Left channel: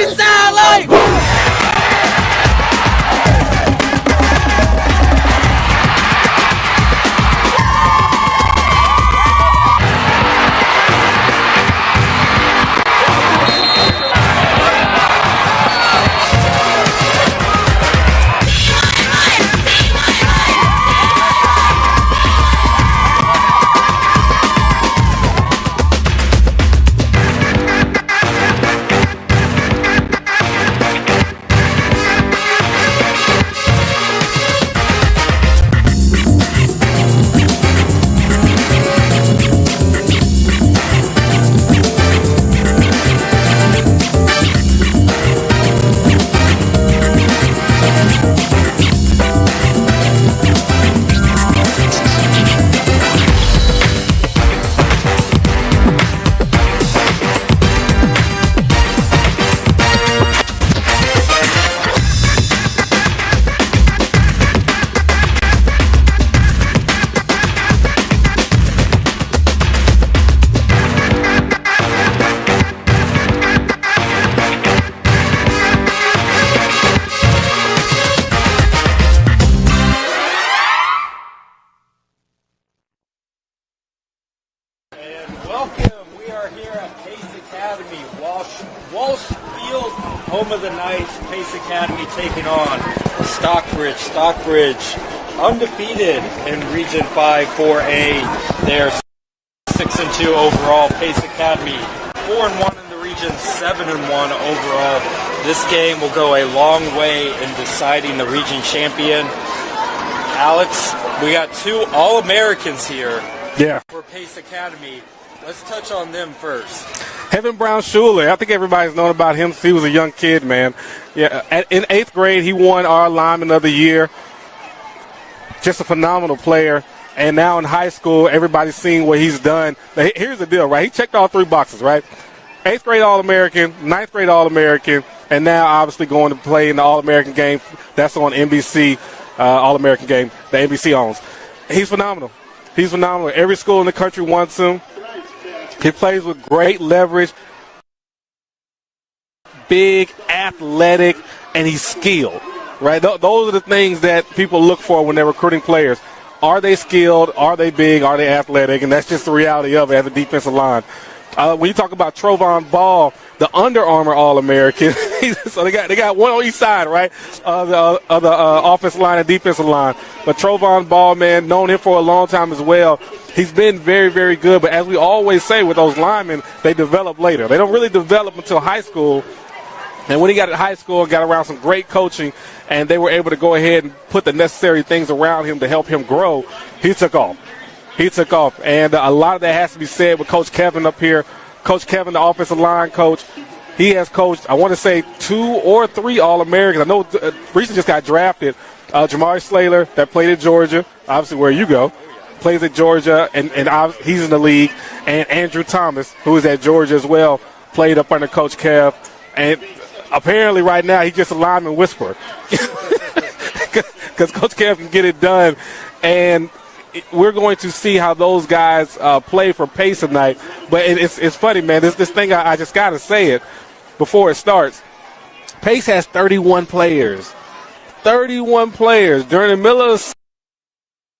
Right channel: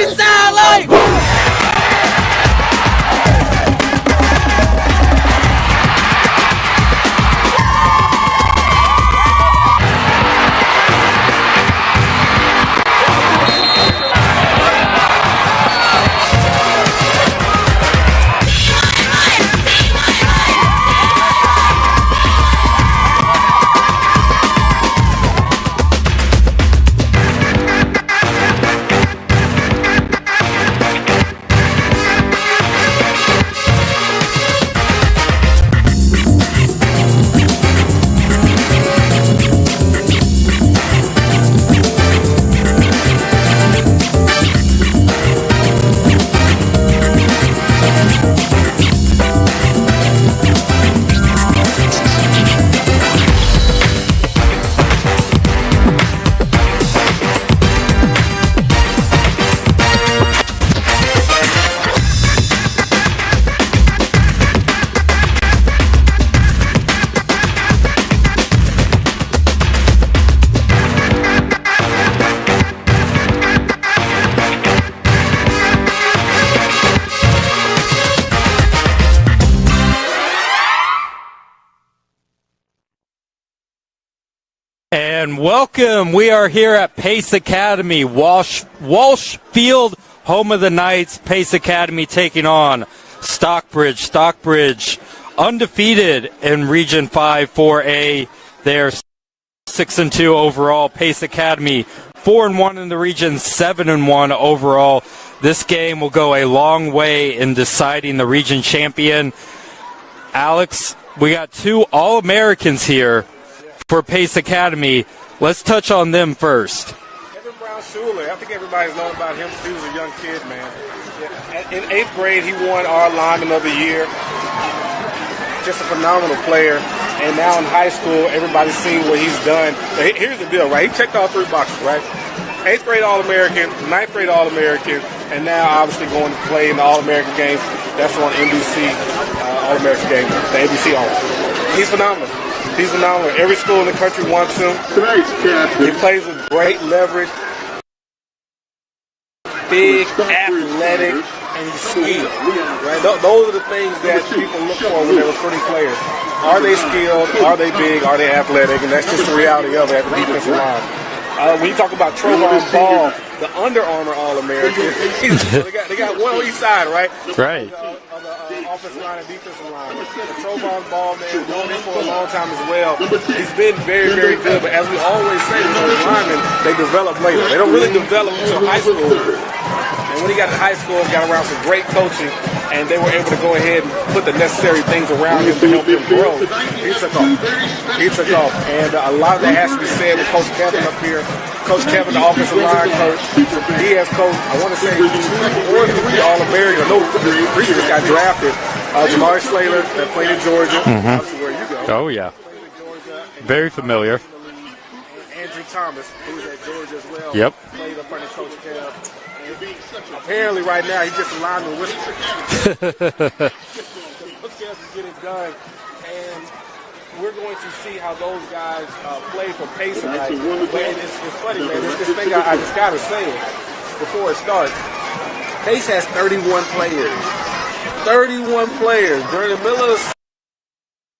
Freestyle life! And welcome. We are here at Pace Academy, Walsh Field, home of the Knights. Pace Academy taking on Stockbridge. Stockbridge undefeated in Region 5 4A. They're 6-2 overall. Pace Academy 4-1 in the region, 7-1 overall. This game will go a long way in deciding the region champion. Alex, we got two All-Americans here. Yeah, for Pace Academy. Let's touch on them first. Heaven Brown Schuler. I think everybody's known about him. He was a young kid, man. Yeah, in 8th grade, he won our lineman of the year. Just a phenomenal player. And now in high school, everybody's seeing what he's done. And here's the deal, right? He checked all 3 boxes, right? 8th grade All-American, 9th grade All-American, and now obviously going to play in the All-American game. That's on NBC, All-American game, the NBC All. He's phenomenal. He's phenomenal. Every school in the country wants him. He plays with great leverage, big, athletic, and he's skilled. Right? Those are the things that people look for when they're recruiting players. Are they skilled? Are they big? Are they athletic? And that's just the reality of it at the defensive line. When you talk about Trovon Ball, the Under Armour All-American, so they got one on each side, right? Right. The offensive line and defensive line. But Trovon Ball, man, known him for a long time as well. He's been very, very good. But as we always say with those linemen, they develop later. They don't really develop until high school. And when he got to high school, got around some great coaching, and they were able to go ahead and put the necessary things around him to help him grow, he took off. He took off. And a lot of that has to be said with Coach Kevin up here. Coach Kevin, the offensive line coach, he has coached, I want to say, 2 or 3 All-Americans. I know Reese just got drafted. Jamari Slater, that played at Georgia, obviously where you go. Oh, yeah. Plays at Georgia, and he's in the league. And Andrew Thomas, who is at Georgia as well, played up under Coach Kev. And apparently right now he's just a lineman whisperer. Because Coach Kev can get it done. And we're going to see how those guys play for Pace tonight. But it's funny, man. This thing, I just got to say it before it starts. Pace has 31 players. 31 players. During the middle of the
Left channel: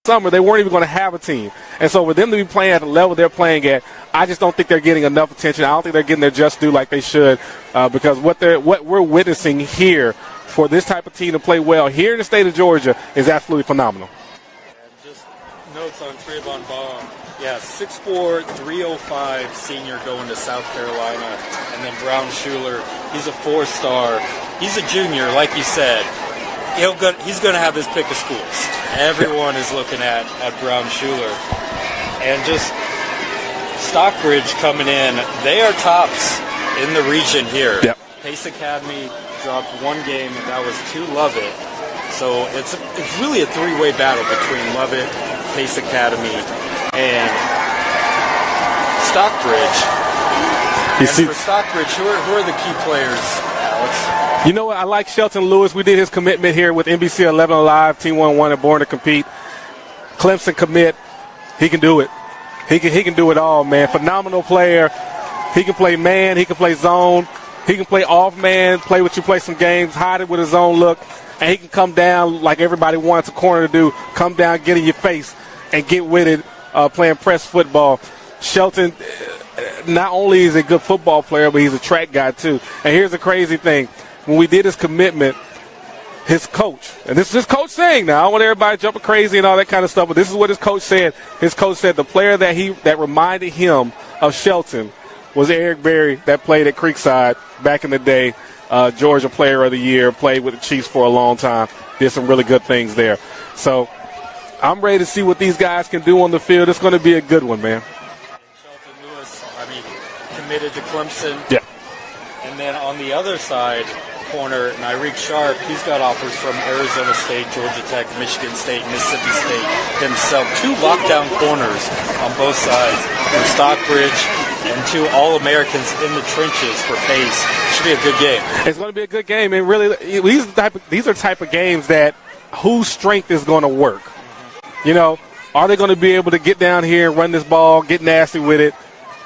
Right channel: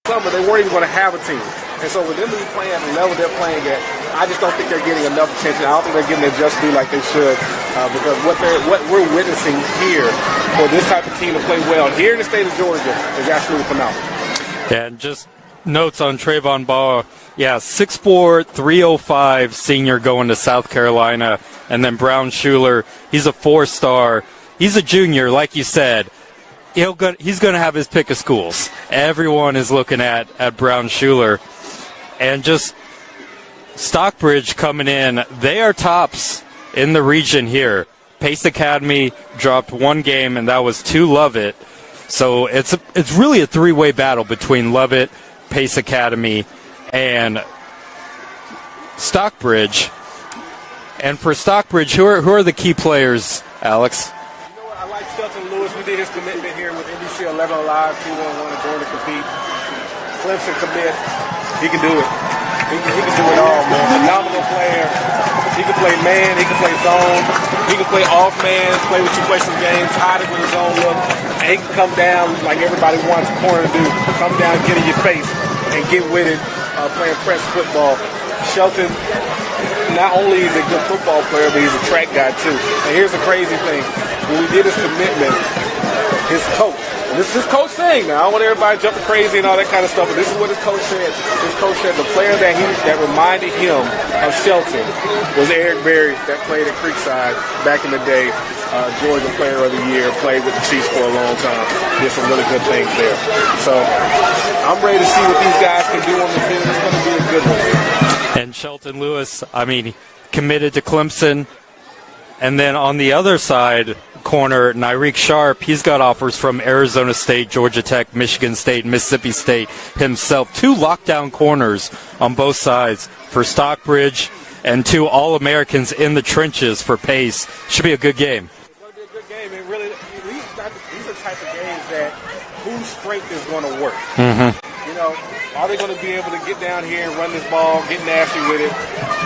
summer, they weren't even going to have a team. And so for them to be playing at the level they're playing at, I just don't think they're getting enough attention. I don't think they're getting their just due like they should, because what we're witnessing here for this type of team to play well here in the state of Georgia is absolutely phenomenal. And just notes on Trovon Ball. Yeah, 6'4", 305 senior going to South Carolina. And then Brown Schuler, he's a 4-star. He's a junior, like you said. He's going to have his pick of schools. Everyone is looking at Brown Schuler. And just Stockbridge coming in. They are tops in the region here. Yep. Pace Academy dropped 1 game, and that was to Lovett. So it's really a 3-way battle between Lovett, Pace Academy, and Stockbridge. And for Stockbridge, who are the key players, Alex? You know what? I like Shelton Lewis. We did his commitment here with NBC 11 Live, Team 1-1 at Born to Compete. Clemson commit. He can do it. He can do it all, man. Phenomenal player. He can play man. He can play zone. He can play off man, play with you, play some games, hide it with his own look, and he can come down like everybody wants a corner to do, come down, get in your face, and get with it playing press football. Shelton, not only is he a good football player, but he's a track guy too. And here's the crazy thing. When we did his commitment, his coach, and this is his coach saying now, I don't want everybody jumping crazy and all that kind of stuff, but this is what his coach said. His coach said the player that reminded him of Shelton was Eric Berry that played at Creekside back in the day. Georgia Player of the Year, played with the Chiefs for a long time, did some really good things there. So I'm ready to see what these guys can do on the field. It's going to be a good one, man. And Shelton Lewis, I mean, committed to Clemson. Yeah. And then on the other side, corner, Nyreek Sharp, he's got offers from Arizona State, Georgia Tech, Michigan State, Mississippi State himself. 2 lockdown corners on both sides for Stockbridge and 2 All-Americans in the trenches for Pace. Should be a good game. It's going to be a good game. And really, these are type of games that whose strength is going to work. Mm-hmm. You know, are they going to be able to get down here and run this ball, get nasty with it,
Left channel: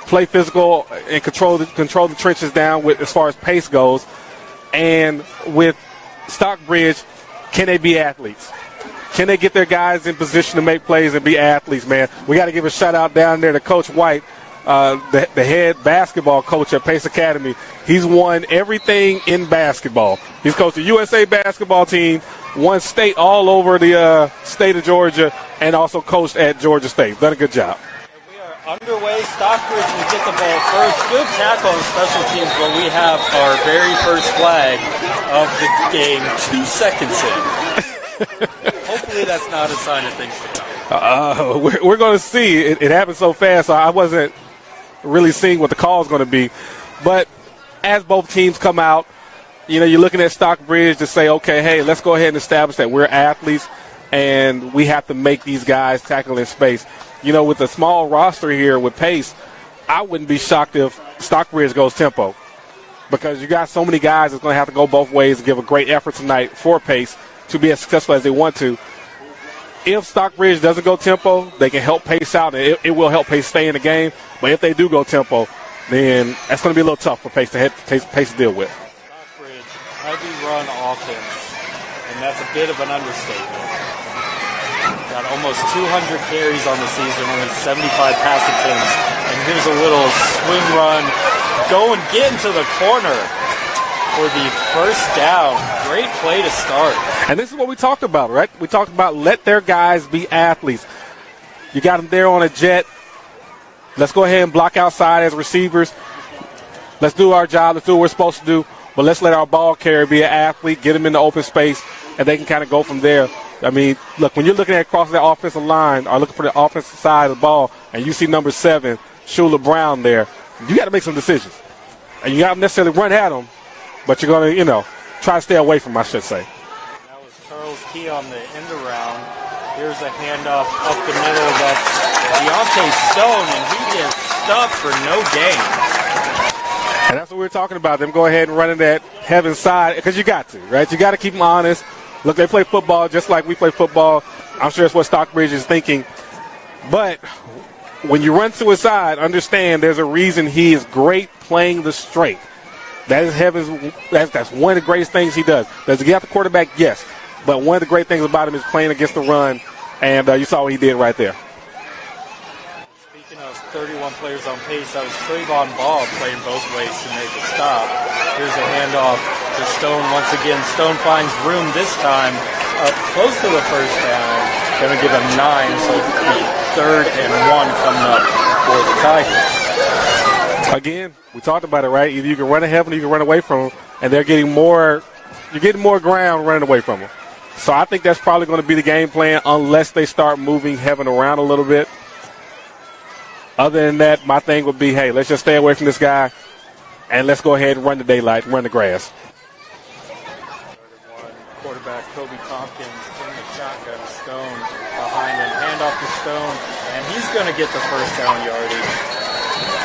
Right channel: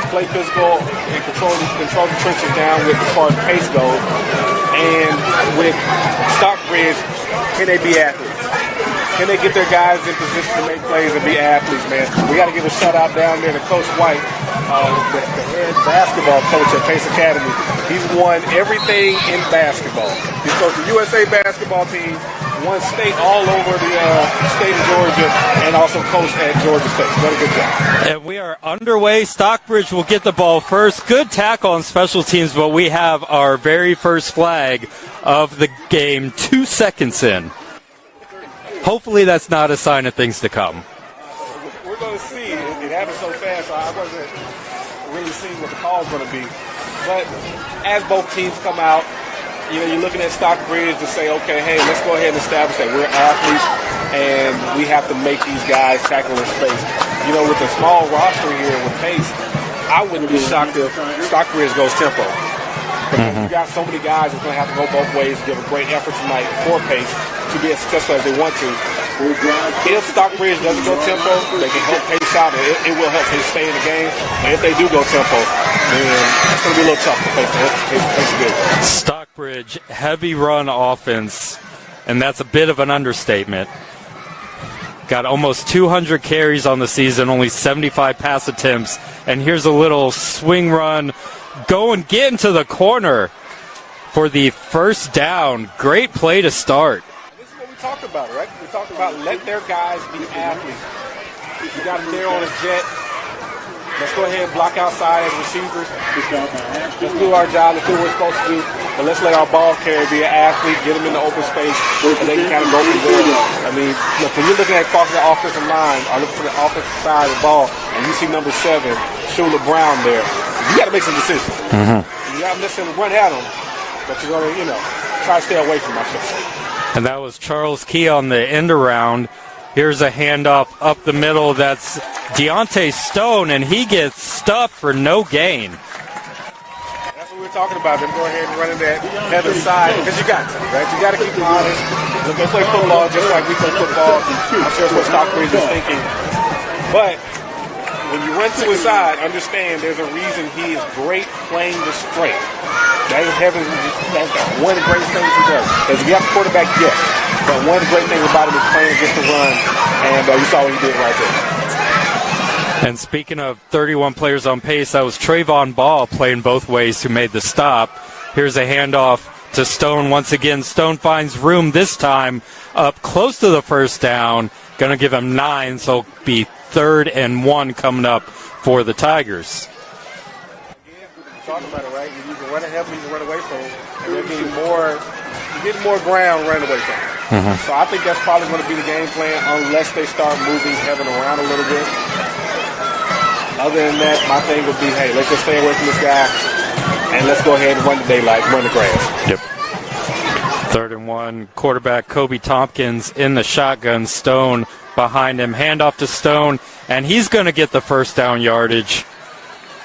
play physical, and control the trenches down with as far as pace goes? And with Stockbridge, can they be athletes? Can they get their guys in position to make plays and be athletes, man? We got to give a shout-out down there to Coach White, the head basketball coach at Pace Academy. He's won everything in basketball. He's coached the USA basketball team, won state all over the state of Georgia, and also coached at Georgia State. Done a good job. And we are underway. Stockbridge will get the ball first. Good tackle on special teams, but we have our very first flag of the game 2 seconds in. Hopefully that's not a sign of things to come. We're going to see. It happened so fast, so I wasn't really seeing what the call is going to be. But as both teams come out, you know, you're looking at Stockbridge to say, okay, hey, let's go ahead and establish that we're athletes and we have to make these guys tackle in space. You know, with a small roster here with Pace, I wouldn't be shocked if Stockbridge goes tempo. Because you got so many guys that's going to have to go both ways and give a great effort tonight for Pace to be as successful as they want to. If Stockbridge doesn't go tempo, they can help Pace out, and it will help Pace stay in the game. But if they do go tempo, then that's going to be a little tough for Pace to hit. Pace good with. Stockbridge, heavy run offense, and that's a bit of an understatement. Got almost 200 carries on the season, only 75 pass attempts, and here's a little swing run. Go and get into the corner for the first down. Great play to start. And this is what we talked about, right? We talked about let their guys be athletes. You got them there on a jet. Let's go ahead and block outside as receivers. Let's do our job. Let's do what we're supposed to do. But let's let our ball carrier be an athlete, get them in the open space, and they can kind of go from there. I mean, look, when you're looking at across that offensive line or looking for the offensive side of the ball, and you see number 7, Shula Brown there, you got to make some decisions. And you got to necessarily run at them, but you're going to, you know, try to stay away from them, I should say. And that was Charles Key on the end around. Here's a handoff up the middle. That's Deontay Stone, and he gets stuffed for no gain. And that's what we're talking about. Them go ahead and run in that heaven side because you got to, right? You got to keep them honest. Look, they play football just like we play football. I'm sure it's what Stockbridge is thinking. But when you run to his side, understand there's a reason he is great playing the straight. That's one of the greatest things he does. Does he have a quarterback? Yes. But one of the great things about him is playing against the run, and you saw what he did right there. And speaking of 31 players on pace, that was Trayvon Ball playing both ways who made the stop. Here's a handoff to Stone once again. Stone finds room this time up close to the first down. Going to give him 9, so it'll be 3rd and 1 coming up for the Tigers. Again, we talked about it, right? Either you can run ahead or you can run away from them, and they're getting more. You're getting more ground running away from them. So I think that's probably going to be the game plan unless they start moving Heaven around a little bit. Other than that, my thing would be, hey, let's just stay away from this guy, and let's go ahead and run the daylight, run the grass. Yep. 3rd and 1. Quarterback Kobe Tompkins in the shotgun. Stone behind him. Handoff to Stone, and he's going to get the first down yardage.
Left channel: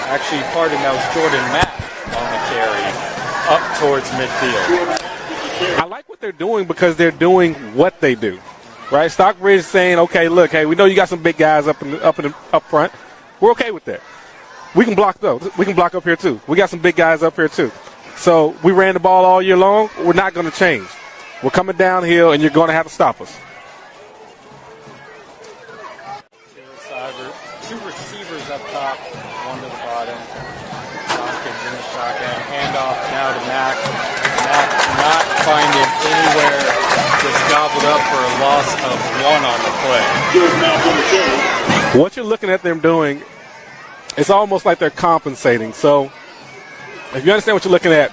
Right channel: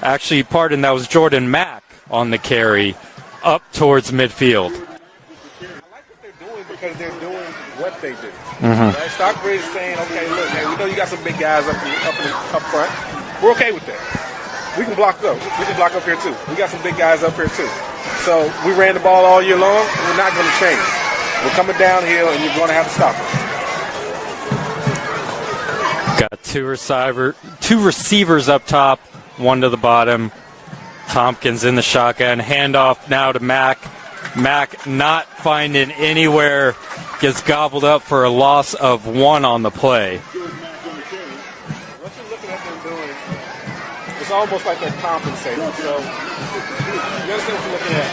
Actually, pardon, that was Jordan Mapp on the carry up towards midfield. I like what they're doing because they're doing what they do. Right? Stockbridge is saying, okay, look, hey, we know you got some big guys up front. We're okay with that. we can block them. We can block up here too. We got some big guys up here too. So we ran the ball all year long. We're not going to change. We're coming downhill, and you're going to have to stop us. Got two receivers up top, one to the bottom. Tompkins in the shotgun. Handoff now to Mack. Mack not finding anywhere. Gets gobbled up for a loss of 1 on the play. What you're looking at them doing, it's almost like they're compensating. So if you understand what you're looking at,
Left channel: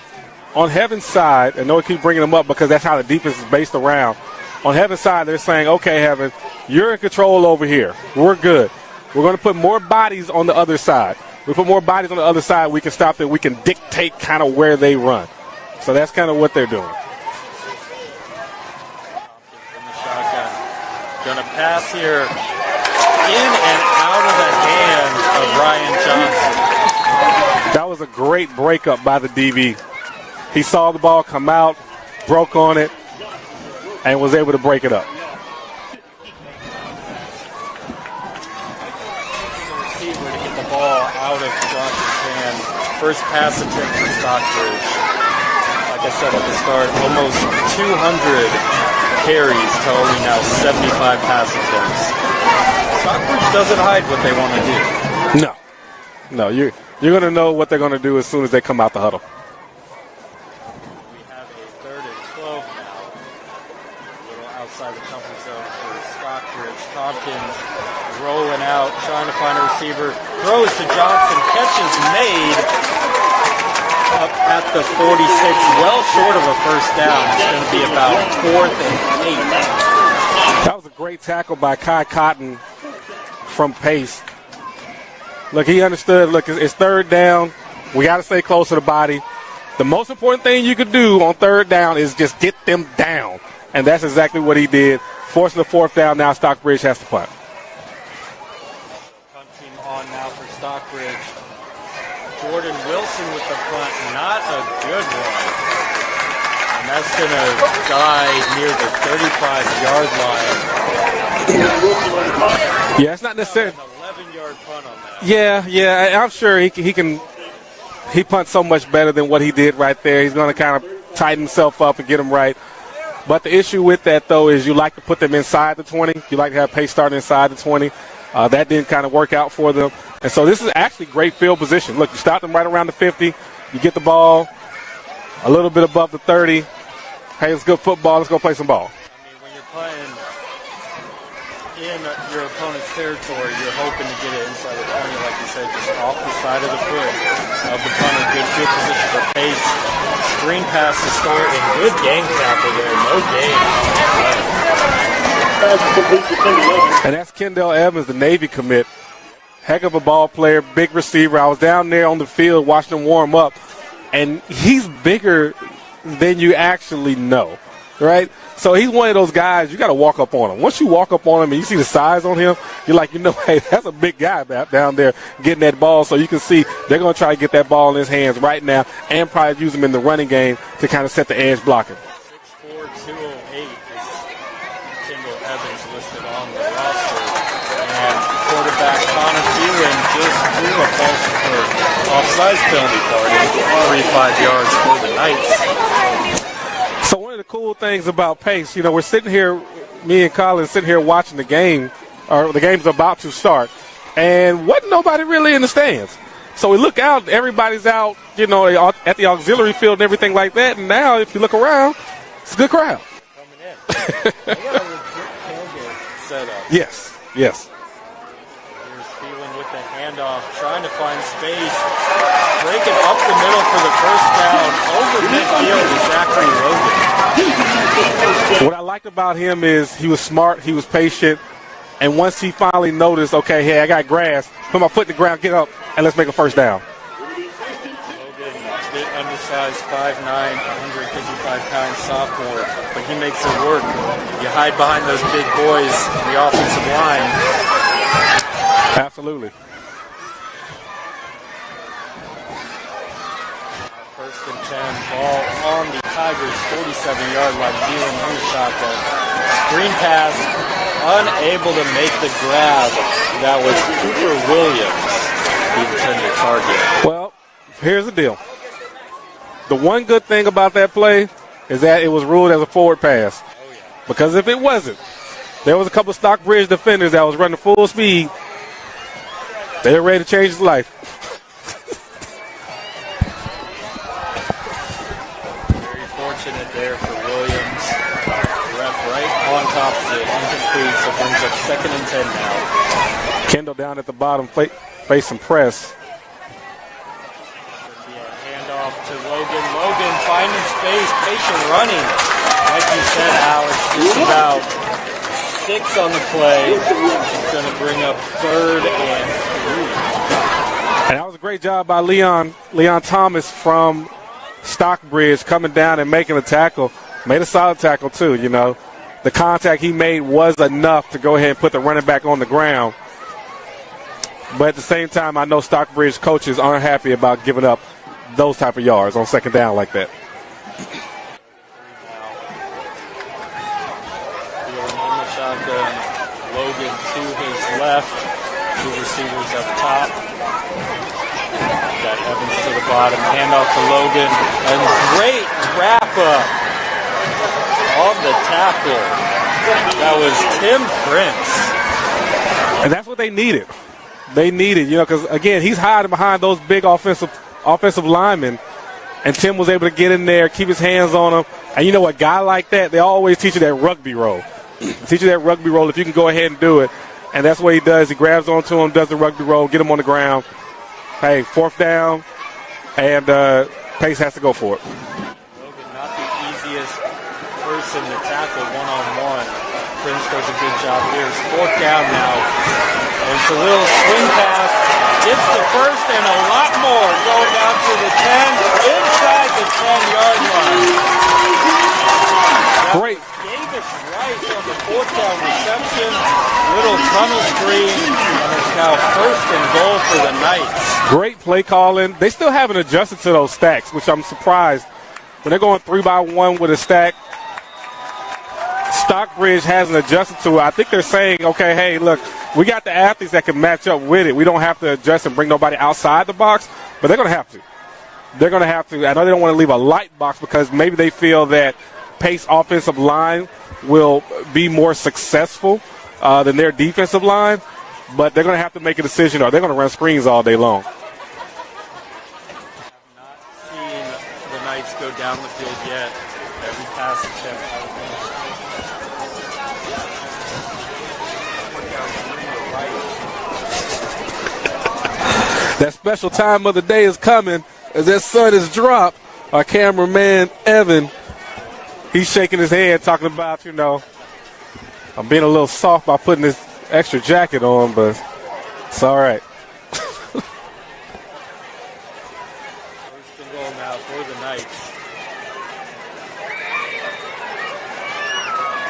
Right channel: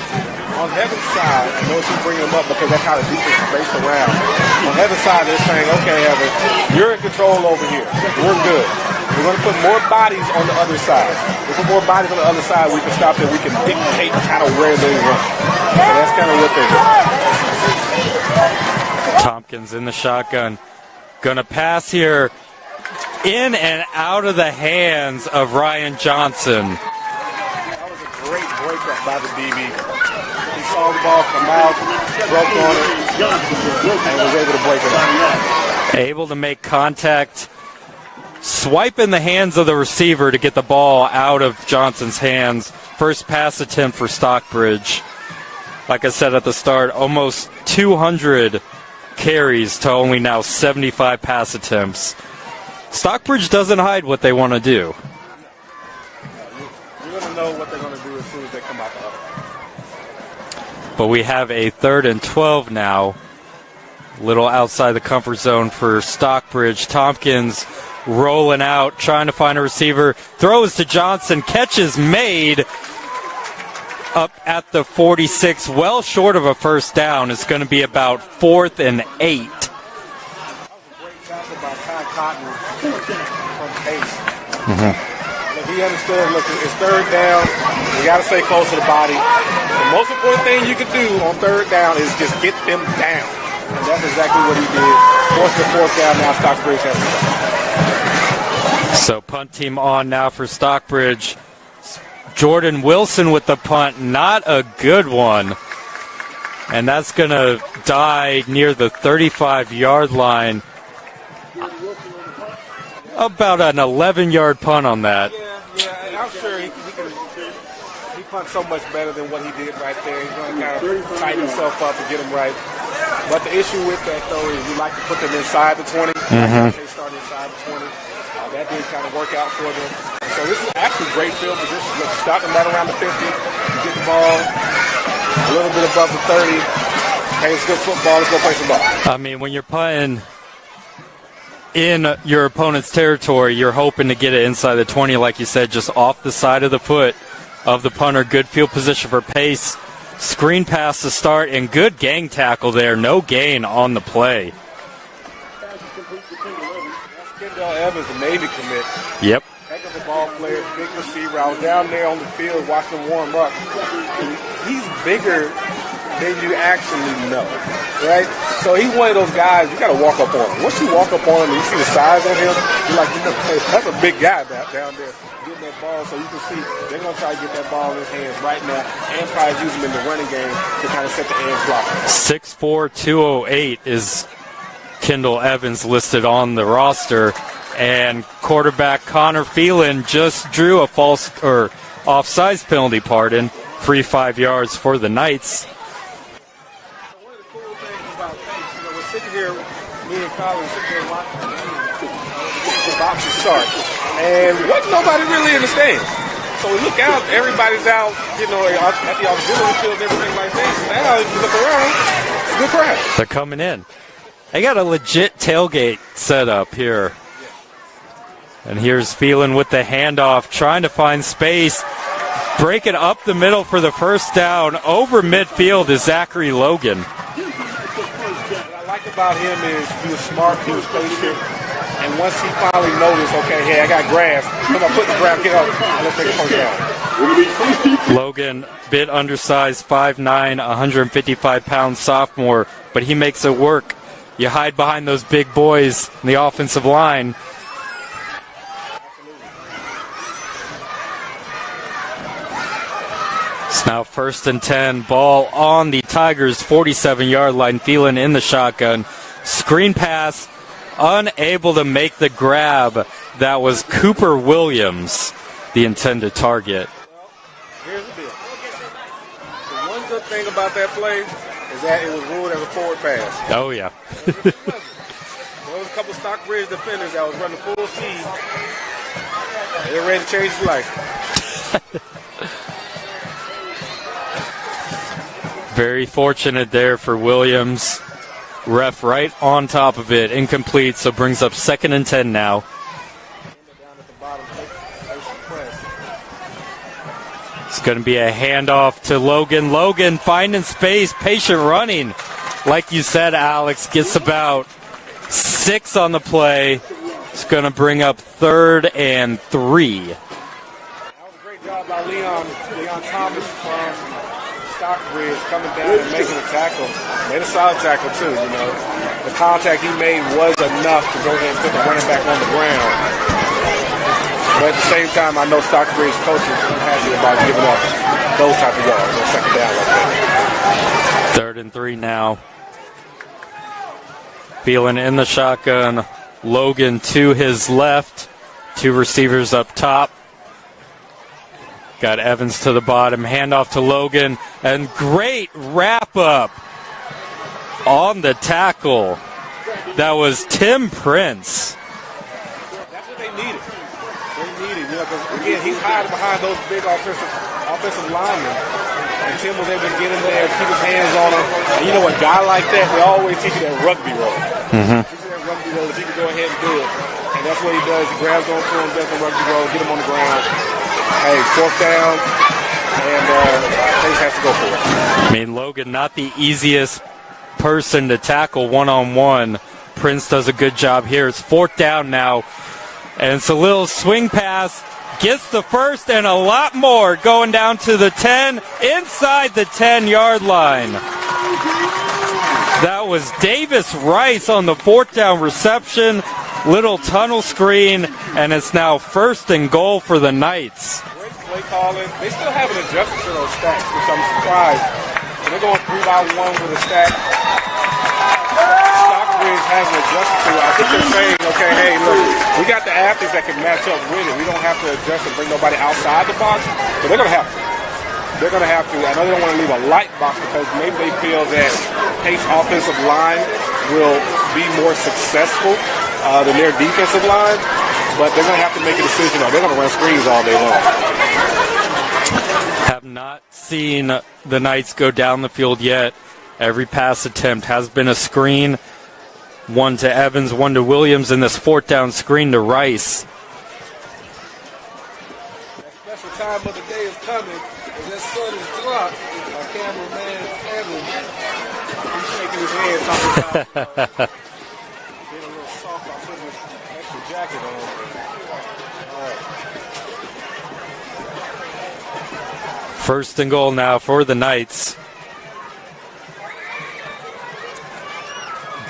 on Heaven's side, and notice you bringing them up because that's how the defense is based around. On Heaven's side, they're saying, okay, Heaven, you're in control over here. We're good. We're going to put more bodies on the other side. We put more bodies on the other side, we can stop them. We can dictate kind of where they run. So that's kind of what they're doing. Tompkins in the shotgun. Going to pass here in and out of the hands of Ryan Johnson. That was a great breakup by the DB. He saw the ball come out, broke on it, and was able to break it up. Able to make contact. Swipe in the hands of the receiver to get the ball out of Johnson's hands. First pass attempt for Stockbridge. Like I said at the start, almost 200 carries to only now 75 pass attempts. Stockbridge doesn't hide what they want to do. No, you're going to know what they're going to do as soon as they come out the huddle. But we have a 3rd and 12 now. Little outside the comfort zone for Stockbridge. Tompkins rolling out, trying to find a receiver. Throws to Johnson. Catch is made up at the 46. Well short of a first down. It's going to be about 4th and 8. That was a great tackle by Kai Cotton from Pace. Look, he understood. Look, it's 3rd down. We got to stay close to the body. The most important thing you could do on 3rd down is just get them down. And that's exactly what he did. Forcing the 4th down, now Stockbridge has to punt. So punt team on now for Stockbridge. Jordan Wilson with the punt, not a good one. And that's going to die near the 35-yard line. Yeah, about an 11-yard punt on that. Yeah, I'm sure he can. He punts so much better than what he did right there. He's going to kind of tighten himself up and get him right. But the issue with that, though, is you like to put them inside the 20. You like to have Pace start inside the 20. That didn't kind of work out for them. And so this is actually great field position. Look, you stop them right around the 50. You get the ball a little bit above the 30. Hey, it's good football. Let's go play some ball. I mean, when you're punting in your opponent's territory, you're hoping to get it inside the 20, like you said, just off the side of the foot of the punter. Good field position for Pace. Screen pass to start, and good gang tackle there. No gain on the play. And that's Kendall Evans, the Navy commit. Yep. Heck of a ball player, big receiver. I was down there on the field watching him warm up, and he's bigger than you actually know, right? So he's one of those guys, you got to walk up on him. Once you walk up on him and you see the size on him, you're like, hey, that's a big guy down there getting that ball. So you can see they're going to try to get that ball in his hands right now and probably use him in the running game to kind of set the edge blocker. 6'4", 208 is Kendall Evans listed on the roster. And quarterback Connor Phelan just drew a offsides penalty, 3 yards for the Knights. So one of the cool things about Pace, we're sitting here, me and Colin sitting here watching the game, or the game's about to start, and what nobody really understands. So we look out, everybody's out, at the auxiliary field and everything like that, and now if you look around, it's a good crowd. They're coming in. They got a legit tailgate set up here. Yes. And here's Phelan with the handoff, trying to find space. Breaking up the middle for the first down. Over midfield is Zachary Logan. What I like about him is he was smart, he was patient, and once he finally noticed, okay, hey, I got grass, come on, put the ground, get up, and let's make a first down. Logan, bit undersized, 5'9", 155-pound sophomore, but he makes it work. You hide behind those big boys in the offensive line. Absolutely. It's now 1st and 10. Ball on the Tigers' 47-yard line. Phelan in the shotgun. Screen pass. Unable to make the grab. That was Cooper Williams. the intended target. Well, here's the deal. The one good thing about that play is that it was ruled as a forward pass. Oh, yeah. Because if it wasn't, there was a couple of Stockbridge defenders that was running full speed. They were ready to change his life. Very fortunate there for Williams. Ref right on top of it. Incomplete, so brings up 2nd and 10 now. Kendall down at the bottom, facing press. It's going to be a handoff to Logan. Logan finding space, patient running. Like you said, Alex, gets about 6 on the play. It's going to bring up 3rd and 3. And that was a great job by Leon Thomas from Stockbridge coming down and making a tackle. Made a solid tackle, too, you know. The contact he made was enough to go ahead and put the running back on the ground. But at the same time, I know Stockbridge coaches aren't happy about giving up those type of yards on 2nd down like that. 3rd and 3 now. Feeling in the shotgun. Logan to his left. 2 receivers up top. Got Evans to the bottom. Handoff to Logan. And great wrap-up on the tackle. That was Tim Prince. And that's what they needed. They needed, you know, because, again, he's hiding behind those big offensive linemen. And Tim was able to get in there, keep his hands on him. And you know, a guy like that, they always teach you that rugby roll. Mm-hmm. Teach you that rugby roll if you can go ahead and do it. And that's what he does. He grabs onto him, does the rugby roll, get him on the ground. Hey, 4th down, and Pace has to go for it. I mean, Logan, not the easiest person to tackle one-on-one. Prince does a good job here. It's 4th down now. And it's a little swing pass. Gets the first and a lot more going down to the 10, inside the 10-yard line. That was Davis Rice on the 4th down reception. Little tunnel screen, and it's now 1st and goal for the Knights. Great play calling. They still haven't adjusted to those stacks, which I'm surprised. When they're going 3-by-1 with a stack, Stockbridge hasn't adjusted to it. I think they're saying, okay, hey, look, we got the athletes that can match up with it. We don't have to adjust and bring nobody outside the box, but they're going to have to. They're going to have to. I know they don't want to leave a light box because maybe they feel that Pace offensive line will be more successful than their defensive line, but they're going to have to make a decision or they're going to run screens all day long. Have not seen the Knights go down the field yet. Every pass attempt has been a screen. 1 to Evans, 1 to Williams, and this 4th down screen to Rice. That special time of the day is coming as that sun is dropped. Our cameraman, Evan, he's shaking his head talking about, you know, I'm being a little soft by putting this extra jacket on, but it's all right. 1st and goal now for the Knights.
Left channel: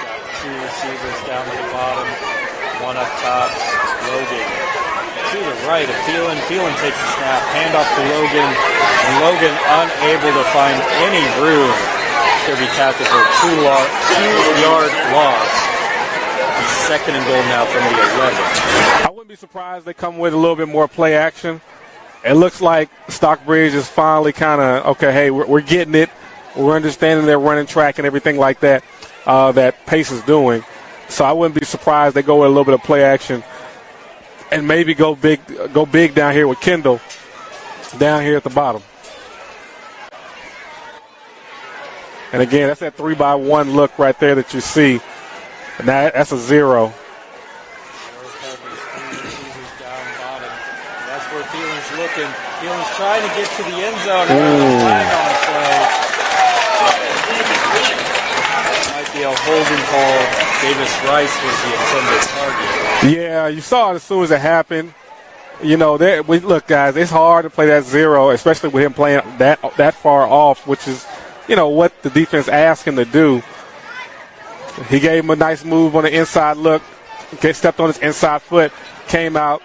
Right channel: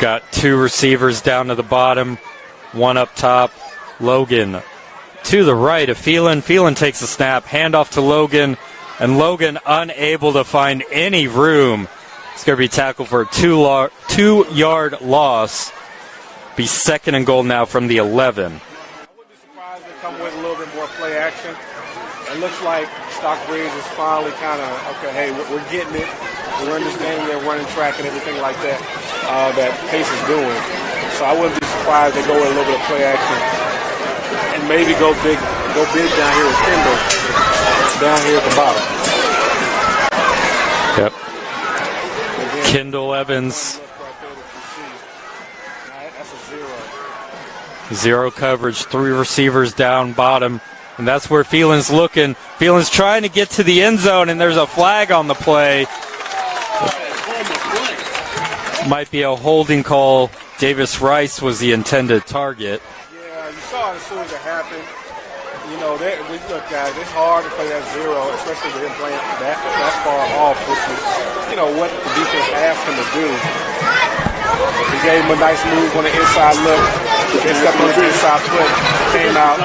Got 2 receivers down to the bottom, 1 up top. Logan to the right of Phelan. Phelan takes a snap, handoff to Logan, and Logan unable to find any room. It's going to be tackled for a 2-yard loss. Be 2nd and goal now from the 11. I wouldn't be surprised they come with a little bit more play action. It looks like Stockbridge is finally kind of, okay, hey, we're getting it. We're understanding their running track and everything like that. That Pace is doing. So I wouldn't be surprised they go with a little bit of play action and maybe go big down here with Kendall down here at the bottom. Yep. And again, Kendall that's that 3-by-1 look right there that you see. And that's a 0. 0 coverage, 3 receivers down bottom. And that's where Phelan's looking. Phelan's trying to get to the end zone, and there's a flag on the play. Might be a holding call. Davis Rice was the intended target. Yeah, you saw it as soon as it happened. You know, look, guys, it's hard to play that 0, especially with him playing that far off, which is, you know, what the defense asked him to do. He gave him a nice move on the inside look. He stepped on his inside foot, came out,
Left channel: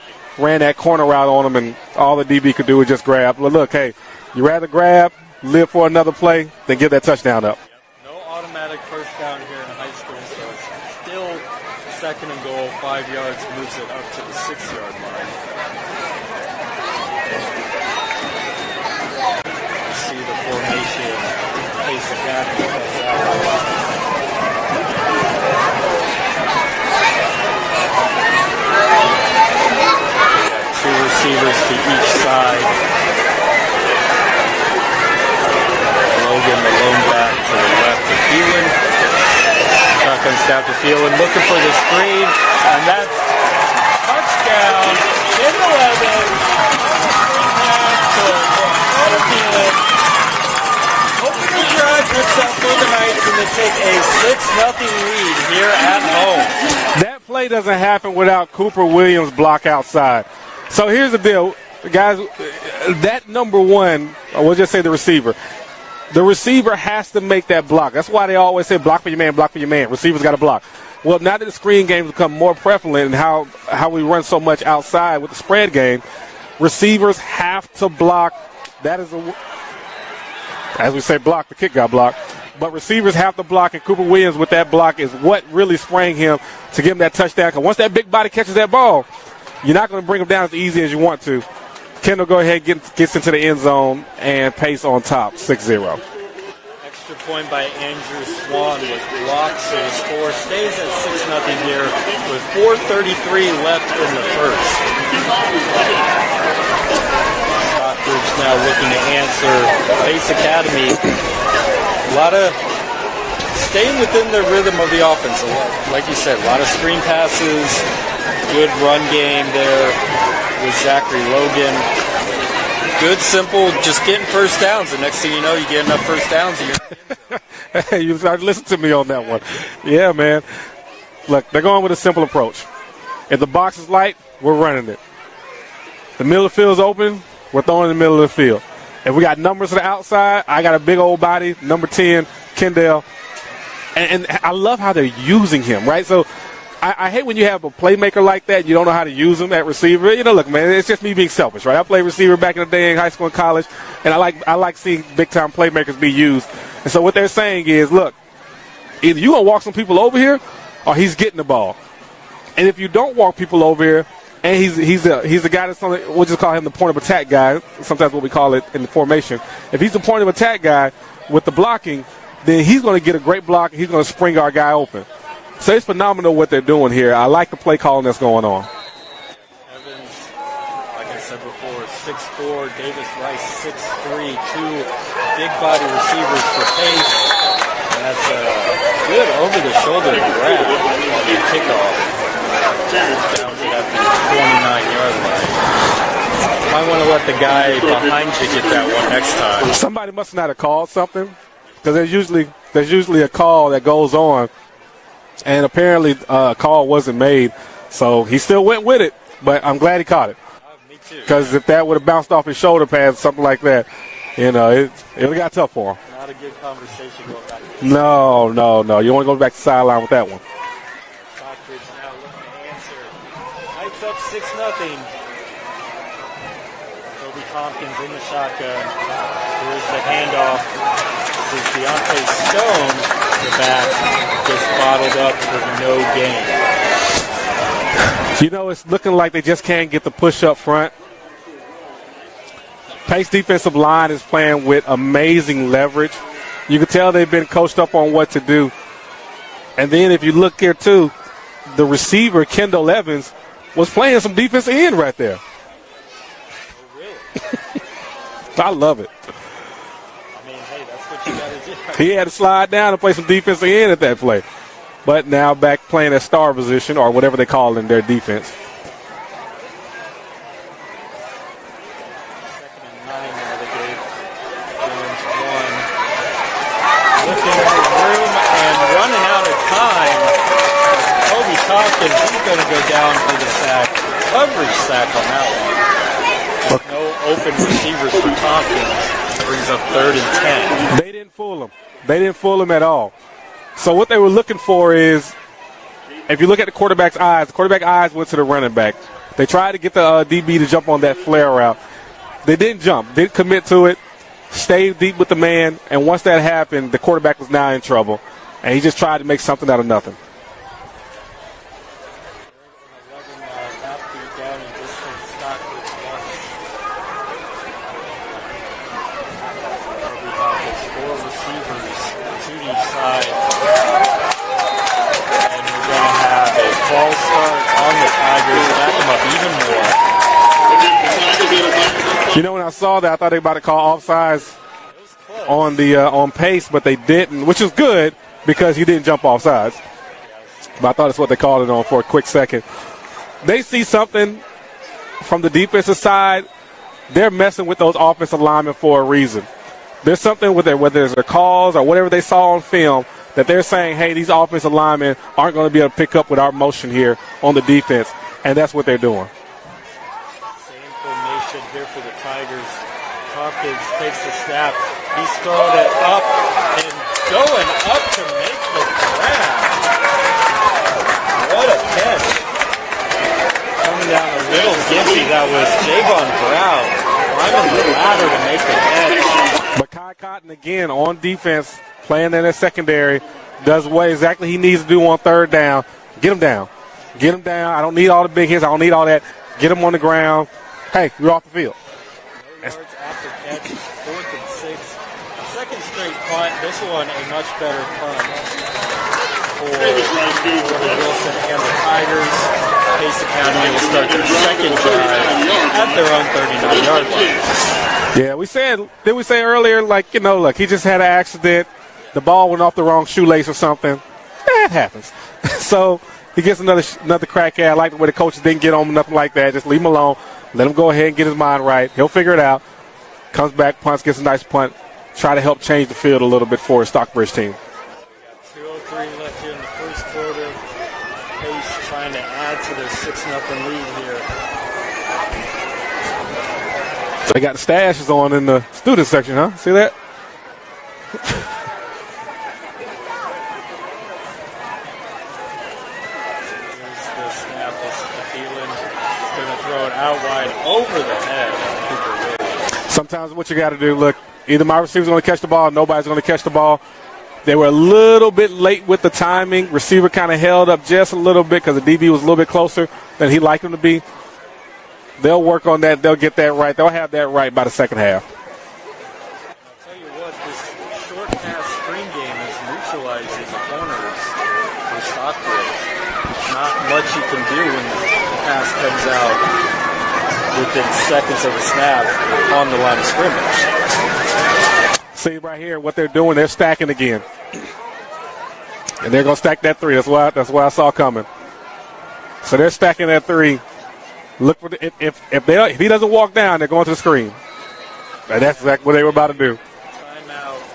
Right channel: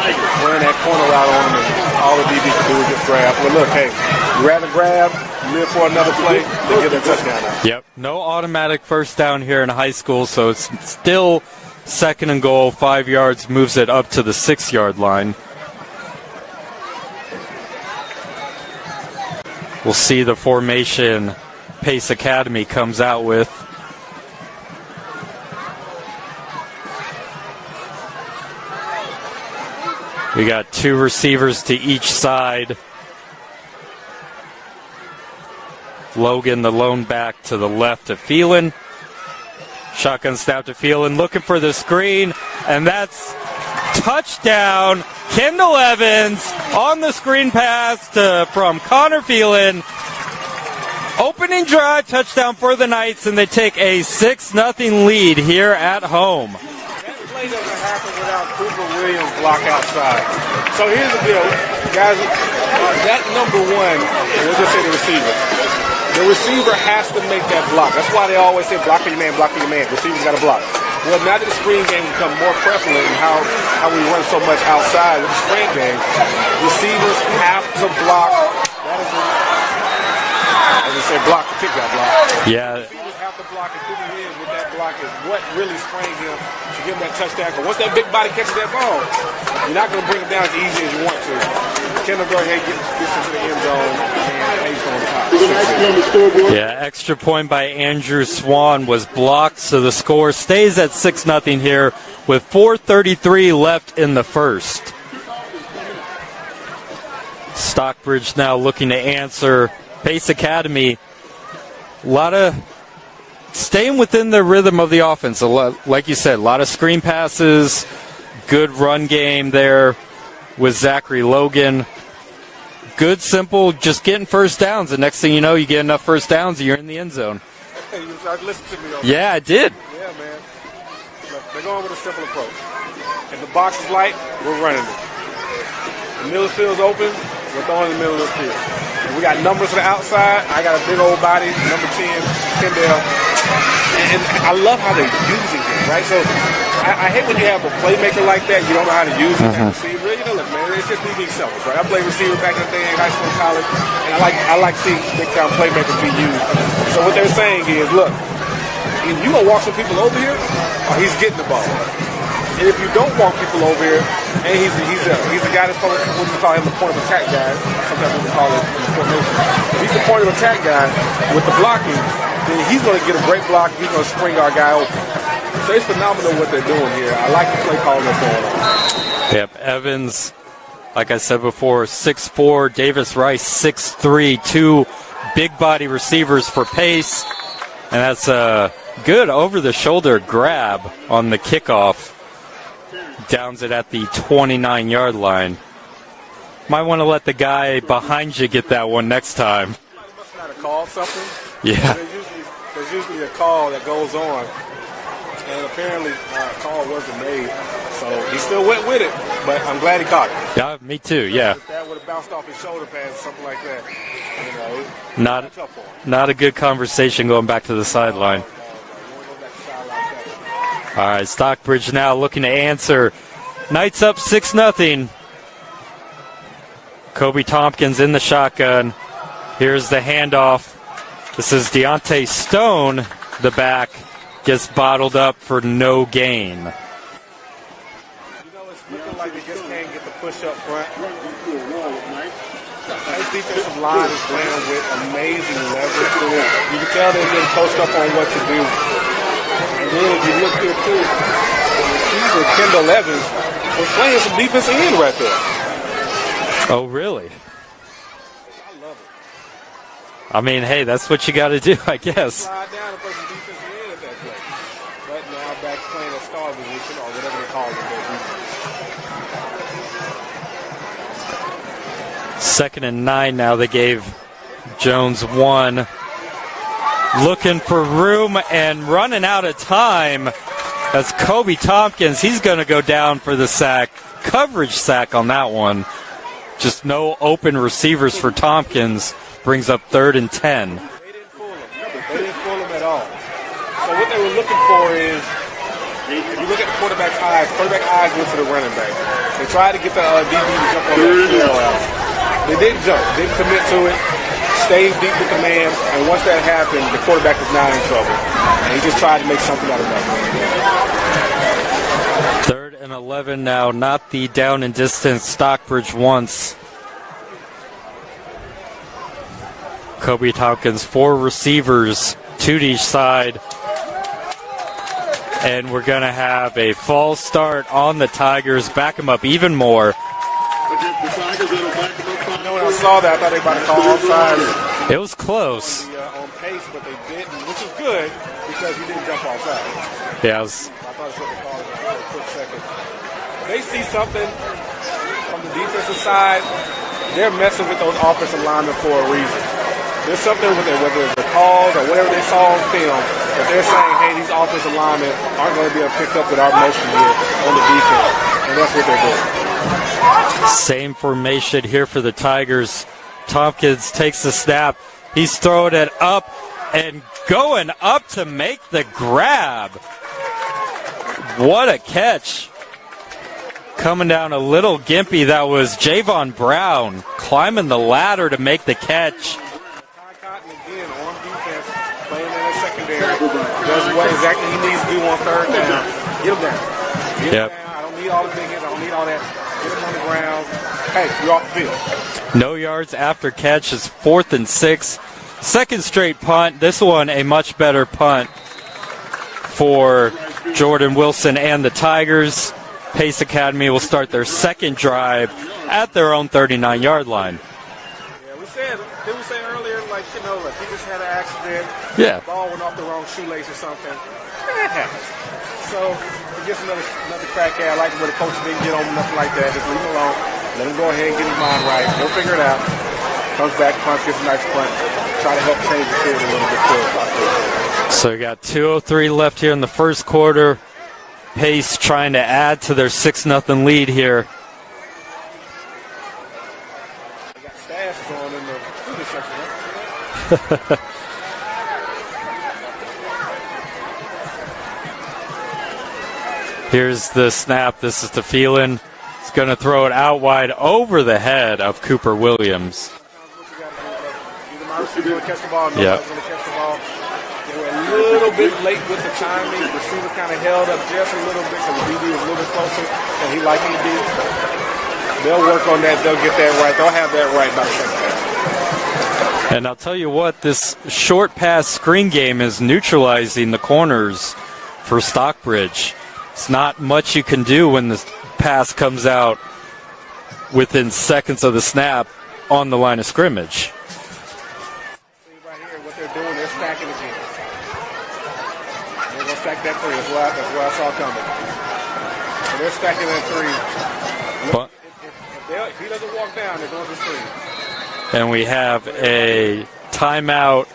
ran that corner route on him, and all the DB could do was just grab. Well, look, hey, you rather grab, live for another play, than give that touchdown up. Yep. No automatic 1st down here in high school, so it's still 2nd and goal, 5 yards, moves it up to the 6-yard line. We'll see the formation Pace Academy comes out with. We got 2 receivers to each side. Logan, the lone back, to the left of Phelan. Shotgun snap to Phelan, looking for the screen, and that's touchdown. Kendall Evans on the screen pass from Connor Phelan. Opening drive, touchdown for the Knights, and they take a 6-0 lead here at home. That play doesn't happen without Cooper Williams' block outside. So here's the deal, guys. That number 1, or we'll just say the receiver. The receiver has to make that block. That's why they always say block for your man, block for your man. Receiver's got to block. Well, now that the screen game become more prevalent in how we run so much outside of the spread game, receivers have to block. That is as we say, block, the kick got blocked. Yeah. But receivers have to block, and Cooper Williams with that block is what really sprang him to give him that touchdown. And once that big body catches that ball, you're not going to bring him down as easy as you want to. Kendall go ahead, gets into the end zone, and Pace on top, 6-0. Yeah, extra point by Andrew Swan was blocked, so the score stays at 6-0 here with 4:33 left in the first. Stockbridge now looking to answer. Pace Academy, a lot of staying within the rhythm of the offense. Like you said, a lot of screen passes, good run game there with Zachary Logan. Good, simple, just getting first downs. The next thing you know, you get enough first downs and you're in the end zone. You listened to me on that. Yeah, I did. Yeah, man. Look, they're going with a simple approach. If the box is light, we're running it. The middle of the field's open, we're throwing in the middle of the field. If we got numbers to the outside, I got a big old body, number 10, Kendall. And I love how they're using him, right? So I hate when you have a playmaker like that, you don't know how to use him, that receiver. You know, look, man, it's just me being selfish, right? I played receiver back in the day in high school and college, and I like seeing big-time playmakers be used. And so what they're saying is, look, if you gonna walk some people over here, or he's getting the ball. And if you don't walk people over here, and he's the guy that's going to, we'll just call him the point of attack guy, sometimes what we call it in the formation. If he's the point of attack guy with the blocking, then he's going to get a great block, he's going to spring our guy open. So it's phenomenal what they're doing here. I like the play calling that's going on. Yep, Evans, like I said before, 6'4", Davis Rice 6'3", 2 big body receivers for Pace. And that's a good over-the-shoulder grab on the kickoff. Downs it at the 29-yard line. Might want to let the guy behind you get that one next time. Somebody must not have called something. Yeah. There's usually a call that goes on, and apparently a call wasn't made, so he still went with it. But I'm glad he caught it. Yeah, me too. Because if that would have bounced off his shoulder pads, something like that, it got tough for him. Not a good conversation going back to the sideline. No. You want to go back to the sideline with that one. All right, Stockbridge now looking to answer. Knights up 6-0. Kobe Tompkins in the shotgun. Here's the handoff. This is Deontay Stone, the back, gets bottled up for no gain. You know, it's looking like they just can't get the push up front. Pace defensive line is playing with amazing leverage. You can tell they've been coached up on what to do. And then if you look here, too, the receiver, Kendall Evans, was playing some defensive end right there. Oh, really? I love it. I mean, hey, that's what you got to do, I He guess. had to slide down and play some defensive end at that play. But now back playing at star position, or whatever they call them, their defense. 2nd and 9 now. They gave Jones 1. Looking for room and running out of time. That's Kobe Tompkins. He's going to go down for the sack. Coverage sack on that one. Just no open receivers for Tompkins. Brings up 3rd and 10. They didn't fool him. They didn't fool him at all. So what they were looking for is, if you look at the quarterback eyes went to the running back. They tried to get the DB to jump on that flare route. They didn't jump. Didn't commit to it. Stayed deep with the man, and once that happened, the quarterback was now in trouble. And he just tried to make something out of nothing. 3rd and 11 now, not the down and distance Stockbridge wants. Kobe Tompkins, 4 receivers, 2 to each side. And we're going to have a false start on the Tigers, back them up even more. You know, when I saw that, I thought they were about to call offsides. It was close. On Pace, but they didn't, which is good because he didn't jump offsides. Yeah, but I thought that's what they called it on for a quick second. They see something from the defensive side. They're messing with those offensive linemen for a reason. There's something with them, whether it's the calls or whatever they saw on film, that they're saying, hey, these offensive linemen aren't going to be able to pick up with our motion here on the defense, and that's what they're doing. Same formation here for the Tigers. Tompkins takes the snap. He's throwing it up and going up to make the grab. What a catch. Coming down a little gimpy. That was Javon Brown climbing the ladder to make the catch. But Kai Cotton, again, on defense, playing in the secondary, does what exactly he needs to do on third down. Get him down. Get him down. I don't need all the big hits. I don't need all that. Get him on the ground. Hey, we're off the field. No yards after catch is 4th and 6. Second straight punt. This one a much better punt for Jordan Wilson and the Tigers. Pace Academy will start their second drive at their own 39-yard line. Yeah, did we say earlier, like, you know, look, he just had an accident. Yeah. The ball went off the wrong shoelace or something. That happens. So he gets another crack at it. I like where the coaches didn't get on him, nothing like that. Just leave him alone. Let him go ahead and get his mind right. He'll figure it out. Comes back, punts, gets a nice punt. Try to help change the field a little bit for the Stockbridge team. So we got 2:03 left here in the first quarter. Pace trying to add to their 6-0 lead here. They got the stashes on in the student section, huh? See that? Here's the snap. This is the Phelan. He's going to throw it out wide over the head of Cooper Williams. Sometimes what you got to do, look, either my receiver's going to catch the ball or nobody's going to catch the ball. They were a little bit late with the timing. Receiver kind of held up just a little bit because the DB was a little bit closer than he'd like him to be. They'll work on that. They'll get that right. They'll have that right by the second half. And I'll tell you what, this short pass screen game is neutralizing the corners for Stockbridge. It's not much you can do when the pass comes out within seconds of the snap on the line of scrimmage. See right here what they're doing. They're stacking again. And they're going to stack that 3. That's what I saw coming. So they're stacking that 3. Look, if he doesn't walk down, they're going to the screen. And we have what they were about to do. Timeout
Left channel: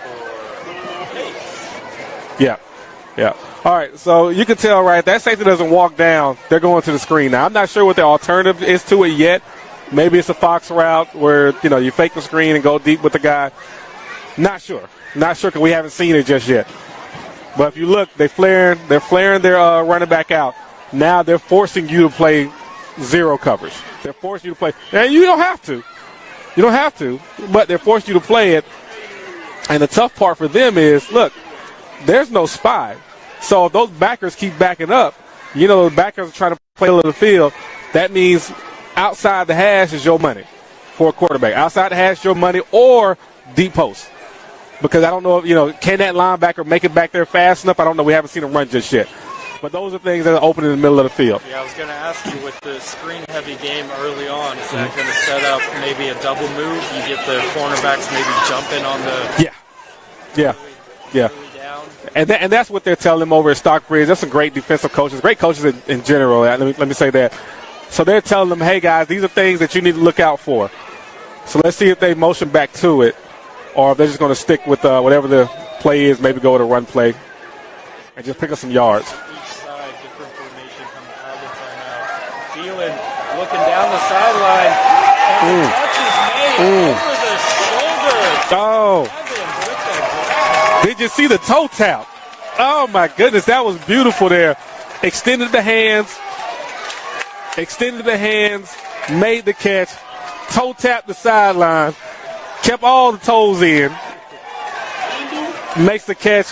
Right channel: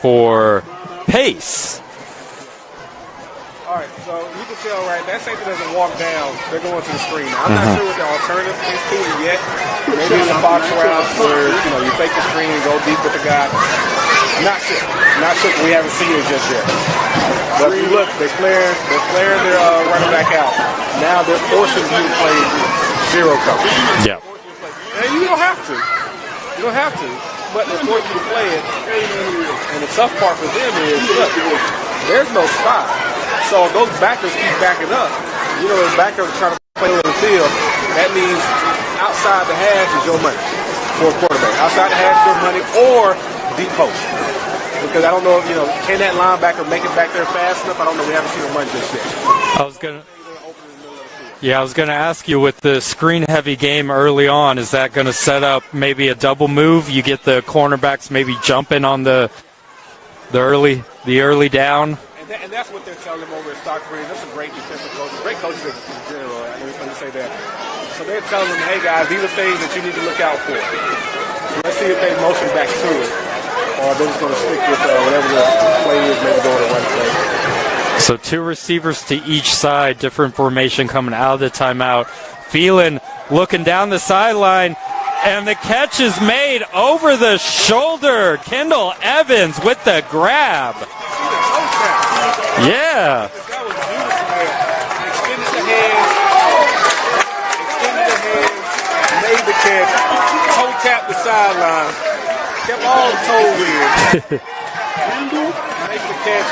for Pace. Yeah. All right, so you can tell, right, that safety doesn't walk down. They're going to the screen. Now, I'm not sure what the alternative is to it yet. Maybe it's a box route where, you know, you fake the screen and go deep with the guy. Not sure. Because we haven't seen it just yet. But look, they're flaring their running back out. Now they're forcing you to play zero coverage. Yeah. Forcing you to play. Now, you don't have to. But they're forcing you to play it. And the tough part for them is, look, there's no spy. So if those backers keep backing up, you know, the backers are trying to play a little field. That means outside the hash is your money for a quarterback. Outside the hash is your money or deep post. Because I don't know, you know, can that linebacker make it back there fast enough? I don't know. We haven't seen him run just yet. Those are things that are open in the middle of the field. Yeah, I was going to ask you, with the screen-heavy game early on, is that going to set up maybe a double move? You get the cornerbacks maybe jumping on the early down. And that's what they're telling them over at Stockbridge. That's some great defensive coaches, great coaches in general. Let me say that. So they're telling them, hey, guys, these are things that you need to look out for. So let's see if they motion back to it, or if they're just going to stick with whatever the play is, maybe go with a run play. So 2 receivers to each side, different formation coming out of the timeout. Phelan looking down the sideline, and the catch is made over the shoulder. Kendall Evans with the grab. Did you see the toe tap? Yeah. Oh, my goodness, that was beautiful there. Extended the hands, made the catch, toe tapped the sideline, kept all the toes in, makes the catch.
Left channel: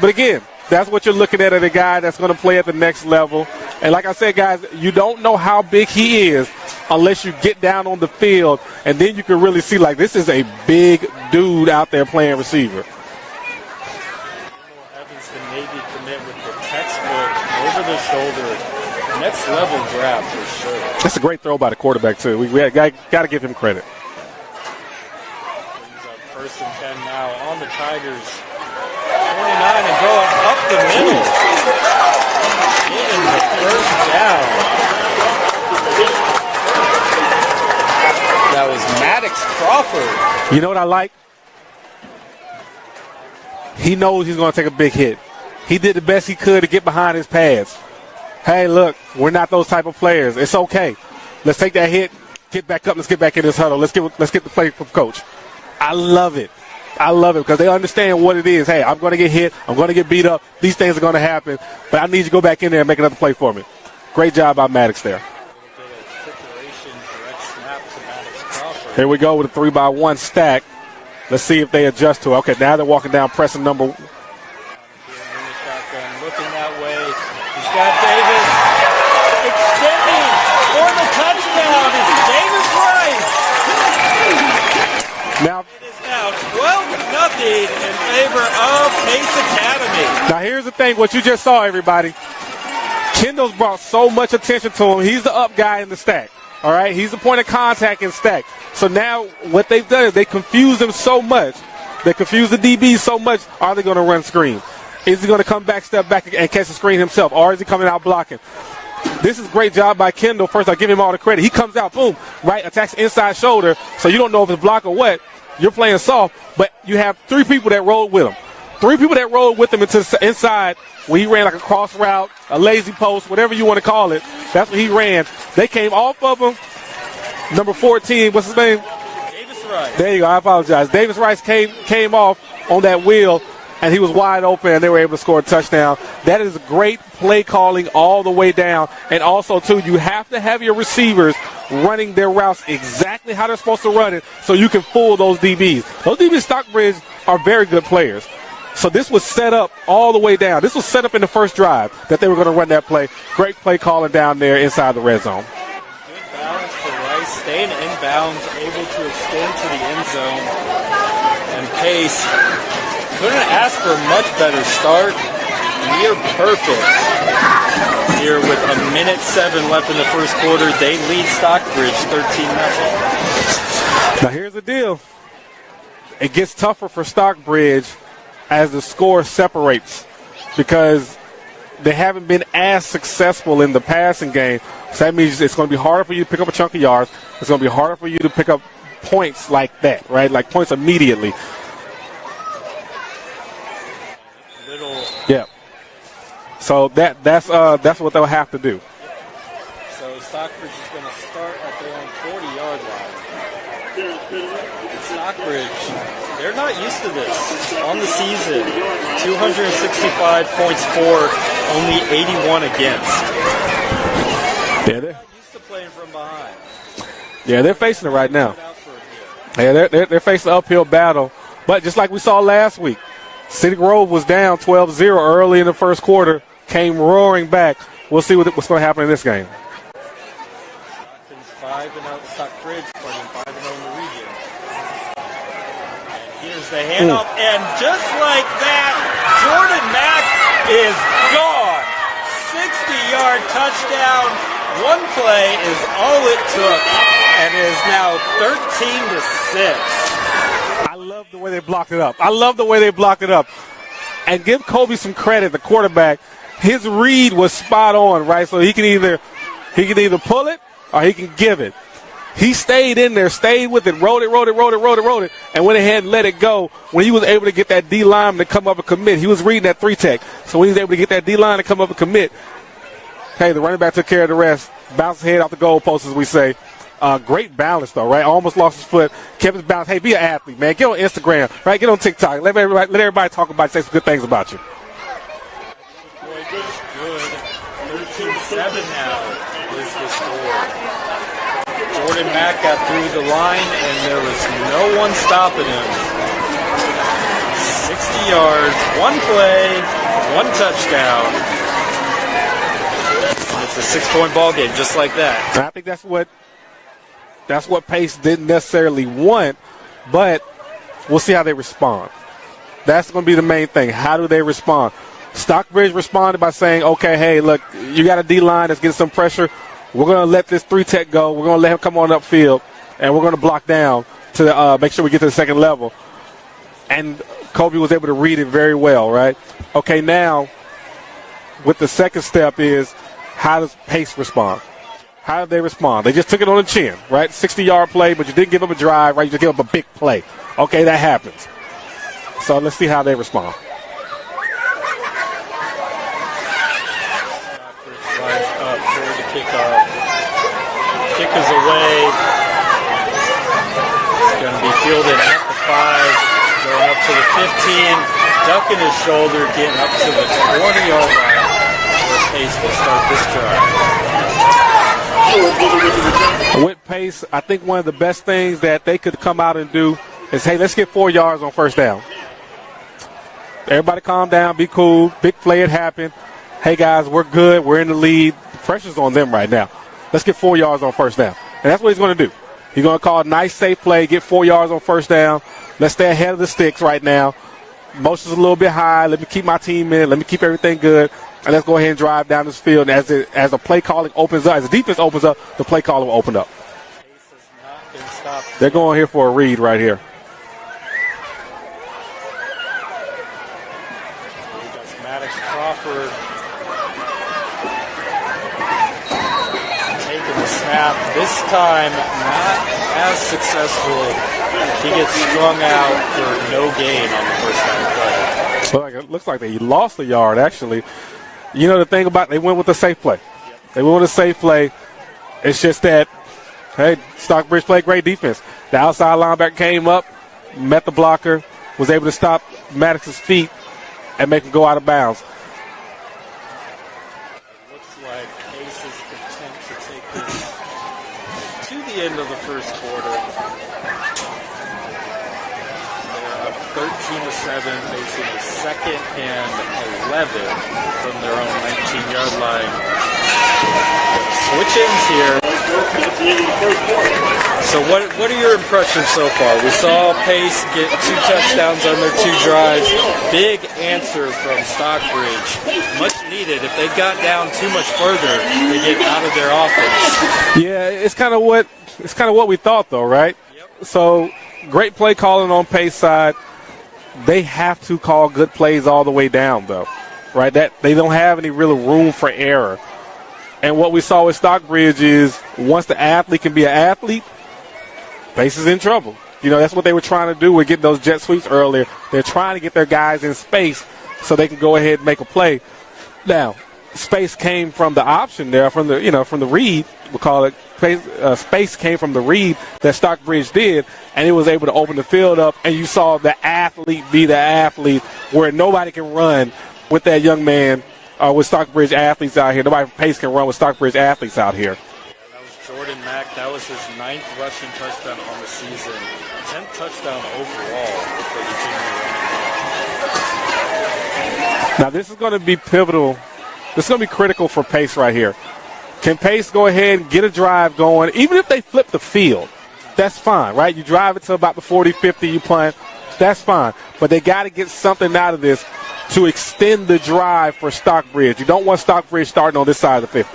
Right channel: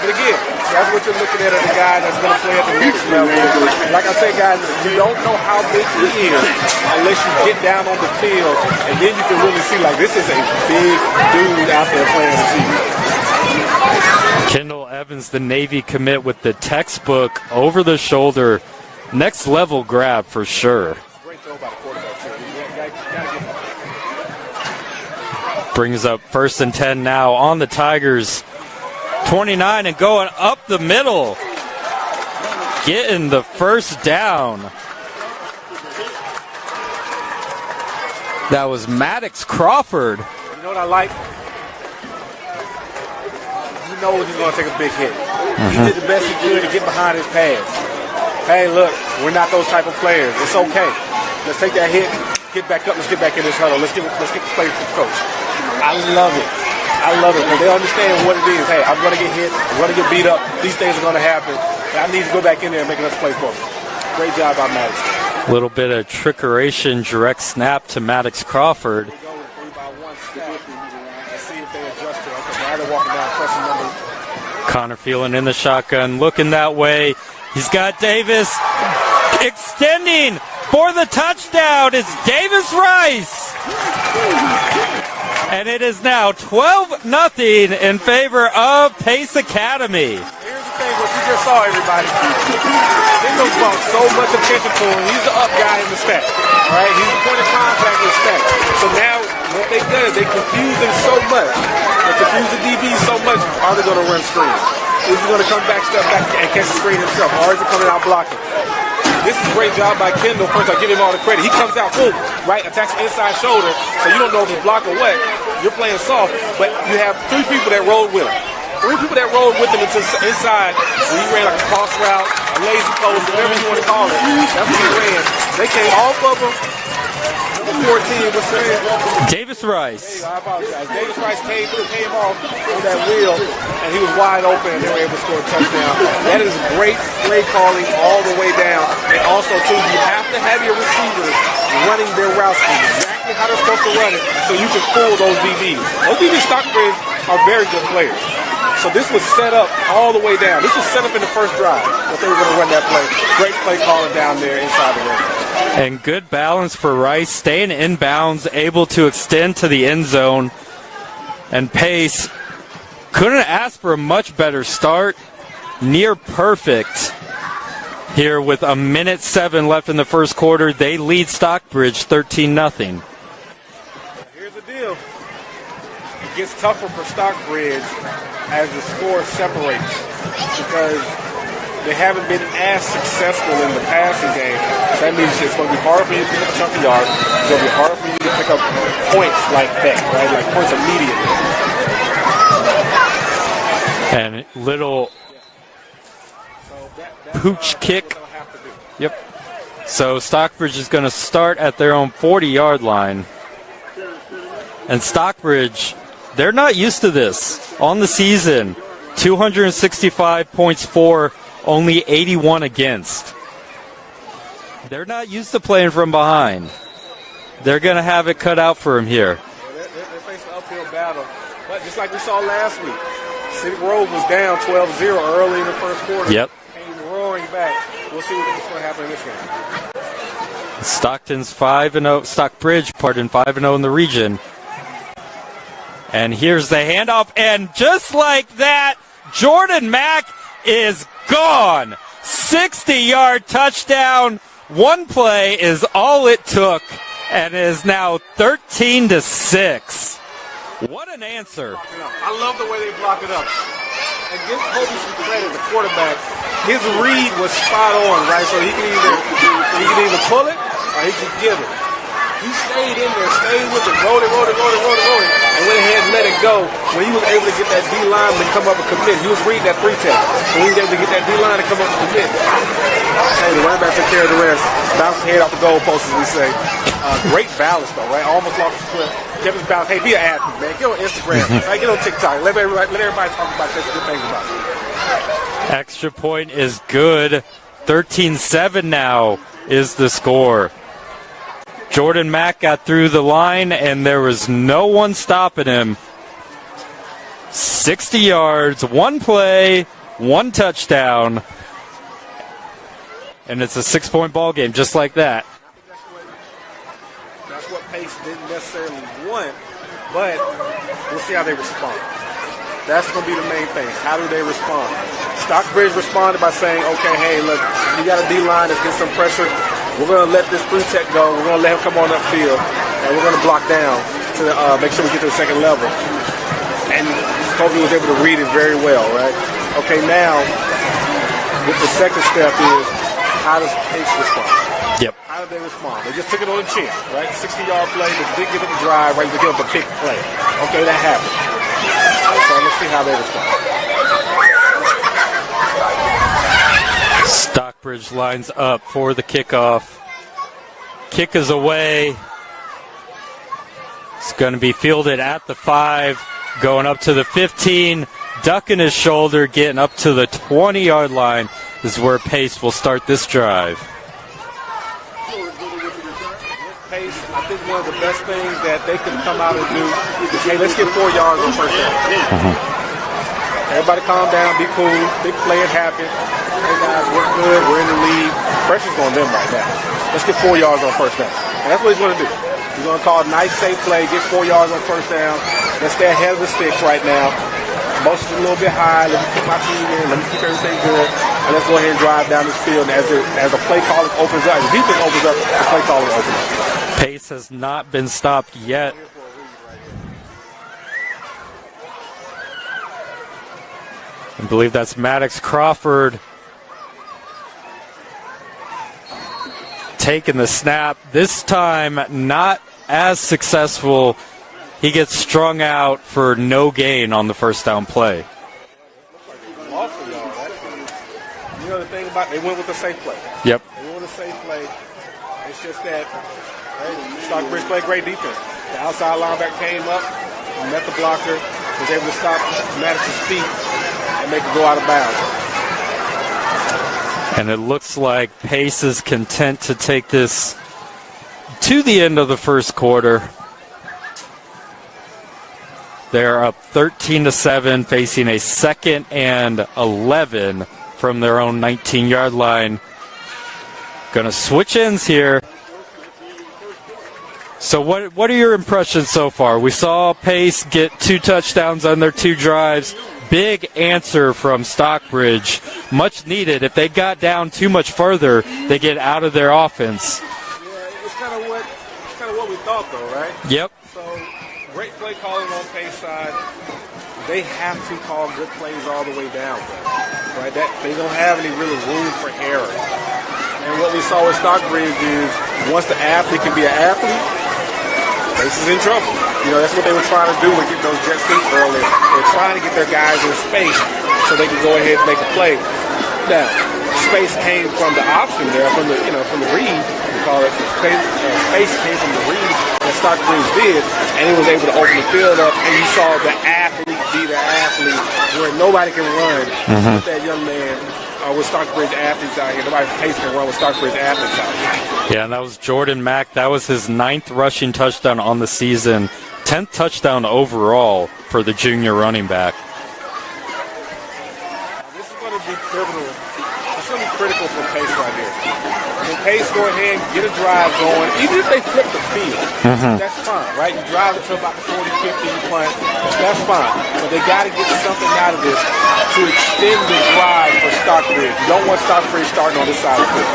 But again, That's what you're looking at a guy that's going to play at the next level. And like I said, guys, you don't know how big he is unless you get down on the field, and then you can really see, like, this is a big dude out there playing receiver. Kendall Evans, the Navy commit, with the textbook over-the-shoulder, next-level grab for sure. That's a great throw by the quarterback, too. We got to give him credit. Brings up 1st and 10 now on the Tigers. 29 and going up the middle. Getting the first down. That was Maddox Crawford. You know what I like? He knows he's going to take a big hit. He did the best he could to get behind his pads. Hey, look, we're not those type of players. It's okay. Let's take that hit, get back up, let's get back in this huddle. Let's get the play from coach. I love it. I love it because they understand what it is. Hey, I'm going to get hit. I'm going to get beat up. These things are going to happen. But I need to go back in there and make another play for me. Great job by Maddox there. A little bit of trickeration, direct snap to Maddox Crawford. Here we go with a 3-by-1 stack. Let's see if they adjust to it. Okay, now they're walking down, pressing number. Connor Phelan in the shotgun, looking that way. He's got Davis extending for the touchdown. It's Davis Rice. And it is now 12-0 in favor of Pace Academy. Now here's the thing, what you just saw, everybody. Kendall brought so much attention to him. He's the up guy in the stack. All right, he's the point of contact in the stack. So now what they've done is they confuse him so much. They confuse the DBs so much. Are they going to run screen? Is he going to come back, step back, and catch the screen himself? Or is he coming out blocking? This is a great job by Kendall. First, I give him all the credit. He comes out, right, attacks inside shoulder, so you don't know if he's blocked or what. You're playing soft, but you have 3 people that rolled with him. 3 people that rolled with him into inside when he ran a cross route, a lazy post, whatever you want to call it. That's what he ran. They came off of him. Number 14, what's his name? Davis Rice. There you go. I apologize. Davis Rice came off on that wheel, and he was wide open, and they were able to score a touchdown. That is great play calling all the way down. And also, too, you have to have your receivers running their routes exactly how they're supposed to run it so you can fool those DBs. Those DBs in Stockbridge are very good players. So this was set up all the way down. This was set up in the first drive that they were going to run that play. Great play calling down there inside the red zone. And good balance for Rice, staying in bounds, able to extend to the end zone. And Pace couldn't ask for a much better start. Near perfect here with 1:07 left in the first quarter. They lead Stockbridge 13-0. Now here's the deal. It gets tougher for Stockbridge as the score separates because they haven't been as successful in the passing game. So that means it's going to be hard for you to pick up a chunk of yards. It's going to be hard for you to pick up points like that, right? Like points immediately. And little... Yeah. So that's what they'll have to do. Yep. So Stockbridge is going to start at their own 40-yard line. And Stockbridge, they're not used to this on the season. 265 points for, only 81 against. They're not used to playing from behind. Yeah, they're going to have it cut out for them here. Yeah, they're facing an uphill battle. But just like we saw last week, City Grove was down 12-0 early in the first quarter. Yep. Came roaring back. We'll see what's going to happen in this game. Stockbridge 5-0 in the region. And here's the handoff, and just like that, Jordan Mack is gone. 60-yard touchdown. One play is all it took, and it is now 13-6. What an answer. The way they block it up. I love the way they block it up. And give Kobe some credit, the quarterback. His read was spot on, right? So he can either pull it or he can give it. He stayed in there, stayed with it, rolled it, and went ahead and let it go. When he was able to get that D-line to come up and commit, he was reading that 3-tech. So when he was able to get that D-line to come up and commit, okay, the running back took care of the rest. Bounced his head off the goalpost, as we say. Great balance, though, right? Almost lost his foot. Kept his balance. Hey, be an athlete, man. Get on Instagram, right? Get on TikTok. Let everybody talk about you, say some good things about you. Extra point is good. 13-7 now is the score. Jordan Mack got through the line, and there was no one stopping him. 60 yards, one play, 1 touchdown. And it's a 6-point ball game just like that. And I think that's what Pace didn't necessarily want, but we'll see how they respond. That's going to be the main thing. How do they respond? Stockbridge responded by saying, okay, hey, look, you got a D-line that's getting some pressure. We're going to let this 3-tech go. We're going to let him come on upfield, and we're going to block down to make sure we get to the second level. And Kobe was able to read it very well, right? Okay, now, with the second step is, how does Pace respond? Yep. How did they respond? They just took it on the chin, right? 60-yard play, but you did give up a drive, right? You did give up a big play. Okay, that happened. So let's see how they respond. Stockbridge lines up for the kickoff. Kick is away. It's going to be fielded at the 5, going up to the 15, ducking his shoulder, getting up to the 20-yard line is where Pace will start this drive. With Pace, I think one of the best things that they could come out and do is, hey, let's get 4 yards on first down. Everybody calm down, be cool, big play, it happened. Hey guys, we're good, we're in the lead. Pressure's on them right now. Let's get 4 yards on first down. And that's what he's going to do. He's going to call a nice, safe play, get 4 yards on first down. Let's stay ahead of the sticks right now. Motion's a little bit high. Let me keep my team in. Let me keep everything good. And let's go ahead and drive down this field. And as the play calling opens up, as the defense opens up, the play calling will open up. Pace has not been stopped They're yet. going here for a read right here. I believe that's Maddox Crawford taking the snap. This time, not as successful. He gets strung out for no gain on the first down play. It looks like they lost a yard, actually. You know, the thing about they went with a safe play. Yep. They went with a safe play. It's just that, hey, Stockbridge played great defense. The outside linebacker came up, met the blocker, was able to stop Maddox's feet and make it go out of bounds. And it looks like Pace is content to take this to the end of the first quarter. They're up 13-7, facing a 2nd and 11 from their own 19-yard line. Going to switch ends here. So what are your impressions so far? We saw Pace get 2 touchdowns on their 2 drives. Big answer from Stockbridge. Much needed. If they got down too much further, they get out of their offense. Yeah, it's kind of what we thought, though, right? Yep. So great play calling on Pace side. They have to call good plays all the way down, though, right? That they don't have any real room for error. And what we saw with Stockbridge is once the athlete can be an athlete, Pace is in trouble. You know, that's what they were trying to do with getting those jet sweeps earlier. They're trying to get their guys in space so they can go ahead and make a play. Now, space came from the option there, from the read. We call it space came from the read that Stockbridge did, and he was able to open the field up. And you saw the athlete be the athlete, where nobody can run with that young man. With Stockbridge athletes out here. Nobody Pace can run with Stockbridge athletes out here. Yeah, and that was Jordan Mack. That was his 9th rushing touchdown on the season. 10th touchdown overall for the junior running back. Now, this is going to be pivotal. This is going to be critical for Pace right here. Can Pace go ahead and get a drive going? Even if they flip the field, that's fine, right? You drive it to about the 40, 50, you punt. That's fine. But they got to get something out of this to extend the drive for Stockbridge. You don't want Stockbridge starting on this side of the field.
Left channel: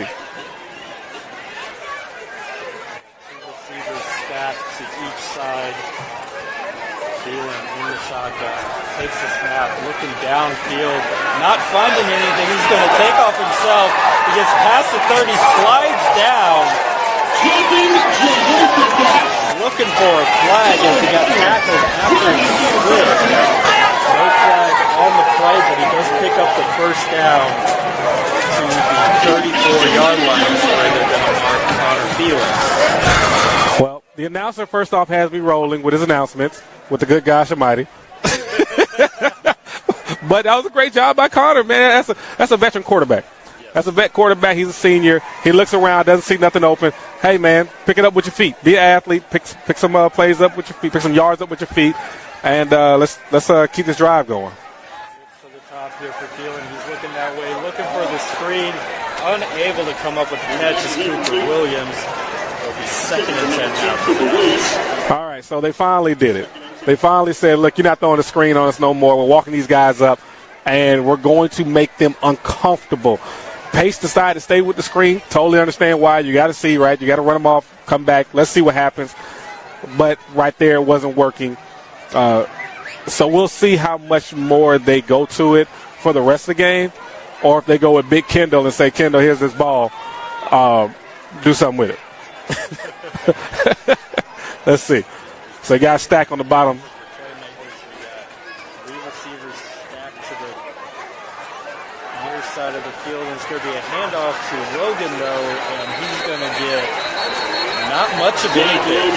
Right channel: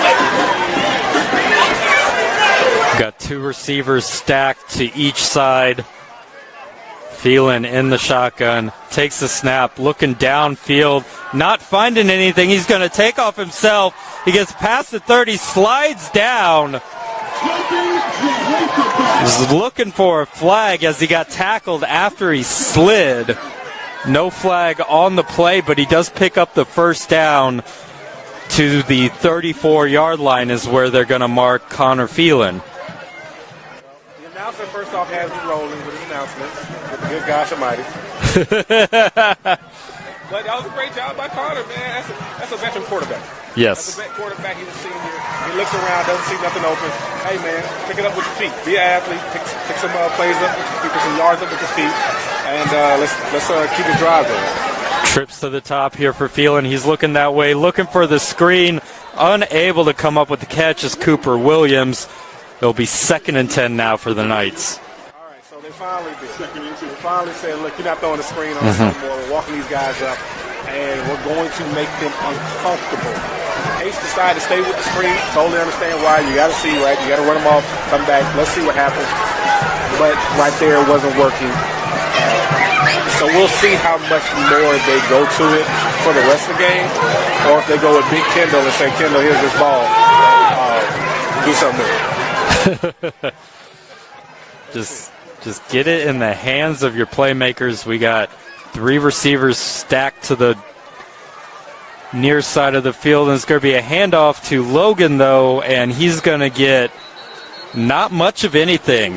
Got 2 receivers stacked to each side. Phelan in the shotgun, takes the snap, looking downfield, not finding anything. He's going to take off himself. He gets past the 30, slides down. He's looking for a flag as he got tackled after he slid. No flag on the play, but he does pick up the first down to the 34-yard line is where they're going to mark Connor Phelan. Well, the announcer first off has me rolling with his announcements with the good gosh almighty. But that was a great job by Connor, man. That's a veteran quarterback. Yes. That's a vet quarterback. He's a senior. He looks around, doesn't see nothing open. Hey, man, pick it up with your feet. Be an athlete. Pick some plays up with your feet. Pick some yards up with your feet. And let's keep this drive going. Trips to the top here for Phelan. He's looking that way, looking for the screen. Unable to come up with the catch is Cooper Williams. It'll be 2nd and 10 now for the Knights. All right, so they finally did it. They finally said, look, you're not throwing the screen on us no more. We're walking these guys up, and we're going to make them uncomfortable. Pace decided to stay with the screen. Totally understand why. You got to see, right? You got to run them off, come back. Let's see what happens. But right there, it wasn't working. So we'll see how much more they go to it for the rest of the game, or if they go with Big Kendall and say, Kendall, here's this ball. Do something with it. Let's see. Just get it in the hands of your playmakers. We got 3 receivers stacked to the near side of the field, and it's going to be a handoff to Logan, though, and he's going to get not much of anything.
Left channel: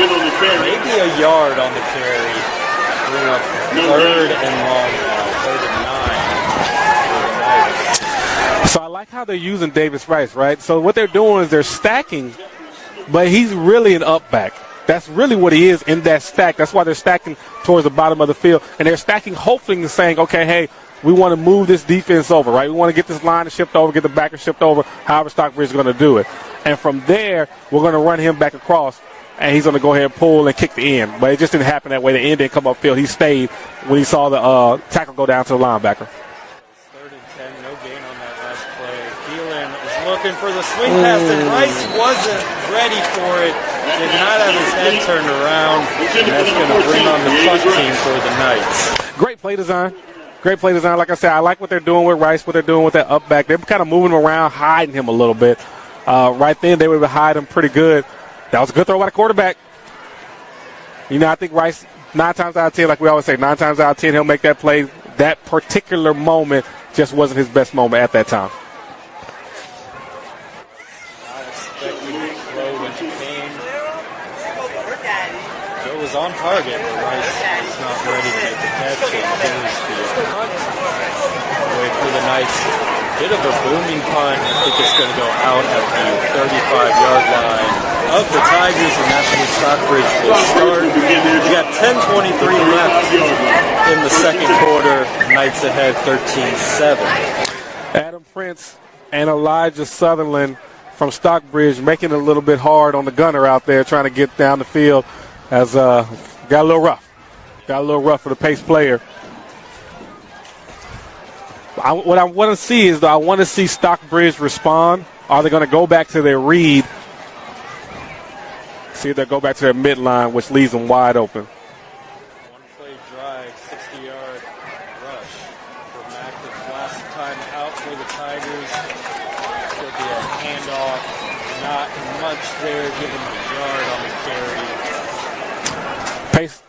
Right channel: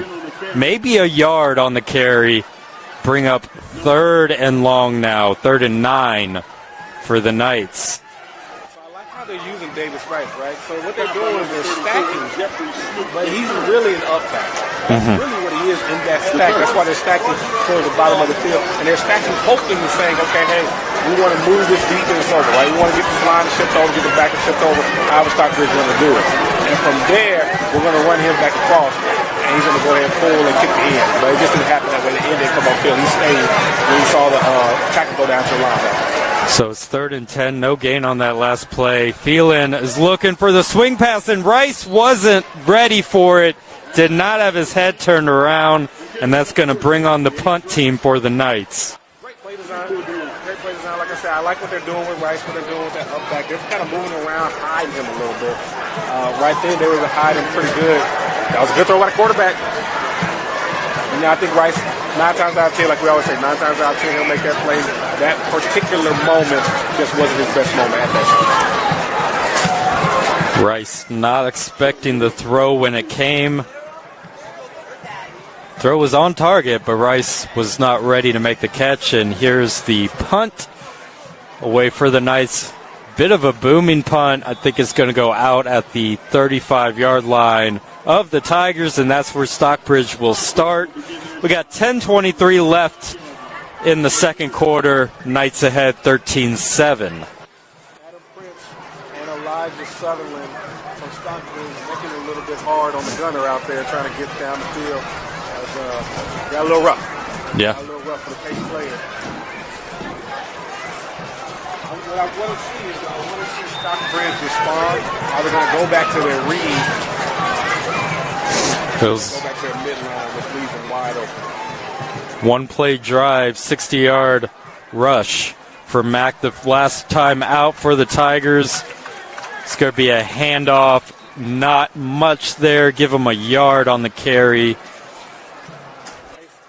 Maybe a yard on the carry. Bring up 3rd and long now, 3rd and 9 for the Knights. So I like how they're using Davis Rice, right? So what they're doing is they're stacking, but he's really an up back. That's really what he is in that stack. That's why they're stacking towards the bottom of the field. And they're stacking hoping and saying, okay, hey, we want to move this defense over, right? We want to get this line shipped over, get the back and shipped over, however Stockbridge is going to do it. And from there, we're going to run him back across, and he's going to go ahead and pull and kick the end. But it just didn't happen that way. The end didn't come off field. He stayed when he saw the tackle go down to the linebacker. So it's 3rd and 10, no gain on that last play. Phelan is looking for the swing pass, and Rice wasn't ready for it. Did not have his head turned around, and that's going to bring on the punt team for the Knights. Great play design. Great play design. Like I said, I like what they're doing with Rice, what they're doing with that up back. They're kind of moving him around, hiding him a little bit. Right then, they were hiding him pretty good. That was a good throw by the quarterback. You know, I think Rice, 9 times out of 10, like we always say, 9 times out of 10, he'll make that play. That particular moment just wasn't his best moment at that time. Rice not expecting the throw when it came. Throw was on target, but Rice was not ready to make the catch, and here's the punt away for the Knights. Bit of a booming punt. I think it's going to go out at the 35-yard line of the Tigers, and that's where Stockbridge will start. We got 10:23 left in the second quarter. Knights ahead 13-7. Adam Prince and Elijah Sutherland from Stockbridge making it a little bit hard on the gunner out there trying to get down the field. Has got a little rough. Yeah. Got a little rough for the pace player. What I want to see is, I want to see Stockbridge respond. Are they going to go back to their read? So they go back to their midline, which leaves them wide open. One play drive, 60-yard rush for Mack. The last time out for the Tigers. It's going to be a handoff. Not much there. Give them a yard on the carry.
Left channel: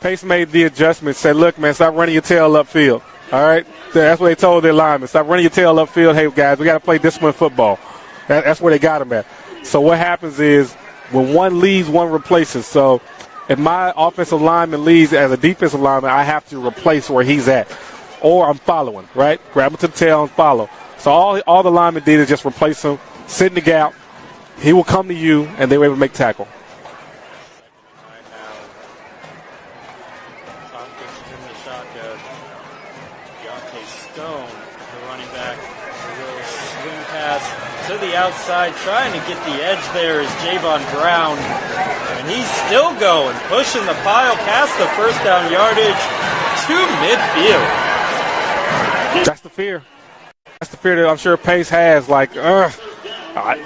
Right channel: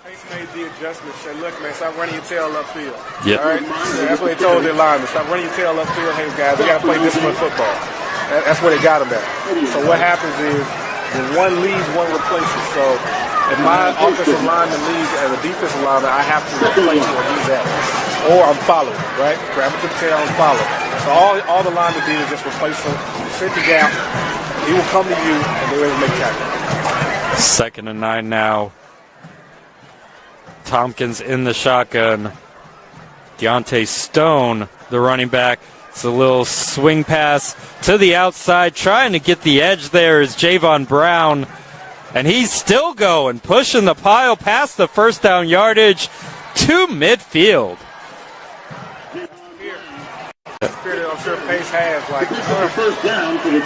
Pace made the adjustment, said, look, man, stop running your tail upfield. Yep. All right? So that's what they told their linemen. Stop running your tail upfield. Hey, guys, we got to play disciplined football. That's where they got them at. So what happens is, when one leaves, one replaces. So if my offensive lineman leaves as a defensive lineman, I have to replace where he's at. Or I'm following, right? Grab him to the tail and follow. So all the linemen did is just replace him, set the gap. He will come to you, and then maybe make tackle. 2nd and 9 now. Tompkins in the shotgun. Deontay Stone, the running back. It's a little swing pass to the outside. Trying to get the edge there is Javon Brown. And he's still going, pushing the pile past the first down yardage to midfield. That's the fear. That's the fear that I'm sure Pace has. Like,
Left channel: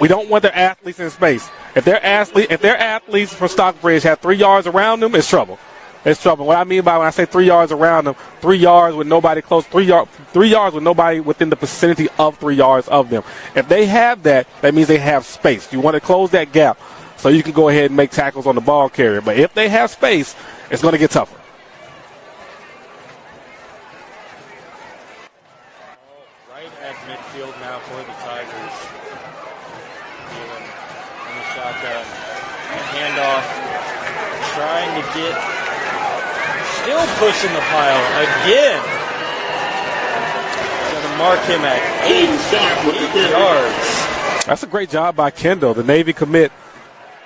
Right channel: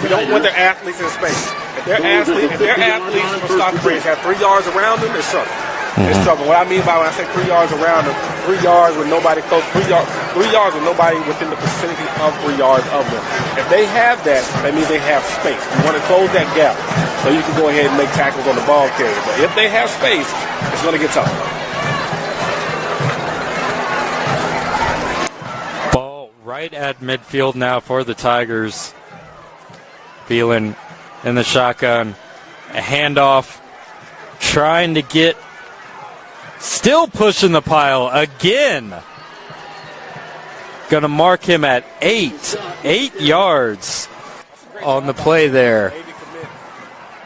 we don't want their athletes in space. If their athletes from Stockbridge have 3 yards around them, it's trouble. It's trouble. What I mean by when I say 3 yards around them, 3 yards with nobody close, 3 yards with nobody within the vicinity of 3 yards of them. If they have that, that means they have space. You want to close that gap so you can go ahead and make tackles on the ball carrier. But if they have space, it's going to get tough. Ball right at midfield now for the Tigers. Phelan in the shotgun. A handoff. Trying to get... Still pushing the pile again. Going to mark him at 8 yards. That's a great job by Kendall, the Navy commit.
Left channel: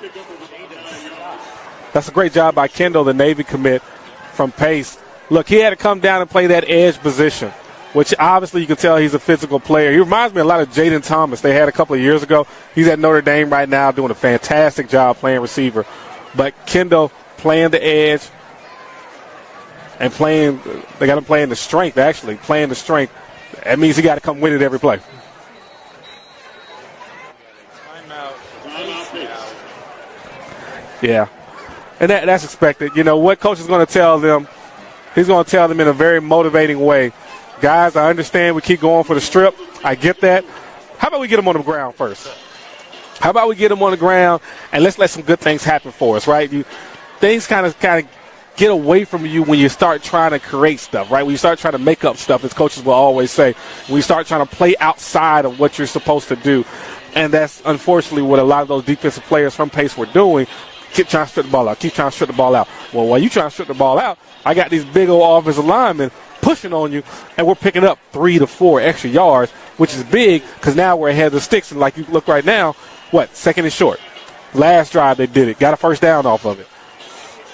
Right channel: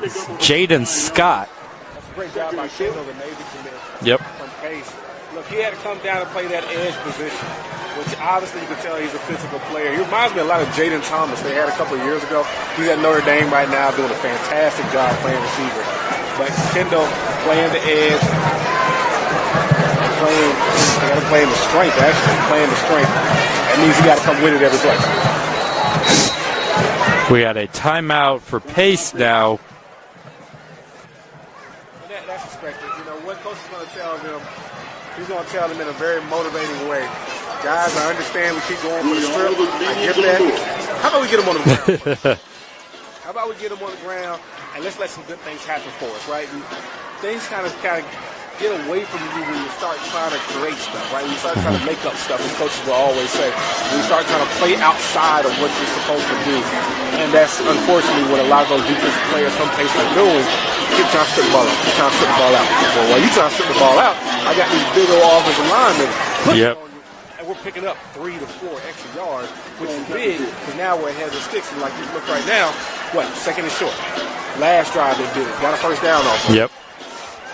Jaden Scott. That's a great job by Kendall, the Navy commit. Yep. From Pace. Look, he had to come down and play that edge position. which obviously you can tell he's a physical player. He reminds me a lot of Jaden Thomas they had a couple of years ago. He's at Notre Dame right now doing a fantastic job playing receiver. But Kendall playing the edge and they got to play in the strength, actually, playing the strength. That means he got to come with it every play. We had a timeout for Pace now. Yeah. And that's expected. You know, what coach is going to tell them, he's going to tell them in a very motivating way. Guys, I understand we keep going for the strip. I get that. How about we get them on the ground first? How about we get them on the ground and let's let some good things happen for us, right? Things kind of get away from you when you start trying to create stuff, right? When you start trying to make up stuff, as coaches will always say. When you start trying to play outside of what you're supposed to do. And that's unfortunately what a lot of those defensive players, some Pace are doing. Keep trying to strip the ball out. Keep trying to strip the ball out. Well, while you trying to strip the ball out, I got these big old offensive linemen pushing on you, and we're picking up 3 to 4 extra yards, which is big because now we're ahead of the sticks. And like you look right now, second and short. Last drive they did it. Got a first down off of it. Yep.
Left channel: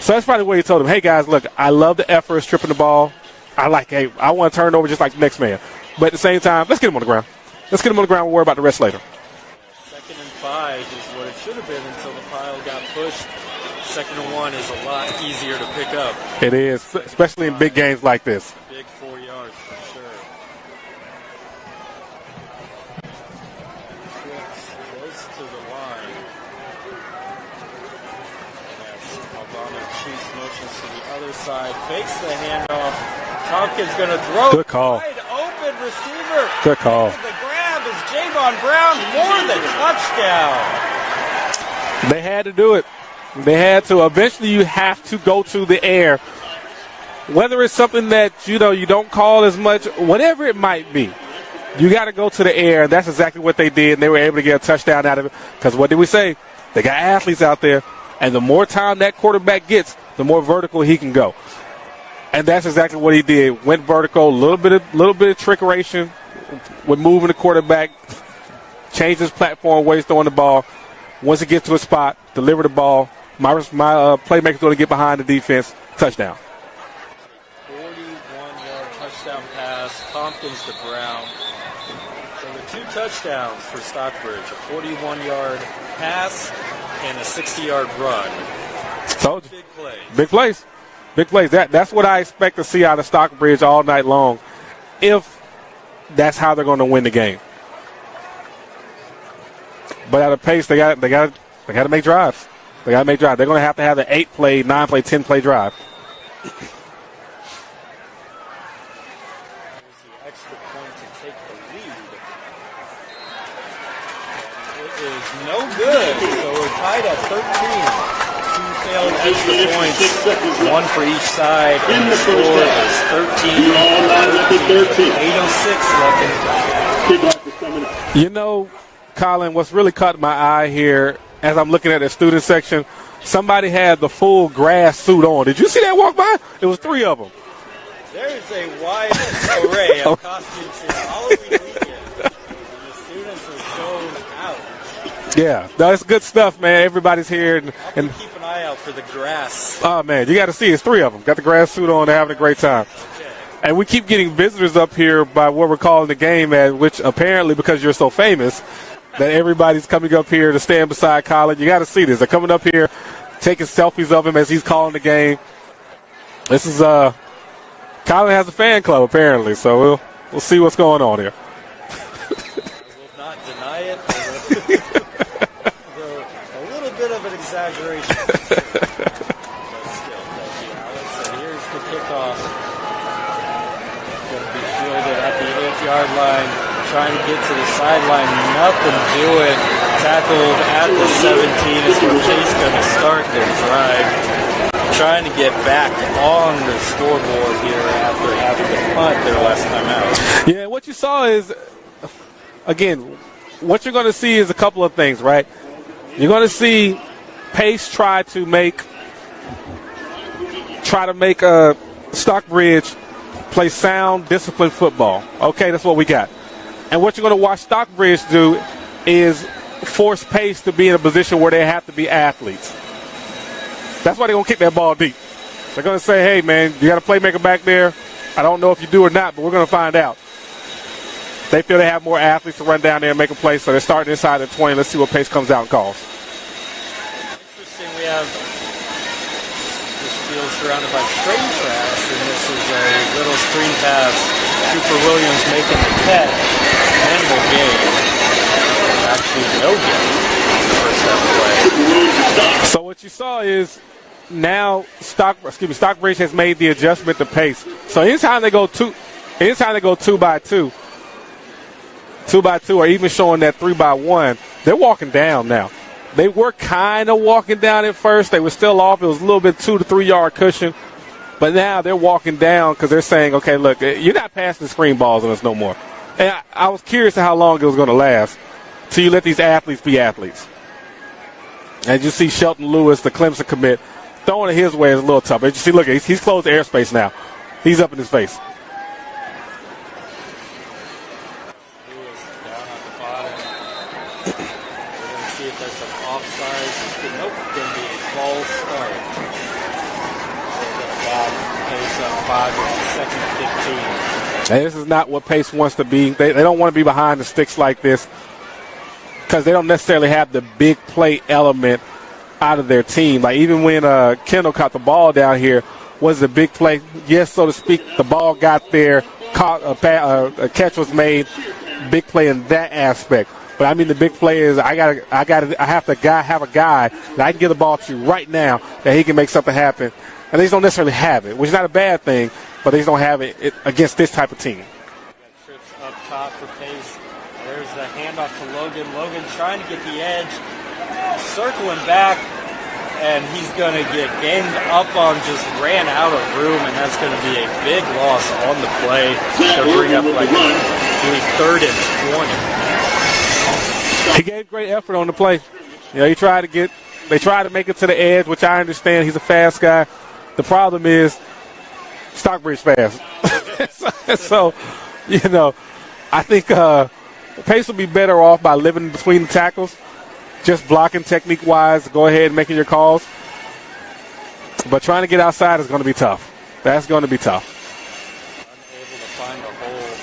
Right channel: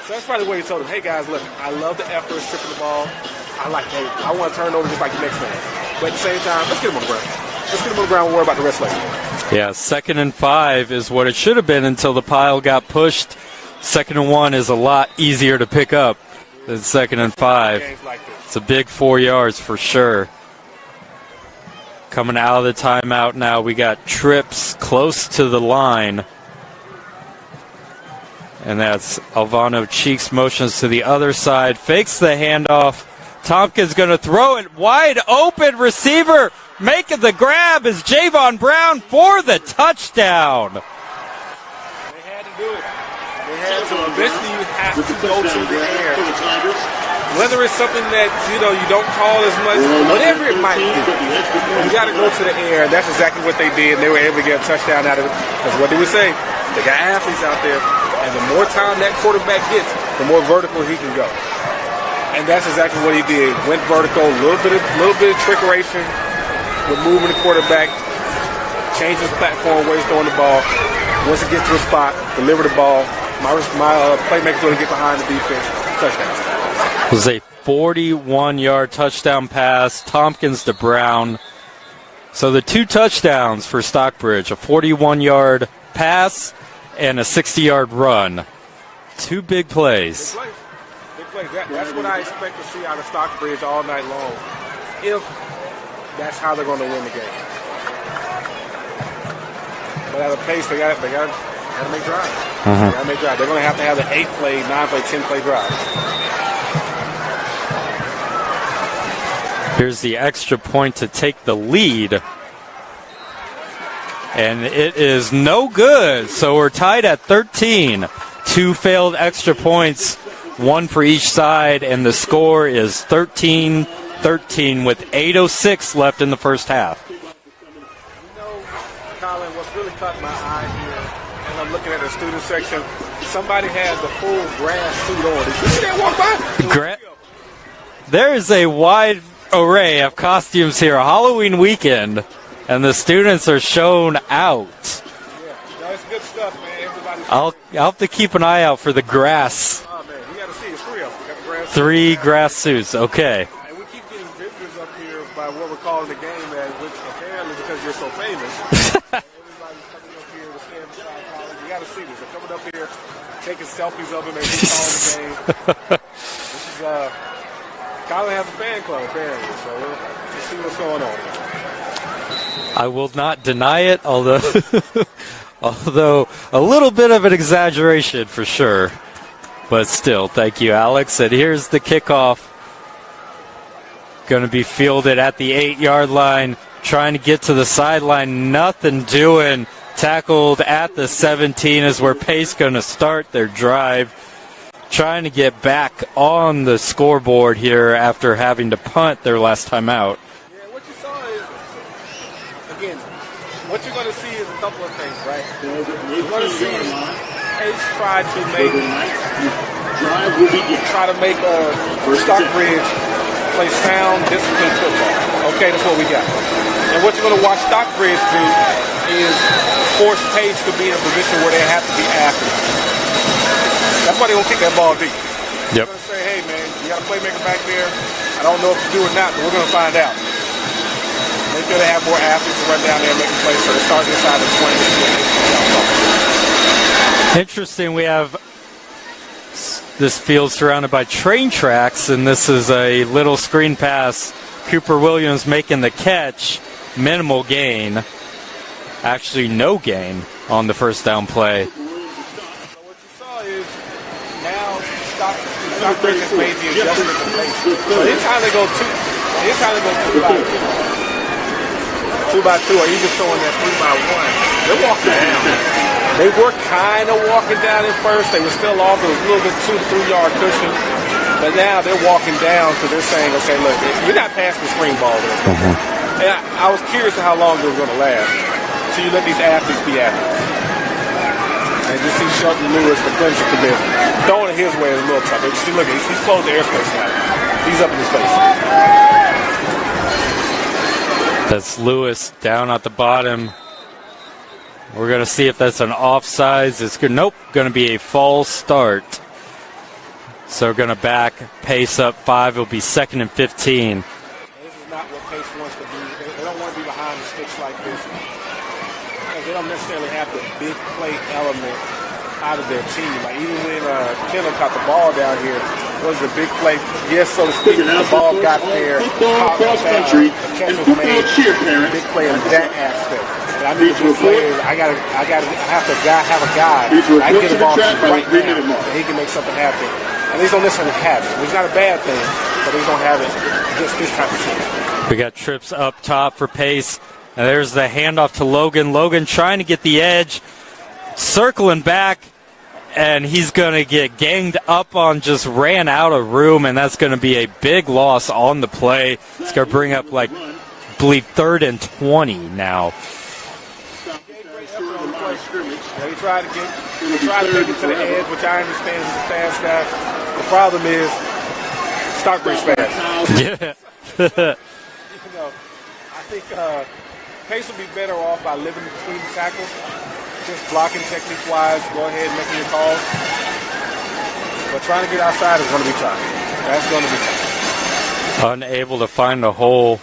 So that's probably where he told them, hey, guys, look, I love the effort of stripping the ball. I want to turn it over just like the next man. But at the same time, let's get him on the ground. Let's get him on the ground and worry about the rest later. Yeah, 2nd and 5 is what it should have been until the pile got pushed. 2nd and 1 is a lot easier to pick up. It is. 2nd and 5. In big games like this. It's a big 4 yards for sure. Coming out of the timeout now, we got trips close to the line. And that's Alvano Cheeks motions to the other side, fakes the handoff. Tompkins going to throw it wide open. Receiver making the grab is Javon Brown for the touchdown. They had to do it. They had to. Eventually you have to go to the air. Whether it's something that, you don't call as much, whatever it might be, you got to go to the air. And that's exactly what they did. They were able to get a touchdown out of it. Because what did we say? They got athletes out there. And the more time that quarterback gets, the more vertical he can go. And that's exactly what he did. Went vertical, a little bit of trickeration with moving the quarterback, changed his platform where he's throwing the ball. Once it gets to the spot, deliver the ball. My playmaker's going to get behind the defense. Touchdown. It was a 41-yard touchdown pass, Tompkins to Brown. So the 2 touchdowns for Stockbridge, a 41-yard pass and a 60-yard run. 2 big plays. Big plays. Big plays. That's what I expect to see out of Stockbridge all night long, if that's how they're going to win the game. But at a pace, they got to make drives. They got to make drives. They're going to have an 8-play, 9-play, 10-play drive. Here's the extra point to take the lead. And it is no good. So we're tied at 13. 2 failed extra points, 1 for each side, and the score is 13-13 with 8:06 left in the first half. Colin, what's really caught my eye here as I'm looking at the student section, somebody had the full grass suit on. Did you see that walk by? There were 3 of them. There is a wide array of costumes here, Halloween weekend, and the students are shown out. Yeah, that's good stuff, man. Everybody's here. I'll have to keep an eye out for the grass. Oh, man, you got to see. It's 3 of them. Got the grass suit on. 3 have a great time. suits, okay. And we keep getting visitors up here by what we're calling the game, which apparently, because you're so famous, that everybody's coming up here to stand beside Colin. You got to see this. They're coming up here, taking selfies of him as he's calling the game. This is Colin has a fan club apparently, so we'll see what's going on here. I will not deny it, although a little bit of an exaggeration for sure. But still, thank you, Alex. And here's the kickoff. Going to be fielded at the 8-yard line, trying to get to the sideline. Nothing doing. Tackled at the 17 is where Pace going to start their drive. Trying to get back on the scoreboard here after having to punt their last time out. Yeah, what you saw is, again, what you're going to see is a couple of things, right? You're going to see Pace try to make Stockbridge play sound, disciplined football. Okay, that's what we got. And what you're going to watch Stockbridge do is force Pace to be in a position where they have to be athletes. That's why they're going to kick that ball deep. They're going to say, hey, man, you got a playmaker back there. I don't know if you do or not, but we're going to find out. They feel they have more athletes to run down there and make a play, so they're starting inside the 20. Let's see what Pace comes out and calls. Interesting, we have this field surrounded by train tracks, and this is a little screen pass. Cooper Williams making the catch. Minimal gain. Actually, no gain on the first down play. So what you saw is now Stockbridge has made the adjustment to Pace. So anytime they go 2 by 2 by 2, or even showing that 3 by 1, they're walking down now. They were kind of walking down at first. They were still off. It was a little bit 2 to 3 yard cushion. But now they're walking down because they're saying, okay, look, you're not passing screen balls in this no more. And I was curious to how long it was going to last. So you let these athletes be athletes. And just see Shelton Lewis, the Clemson commit, throwing it his way is a little tough. You see, look, he's closed the airspace now. He's up in his face. That's Lewis down at the bottom. We're going to see if that's an offsides. It's good. Nope, going to be a false start. So we're going to back Pace up 5. It'll be 2nd and 15. And this is not what Pace wants to be. They don't want to be behind the sticks like this because they don't necessarily have the big play element out of their team. Like even when Kendall caught the ball down here, was the big play? Yes, so to speak. The ball got there, caught a catch was made. Big play in that aspect. But I mean, the big play is I have a guy that I can get the ball to right now that he can make something happen. And they just don't necessarily have it, which is not a bad thing, but they just don't have it against this type of team. We got trips up top for Pace. And there's the handoff to Logan. Logan trying to get the edge, circling back, and he's going to get ganged up on, just ran out of room, and that's going to be a big loss on the play. It's going to bring up, like, I believe, 3rd and 20 now. He gave great effort on the play. You know, they tried to make it to the edge, which I understand. He's a fast guy. The problem is Stockbridge fans. Yeah. So, you know, I think Pace will be better off by living between the tackles, just blocking technique-wise, go ahead and making your calls. But trying to get outside is going to be tough. That's going to be tough. Unable to find a hole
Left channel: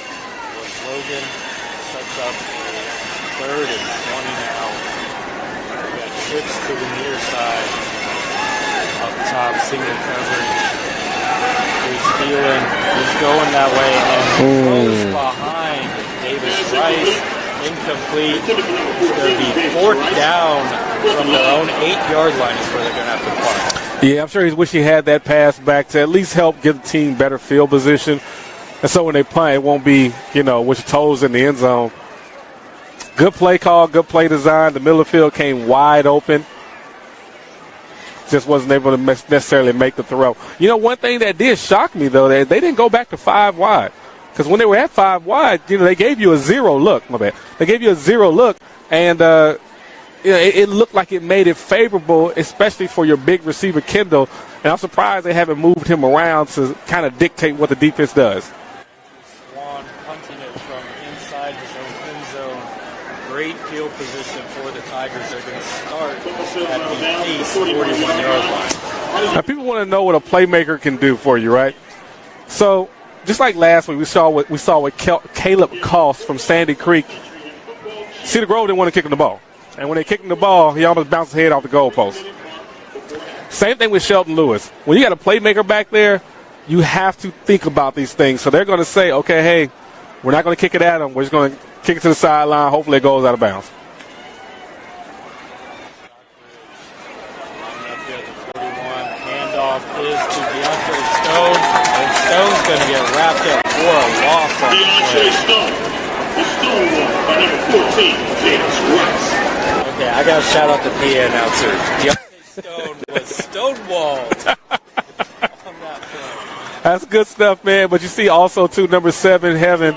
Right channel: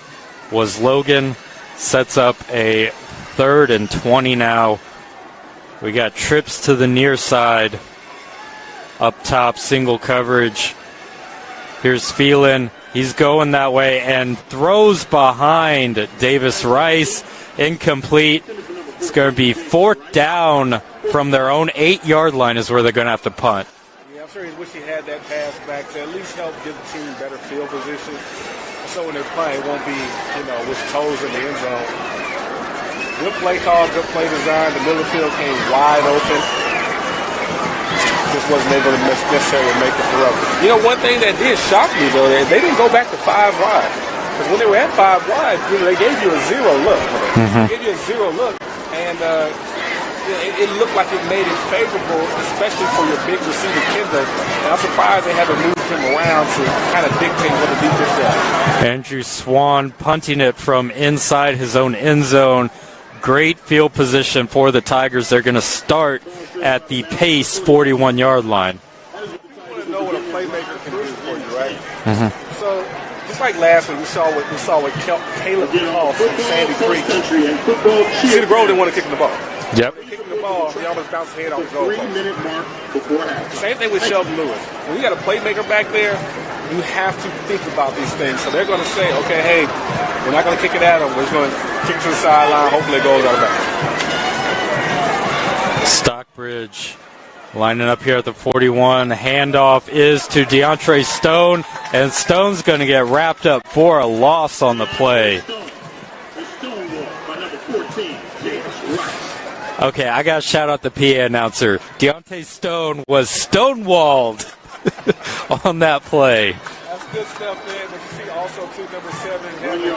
was Logan. Sets up a 3rd and 20 now. We got trips to the near side. Up top, single coverage. Here's Phelan. He's going that way and throws behind Davis Rice. Incomplete. It's going to be 4th down from their own 8-yard line is where they're going to have to punt. Yeah, I'm sure he's wishing he had that pass back to at least help give the team better field position. And so when they punt, it won't be, which toes in the end zone. Good play call, good play design. The middle of the field came wide open. Just wasn't able to necessarily make the throw. One thing that did shock me, though, that they didn't go back to 5 wide. Because when they were at 5 wide, they gave you a 0 look. They gave you a 0 look, and it looked like it made it favorable, especially for your big receiver, Kendall. And I'm surprised they haven't moved him around to kind of dictate what the defense does. Andrew Swan punting it from inside his own end zone. Great field position for the Tigers. They're going to start at the Pace 41-yard line. Now, people want to know what a playmaker can do for you, right? So, just like last week, we saw what Caleb Koss from Sandy Creek. Cedar Grove didn't want to kick him the ball. Yep. When they kicked him the ball, he almost bounced his head off the goalpost. Same thing with Shelton Lewis. When you got a playmaker back there, you have to think about these things. So they're going to say, okay, hey, we're not going to kick it at him. We're just going to kick it to the sideline. Hopefully it goes out of bounds. Stockbridge lining up here at the 41. Handoff is to DeAndre Stone, and Stone's going to get wrapped up for a loss on the play. Okay, I got to shout out the PA announcer. Deontay Stone was stonewalled on that play. That's good stuff, man. But you see also, too, number 7, Heaven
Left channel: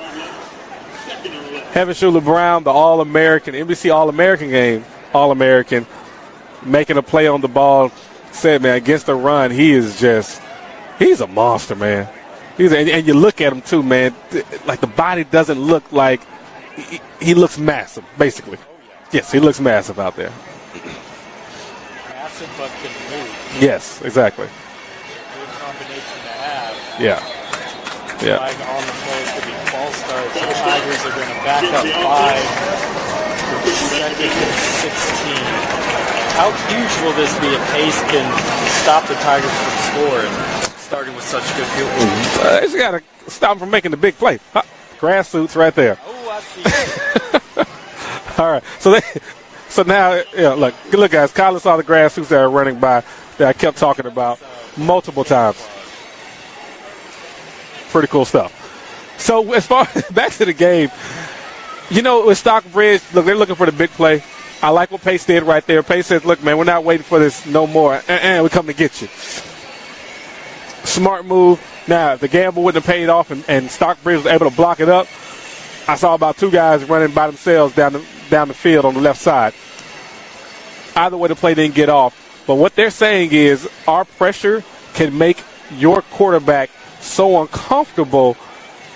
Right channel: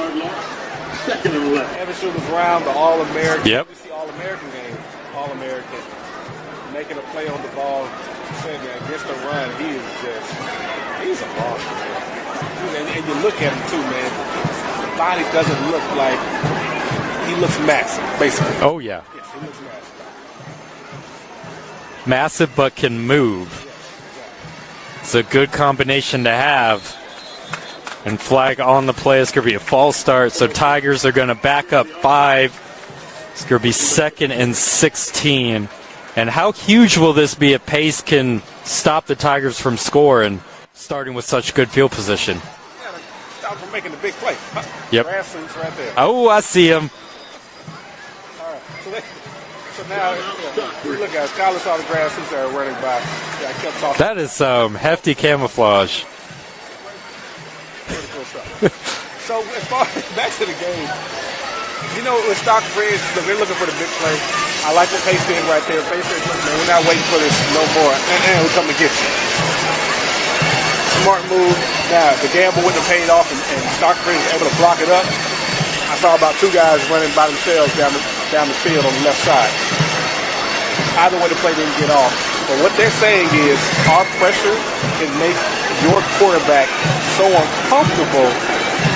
Schuler Brown, the All-American, NBC All-American game, All-American, making a play on the ball. Said, man, against the run, he's a monster, man. And you look at him, too, man, like the body doesn't look like, he looks massive, basically. Oh, yeah. Yes, he looks massive out there. Massive but can move. Yes, exactly. It's a good combination to have. Yeah. And flag on the play. It's going to be a false start. So Tigers are going to back up 5. It's going to be 2nd and 16. And how huge will this be if Pace can stop the Tigers from scoring, starting with such good field position? He's got to stop him from making the big play. Yep. Grass suits right there. Oh, I see him. All right. So now, look, guys. Colin saw the grass suits that are running by that I kept talking That about. is some hefty camouflage. Pretty cool stuff. So as far as back to the game, with Stockbridge, look, they're looking for the big play. I like what Pace did right there. Pace says, look, man, we're not waiting for this no more. We're coming to get you. Smart move. Now, the gamble wouldn't have paid off, and Stockbridge was able to block it up. I saw about 2 guys running by themselves down the field on the left side. Either way, the play didn't get off. But what they're saying is our pressure can make your quarterback so uncomfortable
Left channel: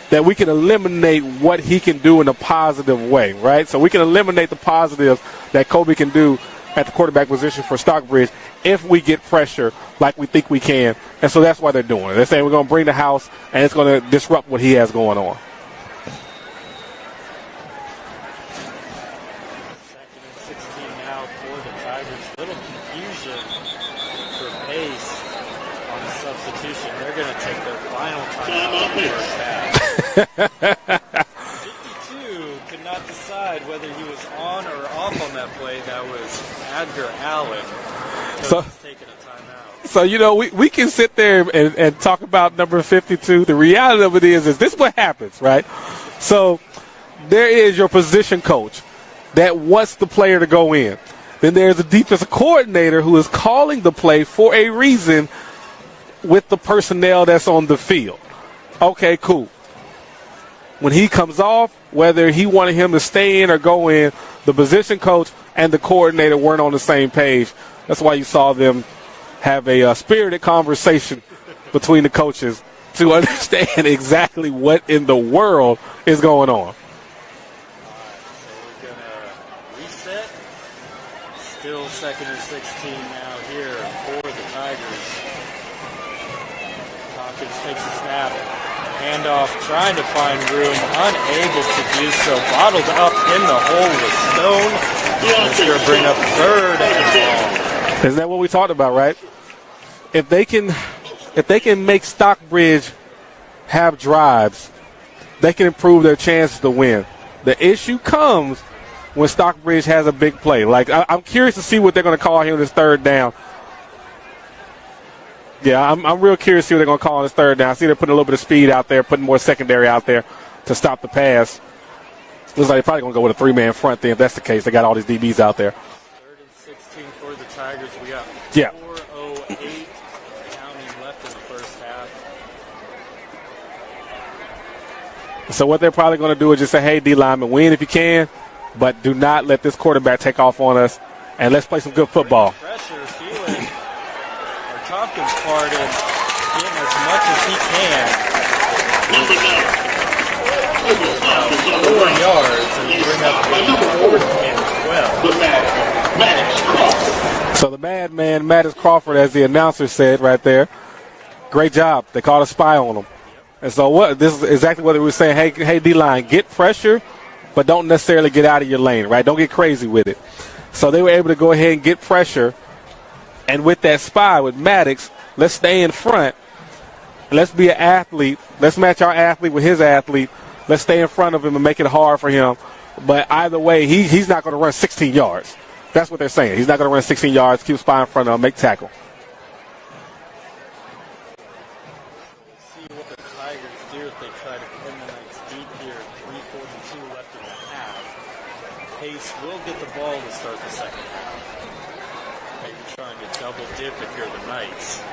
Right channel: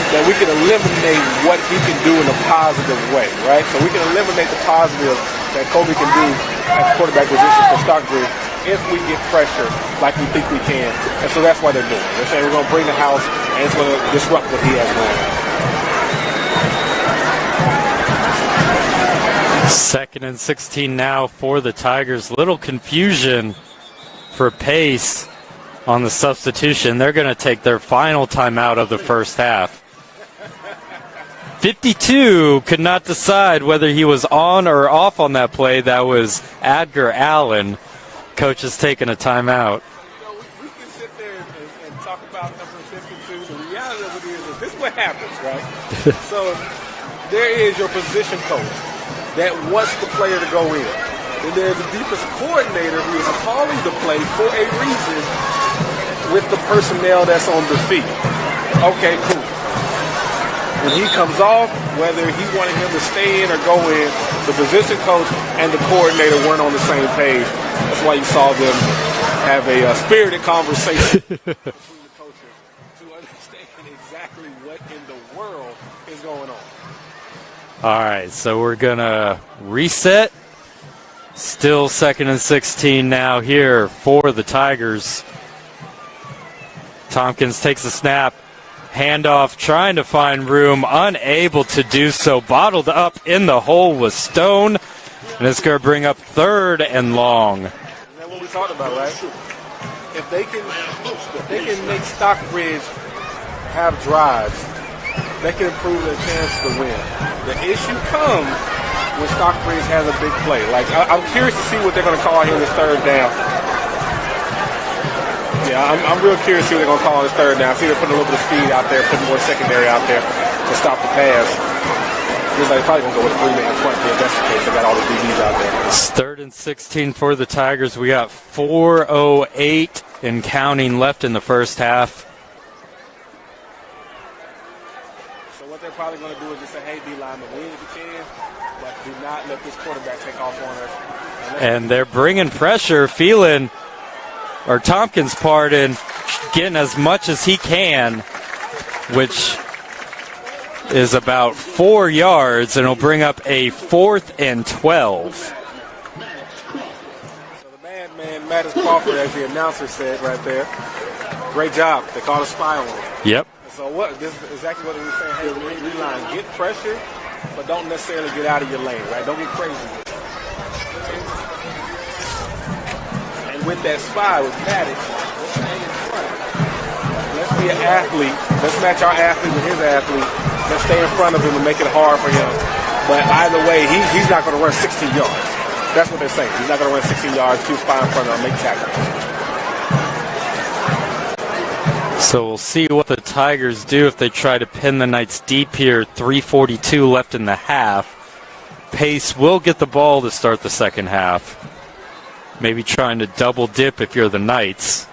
that we can eliminate what he can do in a positive way, right? So we can eliminate the positive that Kobe can do at the quarterback position for Stockbridge if we get pressure like we think we can. And so that's what they're doing. They're saying we're going to bring the house, and it's going to disrupt what he has going on. 2nd and 16 now for the Tigers. Little confusion for Pace on the substitution. They're going to take their final timeout of the first half. 52 could not decide whether he was on or off on that play. That was Edgar Allen. Coach is taking a timeout. So, we can sit there and talk about number 52. The reality of it is this what happens, right? So there is your position coach that wants the player to go in. Then there's a defensive coordinator who is calling the play for a reason with the personnel that's on the field. Okay, cool. When he comes off, whether he wanted him to stay in or go in, the position coach and the coordinator weren't on the same page. That's why you saw them have a spirited conversation between the coaches to understand exactly what in the world is going on. All right, so we're going to reset. Still 2nd and 16 now here for the Tigers. Tompkins takes a snap. Handoff, trying to find room, unable to do so. Bottled up in the hole with Stone. And it's going to bring up 3rd and long. Is that what we talked about, right? If they can make Stockbridge have drives, they can improve their chance to win. The issue comes when Stockbridge has a big play. Like, I'm curious to see what they're going to call here on this 3rd down. Yeah, I'm real curious to see what they're going to call on this 3rd down. See, they're putting a little bit of speed out there, putting more secondary out there to stop the pass. Looks like they're probably going to go with a 3-man front there if that's the case. They got all the DBs out there. It's 3rd and 16 for the Tigers. We got 4:08 and counting left in the first half. So what they're probably going to do is just say, hey, D-lineman, win if you can, but do not let this quarterback take off on us. And let's play some good football. They're bringing pressure, Tompkins, getting as much as he can, which is about 4 yards, and it'll bring up a 4th and 12. So the madman, Mattis Crawford, as the announcer said right there, great job. They called a spy on him. Yep. And so this is exactly what they were saying. Hey, D-line, get pressure, but don't necessarily get out of your lane, right? Don't get crazy with it. So they were able to go ahead and get pressure. And with that spy with Maddox, let's stay in front. Let's be an athlete. Let's match our athlete with his athlete. Let's stay in front of him and make it hard for him. But either way, he's not going to run 16 yards. That's what they're saying. He's not going to run 16 yards, keep spy in front of him, make tackles. So we'll see what the Tigers do if they try to pin the Knights deep here. 3:42 left in the half. Pace will get the ball to start the second half. Maybe trying to double dip if you're the Knights.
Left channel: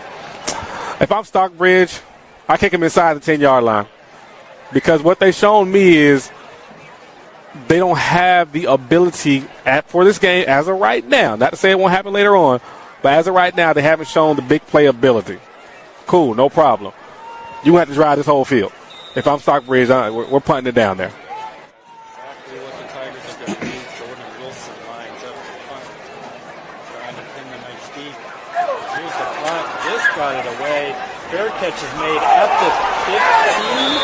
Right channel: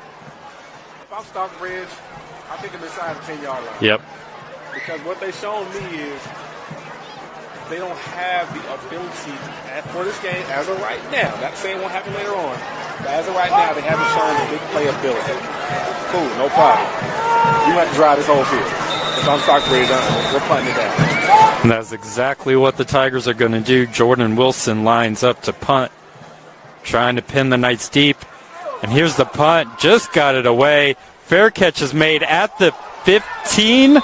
If I'm Stockbridge, I kick him inside the 10-yard line. Yep. Because what they've shown me is they don't have the ability for this game as of right now. Not to say it won't happen later on, but as of right now, they haven't shown the big play ability. Cool, no problem. You have to drive this whole field. If I'm Stockbridge, we're putting it down there. And that's exactly what the Tigers are going to do. Jordan Wilson lines up to punt, trying to pin the Knights deep. And here's the punt. Just got it away. Fair catch is made at the 15.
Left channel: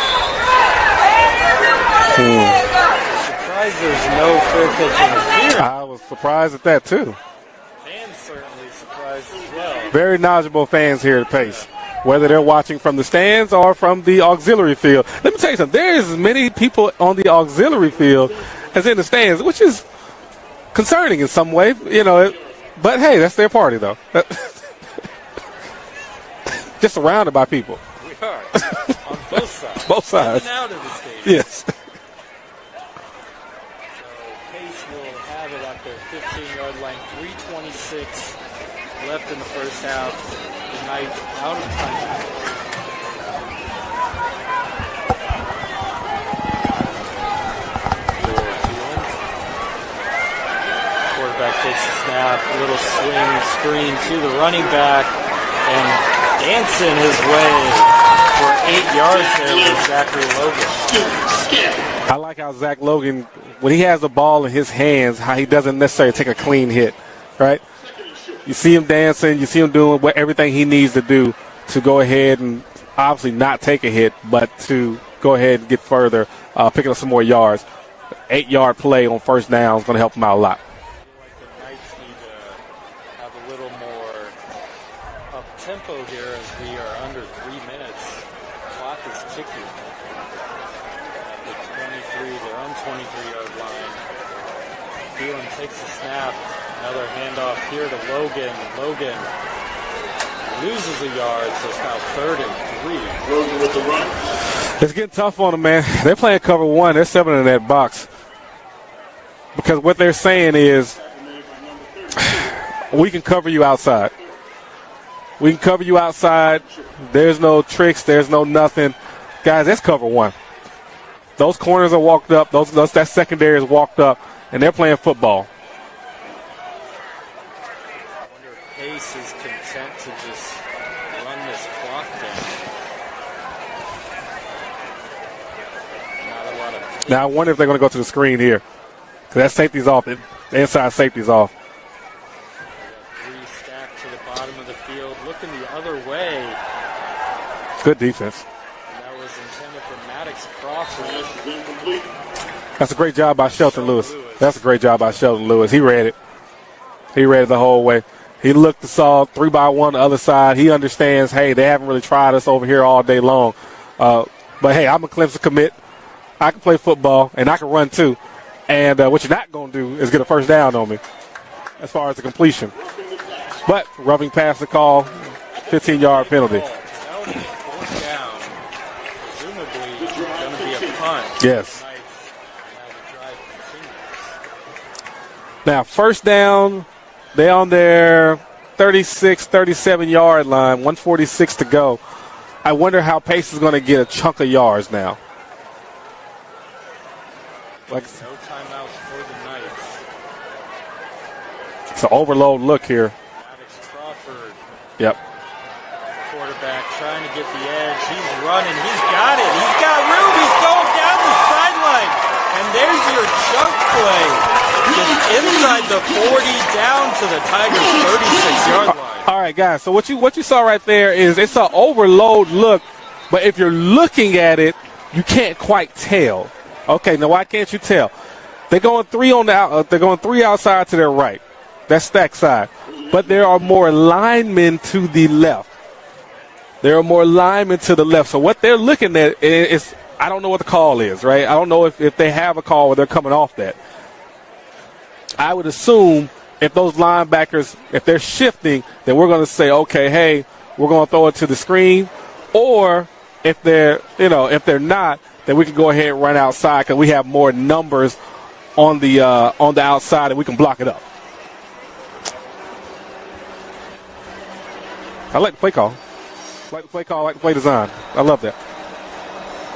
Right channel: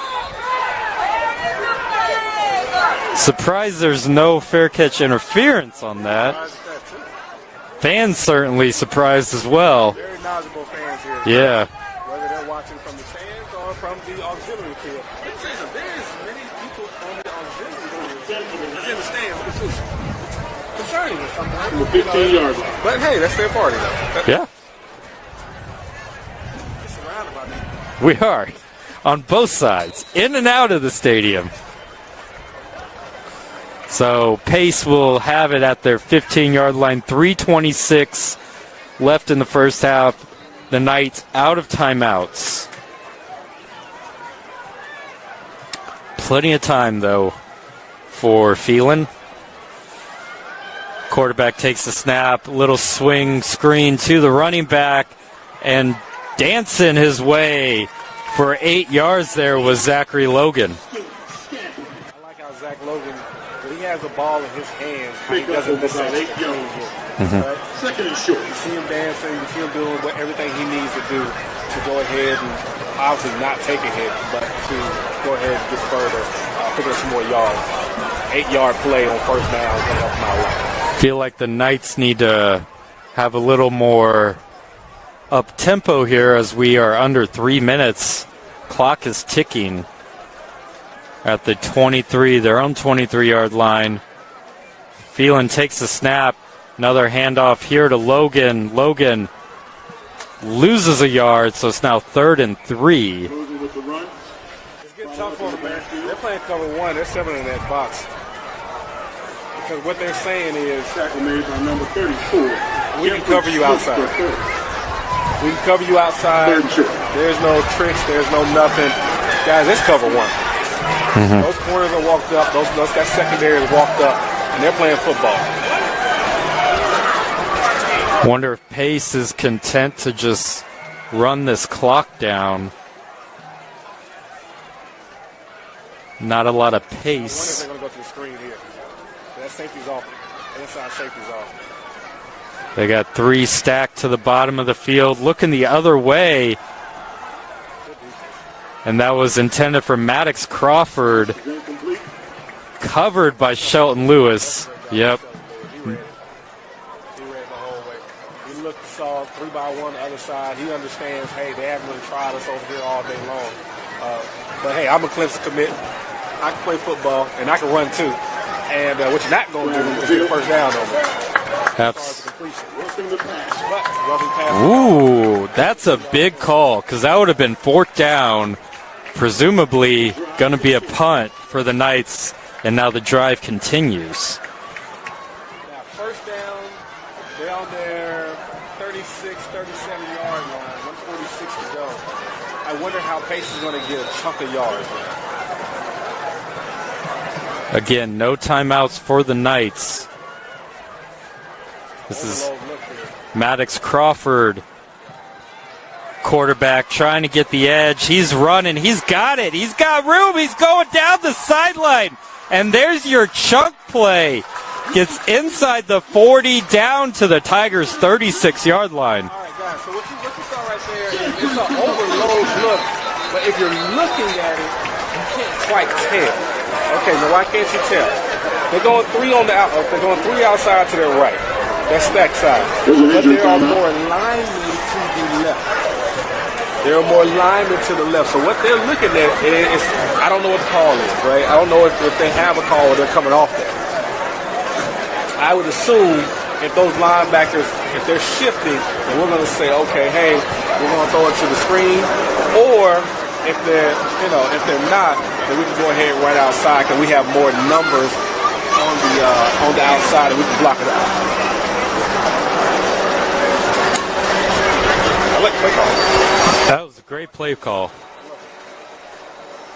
Surprised there's no fair catch interference on that. Surprised at that, too. Fans certainly surprised as well. Very knowledgeable fans here at Yeah. Pace, whether they're watching from the stands or from the auxiliary field. Let me tell you something. There's as many people on the auxiliary field as in the stands, which is concerning in some way. You know, but hey, that's their party, though. Yeah. Just surrounded by people. We are. On both sides. Both sides. In and out of the stadium. Yes. So Pace will have it at their 15-yard line. 3:26 left in the first half. The Knights out of timeouts. Plenty of time, though, for Phelan. Quarterback takes the snap. Little swing screen to the running back. And dancing his way for 8 yards there was Zachary Logan. I like how Zach Logan, when he has the ball in his hands, how he doesn't necessarily take a clean hit, right? You see him dancing, you see him doing everything he needs to do to go ahead and obviously not take a hit, but to go ahead and get further, picking up some more yards. 8-yard play on first down is going to help him out a lot. Feel like the Knights need to have a little more up-tempo here as we are under 3 minutes. Clock is ticking at the 23, their own 23-yard line. Phelan takes the snap. Another handoff here to Logan. Logan loses a yard, so it's now 3rd and 3. It's getting tough on them, man. They're playing cover one. They're 7 in that box. Because what they're saying is, we can cover you outside. We can cover you outside. There's no tricks. There's no nothing. Guys, let's cover one. Those corners are walked up. That secondary is walked up, and they're playing football. Wonder if Pace is content to just run this clock down. Not a lot of pace. Now, I wonder if they're going to go to the screen here. That safety's off. The inside safety's off. They got 3 stacked to the bottom of the field, looking the other way. Good defense. And that was intended for Maddox Crawford. That's a great Covered job by Shelton Lewis. That's a great job by Shelton Lewis. He read it. He read it the whole way. He looked and saw 3-by-1 on the other side. He understands, hey, they haven't really tried us over here all day long. But, hey, I'm a Clemson commit. I can play football, and I can run too. And what you're not going to do is get a first down on me as far as the completion. But rubbing pass call. Ooh, that's a big penalty. call because that would have been 4th down, presumably going to be a punt for the Knights, and now the drive continues. Now, first down, they're on their 36, 37-yard line, 1:46 to go. I wonder how Pace is going to get a chunk of yards now. Again, no timeouts for the Knights. It's an overload look here. Maddox Crawford. Yep. Quarterback trying to get the edge. He's running. He's got it. He's got room. He's going down the sideline. And there's your chunk play. Gets inside the 40 down to the Tigers' 36-yard line. All right, guys. So what you saw right there is it's an overload look. But if you're looking at it, you can't quite tell. Okay, now why can't you tell? They're going 3 on the out. They're going 3 outside to their right. That's stack side. But there are more linemen to the left. There are more linemen to the left. So what they're looking at is, I don't know what the call is, right? I don't know if they have a call or they're coming off that. I would assume if those linebackers, if they're shifting, then we're going to say, okay, hey, we're going to throw it to the screen. Or if they're not, then we can go ahead and run outside because we have more numbers on the outside and we can block it out. I like play call. That was Play call, great like play design. call. I love that.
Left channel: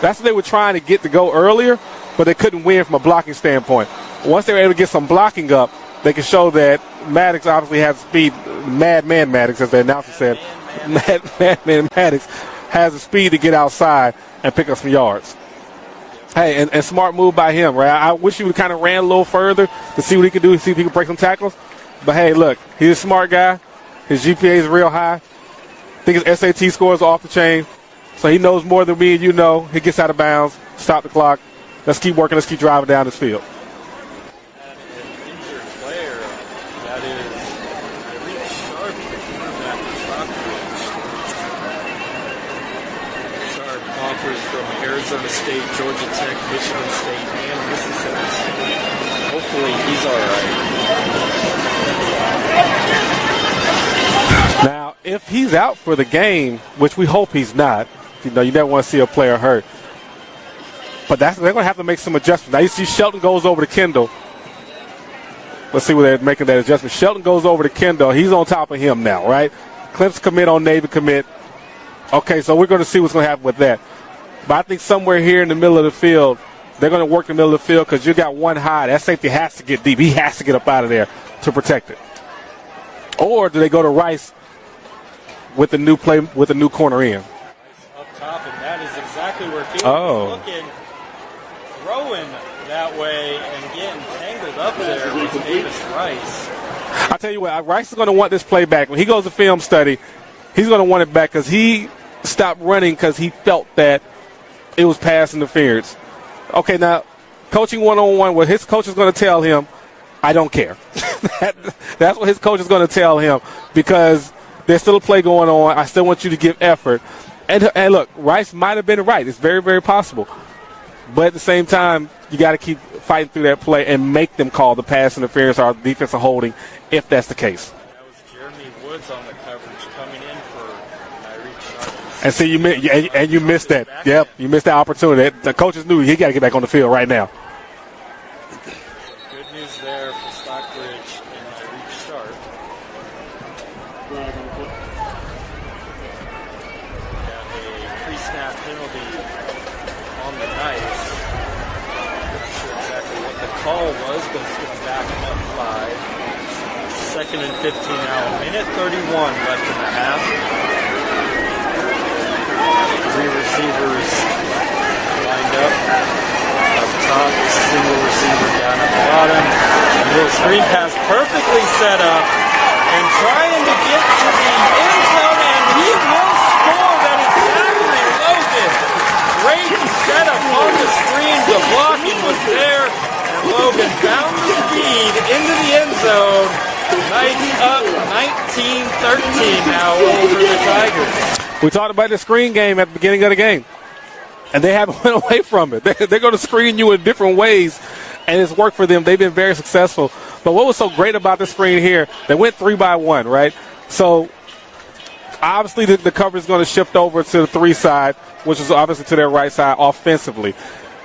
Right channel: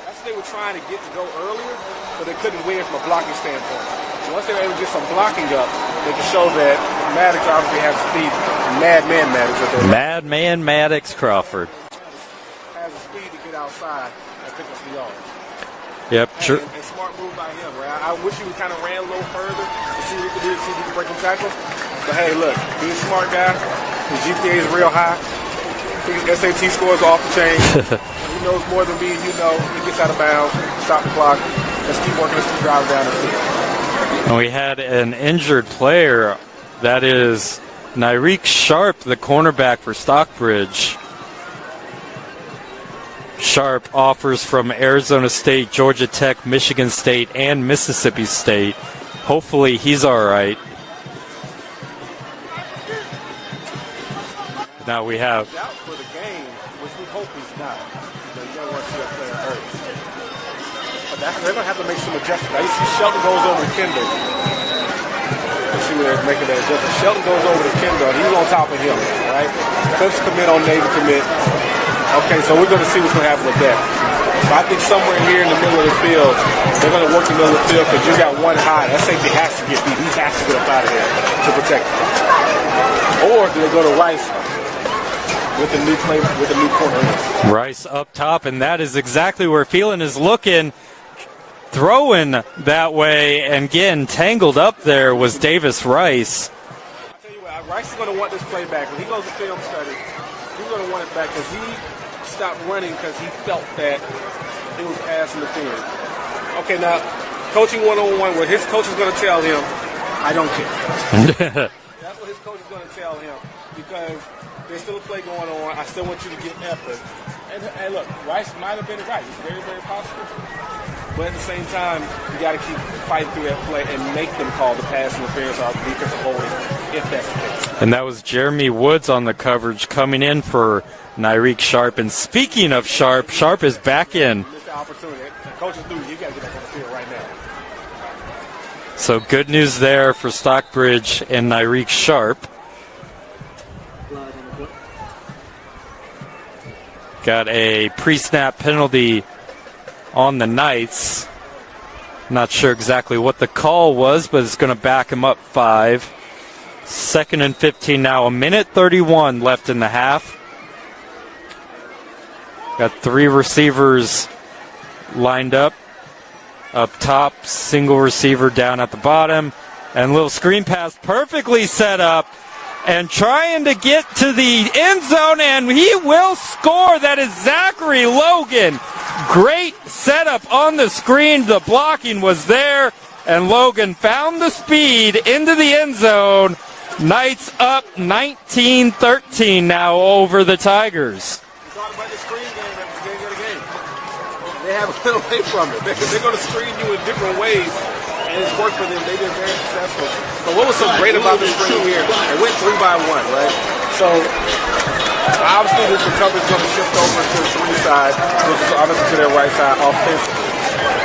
That's what they were trying to get to go earlier, but they couldn't win from a blocking standpoint. Once they were able to get some blocking up, they can show that Maddox obviously has speed. Madman Maddox, as they're Madman Maddox Crawford. Madman Maddox has the speed to get outside and pick up some yards. Yep. Hey, and smart move by him, right? I wish he would kind of ran a little further to see what he could do, to see if he could break some tackles. But hey, look, he's a smart guy. His GPA is real high. think his SAT scores are off the chain. So he knows more than me and you know. He gets out of bounds. Stop the clock. Let's keep working. Let's keep driving down the field. And we had an injured player. That is Nyreek Sharp, the cornerback for Stockbridge. Sharp offers from Arizona State, Georgia Tech, Michigan State, and Mississippi State. Hopefully he's all right. Now if he's out for the game, which we hope he's not, you never want to see a player hurt. But they're going to have to make some adjustments. Now you see Shelton goes over to Kendall. Let's see where they're making that adjustment. Shelton goes over to Kendall. He's on top of him now, right? Clemson commit on David commit. Okay, so we're going to see what's going to happen with that. But I think somewhere here in the middle of the field, they're going to work the middle of the field because you got one high. That safety has to get deep. He has to get up out of there to protect it. Or do they go to Rice with the new play, with the new corner in? Rice up top, and that is exactly where Phelan is looking. Throwing that way and getting tangled up there was Davis Rice. I'll tell you what, Rice is going to want this play back. When he goes to film study, he's going to want it back because he stopped running because he felt that it was pass interference. Okay, now, coaching one-on-one, what his coach is going to tell him, I don't care. That's what his coach is going to tell him because there's still a play going on. I still want you to give effort. And look, Rice might have been right. It's very, very possible. But at the same time, you got to keep fighting through that play and make them call the pass interference or defensive holding if that's the case. And that was Jeremy Woods on the coverage coming in for Nyreek Sharp. And speaking of Sharp, Sharp is back in. You missed that opportunity. The coaches knew he got to get back on the field right now. So good news there for Stockbridge and Nyreek Sharp. Got a pre-snap penalty on the Knights. Not sure exactly what the call was, but it's going to back him up 5. 2nd and 15 now. 1:31 left in the half. Got 3 receivers lined up. Up top, single receiver down at the bottom. And a little screen pass perfectly set up. And trying to get to the end zone, and he will score. That is Zachary Logan. Great setup on the screen. The blocking was there, and Logan found the speed into the end zone. Knights up 19-13 now over the Tigers. We talked about the screen game at the beginning of the game, and they haven't went away from it. They're going to screen you in different ways, and it's worked for them. They've been very successful. But what was so great about the screen here, they went 3-by-1, right? So obviously the coverage is going to shift over to the 3 side, which is obviously to their right side offensively.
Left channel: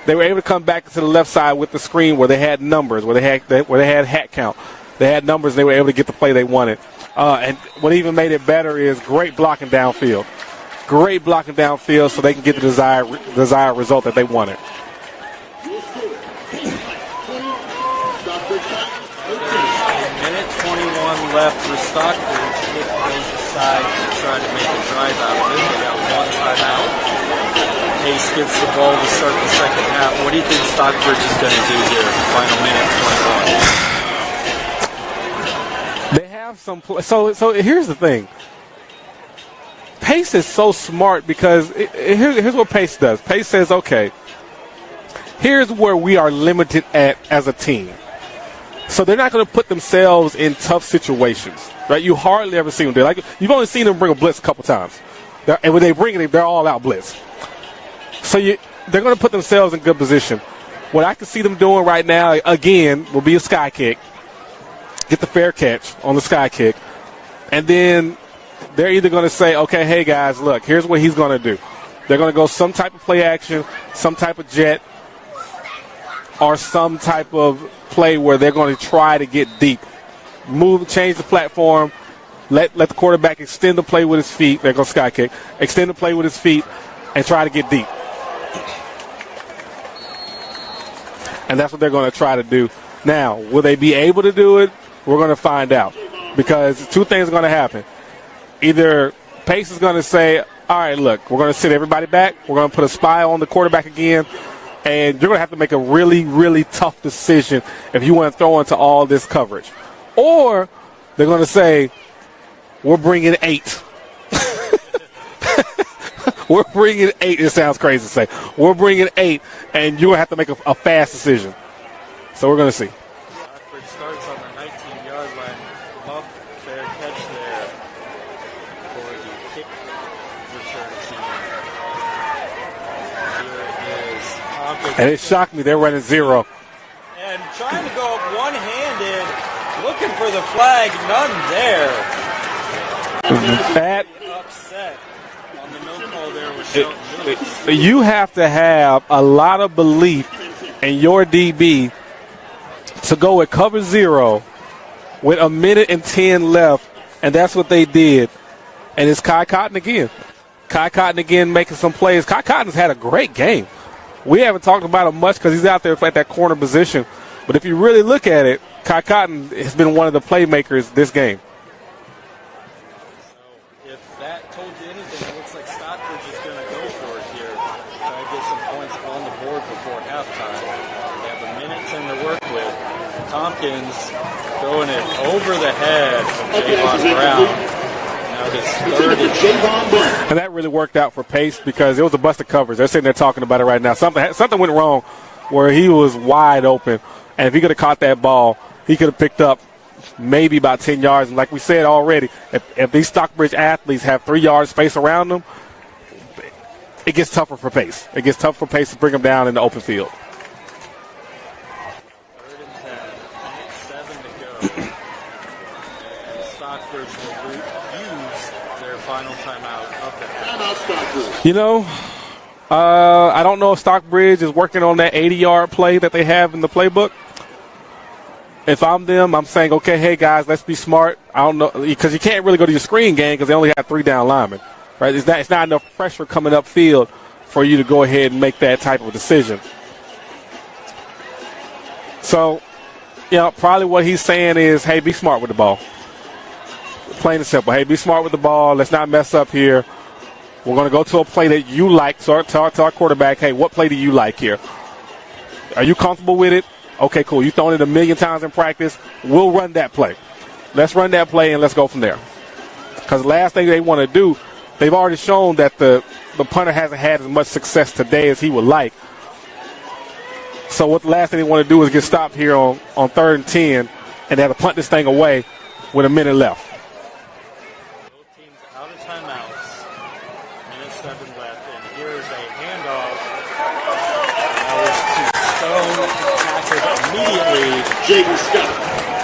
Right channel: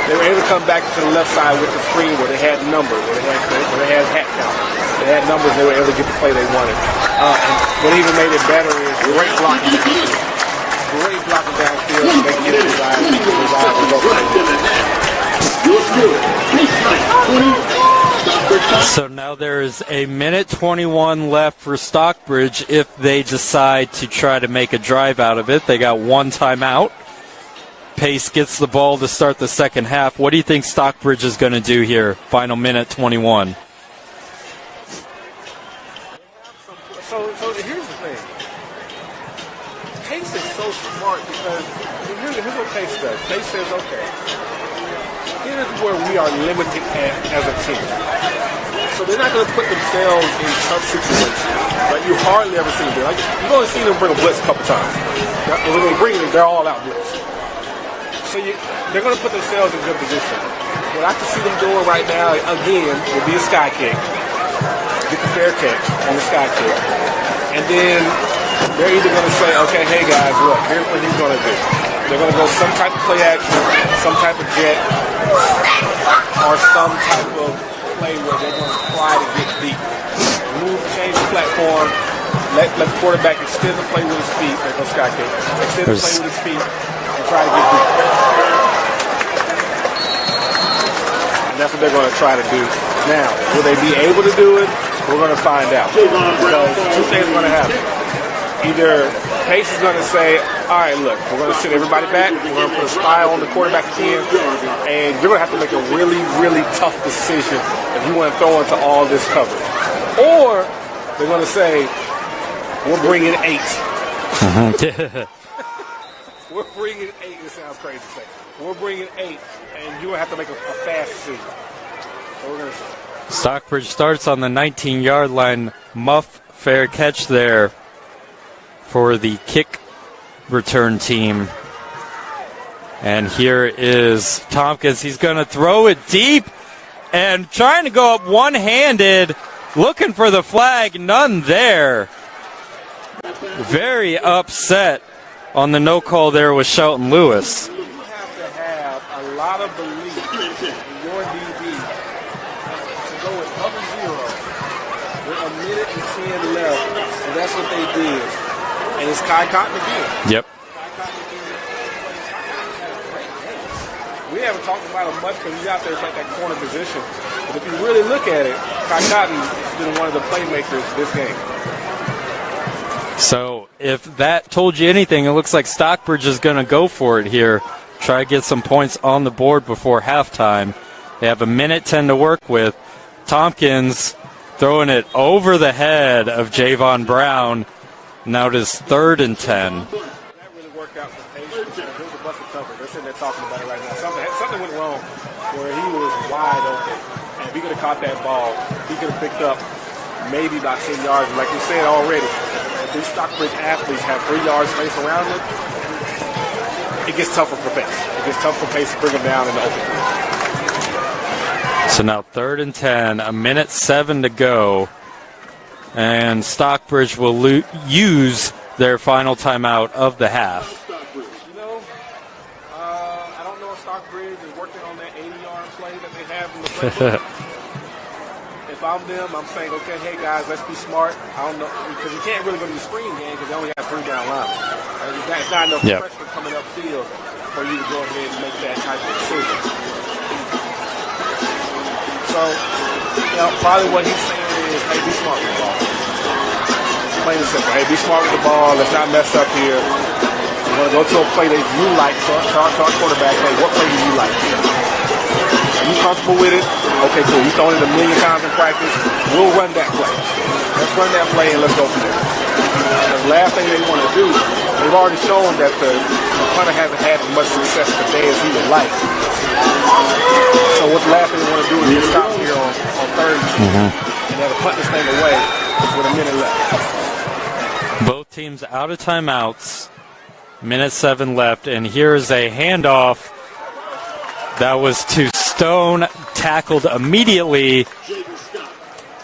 They were able to come back to the left side with the screen where they had numbers, where they had hat count. They had numbers. They were able to get the play they wanted. And what even made it better is great blocking downfield. Great blocking downfield so they can get the desired result that they wanted. So now there's 1:21 left for Stockbridge if they decide to try to make a drive out of it. They got 1 timeout. Pace gets the ball to start the second half. What do you think Stockbridge is going to do here? Final minute 21. They have some so here's the thing. Pace is so smart because here's what Pace does. Pace says, okay, here's where we are limited at as a team. So they're not going to put themselves in tough situations. Right? You hardly ever see them do. Like, you've only seen them bring a blitz a couple times. And when they bring it, they're all out blitz. So they're going to put themselves in good position. What I can see them doing right now, again, will be a sky kick. Get the fair catch on the sky kick. And then they're either going to say, okay, hey, guys, look, here's what he's going to do. They're going to go some type of play action, some type of jet, or some type of play where they're going to try to get deep. Move, change the platform, let the quarterback extend the play with his feet. They're going to sky kick. Extend the play with his feet and try to get deep. And that's what they're going to try to do. Now, will they be able to do it? We're going to find out. Because 2 things are going to happen. Either Pace is going to say, all right, look, we're going to sit everybody back. We're going to put a spy on the quarterback again. And you're going to have to make a really, really tough decision if you want to throw into all this coverage. Or they're going to say, we're bringing 8. We're bringing 8. It sounds crazy to say. We're bringing 8, and you're going to have to make a fast decision. So we're going to see. Stockbridge starts on the 19-yard line. Muff, fair catch there for the kick return team. And here is Tompkins. He's going to throw it deep and trying to go up one-handed, looking for the flag. None there. Very upset on the no call there with Shelton Lewis. You have to have a lot of belief in your DB to go with cover 0 with 1:10 left, and that's what they did. And it's Kai Cotton again. Yep. Kai Cotton again making some plays. Kai Cotton's had a great game. We haven't talked about him much because he's out there at that corner position. But if you really look at it, Kai Cotton has been one of the playmakers this game. So if that told you anything, it looks like Stockbridge is going to go for it here. Try to get some points on the board before halftime. They have 1:10 to work with. Tompkins throwing it over the head of Javon Brown. Now it is 3rd and 10. And that really worked out for Pace because it was a busted coverage. They're sitting there talking about it right now. Something went wrong where he was wide open. And if he could have caught that ball, he could have picked up maybe about 10 yards. And like you said already, if these Stockbridge athletes have 3 yards space around them, it gets tougher for Pace. It gets tough for Pace to bring them down in the open field. So now 3rd and 10, 1:07 to go. And Stockbridge will use their final timeout of the half. You know, I don't know if Stockbridge is working on that 80-yard play that they have in the playbook. If I'm them, I'm saying, okay, hey, guys, let's be smart. I don't know, because you can't really go to your screen game because they only have 3 down linemen. Right? It's not enough pressure coming upfield for you to go ahead and make that type of decision. So, you know, probably what he's saying is, hey, be smart with the ball. Plain and simple. Hey, be smart with the ball. Let's not mess up here. We're going to go to a play that you like. Tell our quarterback, hey, what play do you like here? Are you comfortable with it? Okay, cool. You've thrown it 1,000,000 times in practice. We'll run that play. Let's run that play and let's go from there. Because the last thing they want to do, they've already shown that the punter hasn't had as much success today as he would like. So what the last thing they want to do is get stopped here on 3rd and 10 and they have to punt this thing away with 1 minute left. Both teams out of timeouts. 1:07 left, and here's a handoff that was to Stone, tackled immediately.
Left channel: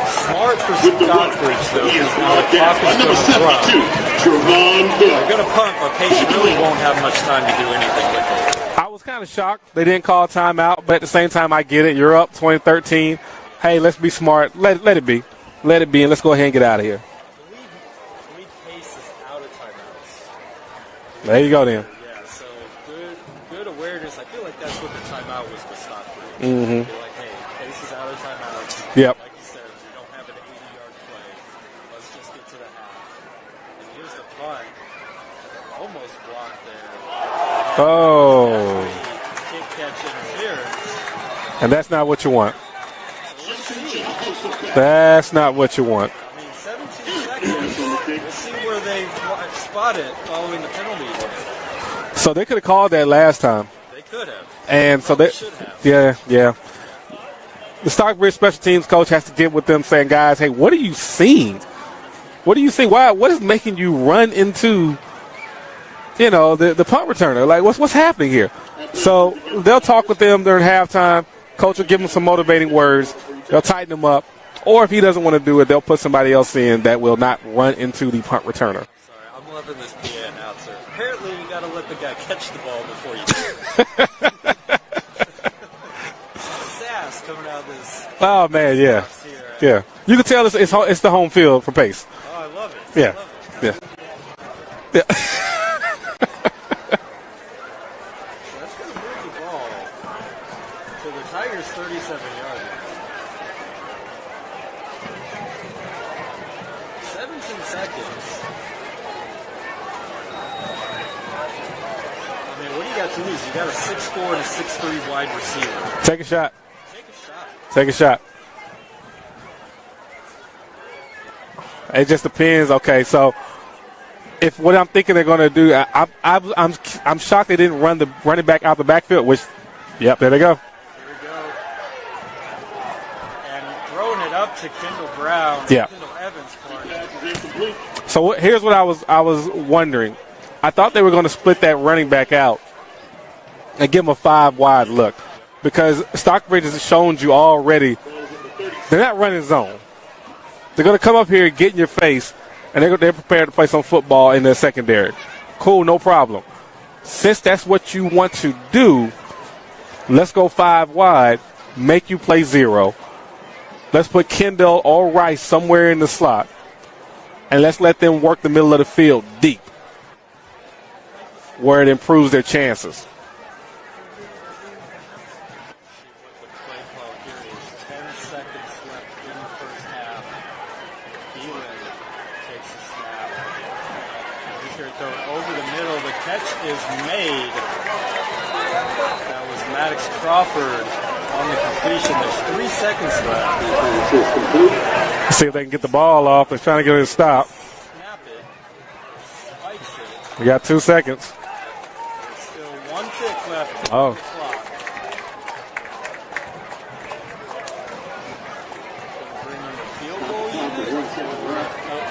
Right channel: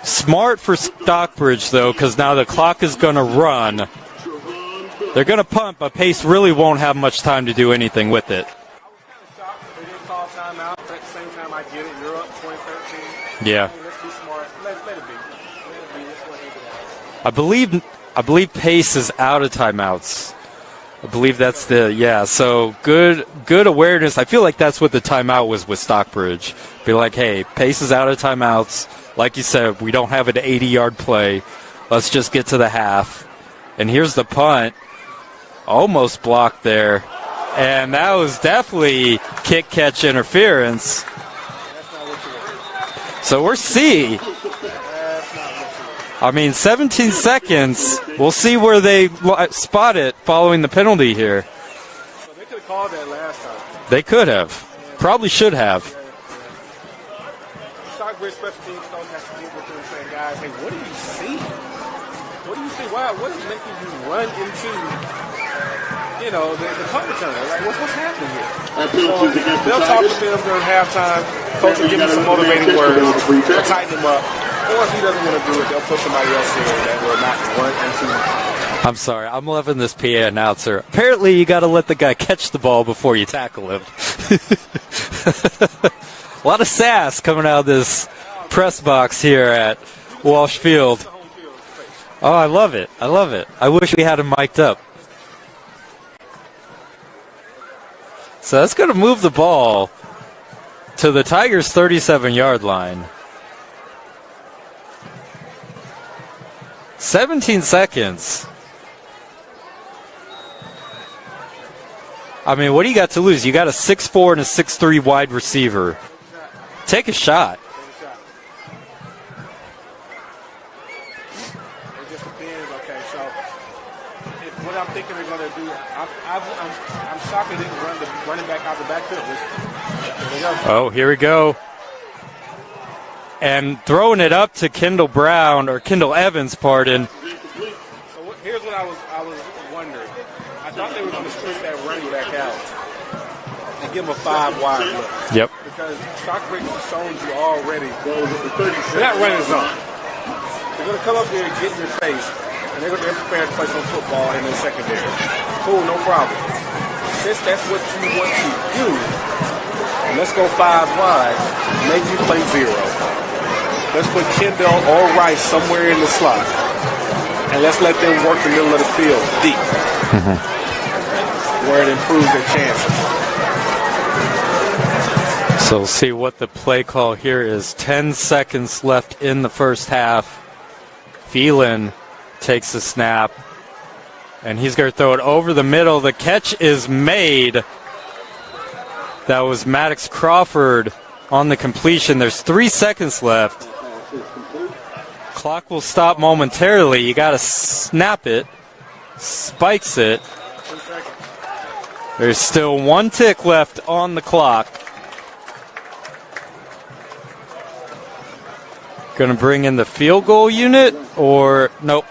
Smart for Stockbridge, though, because now the clock is going to run. They're going to punt, but Pace really won't have much time to do anything with it. I was kind of shocked they didn't call timeout, but at the same time, I get it. You're up 20-13. Yeah. Hey, let's be smart. Let it be. Let it be, and let's go ahead and get out of here. I believe Pace is out of timeouts. I believe there that's so good awareness. I feel like that's what the timeout was with Stockbridge. Be like, hey, Pace is out of timeouts. Yep. Like you said, we don't have an 80-yard play. Let's just get to the half. And here's the punt. Almost blocked there. And that was definitely kick-catch interference. And that's not what you want. So we're C. That's not what you want. I mean, 17 seconds. We'll see where they spot it following the penalty here. So they could have called that last time. They could have. And probably so should have. Yeah. The Stockbridge special teams coach has to get with them saying, guys, hey, what are you seeing? What do you see? What is making you run into, the punt returner? Like, what's happening here? So they'll talk with them during halftime. Coach will give them some motivating words. They'll tighten them up. Or if he doesn't want to do it, they'll put somebody else in that will not run into the punt return. I'm sorry. I'm loving this PA announcer. Apparently, you got to let the guy catch the ball before you tackle him. A lot of sass coming out of this press box here at You can tell it's the home field for Pace. Oh, I love it. Yeah. I love it. I wish we had him mic'd up. Yeah. So that's going to move the ball to the Tigers' 37-yard line. 17 seconds. I mean, what do you got to lose? You got a 6'4" and a 6'3" wide receiver. Take a shot. Take a shot. Take a shot. It just depends. Okay, so if what I'm thinking they're going to do, I'm shocked they didn't run it back out the backfield. Which, yep, there they go. Oh, here we go. And throwing it up to Kendall Brown, or Kendall Evans, pardon. So here's what I was wondering. I thought they were going to split that running back out and give him a 5-wide look. Yep. Because Stockbridge has shown you already they're not running zone. They're going to come up here and get in your face, and they're prepared to play some football in their secondary. Cool, no problem. Since that's what you want to do, let's go 5 wide, make you play 0. Let's put Kendall or Rice somewhere in the slot, and let's let them work the middle of the field deep, where it improves their chances. So we'll see what the play call here is. 10 seconds left in the first half. Phelan takes the snap, and he's going to throw it over the middle. The catch is made. That was Maddox Crawford on the completion. There's 3 seconds left. Clock will stop momentarily. You got to snap it. Spikes it. We got 2 seconds. There's still 1 tick left on the clock. Going to bring in the field goal unit, or nope.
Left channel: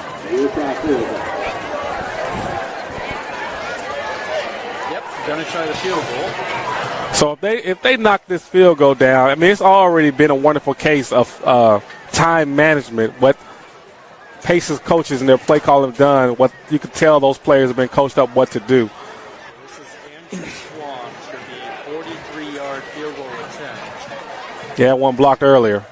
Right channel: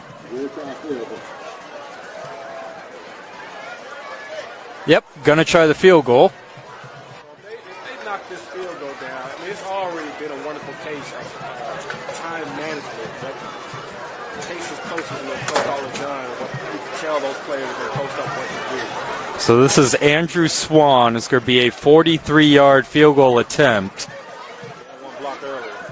Yep, going to try the field goal. So if they knock this field goal down, I mean, it's already been a wonderful case of time management. What Pace's coaches and their play call have done, what you can tell those players have been coached up what to do. So this is Andrew Swan. It's going to be a 43-yard field goal attempt. Yeah, one blocked earlier.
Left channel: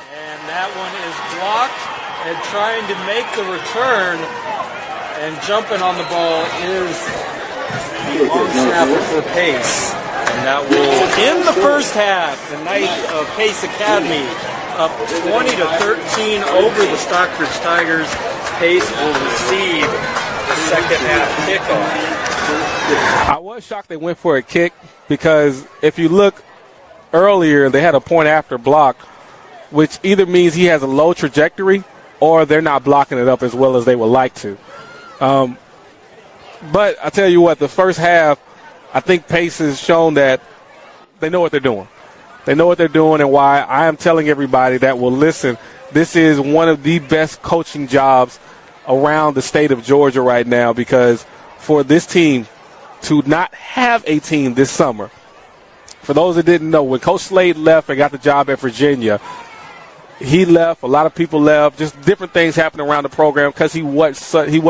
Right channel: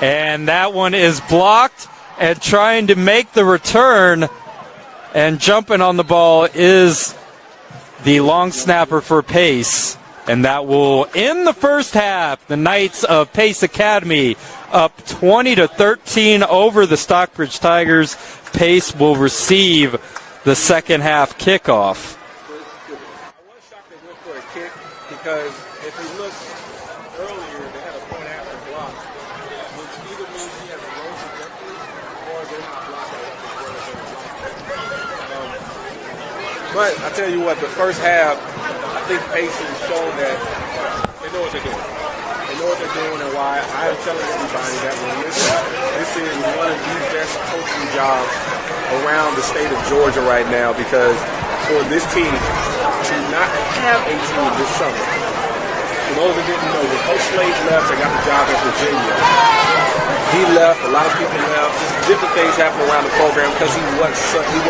And that one is blocked, and trying to make the return and jumping on the ball is the long snapper for Pace. And that will end the first half. The Knights of Pace Academy up 20-13 over the Stockbridge Tigers. Pace will receive the second half kickoff. I was shocked they went for a kick, because if you look earlier, they had a point after block, which either means he has a low trajectory or they're not blocking it up as well as they would like to. But I tell you what, the first half, I think Pace has shown that they know what they're doing. They know what they're doing, and why I am telling everybody that will listen, this is one of the best coaching jobs around the state of Georgia right now, because for this team to not have a team this summer, for those that didn't know, when Coach Slade left and got the job at Virginia, he left, a lot of people left, just different things happened around the program, because he was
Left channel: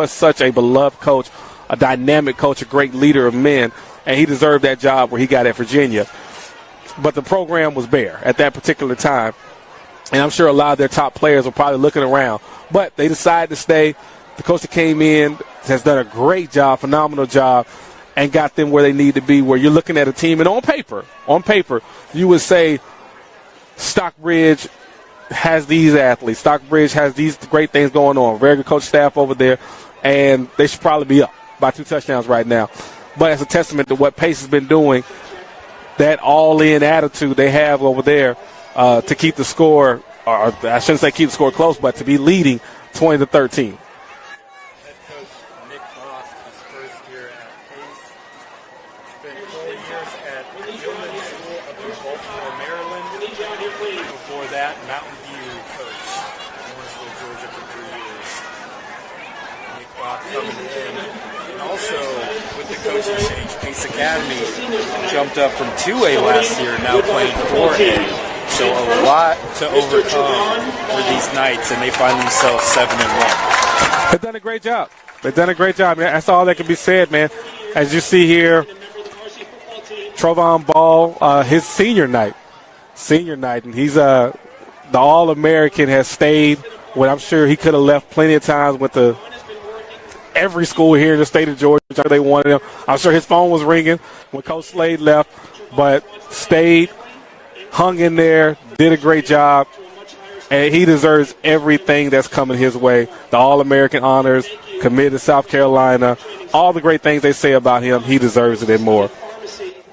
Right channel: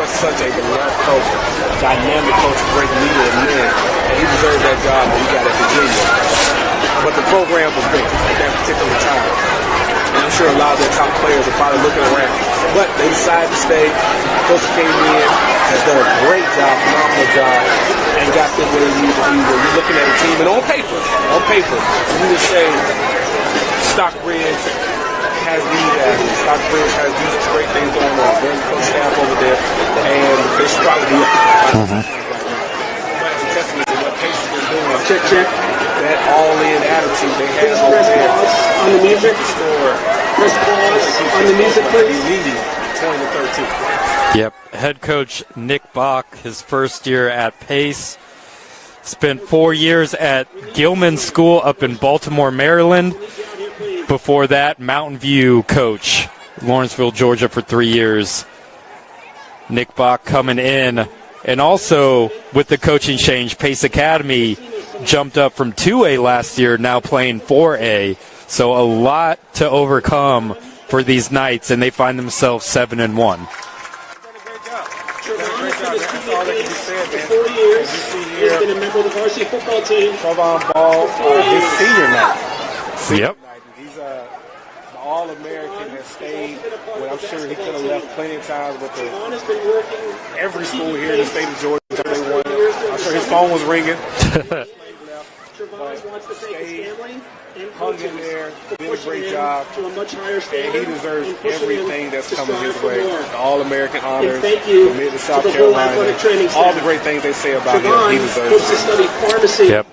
such a beloved coach, a dynamic coach, a great leader of men, and he deserved that job when he got at Virginia. But the program was there at that particular time, and I'm sure a lot of their top players are probably looking around. But they decided to stay. The coach that came in has done a great job, phenomenal job, and got them where they need to be, where you're looking at a team, and on paper, you would say Stockbridge has these athletes. Stockbridge has these great things going on. Very good coach staff over there, and they should probably be up by 2 touchdowns right now. But it's a testament to what Pace has been doing, that all-in attitude they have over there to keep the score, I shouldn't say keep the score close, but to be leading 20-13. Yep, head coach Nick Bach, his first year at Pace. Spent 4 years at Gilman School up in Baltimore, Maryland. Before that, Mountain View coach, Lawrenceville, Georgia for 3 years. Nick Bach coming in. And also, with the coaching change, Pace Academy jumped up from 2A last year, now playing 4A. So a lot to overcome for these Knights, and they find themselves 7-1. They've done a great job. They've done a great job. That's all that can be said, man. As you see here, Trovon Ball, his senior night. And he's the All-American, has stayed when I'm sure he could have left plenty of times with every school here in the state of Georgia. They wanted him. I'm sure his phone was ringing. Coach Slade left, but stayed, hung in there, did a great job, and he deserves everything that's coming his way. The All-American honors, committed to South Carolina, all the great things they say about him, he deserves it and more. Yep.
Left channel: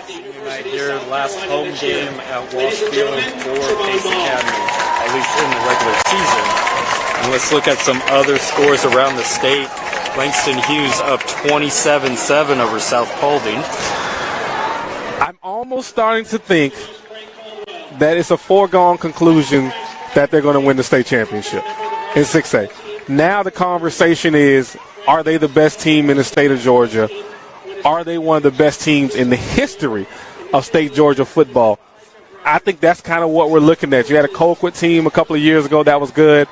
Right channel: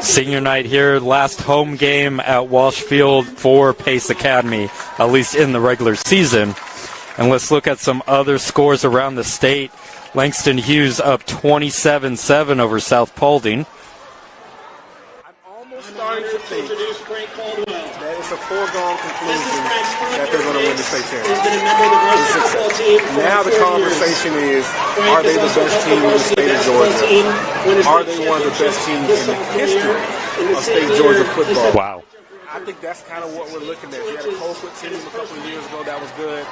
Senior night here, last home game at Walsh Field for Pace Academy, at least in the regular season. And let's look at some other scores around the state. Langston Hughes up 27-7 over South Paulding. I'm almost starting to think that it's a foregone conclusion that they're going to win the state championship in 6A. Now the conversation is, are they the best team in the state of Georgia? Are they one of the best teams in the history of state Georgia football? Wow. I think that's kind of what we're looking at. You had a Colquitt team a couple of years ago that was good.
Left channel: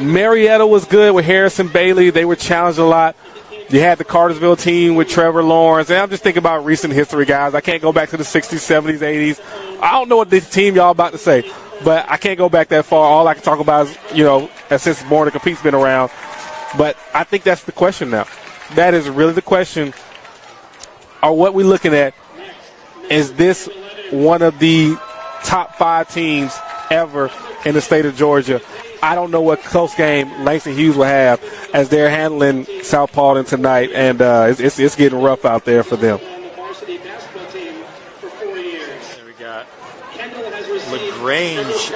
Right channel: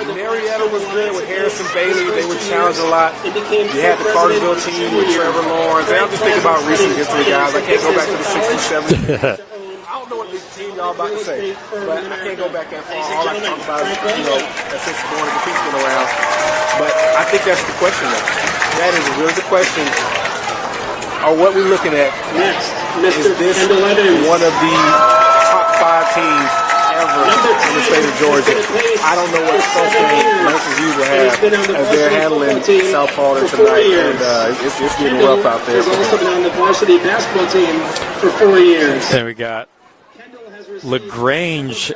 Marietta was good with Harrison Bailey. They were challenged a lot. You had the Cartersville team with Trevor Lawrence. And I'm just thinking about recent history, guys. I can't go back to the 60s, 70s, 80s. I don't know what this team y'all about to say, but I can't go back that far. All I can talk about is, you know, since Born to Compete's been around. But I think that's the question now. That is really the question. Or what we're looking at, is this one of the top 5 teams ever in the state of Georgia? I don't know what close game Langston Hughes will have as they're handling South Paulding tonight, and it's getting rough out there for them. Then we got LaGrange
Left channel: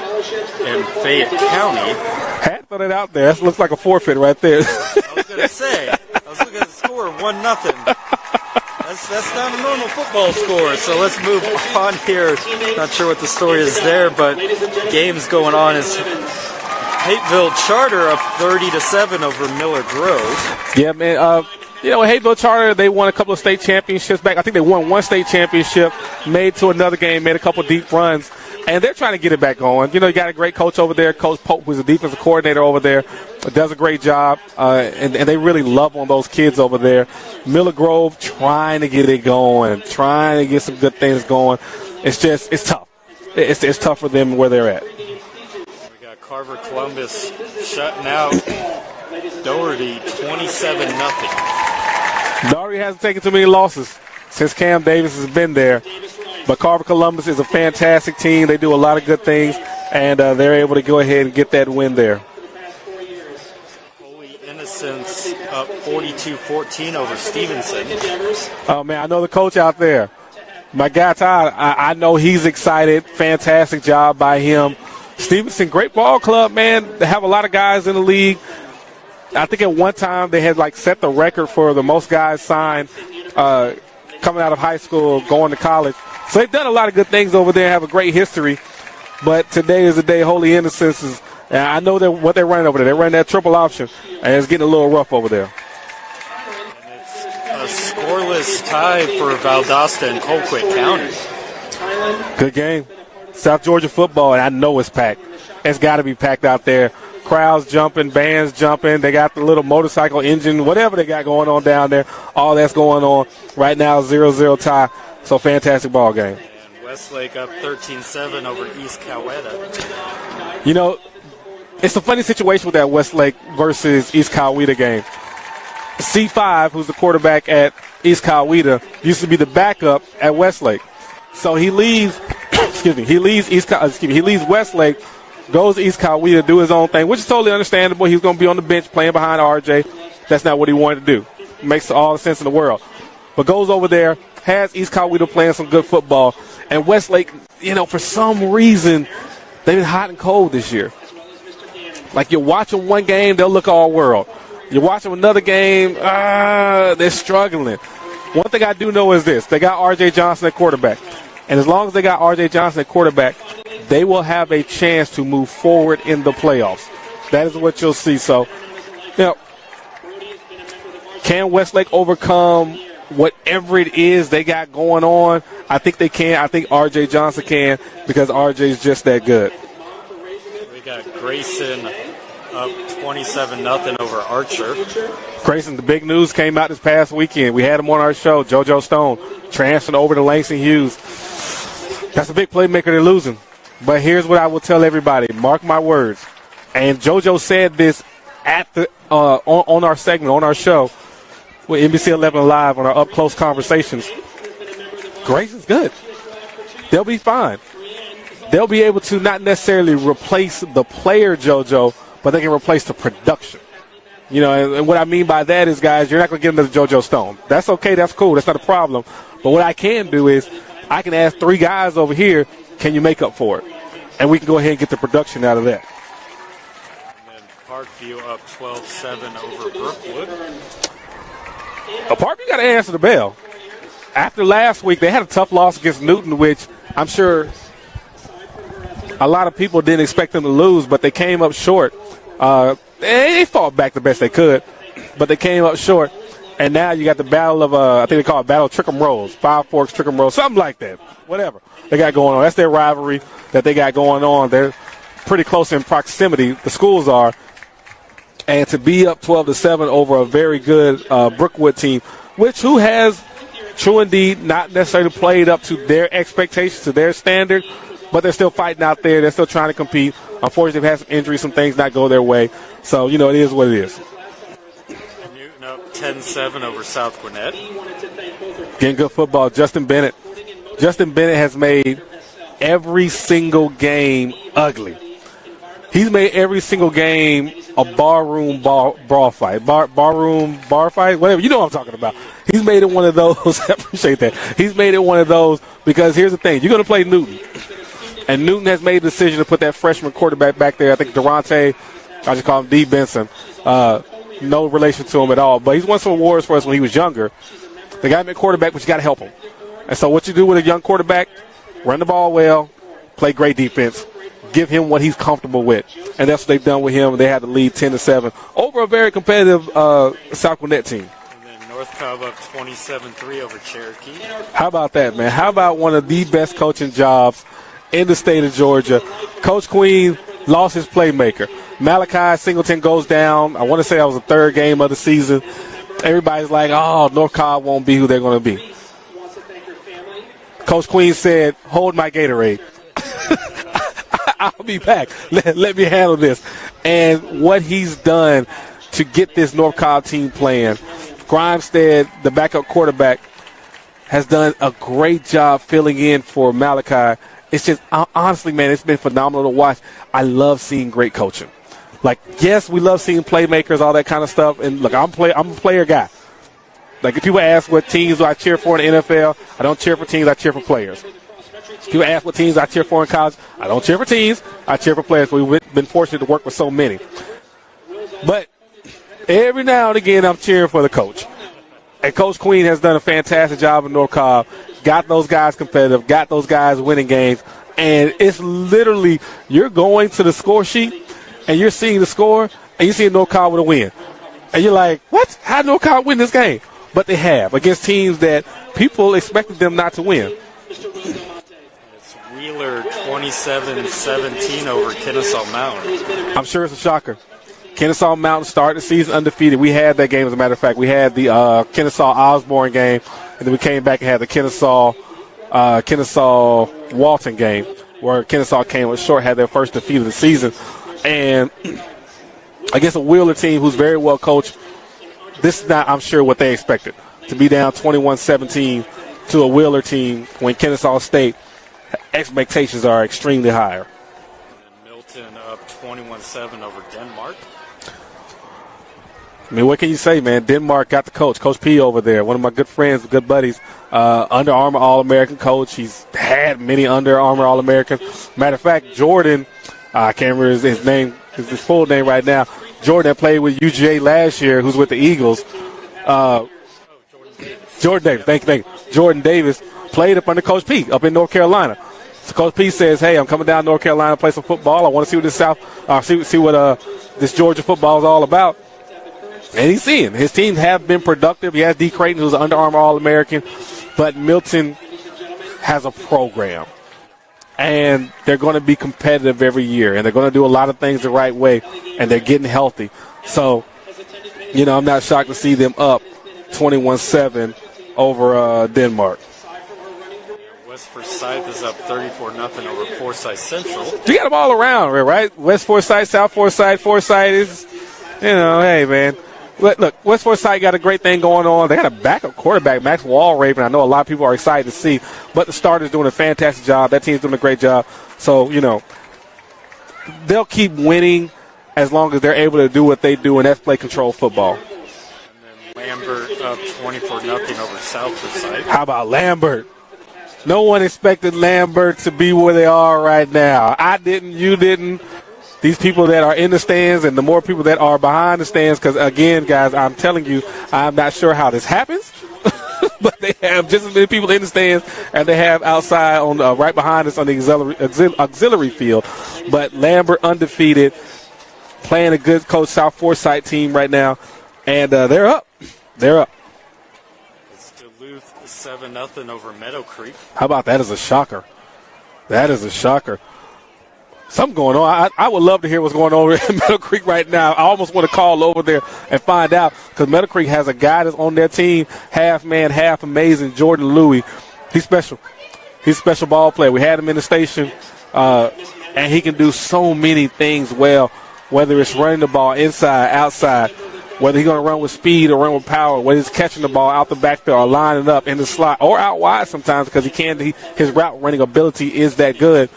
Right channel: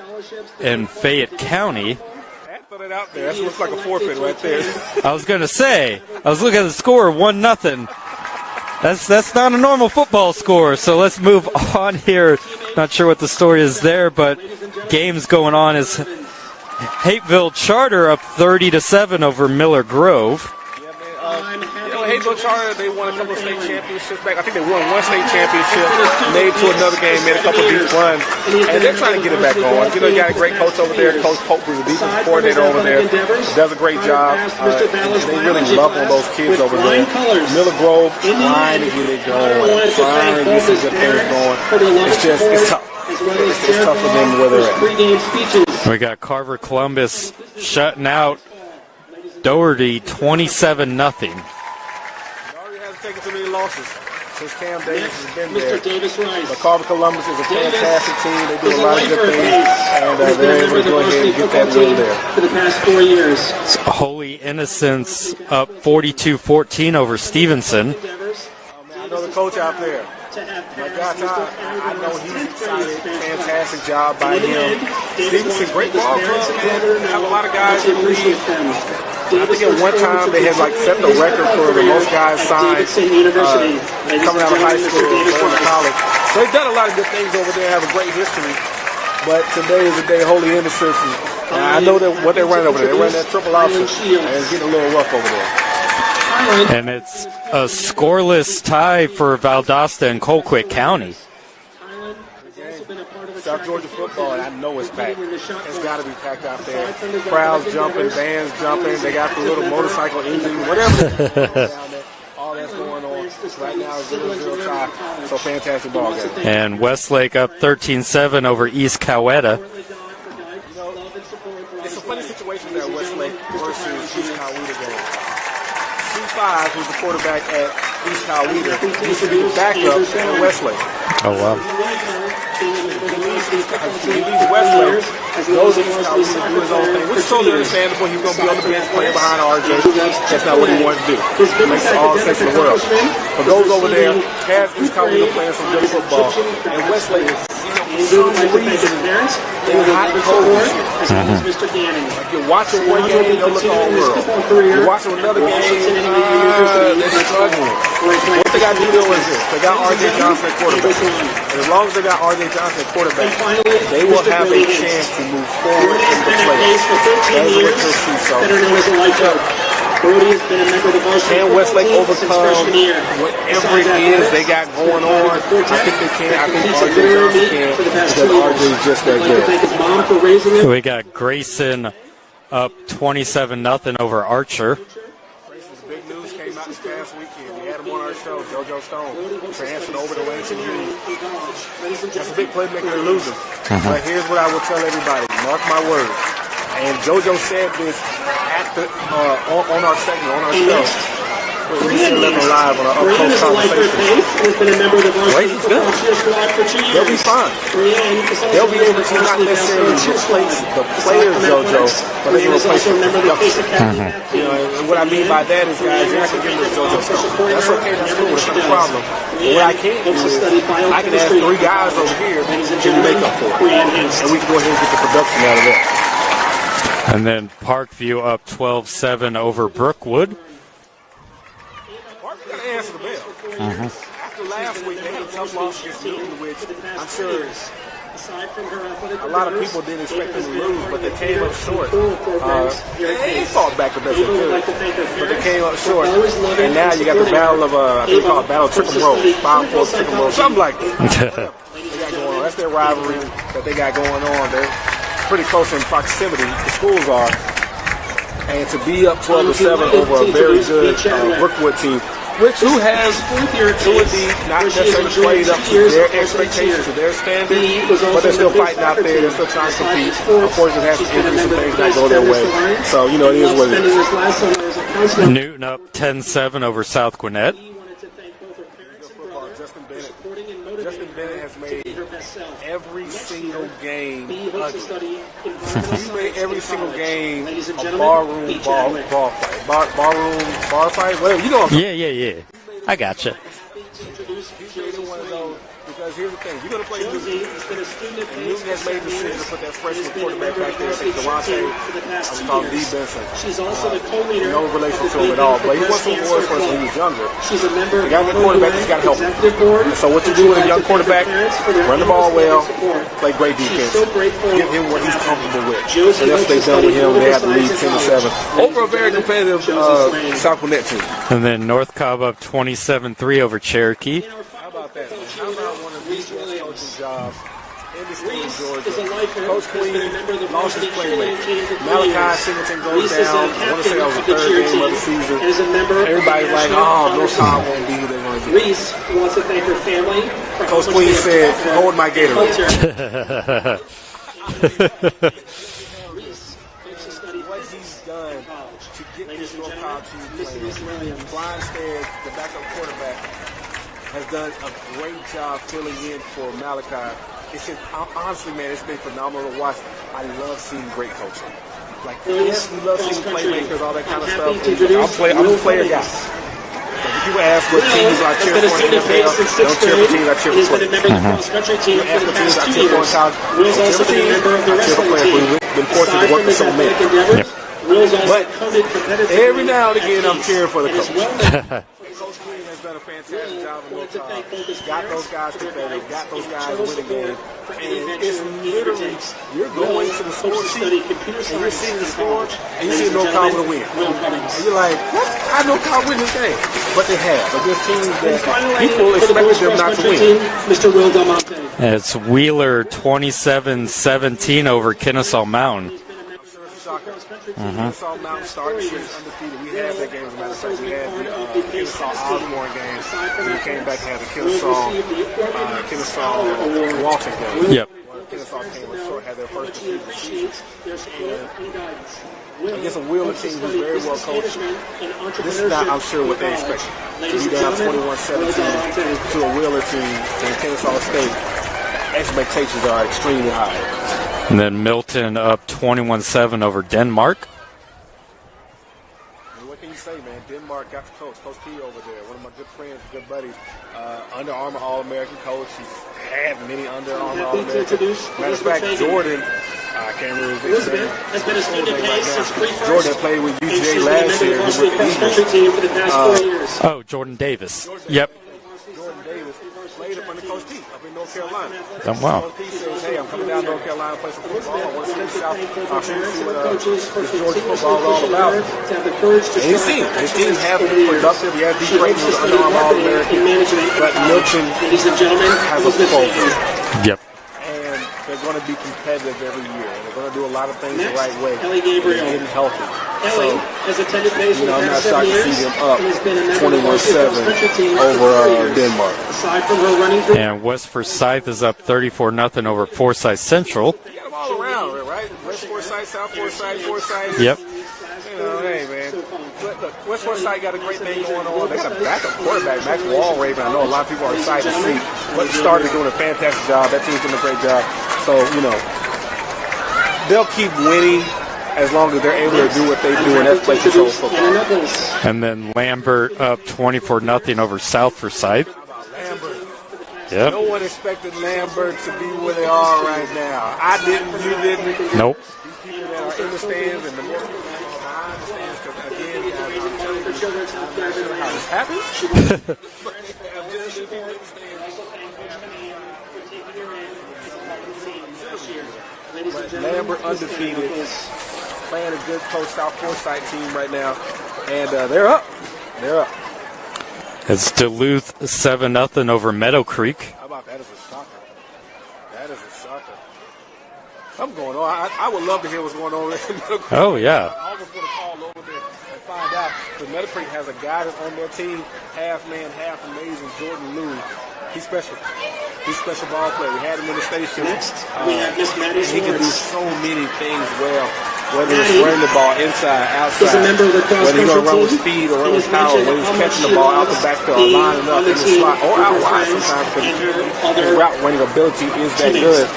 and Fayette County. Had to throw that out there. That looks like a forfeit right there. I was going to say, I was looking at the score, 1-0. That's not a normal football score, so let's move on here. Not sure what the story is there, but games going on is Hateville Charter up 30-7 over Miller Grove. Yeah, man. You know, Hateville Charter, they won a couple of state championships back. I think they won one state championship, made to another game, made a couple of deep runs, and they're trying to get it back going. You know, you got a great coach over there, Coach Pope, who's a defensive coordinator over there, does a great job, and they really love on those kids over there. Miller Grove trying to get it going, trying to get some good things going. It's tough. It's tough for them where they're at. We got Carver Columbus shutting out Doherty 27-0. Doherty hasn't taken too many losses since Cam Davis has been there. But Carver Columbus is a fantastic team. They do a lot of good things, and they're able to go ahead and get that win there. Holy Innocents up 42-14 over Stevenson. Oh, man, I know the coach out there. My guy, Todd, I know he's excited. Fantastic job by him. Stevenson, great ball club, man. They have a lot of guys in the league. I think at one time they had set the record for the most guys signed coming out of high school, going to college. So they've done a lot of good things over there, have a great history. But today is the day Holy Innocents is, and I know that what they're running over there. They're running that triple option, and it's getting a little rough over there. And it's a scoreless tie for Valdosta and Colquitt County. Good game. South Georgia football, and I know it's packed. It's got to be packed out there. Crowds jumping, bands jumping. They got the little motorcycle engine, whatever they got going on down there. All that's going on right now, 0-0 tie. So fantastic ball game. And Westlake up 13-7 over East Coweta. You know, it's a funny situation with that Westlake versus East Coweta game. C5, who's the quarterback at East Coweta, used to be the backup at Westlake. Oh, wow. So he leaves Westlake, goes to East Coweta, do his own thing, which is totally understandable. He was going to be on the bench playing behind RJ. That's not what he wanted to do. It makes all the sense in the world. But goes over there, has East Coweta playing some good football. And Westlake, you know, for some reason, they're hot and cold this year. Mm-hmm. Like, you're watching one game, they'll look all world. You're watching another game, they're struggling. One thing I do know is this. They got R.J. Johnson at quarterback. And as long as they got R.J. Johnson at quarterback, they will have a chance to move forward in the playoffs. That is what you'll see. So, can Westlake overcome whatever it is they got going on? I think they can. I think R.J. Johnson can, because R.J. is just that good. We got Grayson up 27-0 over Archer. Grayson, the big news came out this past weekend. We had him on our show, JoJo Stone, transferring over to Langston Hughes. That's a big playmaker they're losing. Mm-hmm. But here's what I will tell everybody. Mark my words. And JoJo said this at the on our segment, on our show, with NBC 11 Live on our up-close conversations. Grayson's good. They'll be fine. They'll be able to not necessarily replace the player, JoJo, but they can replace the production. Mm-hmm. You know, and what I mean by that is, guys, you're not going to give them JoJo Stone. That's okay. That's cool. That's not a problem. But what I can do is I can ask 3 guys over here, can you make up for it? And we can go ahead and get the production out of it. And then Parkview up 12-7 over Brookwood. Parkview got to answer the bell. After last week, they had a tough loss against Newton, which I'm sure a lot of people didn't expect them to lose, but they came up short. They fought back the best they could, but they came up short. And now you got the battle of, I think we call it Battle of Trickham Road, 5 Forks Trickham Road, something like that. Whatever they got going on. That's their rivalry that they got going on. They're pretty close in proximity, the schools are. And to be up 12-7 over a very good Brookwood team, who has true indeed not necessarily played up to their expectations, to their standard, but they're still fighting out there. They're still trying to compete. Unfortunately, they've had some injuries, some things not go their way. So, it is what it is. Newton up 10-7 over South Gwinnett. Getting good football. Justin Bennett has made every single game ugly. He's made every single game a barroom bar fight. Bar fight, whatever. You know what I'm talking about. Yeah. He's made it one of those. I appreciate that. He's made it one of those because here's the thing. You're going to play Newton. And Newton has made the decision to put that freshman quarterback back there. I think Durante, I just call him D. Benson. No relation to him at all. But he won some awards for us when he was younger. They got him a quarterback that's got to help him. And so what you do with a young quarterback, run the ball well, play great defense, give him what he's comfortable with. And that's what they've done with him. They had to lead 10-7 over a very competitive South Gwinnett team. And then North Cobb up 27-3 over Cherokee. How about that, man? How about one of the best coaching jobs in the state of Georgia? Coach Queen lost his playmaker. Malachi Singleton goes down. I want to say that was the third game of the season. Everybody's like, oh, North Cobb won't be who they're going to be. Coach Queen said, hold my Gatorade. I'll be back. Let me handle this. And what he's done to get this North Cobb team playing, Grimstead, the backup quarterback, has done a great job filling in for Malachi. It's just, honestly, man, it's been phenomenal to watch. I love seeing great coaching. Like, yes, we love seeing playmakers, all that kind of stuff. And look, I'm a player guy. Like, if people ask what teams I cheer for in the NFL, I don't cheer for teams, I cheer for players. People ask what teams I cheer for in college, I don't cheer for teams, I cheer for players. We've been fortunate to work with so many. Yep. But every now and again, I'm cheering for the coach. And Coach Queen has done a fantastic job in North Cobb. Got those guys competitive, got those guys winning games. And it's literally, you're going to the score sheet, and you're seeing the score, and you see North Cobb with a win. And you're like, what? How did North Cobb win this game? But they have, against teams that people expected them not to win. It's Wheeler 27-17 over Kennesaw Mountain. I'm sure it's a shocker. Kennesaw Mountain started the season undefeated. We had that game, as a matter of fact. We had the Kennesaw Osborne game, and then we came back and had the Kennesaw Walton game, where Kennesaw came with short, had their first defeat of the season. And against a Wheeler team who's very well coached, this is not, I'm sure, what they expected. To be down 21-17 to a Wheeler team when Kennesaw State expectations are extremely high. And then Milton up 21-7 over Denmark. I mean, what can you say, man? Denmark got the coach, Coach P over there, one of my good friends, good buddies, Under Armour All-American coach. He's had many Under Armour All-American. Matter of fact, Jordan, I can't remember his name, his full name right now. Jordan played with UGA last year, who's with the Eagles. Jordan Davis. Jordan Davis, thank you. Jordan Davis played up under Coach P up in North Carolina. Wow. So Coach P says, hey, I'm coming down to North Carolina to play some football. I want to see what this Georgia football is all about. And he's seeing his teams have been productive. He has D. Creighton, who's an Under Armour All-American, but Milton has a program. Yep. And they're going to be competitive every year, and they're going to do a lot of things the right way, and they're getting healthy. So, I'm not shocked to see them up 21-7 over Denmark. And West Forsyth is up 34-0 over Forsyth Central. You got them all around, right? West Forsyth, South Forsyth, is, hey, man. Look, West Forsyth got a great thing going on. They got a backup quarterback, Max Walraven. I know a lot of people are excited to see. But the starter's doing a fantastic job. That team's doing a great job. So, they'll keep winning as long as they're able to do what they do, and that's play control football. And then Lambert up 24-0 over South Forsyth. How about Lambert? Yeah. No one expected Lambert to be where they are right now. I didn't. You didn't. Nope. These people that are in the stands and the more people that are behind the stands, because, again, guys, I'm telling you, I'm not sure how this happens, but they have just as many people in the stands as they have outside on right behind us on the auxiliary field. But Lambert undefeated, playing a good Coach South Forsyth team right now, and they're up. They're up. It's Duluth 7-0 over Meadow Creek. How about that as a shocker? That is a shocker. Something going on. I would love to hear what's going on in Meadow Creek now. I almost want to call over there and find out, because Meadow Creek has a guy that's on their team, half man, half amazing, Jordan Louie. He's special. He's a special ball player. We had him in the station, and he can do so many things well, whether it's running the ball inside, outside, whether he's going to run with speed or run with power, whether he's catching the ball out the backfield or lining up in the slot or out wide sometimes, because his route running ability is that good.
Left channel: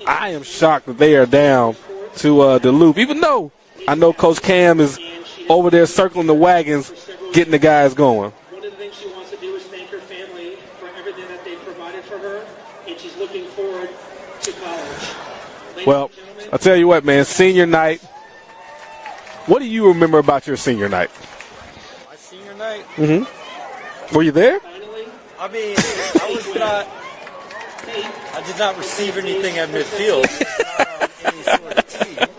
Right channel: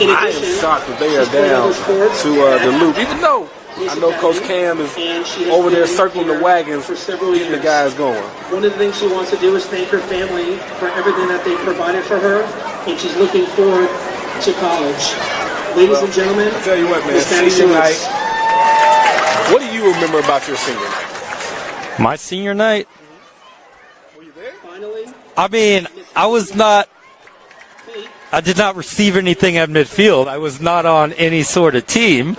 I am shocked that they are down to Duluth, even though I know Coach Cam is over there circling the wagons, getting the guys going. One of the things she wants to do is thank her family for everything that they provided for her, and she's looking forward to college. Ladies and gentlemen, I'll tell you what, man, senior night. What do you remember about your senior night? My senior night? Were you there? I mean, I did not receive anything at midfield. I was not on any sort of team.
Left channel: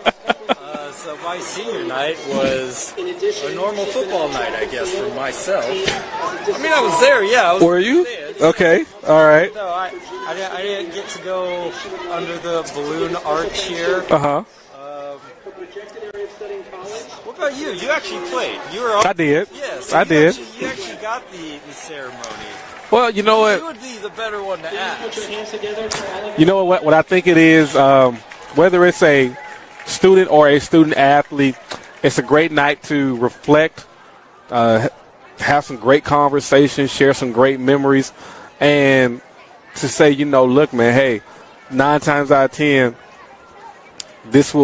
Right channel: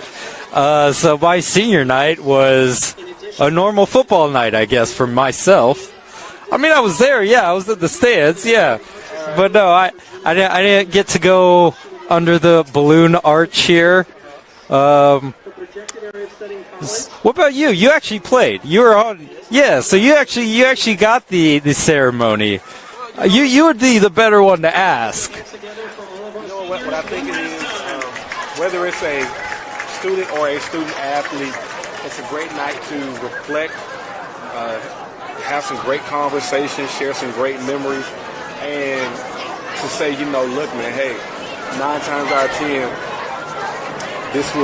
So my senior night was a normal football night, I guess, for myself. I mean, I was there, yeah. I was in the stands, okay. Yeah. All right. But no, I didn't get to go under the balloon arch here. What about you? You actually played. You were on. I did. Yeah, so you actually got the ceremony. Well, you know you would be the better one to ask. You know what I think it is, whether it's a student or a student athlete, it's a great night to reflect, have some great conversations, share some great memories, and to say, look, man, hey, 9 times out of 10, this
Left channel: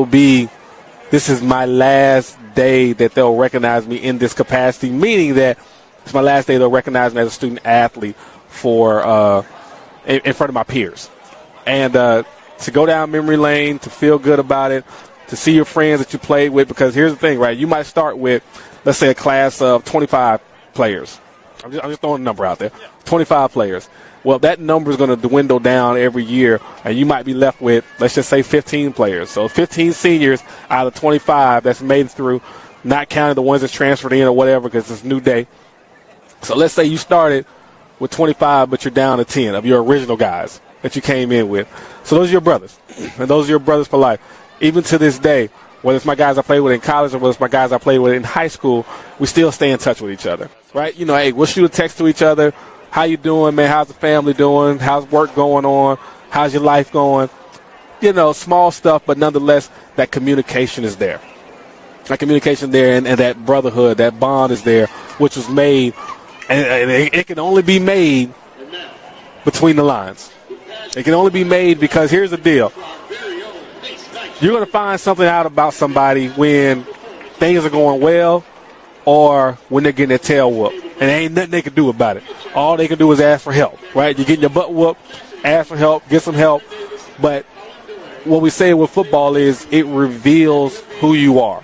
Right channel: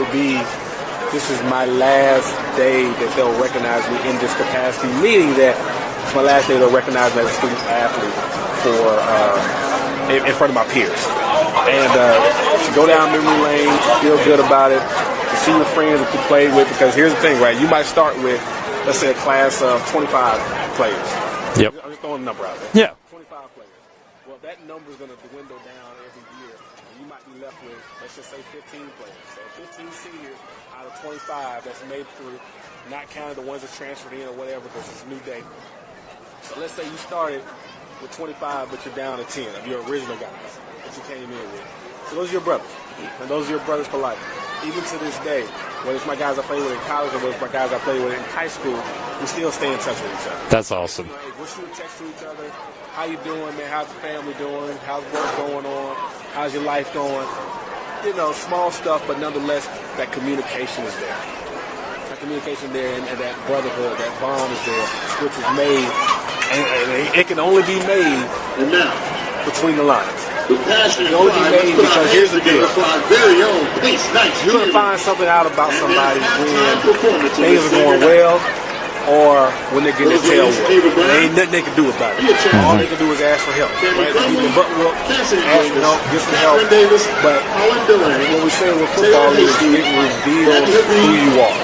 is my last day that they'll recognize me in this capacity, meaning that it's my last day they'll recognize me as a student athlete in front of my peers. And to go down memory lane, to feel good about it, to see your friends that you played with, because here's the thing, right? You might start with, let's say, a class of 25 players. Yep. I'm just throwing a number out there. Yeah. 25 players. Well, that number is going to dwindle down every year, and you might be left with, let's just say, 15 players. So 15 seniors out of 25 that's made it through, not counting the ones that's transferred in or whatever, because it's a new day. So let's say you started with 25, but you're down to 10 of your original guys that you came in with. So those are your brothers, and those are your brothers for life. Even to this day, whether it's my guys I played with in college or whether it's my guys I played with in high school, we still stay in touch with each other. That's awesome. Right? Hey, we'll shoot a text to each other. How you doing, man? How's the family doing? How's work going on? How's your life going? Small stuff, but nonetheless, that communication is there. That communication there and that brotherhood, that bond is there, which is made, and it can only be made between the lines. It can only be made because here's the deal. You're going to find something out about somebody when things are going well, or when they're getting their tail whooped. And there ain't nothing they can do about it. All they can do is ask for help, right? You're getting their butt whooped, ask for help, get some help. But what we say with football is it reveals who you are.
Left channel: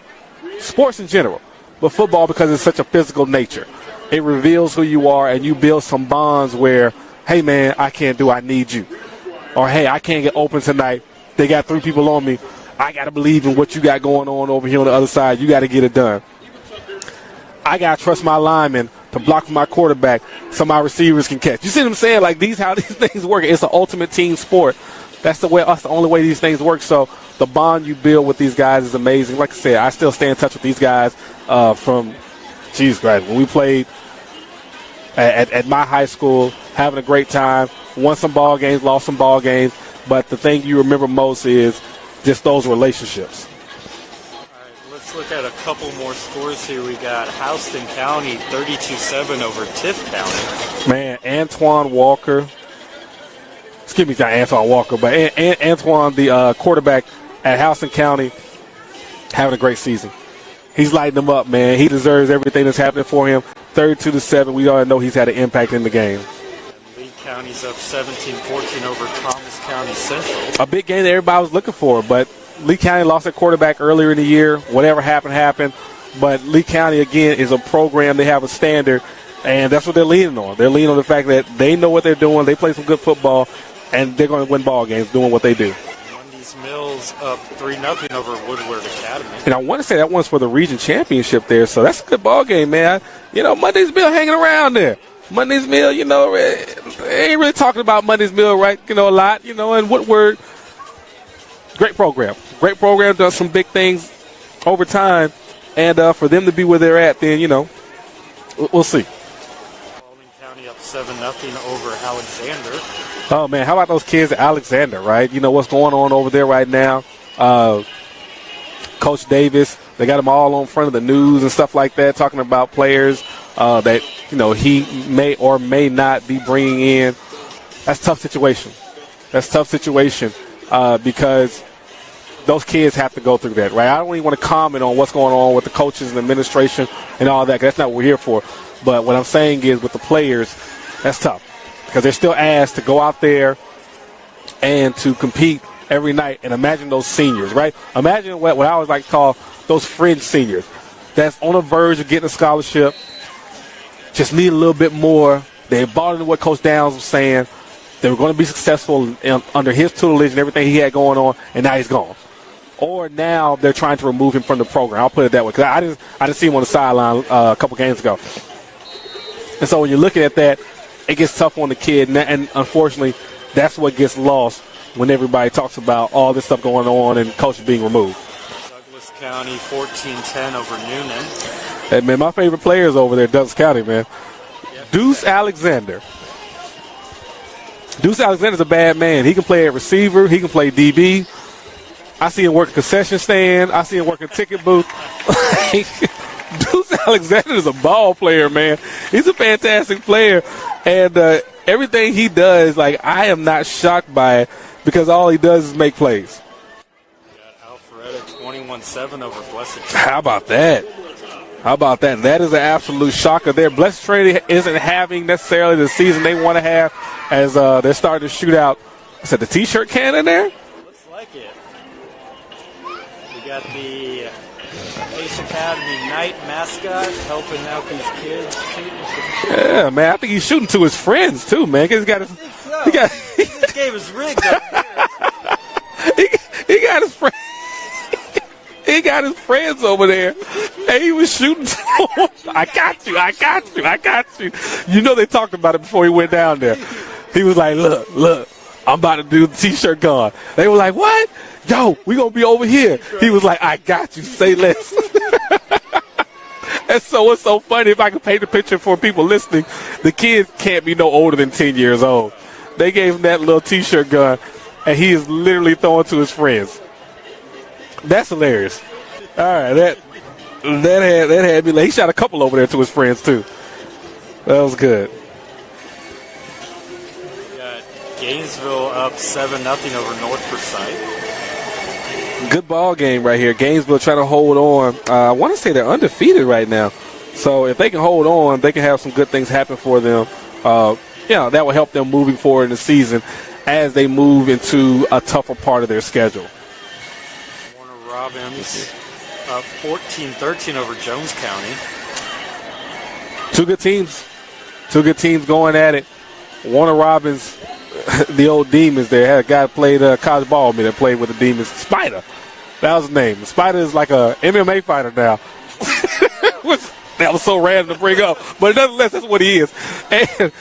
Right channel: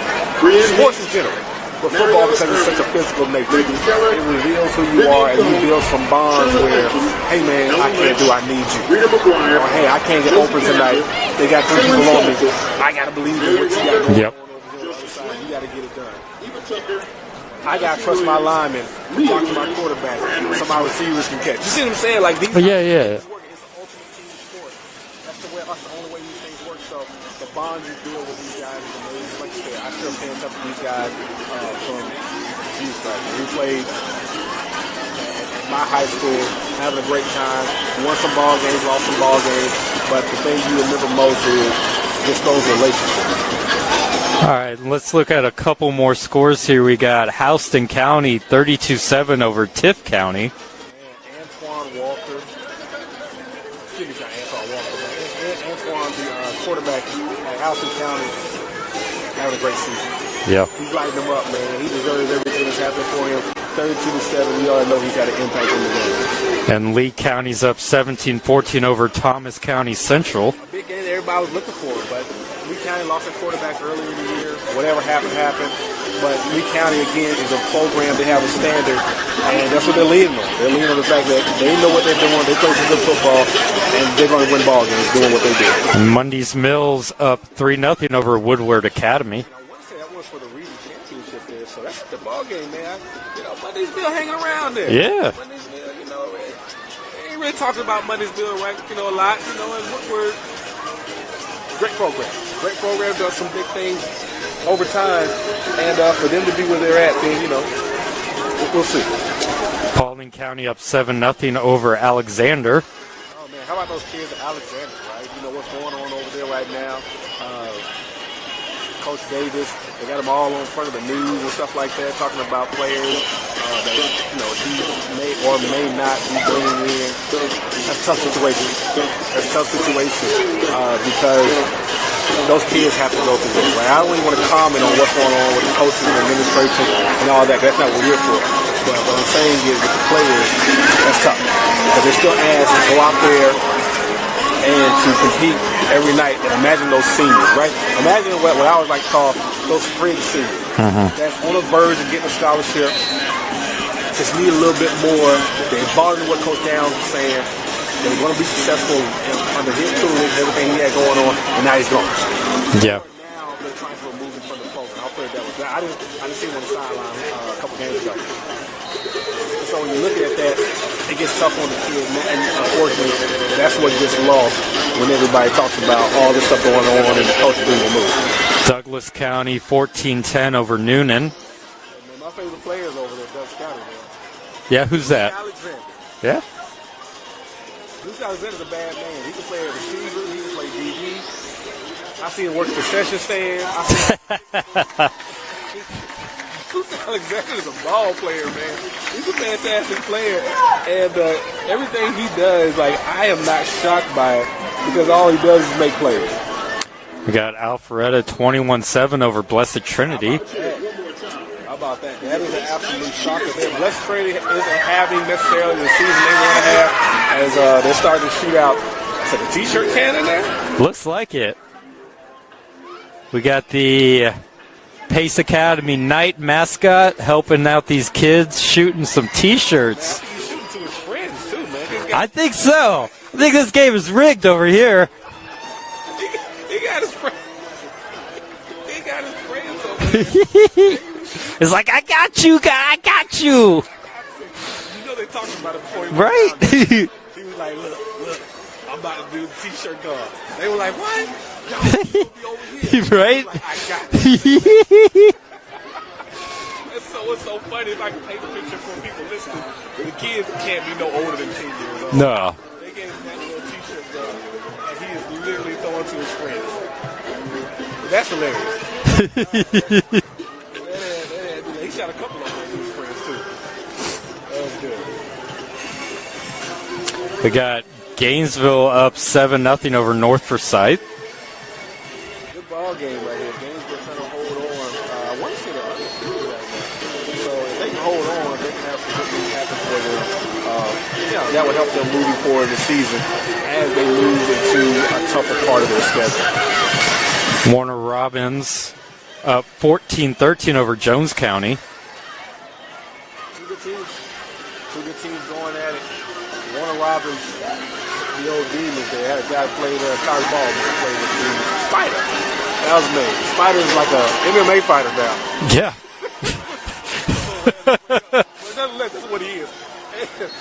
Sports in general, but football, because it's such a physical nature, it reveals who you are, and you build some bonds where, hey, man, I can't do, I need you. Or, hey, I can't get open tonight. They got 3 people on me. I got to believe in what you got going on over here on the other side. You got to get it done. I got to trust my linemen to block for my quarterback so my receivers can catch. You see what I'm saying? Like, these things work. It's an ultimate team sport. That's the only way these things work. So the bond you build with these guys is amazing. Like I said, I still stay in touch with these guys from, Jesus Christ, when we played at my high school, having a great time, won some ball games, lost some ball games. But the thing you remember most is just those relationships. All right, let's look at a couple more scores here. We got Houston County 32-7 over Tift County. Man, Antoine Walker. Excuse me, not Antoine Walker, but Antoine, the quarterback at Houston County, having a great season. Yeah. He's lighting them up, man. He deserves everything that's happening for him. 32-7, we all know he's had an impact in the game. And Lee County's up 17-14 over Thomas County Central. A big game that everybody was looking for, but Lee County lost their quarterback earlier in the year. Whatever happened. But Lee County, again, is a program. They have a standard, and that's what they're leaning on. They're leaning on the fact that they know what they're doing. They play some good football, and they're going to win ball games doing what they do. Mundy's Mills up 3-0 over Woodward Academy. And I want to say that one's for the region championship there, so that's a good ball game, man. Mundy's Mill hanging around there. Yeah. Mundy's Mill, they ain't really talking about Mundy's Mill, right, a lot, and Woodward, great program. Great program, done some big things over time. And for them to be where they're at, then, we'll see. Paulding County up 7-0 over Alexander. Oh, man, how about those kids at Alexander, right? You know what's going on over there right now. Coach Davis, they got them all on front of the news and stuff like that, talking about players that, he may or may not be bringing in. That's a tough situation. Because those kids have to go through that, right? I don't even want to comment on what's going on with the coaches and administration and all that, because that's not what we're here for. But what I'm saying is with the players, it's tough. Because they're still asked to go out there and to compete every night. And imagine those seniors, right? Imagine what I always like to call those fringe seniors. That's on the verge of getting a scholarship, just need a little bit more. They bought into what Coach Downs was saying. They were going to be successful under his tutelage and everything he had going on, and now he's gone. Yeah. Or now they're trying to remove him from the program. I'll put it that way. Because I didn't see him on the sideline a couple games ago. And so when you're looking at that, it gets tough on the kid. And unfortunately, that's what gets lost when everybody talks about all this stuff going on and the coach being removed. Douglas County 14-10 over Noonan. Hey, man, my favorite player is over there, Douglas County, man. Yeah, who's Deuce that? Alexander. Yeah. Deuce Alexander's a bad man. He can play at receiver. He can play DB. I see him work concession stand. I see him work a ticket booth. Deuce Alexander is a ball player, man. He's a fantastic player. And everything he does, I am not shocked by it because all he does is make plays. We got Alpharetta 21-7 over Blessed Trinity. How about that? That is an absolute shocker there. Blessed Trinity isn't having necessarily the season they want to have as they're starting to shoot out. Is that the T-shirt can in there? Looks like it. We got the Pace Academy night mascot helping out these kids, shooting some T-shirts. Yeah, man, I think he's shooting to his friends, too, man. I think so. I think this game is rigged over here. He got his friends. He got his friends over there, and he was shooting. It's like, I got you, I got you. You know they talked about it before he went down there. He was like, look, I'm about to do the T-shirt card. They were like, what? Yo, we going to be over here. Right? He was like, I got you. Say less. And so it's so funny, if I can paint the picture for people listening, the kids can't be no older than 10 years old. No. They gave him that little T-shirt gun, and he is literally throwing to his friends. That's hilarious. All right, that had me. He shot a couple over there to his friends too. That was good. We got Gainesville up 7-0 over North Forsyth. Good ball game right here. Gainesville trying to hold on. I want to say they're undefeated right now. So if they can hold on, they can have some good things happen for them. That will help them moving forward in the season as they move into a tougher part of their schedule. Warner Robins up 14-13 over Jones County. Two good teams going at it. Warner Robins, the old Demons there. Had a guy played college ball that played with the Demons. Spider. That was his name. Spider is like a MMA fighter now. Yeah. That was so random to bring up. But nonetheless, that's what he is. And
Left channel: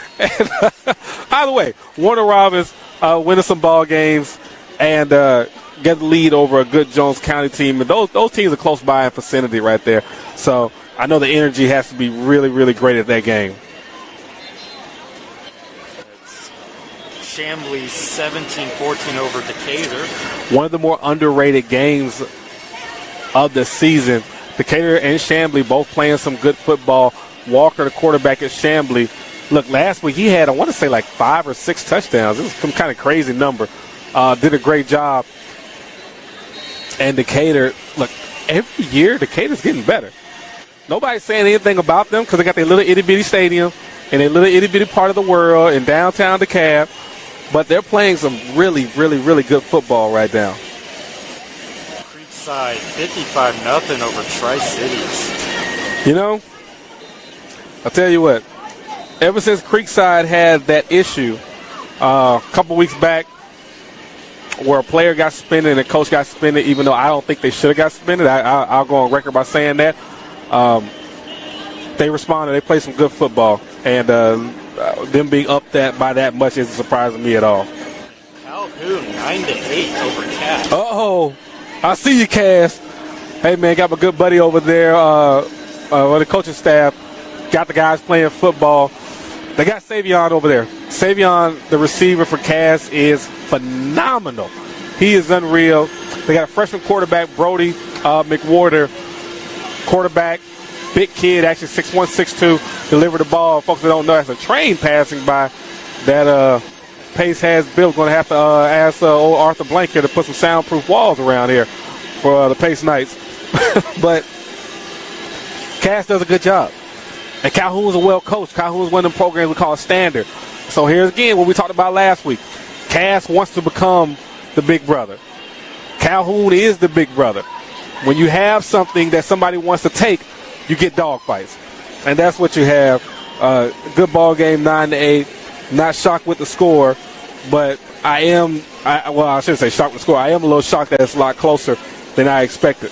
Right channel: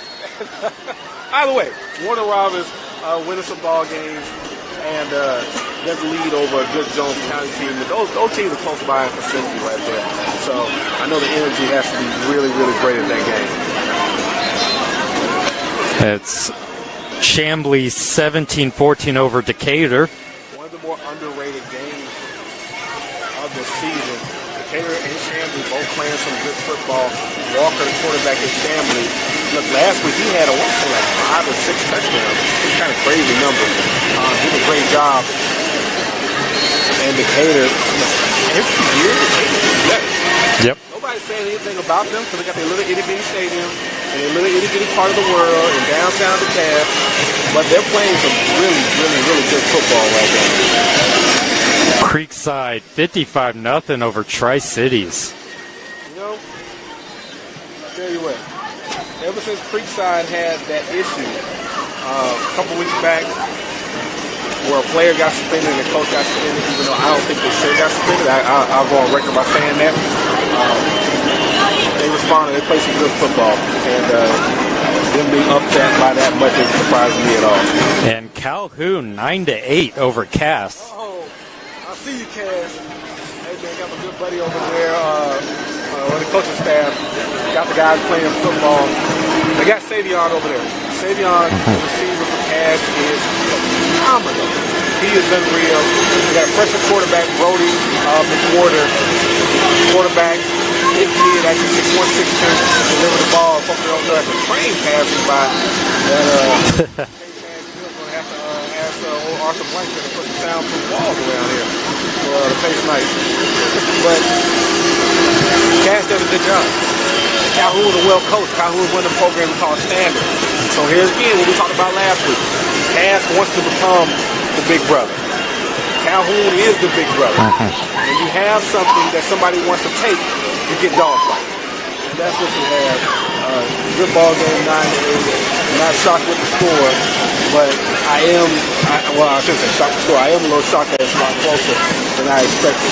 by the way, Warner Robins winning some ball games and get the lead over a good Jones County team. And those teams are close by in vicinity right there. So I know the energy has to be really, really great at that game. It's Chambly 17-14 over Decatur. One of the more underrated games of the season. Decatur and Chambly both playing some good football. Walker, the quarterback in Chambly. Look, last week he had, I want to say, like 5 or 6 touchdowns. This is some kind of crazy number. Did a great job. And Decatur, look, every year Decatur's getting better. Yep. Nobody's saying anything about them because they got their little itty-bitty stadium. in a little itty-bitty part of the world in downtown DeKalb, but they're playing some really, really, really good football right now. Creekside 55-0 over Tri-Cities. You know, I'll tell you what, ever since Creekside had that issue a couple weeks back where a player got suspended and a coach got suspended, even though I don't think they should have got suspended, I'll go on record by saying that. They responded, they played some good football, and them being upset by that much isn't surprising me at all. And Calhoun 9-8 over Cass. Oh, I see you, Cass. Hey, man, got my good buddy over there on the coaching staff. Got the guys playing football. They got Savion over there. Savion, the receiver for Cass, is phenomenal. He is unreal. They got a freshman quarterback, Brody McWhorter. Quarterback, big kid, actually 6'1", 6'2", deliver the ball. Folks that don't know, actually train passing by that Pace has built. Going to have to ask old Arthur Blank here to put some soundproof walls around here for the Pace Knights. But Cass does a good job. And Calhoun's a well coached. Calhoun's one of the programs we call standard. So here's again what we talked about last week. Cass wants to become the big brother. Calhoun is the big brother. When you have something that somebody wants to take, you get dog fights. And that's what you have. Good ball game, 9-8. Not shocked with the score, but I shouldn't say shocked with the score. I am a little shocked that it's a lot closer than I expected.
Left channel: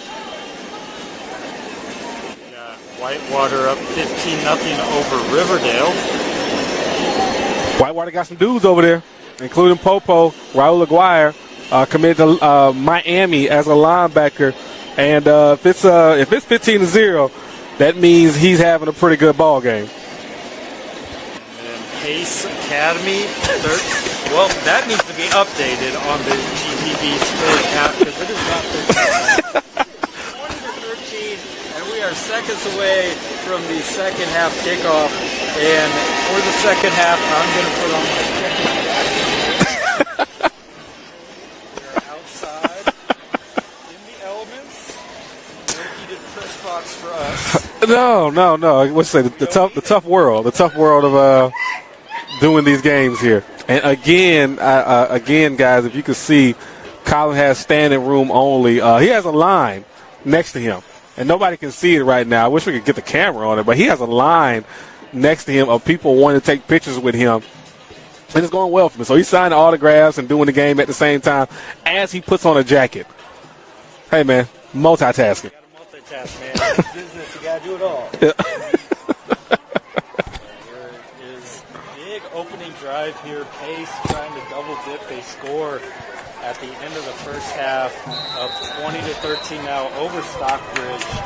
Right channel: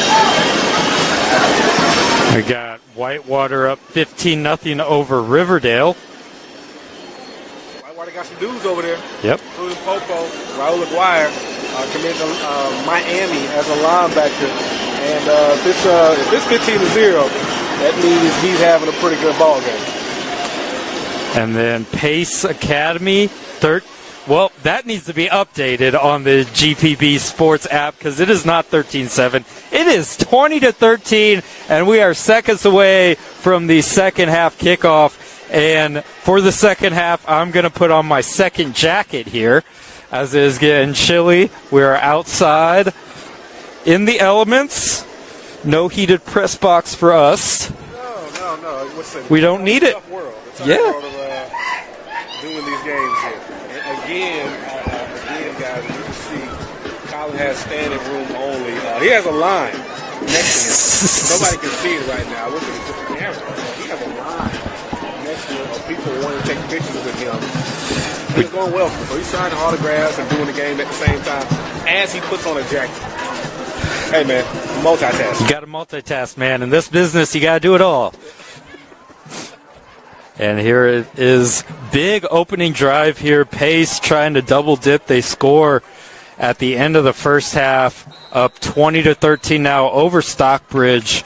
We got Whitewater up 15-0 over Riverdale. Whitewater got some dudes over there, yep, including Popo, Raul Aguirre, committed to Miami as a linebacker. And if it's 15-0, that means he's having a pretty good ball game. And then Pace Academy, well, that needs to be updated on the GPB Sports app because it is not 13-7. It is 20-13, and we are seconds away from the second half kickoff. And for the second half, I'm going to put on my second jacket here, as it is getting chilly. We are outside in the elements. No heated press box for us. No. What's that? We don't need it. The tough world world of doing these games here. And again, guys, if you can see, Colin has standing room only. He has a line next to him, and nobody can see it right now. I wish we could get the camera on it, but he has a line next to him of people wanting to take pictures with him. It's going well for him. So he's signing autographs and doing the game at the same time as he puts on a jacket. Hey, man, multitask. You got to multitask, man. In this business, you got to do it all. And here it is. Big opening drive here. Pace trying to double dip. They score at the end of the first half, up 20-13 now over Stockbridge.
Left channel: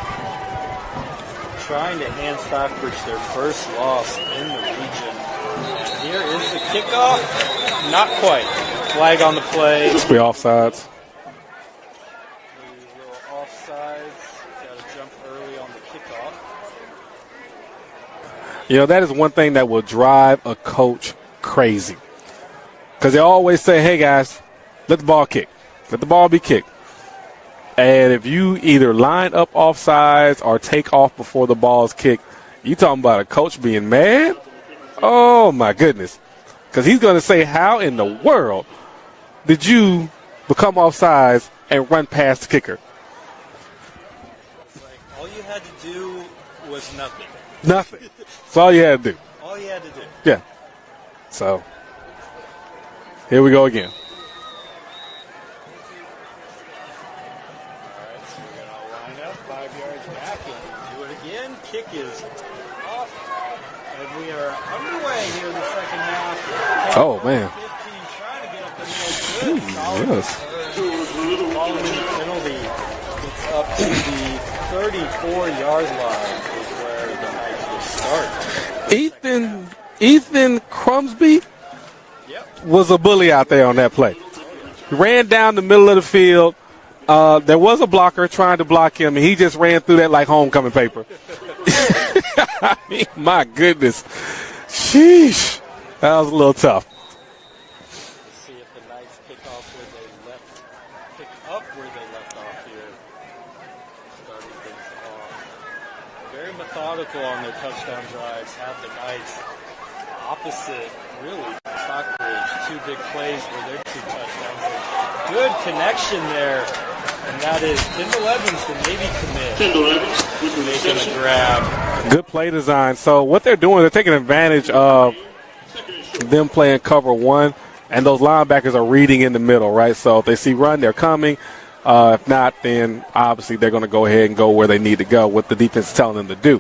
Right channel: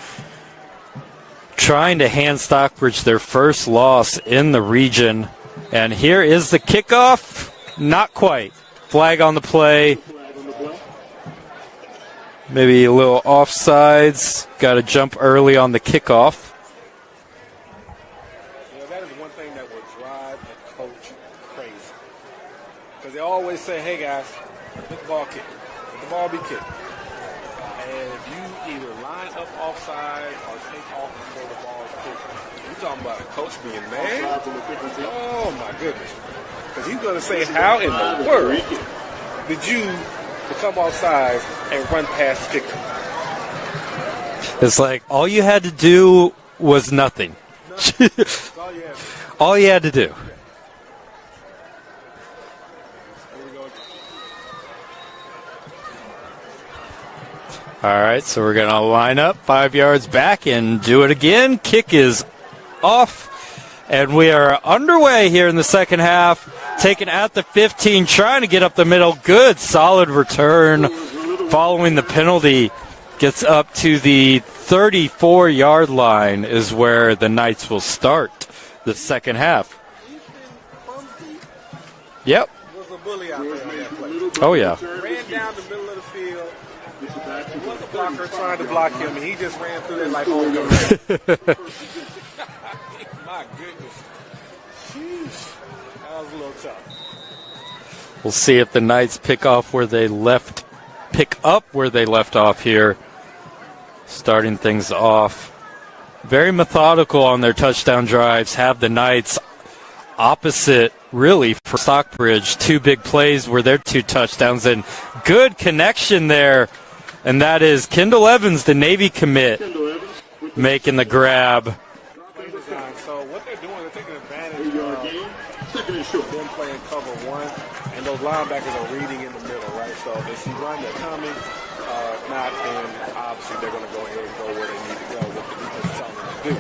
Trying to hand Stockbridge their first loss in the region. And here is the kickoff. Not quite. Flag on the play. Must be offsides. Maybe a little offsides. Got to jump early on the kickoff. You know, that is one thing that will drive a coach crazy. Because they always say, hey, guys, let the ball kick. Let the ball be kicked. And if you either line up offsides or take off before the ball is kicked, you talking about a coach being mad? Oh, my goodness. Because he's going to say, how in the world did you become offsides and run past the kicker? It's like all you had to do was nothing. Nothing. That's all you had to do. All you had to do. Yeah. So, here we go again. All right, so we're going to line up 5 yards back and do it again. Kick is off, and we are underway here in the second half. Taking the 15, trying to get up the middle. Good, solid return. Following the penalty, gets up to the 34-yard line is where the Knights will start the second half. Ethan Crumsby was a bully out there on that play. Oh, yeah. He ran down the middle of the field. There was a blocker trying to block him, and he just ran through that like homecoming paper. I mean, my goodness. Sheesh. That was a little tough. We'll see if the Knights pick up where they left off here. Starting things off. Very methodical on their touchdown drives. Have the Knights opposite, really, for Stockbridge. 2 big plays were their 2 touchdowns, and good connection there. And that is Kendall Evans, the Navy commit, making the grab. Good play design. So what they're doing, they're taking advantage of them playing cover 1, and those linebackers are reading in the middle, right? So if they see run, they're coming. If not, then obviously they're going to go ahead and go where they need to go, what the defense is telling them to do.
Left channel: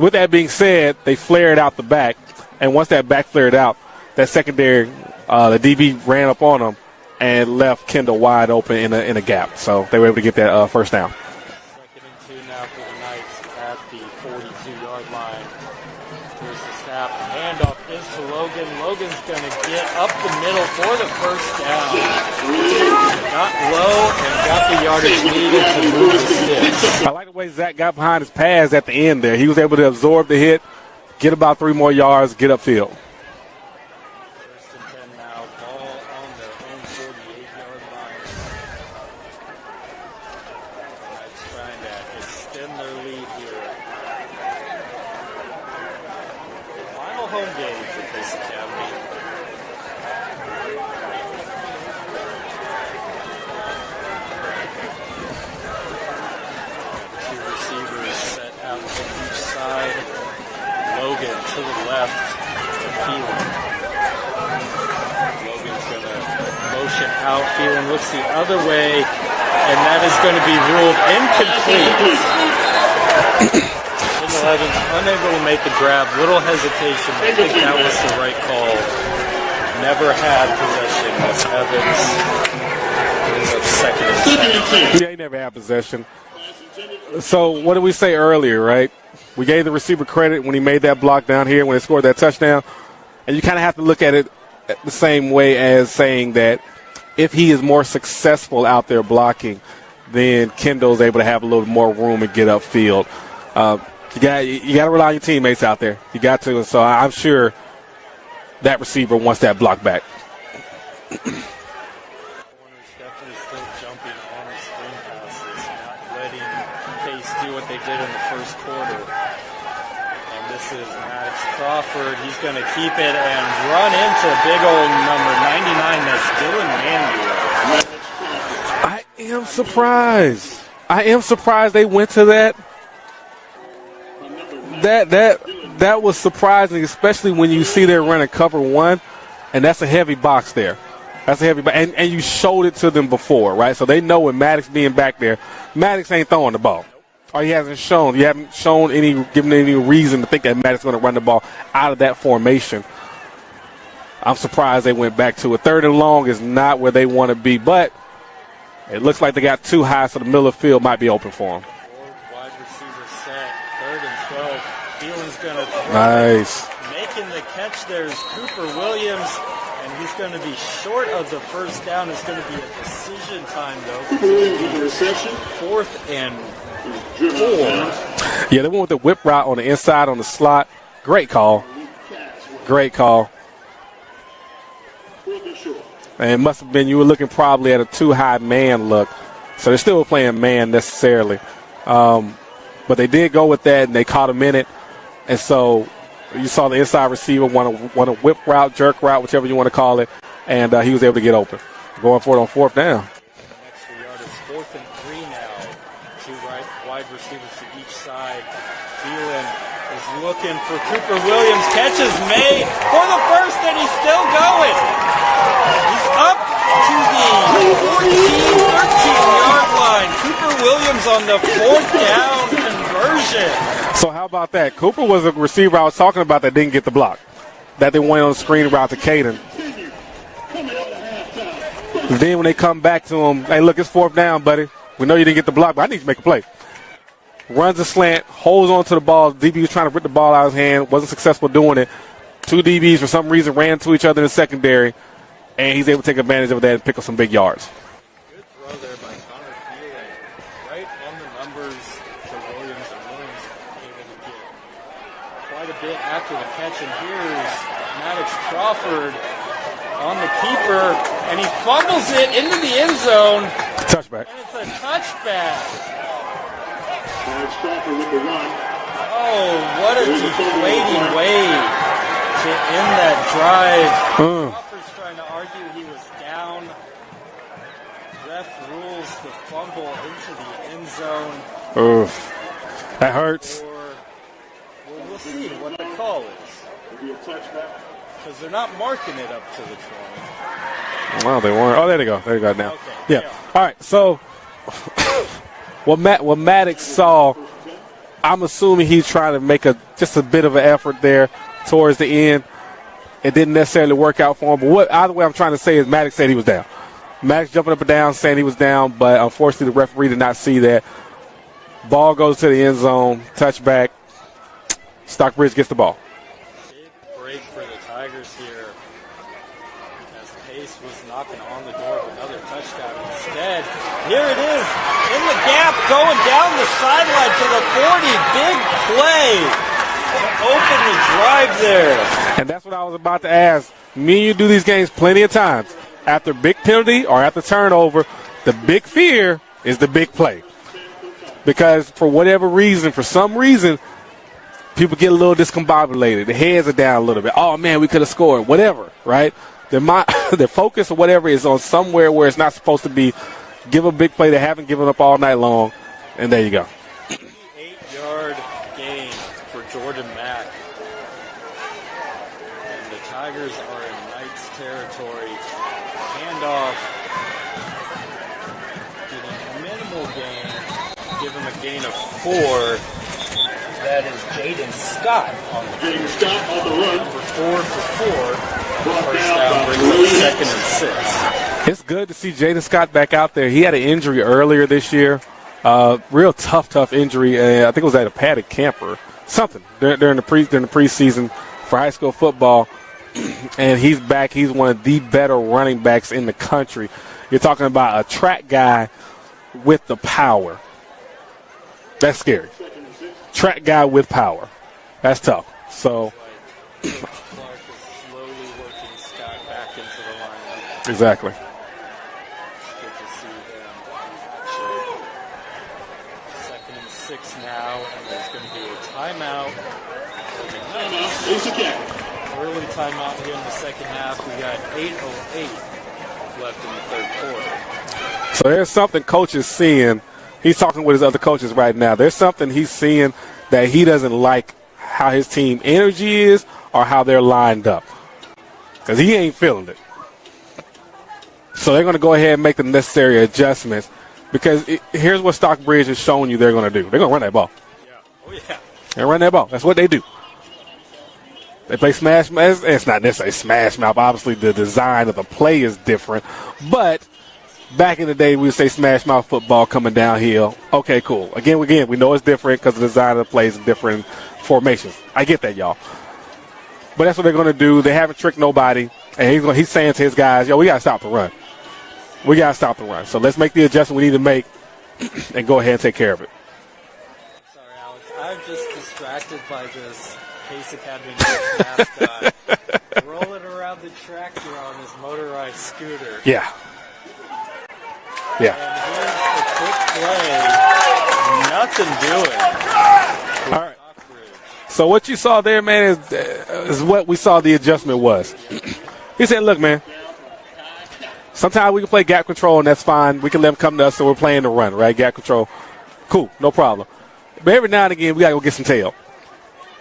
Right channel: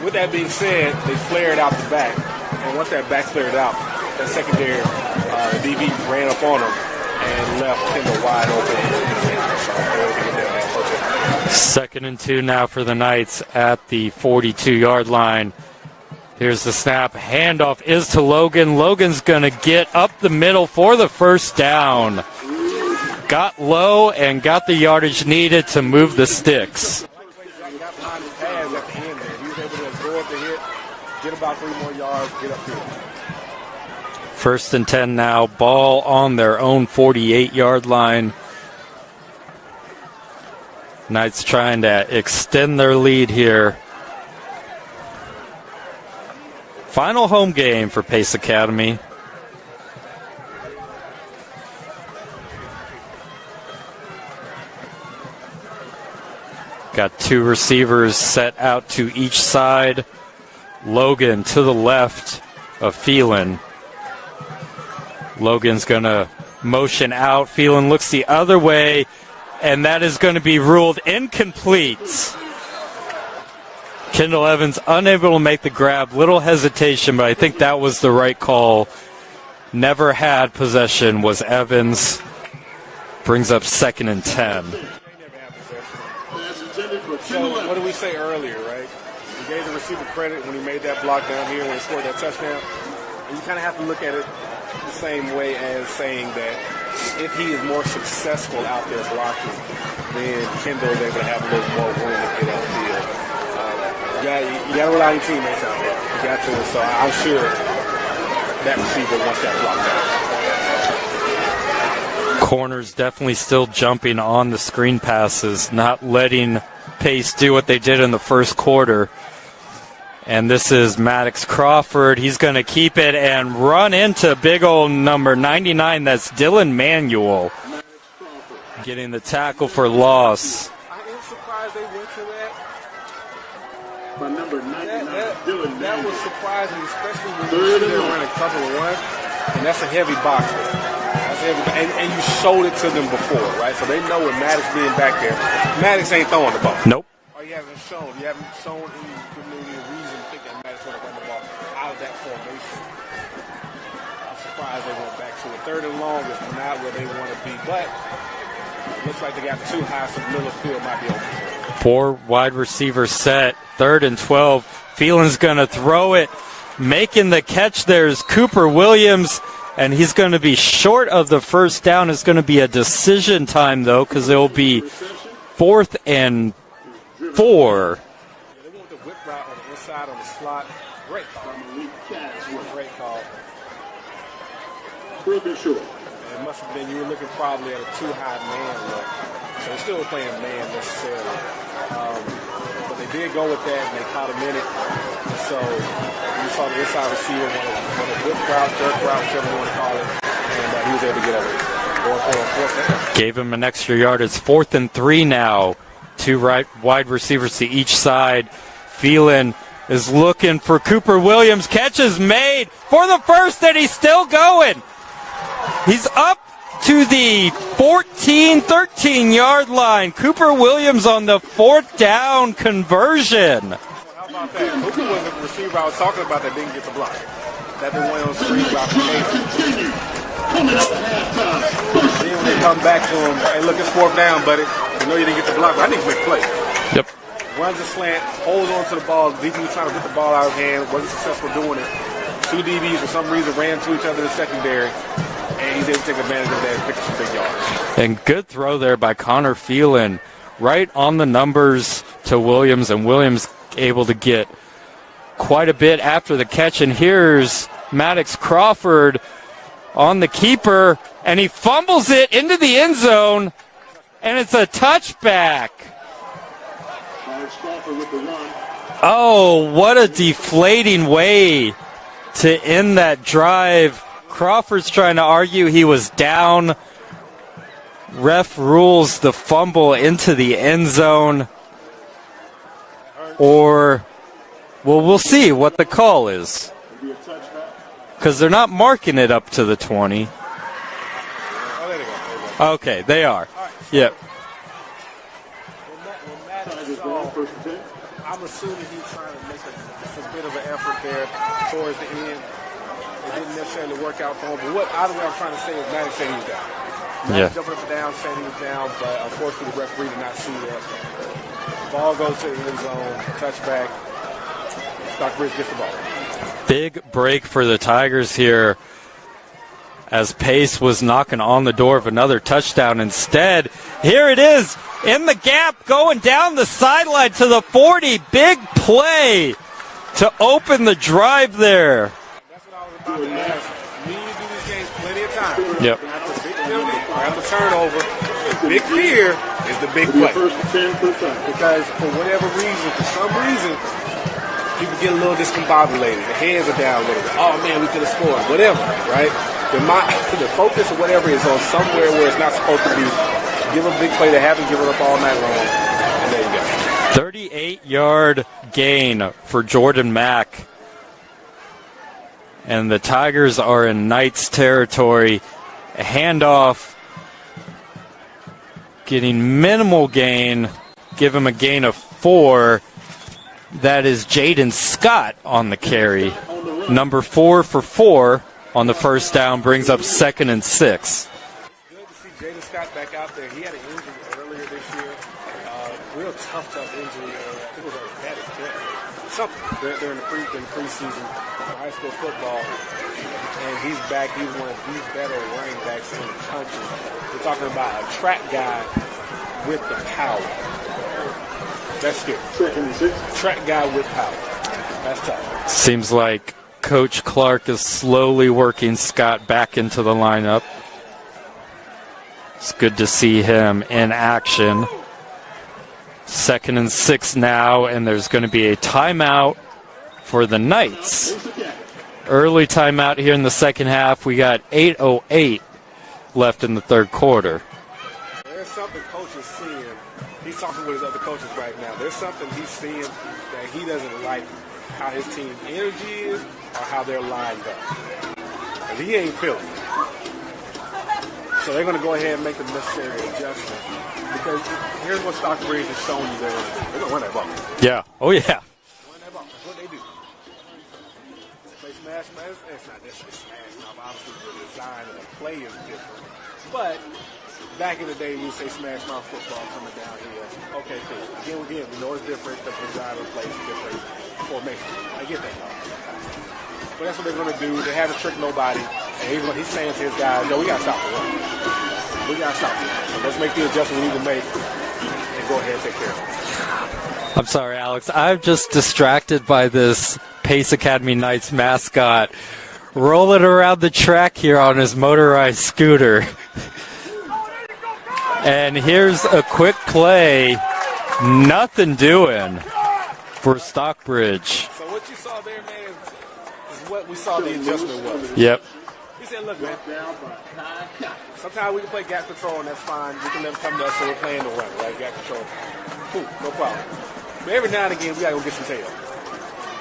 With that being said, they flared out the back, and once that back flared out, that secondary, the DB ran up on them and left Kendall wide open in a gap. So they were able to get that first down. 2nd and 2 now for the Knights at the 42-yard line. Here's the snap. Handoff is to Logan. Logan's going to get up the middle for the first down. Got low and got the yardage needed to move the sticks. I like the way Zach got behind his pads at the end there. He was able to absorb the hit, get about 3 more yards, get upfield. 1st and 10 now. Ball on their own 48-yard line. Knights trying to extend their lead here. Final home game for Pace Academy. Got 2 receivers set out to each side. Logan to the left of Phelan. Logan's going to motion out. Phelan looks the other way, and that is going to be ruled incomplete. Kendall Evans unable to make the grab. Little hesitation, but I think that was the right call. Never had possession was Evans. Brings up 2nd and 10. Yeah, he never had possession. So what did we say earlier, right? We gave the receiver credit when he made that block down here, when he scored that touchdown. And you kind of have to look at it the same way as saying that if he is more successful out there blocking, then Kendall's able to have a little more room and get upfield. You got to rely on your teammates out there. You got to. So I'm sure that receiver wants that block back. Corners definitely still jumping on the screen passes, not letting Pace do what they did in the first quarter. And this is Maddox Crawford. He's going to keep it and run into big old number 99. That's Dylan Manuel getting the tackle for loss. I am surprised they went to that. That was surprising, especially when you see they're running cover 1, and that's a heavy box there. That's a heavy, and you showed it to them before, right? So they know when Maddox being back there, Maddox ain't throwing the ball. Nope. Or he hasn't shown. You haven't shown given any reason to think that Maddox is going to run the ball out of that formation. I'm surprised they went back to it. 3rd and long is not where they want to be, but it looks like they got too high, so the middle of the field might be open for them. 4 wide receivers set. 3rd and 12. Phelan's going to throw it. Making the catch there's Cooper Williams, and he's going to be short of the first down. It's going to be a decision time, though, because it will be 4th and 4. Yeah, they went with the whip route on the inside on the slot. Great call. Great call. And it must have been you were looking probably at a too high man look. So they're still playing man necessarily. But they did go with that, and they caught him in it. And so you saw the inside receiver want a whip route, jerk route, whichever you want to call it, and he was able to get open. Going for it on 4th down. Gave him an extra yard. It's 4th and 3 now. 2 wide receivers to each side. Phelan is looking for Cooper Williams. Catch is made for the first, and he's still going. He's up to the 13-yard line. Cooper Williams on the 4th down conversion. So how about that? Cooper was a receiver I was talking about that didn't get the block, that they went on the screen route to Caden. And then when they come back to him, hey, look, it's 4th down, buddy. We know you didn't get the block, but I need to make a play. Yep. Runs a slant, holds on to the ball. DB was trying to rip the ball out of his hand, wasn't successful doing it. 2 DBs for some reason ran to each other in the secondary, and he's able to take advantage of that and pick up some big yards. And good throw there by Connor Phelan, right on the numbers to Williams, and Williams able to get quite a bit after the catch. And here's Maddox Crawford on the keeper, and he fumbles it into the end zone. Touchback. And it's a touchback. Oh, what a deflating way to end that drive. Crawford's trying to argue he was down. Ref rules the fumble into the end zone. Oof. That hurts. Or, well, we'll see what the call is. Because they're not marking it up to the 20. Well, they weren't. Oh, there they go. There you go. Now. Okay, they are. All right, so what Maddox saw, I'm assuming he's trying to make just a bit of an effort there towards the end. It didn't necessarily work out for him. But either way I'm trying to say is Maddox said he was down. Maddox jumping up and down saying he was down, but unfortunately the referee did not see that. Ball goes to the end zone, touchback. Stockbridge gets the ball. Big break for the Tigers here as Pace was knocking on the door of another touchdown. Instead, here it is in the gap, going down the sideline to the 40. Big play to open the drive there. And that's what I was about to ask. Me and you do these games plenty of times. Yep. After big penalty or after turnover, the big fear is the big play. Because for whatever reason, for some reason, people get a little discombobulated. The heads are down a little bit. Oh, man, we could have scored. Whatever, right? The focus or whatever is on somewhere where it's not supposed to be. Give a big play they haven't given up all night long, and there you go. 38-yard gain for Jordan Mack. And the Tigers are in Knights territory. A handoff, getting minimal gain. Give him a gain of 4. That is Jaden Scott on the carry. Number 4 for 4 on the first down, brings up 2nd and 6. It's good to see Jaden Scott back out there. He had an injury earlier this year. Real tough injury. I think it was at a padded camper. Something during the preseason for high school football. And he's back. He's one of the better running backs in the country. You're talking about a track guy with the power. That's scary. Track guy with power. That's tough. Seems like Coach Clark is slowly working Scott back into the lineup. Exactly. It's good to see him in action. 2nd and 6 now, and there's going to be a timeout for the Knights. Early timeout here in the second half. We got 8:08 left in the third quarter. So there's something Coach is seeing. He's talking with his other coaches right now. There's something he's seeing that he doesn't like how his team energy is or how they're lined up. Because he ain't feeling it. So they're going to go ahead and make the necessary adjustments. Because here's what Stockbridge has shown you they're going to do. They're going to run that ball. Yeah. Oh, yeah. They run that ball. That's what they do. They play smash mouth. It's not necessarily smash mouth. Obviously, the design of the play is different. But back in the day, we would say smash mouth football coming downhill. Okay, cool. Again, we know it's different because the design of the play is different formations. I get that, y'all. But that's what they're going to do. They haven't tricked nobody. And he's saying to his guys, yo, we got to stop the run. We got to stop the run. So let's make the adjustment we need to make and go ahead and take care of it. I'm sorry, Alex. I'm just distracted by this Pace Academy Knights mascot rolling around the track here on his motorized scooter. Yeah. And here's a quick play. Nothing doing for Stockbridge. So what you saw there, man, is what we saw the adjustment was. Yep. He said, look, man, sometimes we can play gap control, and that's fine. We can let them come to us, so we're playing the run, right? Gap control. Cool, no problem. But every now and again, we got to go get some tail.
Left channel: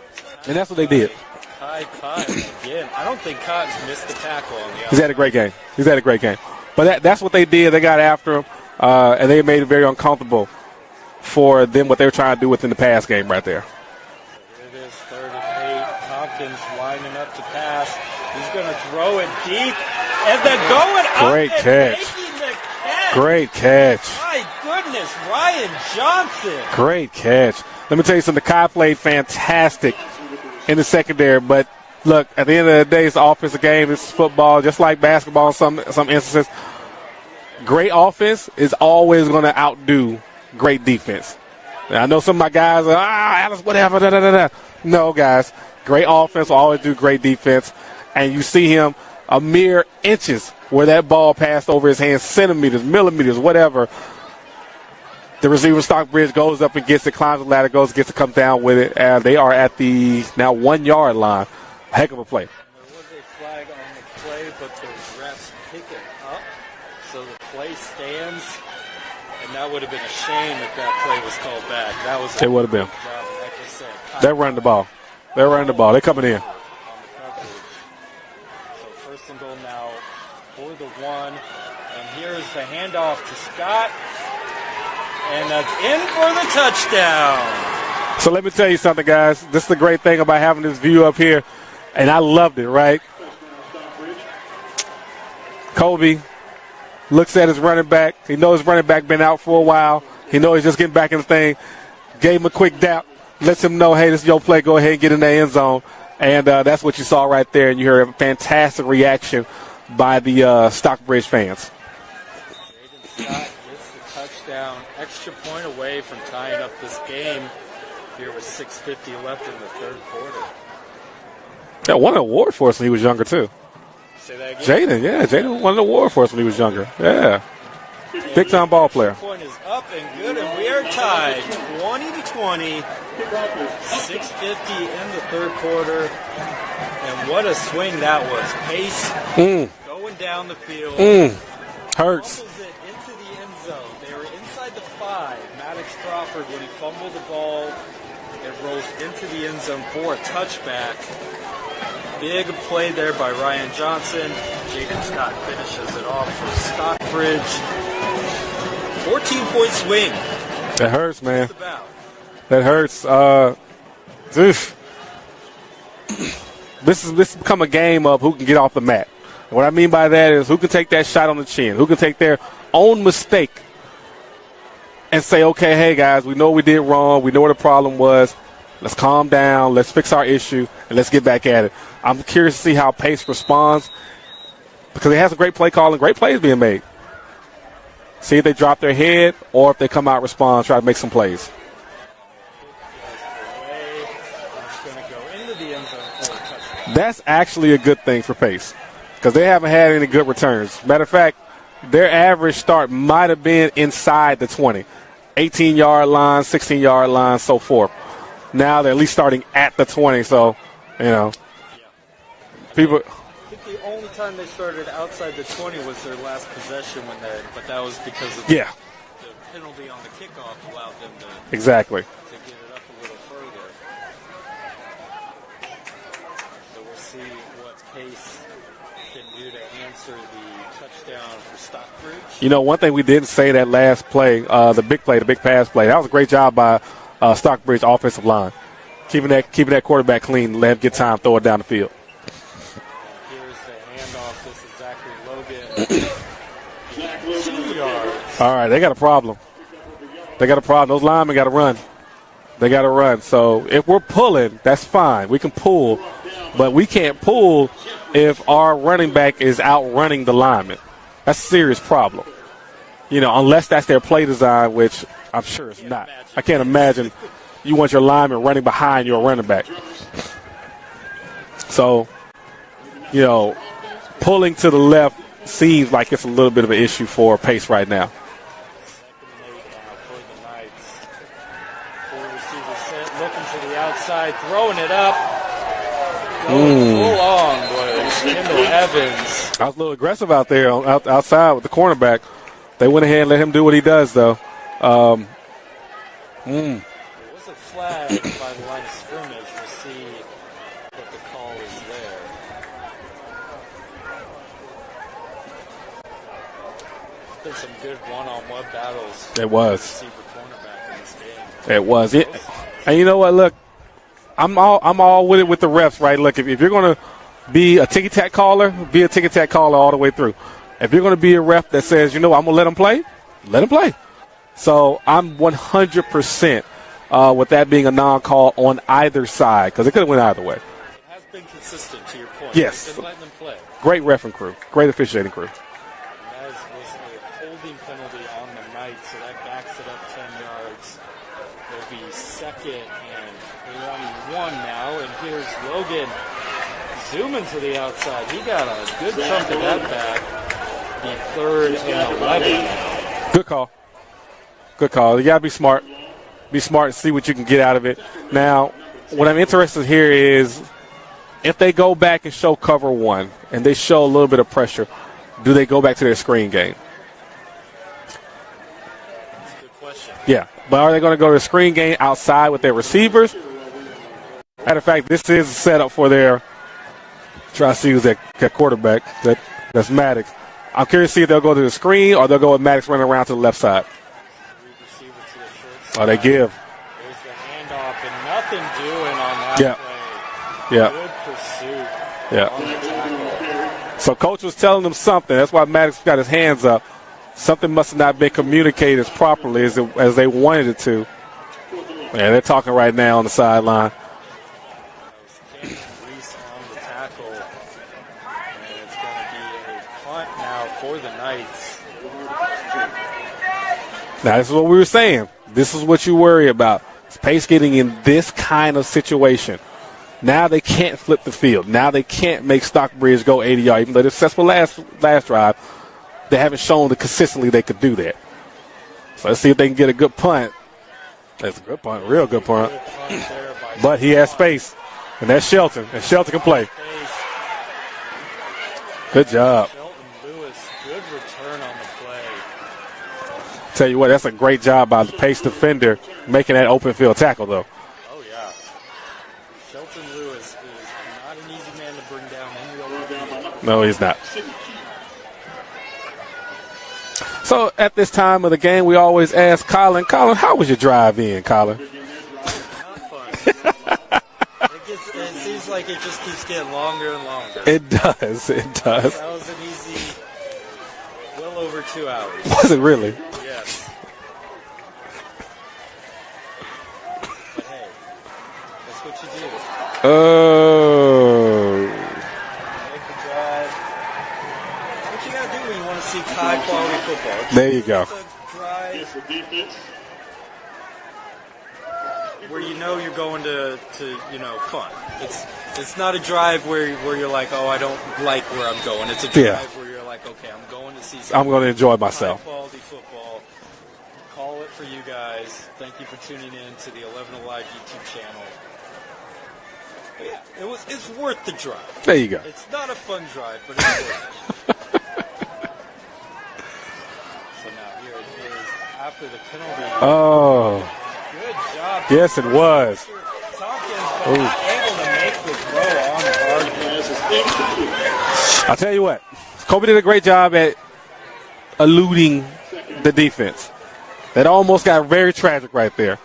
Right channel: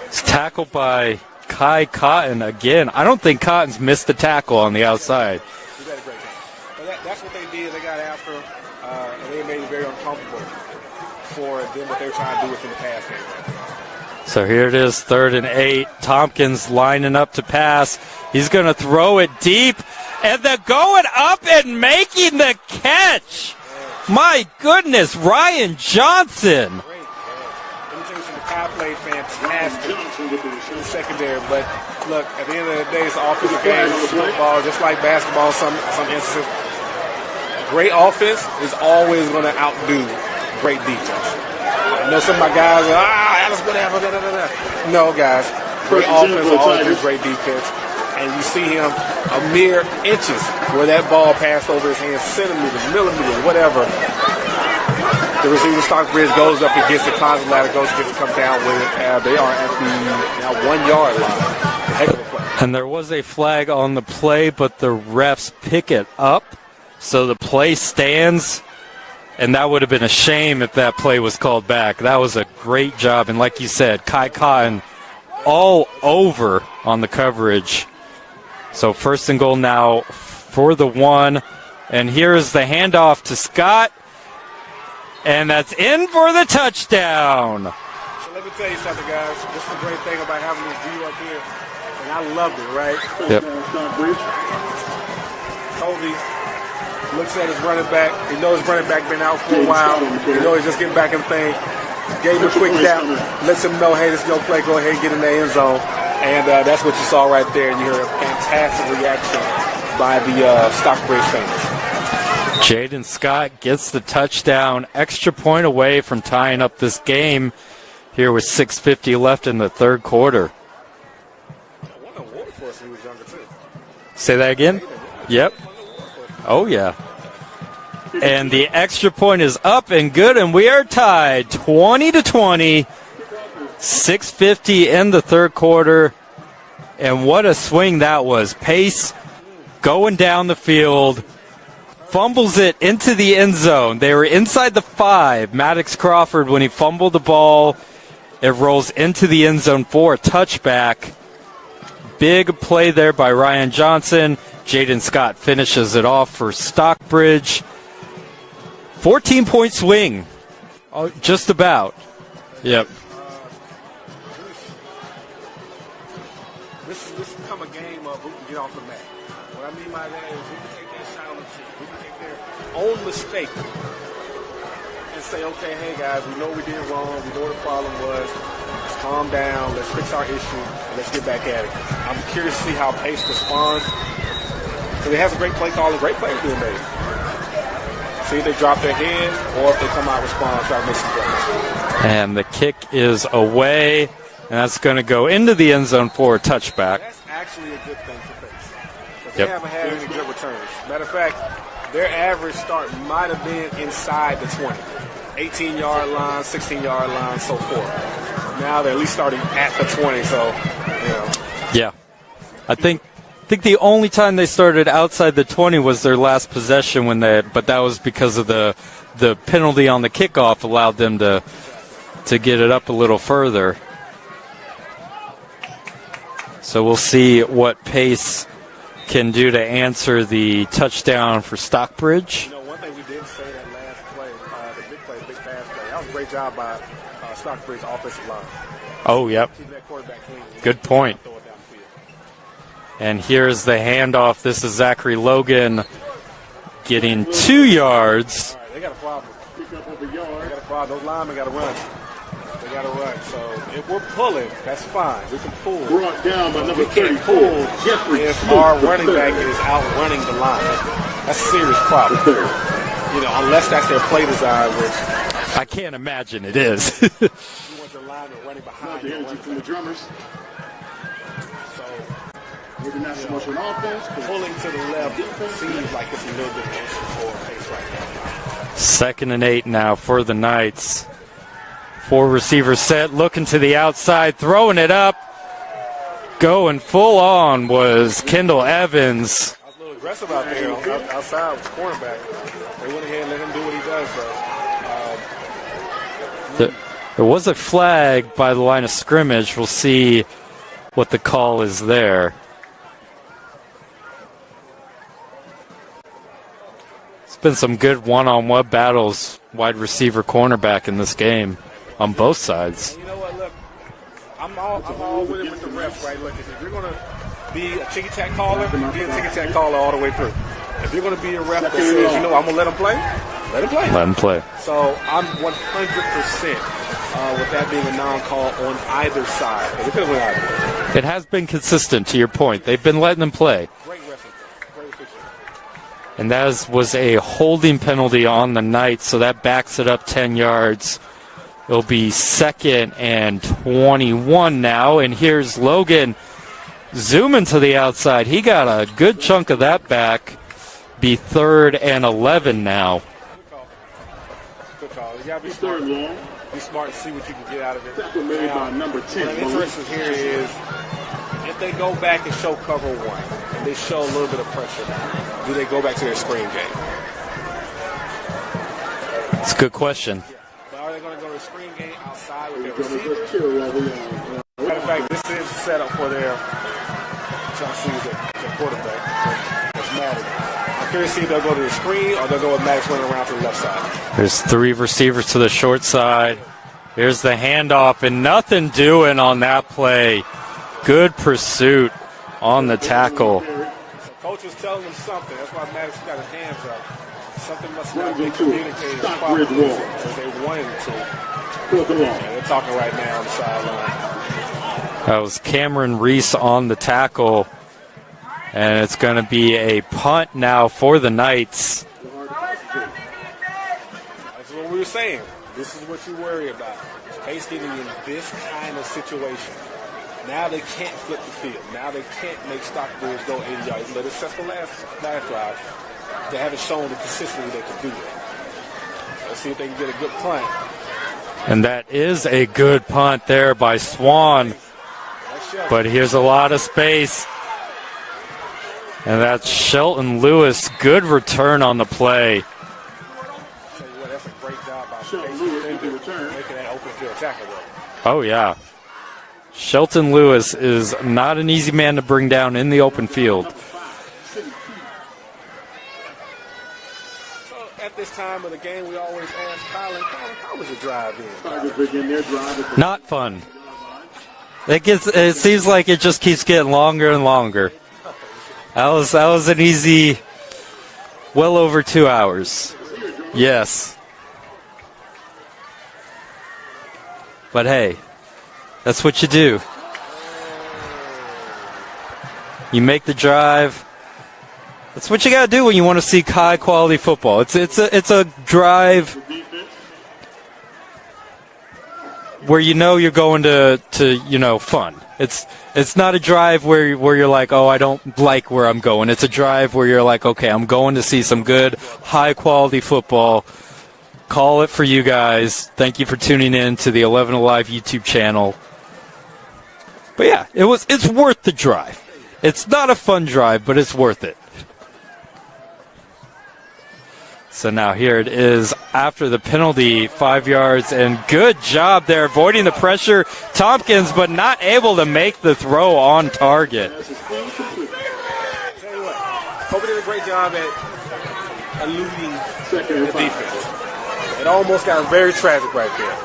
It's tackled by Kai Cotton again. I don't think Cotton's missed the tackle on the outside. He's had a great game. But that's what they did. They got after him, and they made it very uncomfortable for them what they were trying to do within the pass game right there. So here it is, 3rd and 8. Tompkins lining up to pass. He's going to throw it deep, and then going up and making the catch. Great catch. My goodness, Ryan Johnson. Great catch. Let me tell you something. Kai played fantastic in the secondary, but look, at the end of the day, it's an offensive game. It's football, just like basketball in some instances. Great offense is always going to outdo great defense. Now, I know some of my guys are, Alice, whatever, No, guys. Great offense will always do great defense. And you see him a mere inches where that ball passed over his hands, centimeters, millimeters, whatever. The receiver Stockbridge goes up and gets the closet ladder, gets to come down with it. And they are at the now 1 yard line. heck of a play. And there was a flag on the play, but the refs pick it up, so the play stands. And that would have been a shame if that play was called back. That was a great job. And like you said, Kai all over on the coverage. So first and goal now for the 1. And here's the handoff to Scott. And that's in for the touchdown. So let me tell you something, guys. This is the great thing about having this view up here. And I loved it, right? Yep. Kobe looks at his running back. He knows his running back been out for a while. He knows he's just getting back in the thing. Gave him a quick tap. Lets him know, hey, this is your play. Go ahead and get in the end zone. And that's what you saw right there. And you heard a fantastic reaction by the Stockbridge fans. Jaden Scott gets the touchdown. Extra point away from tying up this game here with 6:50 left in the third quarter. Yeah, won an award for us when he was younger, too. Say that again? Jaden won an award for us when he was younger. Yeah. And the extra point is up and good, and we are tied 20-20. 6:50 in the third quarter. And what a swing that was. Pace going down the field. Fumbles it into the end zone. They were inside the 5. Maddox Crawford, when he fumbled the ball, it rolls into the end zone for a touchback. Big play there by Ryan Johnson. Jaden Scott finishes it off for Stockbridge. 14-point swing. That hurts, just about. That hurts. This has become a game of who can get off the mat. What I mean by that is who can take that shot on the chin, who can take their own mistake and say, okay, hey, guys, we know we did wrong. We know what the problem was. Let's calm down. Let's fix our issue, and let's get back at it. I'm curious to see how Pace responds because they have some great play calling, great plays being made. See if they drop their head or if they come out, respond, try to make some plays. And the kick is away, and that's going to go into the end zone for a touchback. That's actually a good thing for Pace because they haven't had any good returns. Matter of fact, their average start might have been inside the 20, 18-yard line, 16-yard line, so forth. Now they're at least starting at the 20, so, you know. Yeah. I think the only time they started outside the 20 was their last possession but that was because of the penalty on the kickoff allowed them to get it up a little further. So we'll see what Pace can do to answer the touchdown for Stockbridge. You know, one thing we didn't say that last play, the big pass play, that was a great job by Stockbridge offensive line. Keeping that quarterback clean, let him get time, throw it down the field. And here's the handoff. This is Zachary Logan getting 2 yards. All right, they got a problem. Those linemen got to run. They got to run. So if we're pulling, that's fine. We can pull. But we can't pull if our running back is outrunning the lineman. That's a serious problem. You know, unless that's their play design, which I'm sure I can't imagine. I can't imagine you want your lineman running behind your running back. So, you know, pulling to the left seems like it's a little bit of an issue for Pace right now. 2nd and 8 now for the Knights. 4 receivers set, looking to the outside, throwing it up. Going full on was Kendall Evans. I was a little aggressive out there outside with the cornerback. They went ahead and let him do what he does, though. There was a flag by the line of scrimmage. We'll see what the call is there. It's been some good one-on-one battles. Wide receiver cornerback in this game. It was on both sides. And you know what? Look, I'm all with it with the refs, right? Look, if you're going to be a ticky-tack caller, be a ticky-tack caller all the way through. If you're going to be a ref that says, you know what, I'm going to let him play, let him play. Let him play. So I'm 100% with that being a non-call on either side because it could have went either way. It has been consistent, to your point. Yes. They've been letting them play. Great reffing crew. Great officiating crew. And that was a holding penalty on the Knights, so that backs it up 10 yards. It'll be 2nd and 21 now, and here's Logan zooming to the outside. He got a good chunk of that back. Be 3rd and 11 now. Good call. Good call. You got to be smart. Be smart and see what you can get out of it. Now, what I'm interested here is if they go back and show cover one and they show a little bit of pressure, do they go back to their screen game? It's a good question. Yeah. But are they going to go to the screen game outside with their receivers? Matter of fact, this is a setup for their try to see who's that quarterback. That's Maddox. I'm curious to see if they'll go to the screen or they'll go with Maddox running around to the left side. There's 3 receivers to the short side. They give. Here's the handoff, and nothing doing on that play. Yeah. Good pursuit on the tackle. So coach was telling them something. That's why Maddox got his hands up. Something must have not been communicated properly as they wanted it to. And they're talking right now on the sideline. That was Cameron Reese on the tackle. And it's going to be a punt now for the Knights. Now, this is what we were saying. This is what you worry about. Pace getting in this kind of situation. Now they can't flip the field. Now they can't make Stockbridge go 80 yards. Even though they're successful last drive, they haven't shown that consistently they could do that. So let's see if they can get a good punt. And that is a good punt there by Swan. But he has space. And that's Shelton. But here's a lot of space. And that's Shelton Lewis. Good return on the play. Tell you what, that's a great job by the Pace defender making that open field tackle, though. Oh, yeah. Shelton Lewis is not an easy man to bring down in the open field. No, he's not. So at this time of the game, we always ask Colin, how was your drive in, Colin? Not fun. It seems like it just keeps getting longer and longer. It does. That was an easy, well over 2 hours. Was it really? Yes. But hey, that's what you do. Oh. You make the drive. That's what you got to do when you want to see high quality football. It's a drive where you know you're going to fun. It's not a drive where you're like, oh, I don't like where I'm going. It's a drive where you're like, okay, I'm going to see some good high quality football. Call it for you guys. Thank you for tuning in to the 11 Alive YouTube channel. But yeah, it's worth the drive. There you go. It's not a fun drive, but it's worth it. So now here it is after the penalty, 5 yards, and good job there avoiding the pressure. Tompkins, but not able to make the throw on target. I'll tell you what, Kobe did a great job at eluding the defense. That almost got very tragic right there.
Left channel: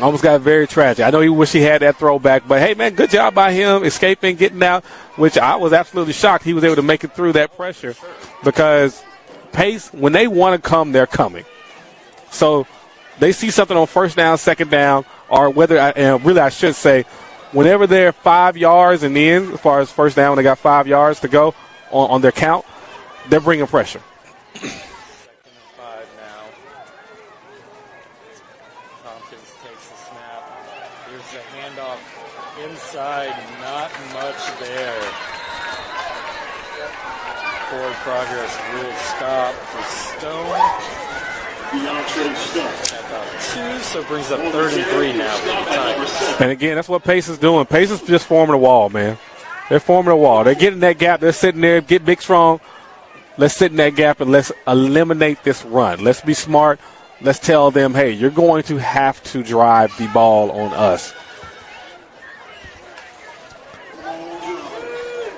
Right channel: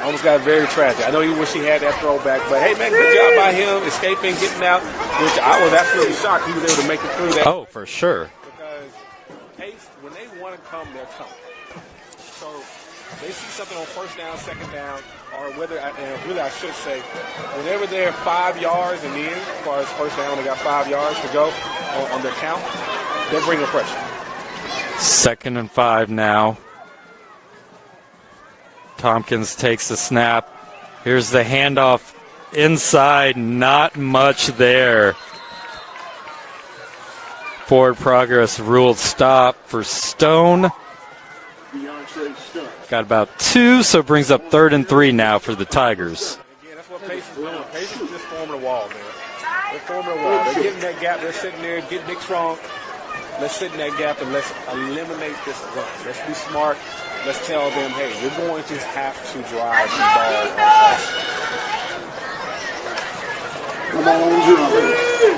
Almost got very tragic. I know you wish he had that throwback, but hey, man, good job by him escaping, getting out, which I was absolutely shocked he was able to make it through that pressure. For sure. Because Pace, when they want to come, they're coming. So they see something on first down, second down, or I should say, whenever they're 5 yards and in, as far as first down, when they got 5 yards to go on their count, they're bringing pressure. 2nd and 5 now. Tompkins takes the snap. Here's the handoff inside. Not much there. Forward progress ruled stop for Stone. Got about 2, so it brings up 3rd and 3 now for the Tigers. And again, that's what Pace is doing. Pace is just forming a wall, man. They're forming a wall. They're getting that gap. They're sitting there, get big, strong. Let's sit in that gap and let's eliminate this run. Let's be smart. Let's tell them, hey, you're going to have to drive the ball on us.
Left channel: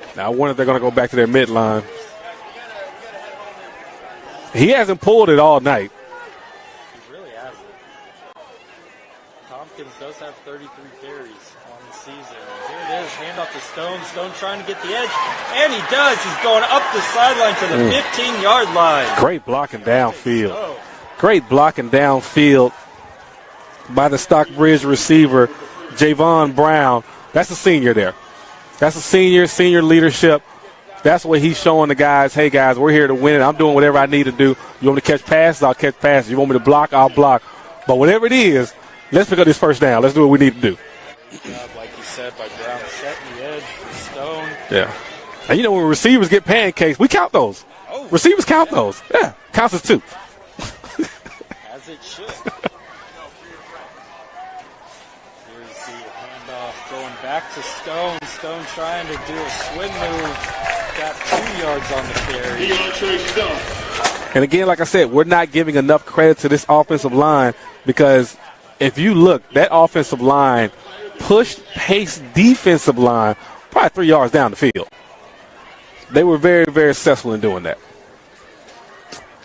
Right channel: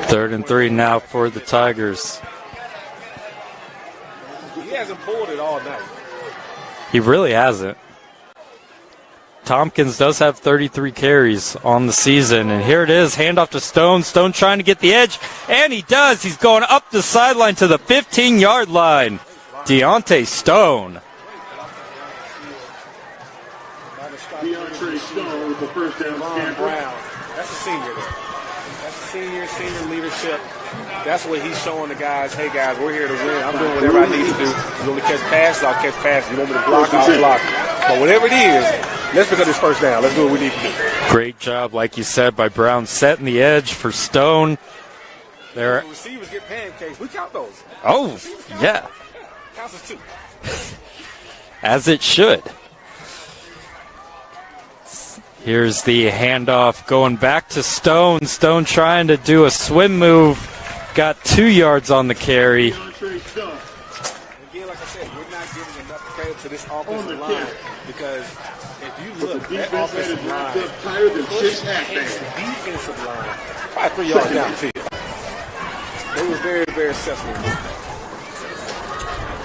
3rd and 3 now back to for their the Tigers. He hasn't pulled it all night. He really hasn't. Tompkins does have 33 carries on the season, and here it is, handoff to Stone. Stone trying to get the edge, and he does. He's going up the sideline to the 15-yard line. Great blocking Deontay downfield. Stone. Great blocking downfield by the Stockbridge receiver, Javon Brown. That's a senior there. That's a senior leadership. That's what he's showing the guys, hey, guys, we're here to win. I'm doing whatever I need to do. You want me to catch passes, I'll catch passes. You want me to block, I'll block. But whatever it is, let's pick up this first down. Let's do what we need to do. Great job, like you said, by Brown setting the edge for Stone. Yeah. And you know when receivers get pancakes, we count those. Oh. Receivers count those. Yeah. Counts as 2. As it should. Here's the handoff going back to Stone. Stone trying to do a swim move. Got 2 yards on the carry. And again, like I said, we're not giving enough credit to this offensive line because if you look, that offensive line pushed Pace defensive line probably 3 yards down the field. They were very, very successful in doing that.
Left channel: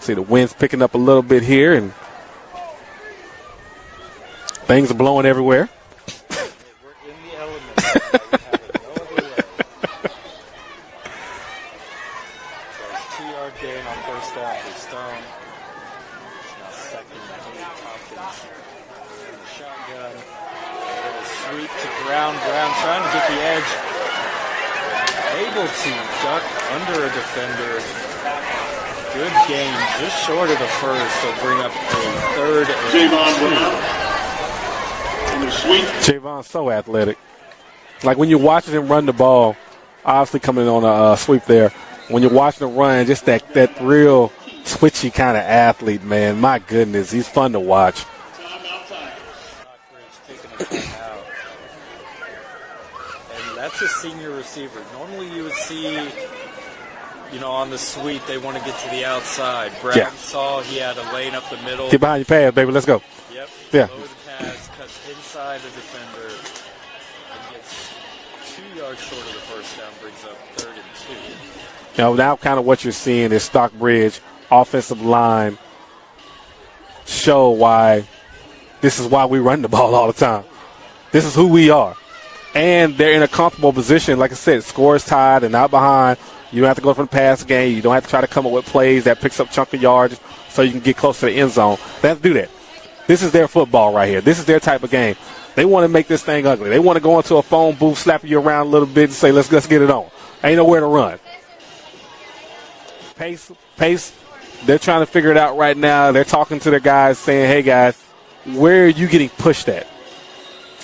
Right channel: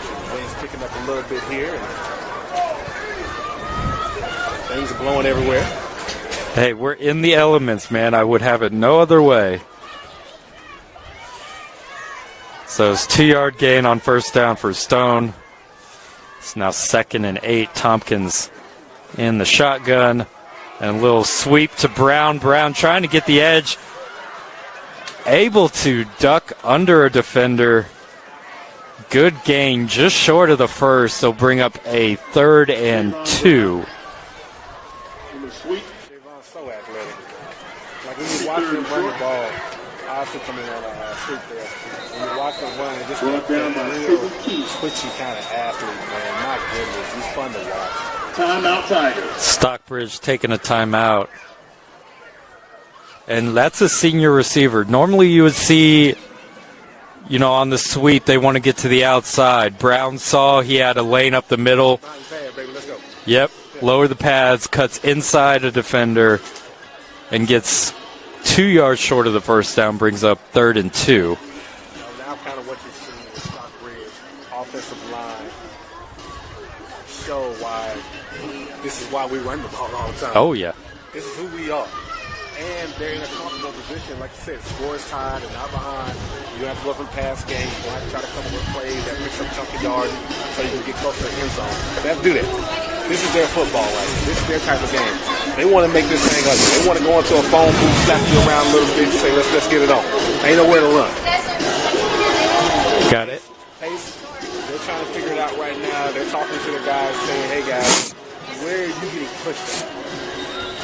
See the wind's picking up a little bit here and things are blowing everywhere. Hey, we're in the elements, man. I would have it no other way. So it's 2-yard gain on first down for Stone. It's now 2nd and 8. Tompkins in the shotgun. And a little sweep to Brown. Brown trying to get the edge. Able to duck under a defender. Good gain, just short of the first. They'll bring up a 3rd and 2. Javon's so athletic. Like when you're watching him run the ball, obviously coming on a sweep there. When you're watching him run, just that real twitchy kind of athlete, man. My goodness, he's fun to watch. Timeout Tigers. Stockbridge taking a timeout. And that's a senior receiver. Normally you would see, on the sweep, they want to get to the outside. Brown saw he had a lane up the middle. Get behind your pads, baby. Let's go. Yep. Yeah. Lower the pads, cuts inside a defender, and gets 2 yards short of the first down, brings up 3rd and 2. Now kind of what you're seeing is Stockbridge offensive line show why this is why we run the ball all the time. Oh, yeah. This is who we are. And they're in a comfortable position. Like I said, score is tied and not behind. You don't have to go for the pass game. You don't have to try to come up with plays that picks up chunk of yards so you can get close to the end zone. They have to do that. This is their football right here. This is their type of game. They want to make this thing ugly. They want to go into a phone booth, slap you around a little bit, and say, let's get it on. Ain't nowhere to run. Got it. Pace, they're trying to figure it out right now. They're talking to their guys saying, hey, guys, where are you getting pushed at?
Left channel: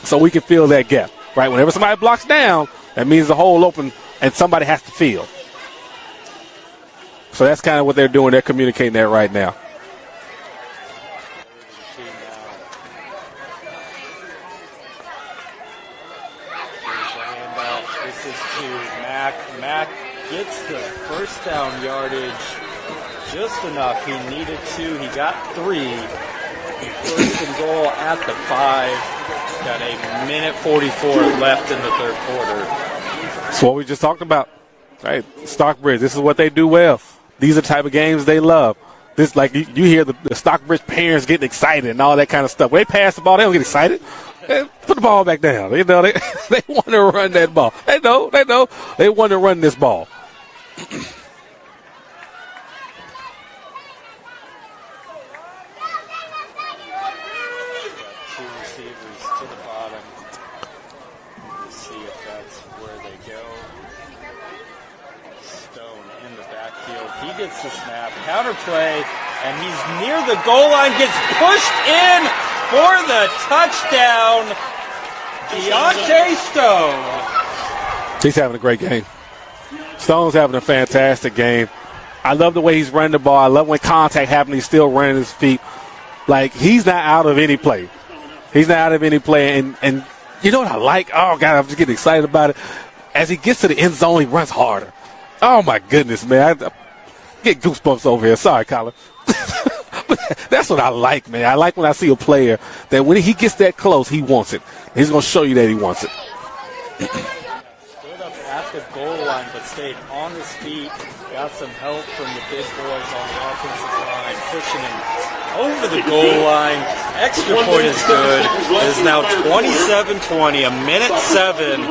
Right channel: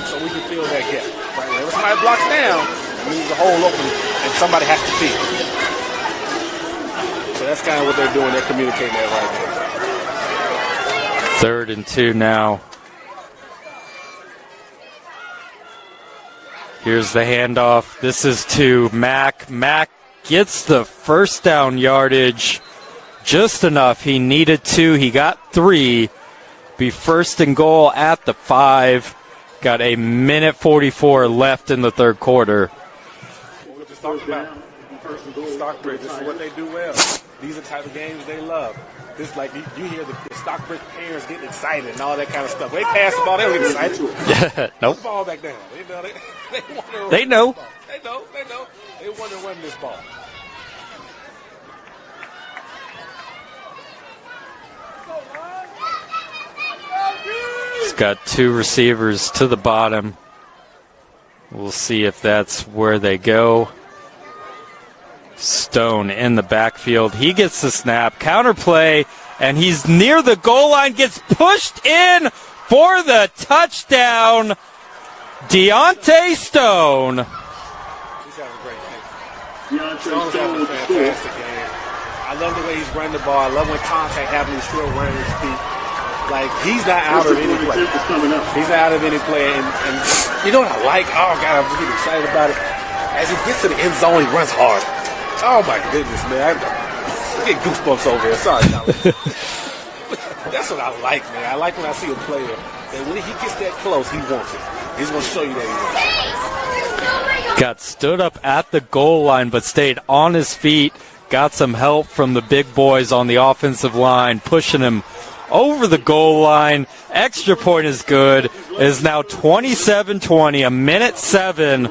So we can fill that gap, right? Whenever somebody blocks down, that means the hole open and somebody has to fill. So that's kind of what they're doing. They're communicating that right now. 3rd and 2 now. Here's the handoff. This is to Mack. Mack gets the first down yardage just enough. He needed 2. He got 3. Be 1st and goal at the 5. Got a minute 44 left in the 3rd quarter. That's what we just talked about. Right, Stockbridge, this is what they do well. These are the type of games they love. This, like, you hear the Stockbridge parents getting excited and all that kind of stuff. When they pass the ball, they don't get excited. Yeah, Put the ball back down. They want to run that ball. They know. They want to run this ball. He's got 2 receivers to the bottom. We'll see if that's where they go. Stone in the backfield. He gets the snap. Counterplay, and he's near the goal line. Gets pushed in for the touchdown. Deontay Stone. He's having a great game. Stone's having a fantastic game. I love the way he's running the ball. I love when contact happens, he's still running his feet. Like, he's not out of any play. He's not out of any play. And you know what I like? Oh, God, I'm just getting excited about it. As he gets to the end zone, he runs hard. Oh, my goodness, man. I get goosebumps over here. Sorry, Colin. But that's what I like, man. I like when I see a player that when he gets that close, he wants it. He's going to show you that he wants it. Got stood up at the goal line, but stayed on his feet. Got some help from the big boys on the offensive line, pushing him over the goal line. Extra point is good. It is now 27-20, a minute 7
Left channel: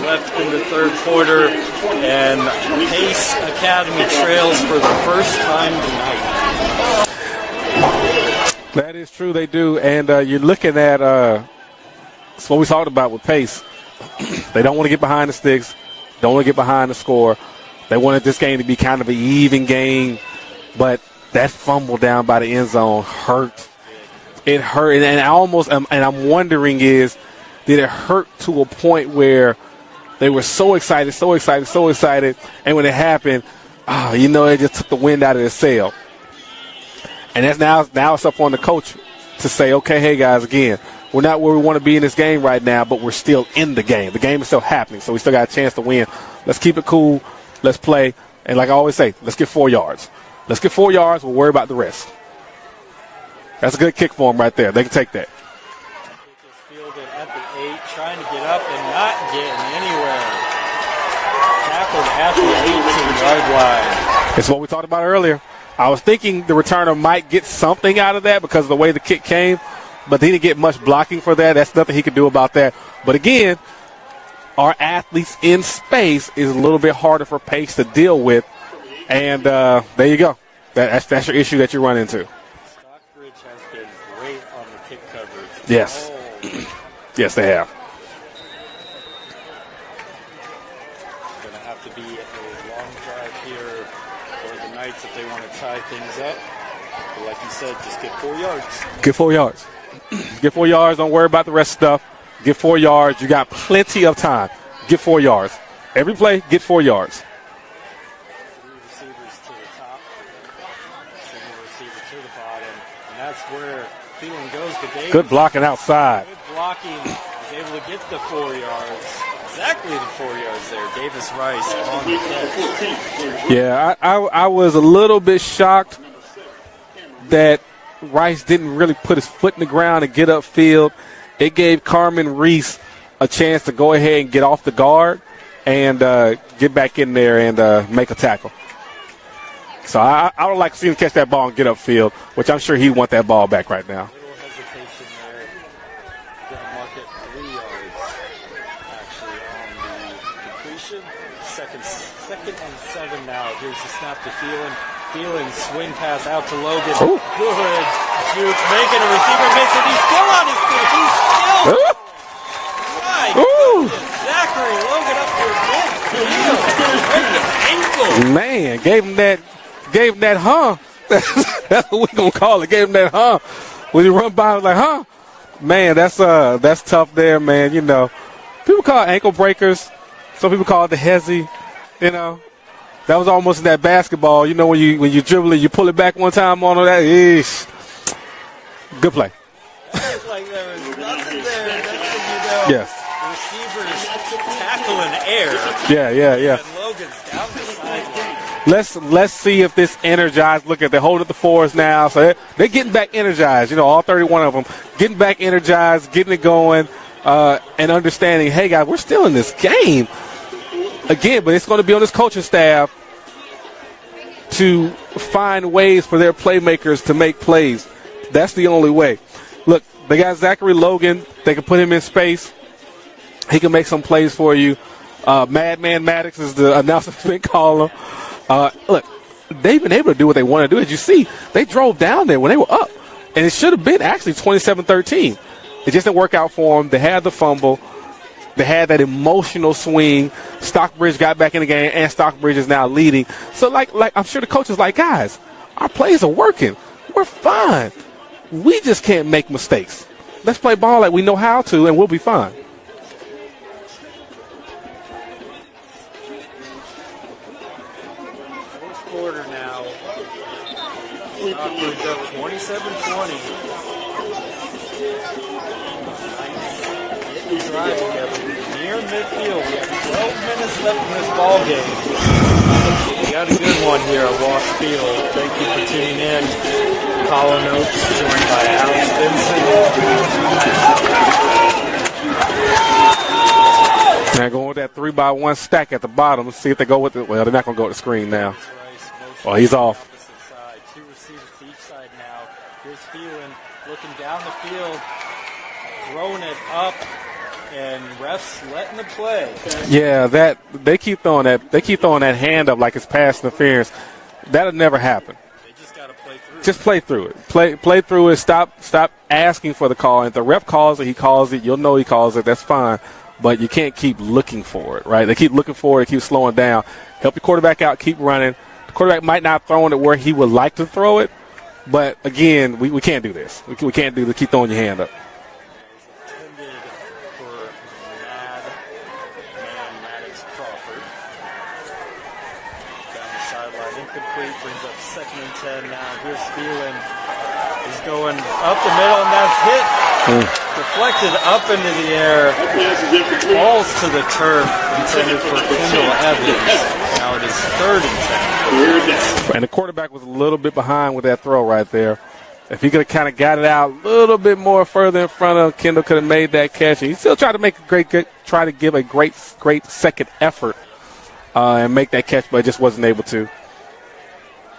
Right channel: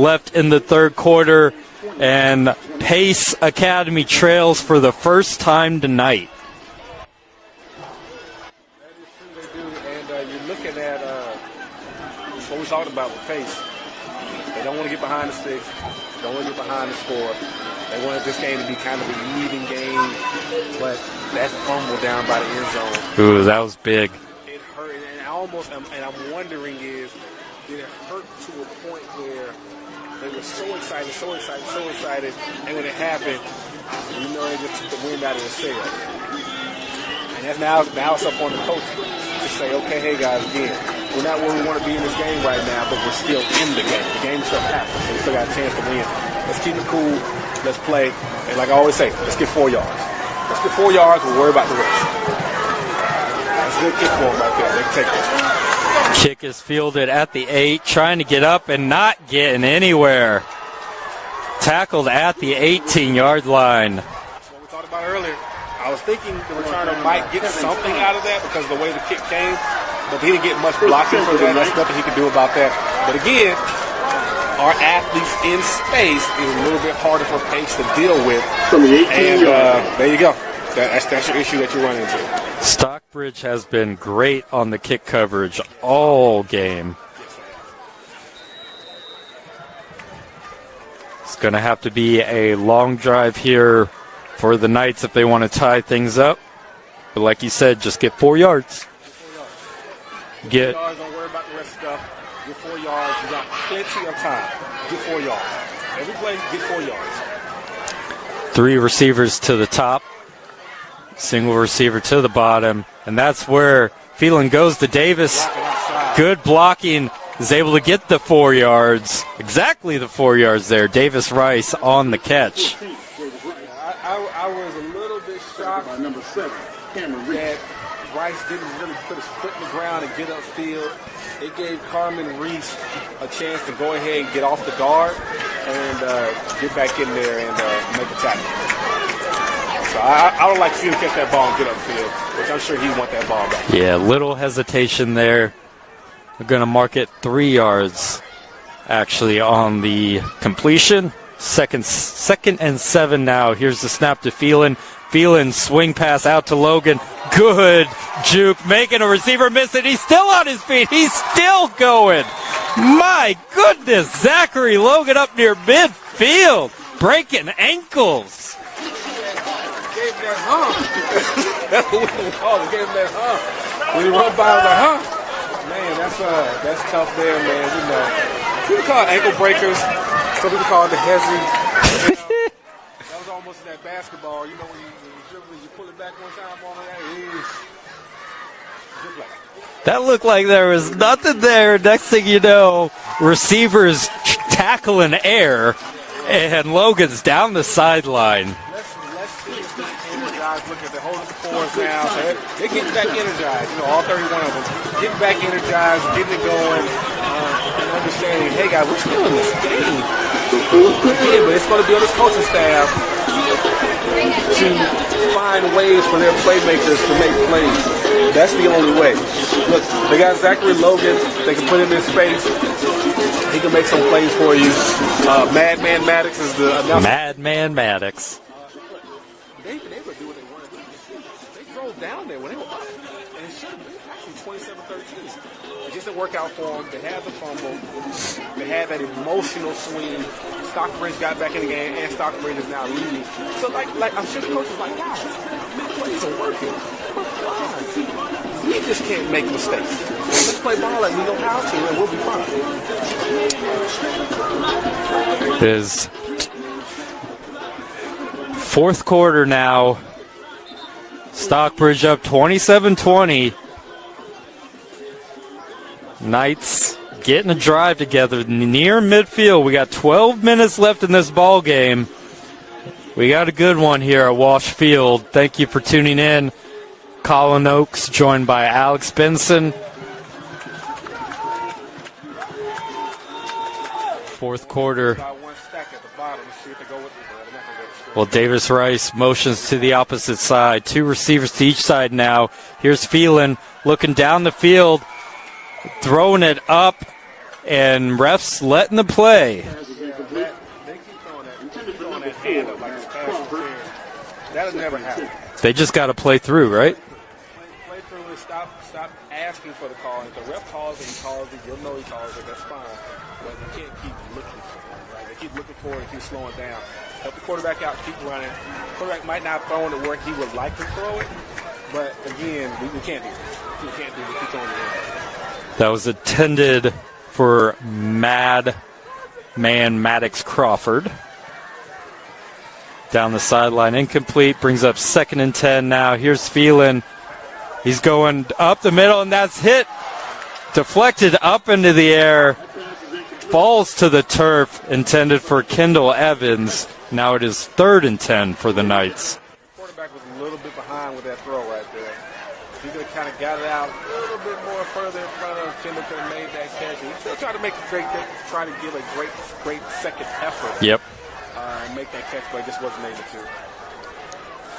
left in the 3rd quarter. And Pace Academy trails for the first time tonight. That is true, they do. And you're looking at that's what we talked about with Pace. They don't want to get behind the sticks. Don't want to get behind the score. They wanted this game to be kind of an even game. But that fumble down by the end zone. Ooh, that was big. It hurt. And I almost, and I'm wondering did it hurt to a point where they were so excited. And when it happened, it just took the wind out of their sail. And that's now it's up on the coach to say, okay, hey, guys, again, we're not where we want to be in this game right now, but we're still in the game. The game is still happening, so we still got a chance to win. Let's keep it cool. Let's play. And like I always say, let's get 4 yards. Let's get 4 yards and worry about the rest. That's a good kick for them right there. They can take that. Kick is fielded at the 8, trying to get up and not getting anywhere. Tackled at the 18-yard line. It's what we talked about earlier. I was thinking the returner might get something out of that because of the way the kick came, but he didn't get much blocking for that. That's nothing he could do about that. But again, our athletes in space is a little bit harder for Pace to deal with. And there you go. That's your issue that you run into. Stockbridge has been great on the kick coverage Yes. all game. Yes, they have. It's going to have to be a long drive here for the Knights if they want to tie things up. But like you said, just get 4 yards. Get 4 yards. Get 4 yards. Don't worry about the rest of the stuff. Get 4 yards. You got plenty of time. Get 4 yards. Every play, get 4 yards. 3 receivers to the top. Single receiver to the bottom. And that's where Phelan goes to Davis. Good blocking outside. Good blocking. Is able to get the 4 yards. Exactly the 4 yards there. Davis Rice on the catch. Yeah, I was a little bit shocked that Rice didn't really put his foot in the ground and get upfield. It gave Carmen Reese a chance to go ahead and get off the guard and get back in there and make a tackle. So I would like to see him catch that ball and get upfield, which I'm sure he want that ball back right now. Yeah, little hesitation there. We're going to mark it 3 yards, actually, on the completion. Second and 7 now. Here's the snap to Phelan. Phelan swing pass out to Logan. Ooh. Good juke, making a receiver miss, and he's still on his feet. He's still going. My goodness, Zachary Logan up near midfield, breaking ankle. Man, gave him that hump. That's what we're gonna call it. Gave him that hump. When you run by, like, huh? Man, that's tough there, man. You know, people call it ankle breakers. Some people call it the hezzy. You know, that was almost in that basketball. You know, when you dribble it, you pull it back one time on that. Ish. Good play. That looked like there was nothing there. Next thing you know, Yes. receivers tackle in air. Yeah. And Logan's down the sideline. Let's see if this energized. Look at they hold at the fours now, so they're getting back energized. You know, all 31 of them getting back energized, getting it going, and understanding. Hey guys, we're still in this game again, but it's going to be on this coaching staff to find ways for their playmakers to make plays. That's the only way. Look, they got Zachary Logan. They can put him in space. He can make some plays for you. Madman Maddox is the announcement caller. Maddox. Look, they've been able to do what they want to do. As you see, they drove down there when they were up. And it should have been actually 27-13. It just didn't work out for them. They had the fumble. They had that emotional swing. Stockbridge got back in the game, and Stockbridge is now leading. So, like I'm sure the coach is like, guys, our plays are working. We're fine. We just can't make mistakes. Let's play ball like we know how to, and we'll be fine. Is fourth quarter now. Stockbridge up 27-20. Knights getting a drive together near midfield. We got 12 minutes left in this ball game. We got a good one here at Walsh Field. Thank you for tuning in. Colin Oakes joined by Alex Benson. They're going quarter 3-by-1 stack at the bottom. Let's see if they go with it. Well, they're not going to go with the screen. Well, now. Davis Rice motions to the opposite side. 2 receivers to each side now. Here's Phelan looking down the field, throwing it up, and refs letting the play. Yeah, that they keep throwing that. They keep throwing that hand up like it's pass interference. That'll never happen. They just got to play through, just right? Play through it. Play through it. Stop asking for the call. And if the ref calls it, he calls it. You'll know he calls it. That's fine. But you can't keep looking for it, right? They keep looking for it. They keep slowing down. Help your quarterback out. Keep running. The quarterback might not throw it where he would like to throw it. But, again, we can't do this. We can't do this. Keep throwing your hand up. That was intended for Madman Maddox Crawford. Down the sideline, incomplete. Brings up 2nd and 10 now. Here's Phelan. He's going up the middle, and that's hit. Deflected up into the air, falls to the turf, intended for Kendall Evans. Now it is 3rd and 10 for the Knights. And the quarterback was a little bit behind with that throw right there. If he could have kind of got it out a little bit more further in front of Kendall, could have made that catch. He still tried to make try to give a great second effort. Yep. And make that catch, but just wasn't able to.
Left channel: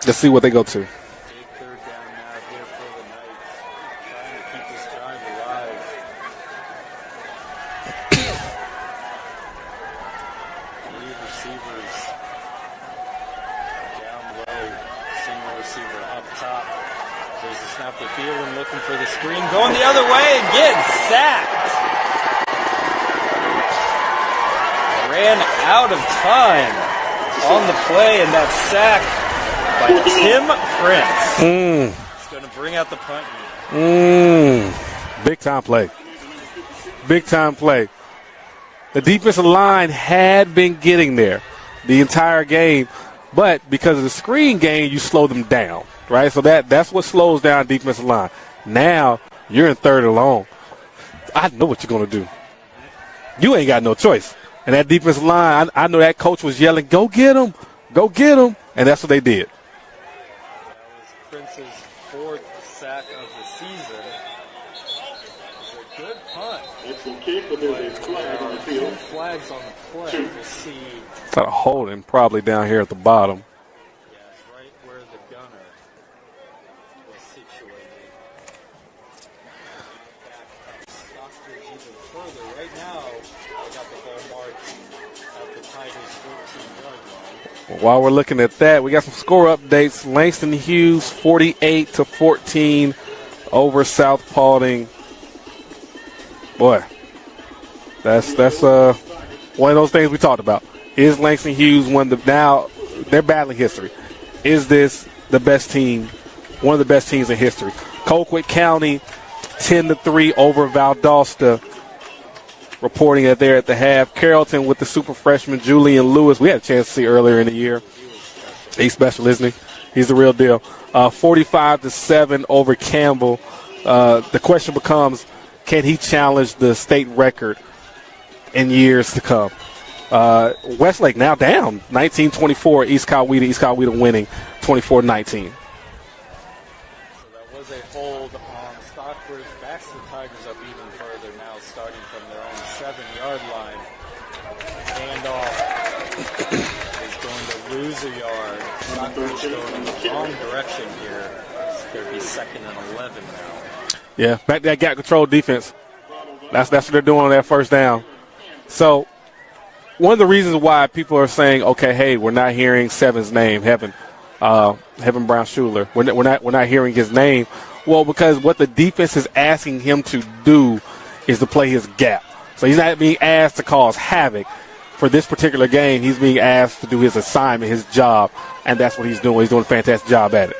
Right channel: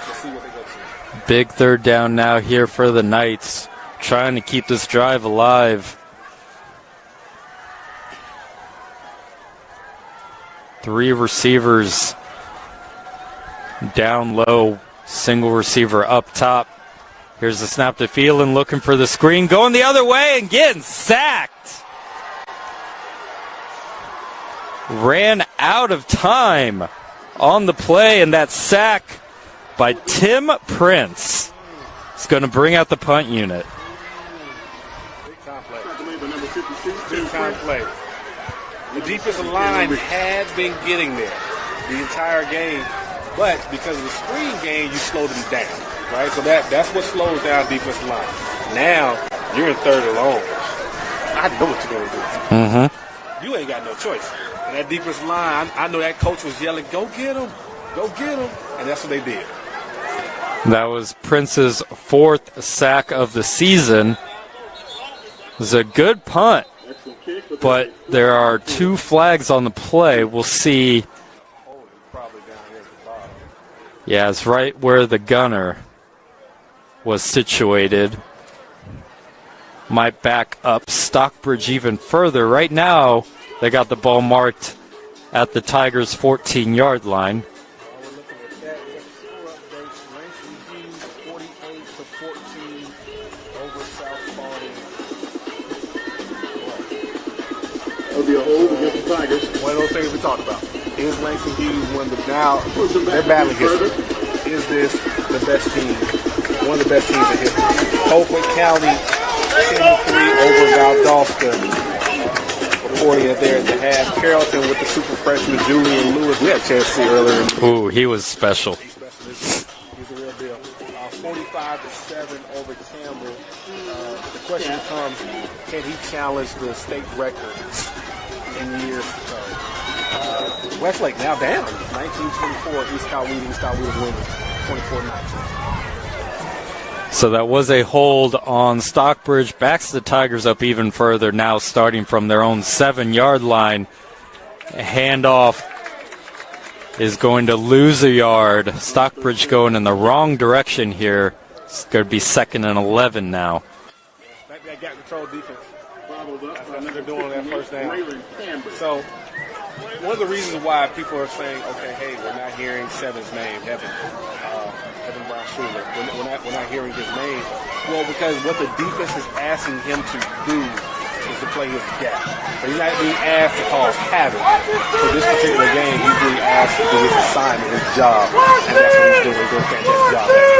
Let's see what they go to. Big 3rd down now here for the Knights, trying to keep this drive alive. 3 receivers down low, single receiver up top. Here's the snap to Phelan, looking for the screen, going the other way and gets sacked. Ran out of time on the play, and that sack by Tim Prince. It's going to bring out the punt unit. Big time play. Big time play. The defensive line had been getting there the entire game, but because of the screen game, you slow them down, right? So that's what slows down defensive line. Now you're in 3rd and long. I know what you're going to do. Mm-hmm. You ain't got no choice. And that defensive line, I know that coach was yelling, go get him, go get him. And that's what they did. That was Prince's 4th sack of the season. It was a good punt, but there are 2 flags on the play. We'll see. Got a holding probably down here at the bottom. Yeah, it's right where the gunner was situated. Might back up Stockbridge even further. Right now, they got the ball marked at the Tigers' 14-yard line. While we're looking at that, we got some score updates. Langston Hughes, 48-14 over South Paulding. Boy, that's one of those things we talked about. Is Langston Hughes now they're battling history? Is this the best team, one of the best teams in history? Colquitt County, 10-3 over Valdosta. Reporting that they're at the half. Carrollton with the super freshman Julian Lewis. We had a chance to see earlier in the year. Ooh, he was special. He's special, isn't he? He's the real deal. 45-7 over Campbell. The question becomes, can he challenge the state record in years to come? Westlake now down 19-24. East Coweta winning 24-19. So that was a hold on Stockbridge. Backs the Tigers up even further now, starting from their own 7-yard line. A handoff is going to lose a yard. Stockbridge going in the wrong direction here. It's going to be 2nd and 11 now. Yeah, back that gap control defense. That's what they're doing on that 1st down. So one of the reasons why people are saying, okay, hey, we're not hearing Seven's name, Heaven Brown Schuler. We're not hearing his name. Well, because what the defense is asking him to do is to play his gap. So he's not being asked to cause havoc. For this particular game, he's being asked to do his assignment, his job, and that's what he's doing. He's doing a fantastic job at it.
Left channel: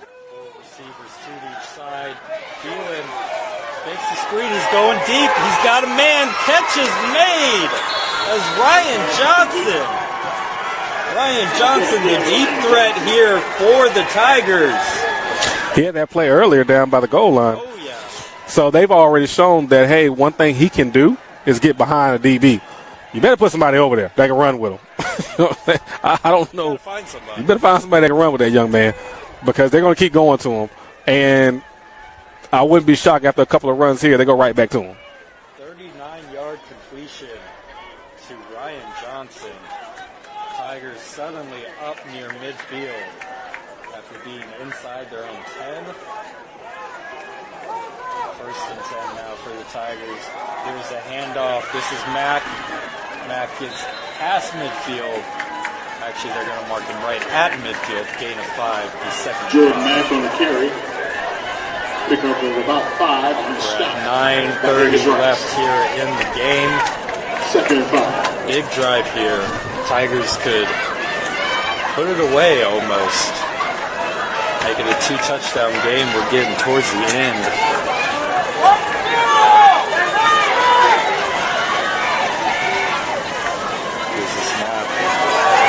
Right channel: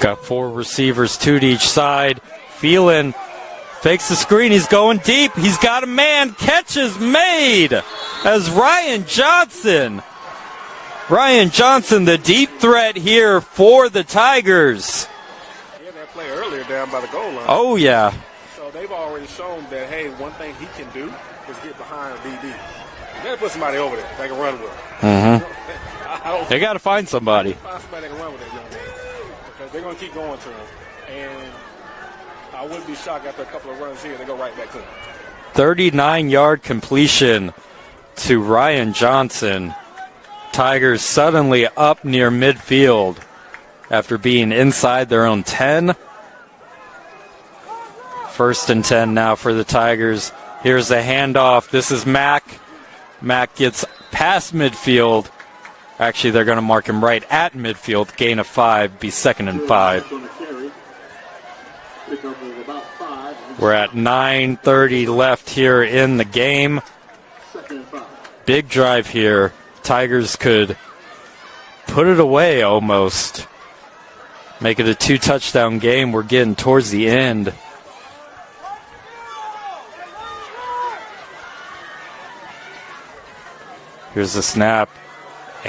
Got 4 receivers, 2 to each side. Phelan fakes the screen. He's going deep. He's got a man. Catch is made as Ryan Johnson, the deep threat here for the Tigers. He had that play earlier down by the goal line. Oh, yeah. So they've already shown that, hey, one thing he can do is get behind a DB. You better put somebody over there that can run with him. Mm-hmm. I don't They got to find somebody. You better find somebody that can run with that young man because they're going to keep going to him. And I wouldn't be shocked after a couple of runs here, they go right back to him. 39-yard completion to Ryan Johnson. Tigers suddenly up near midfield after being inside their own 10. 1st and 10 now for the Tigers. Here's the handoff. This is Mack. Mack gets past midfield. Actually, they're going to mark him right at midfield. Gain of 5, be 2nd and 5. We're at 9:30 left here in the game. Big drive here. Tigers could put it away almost. Make it a 2-touchdown game. We're getting towards the end. Here's the snap.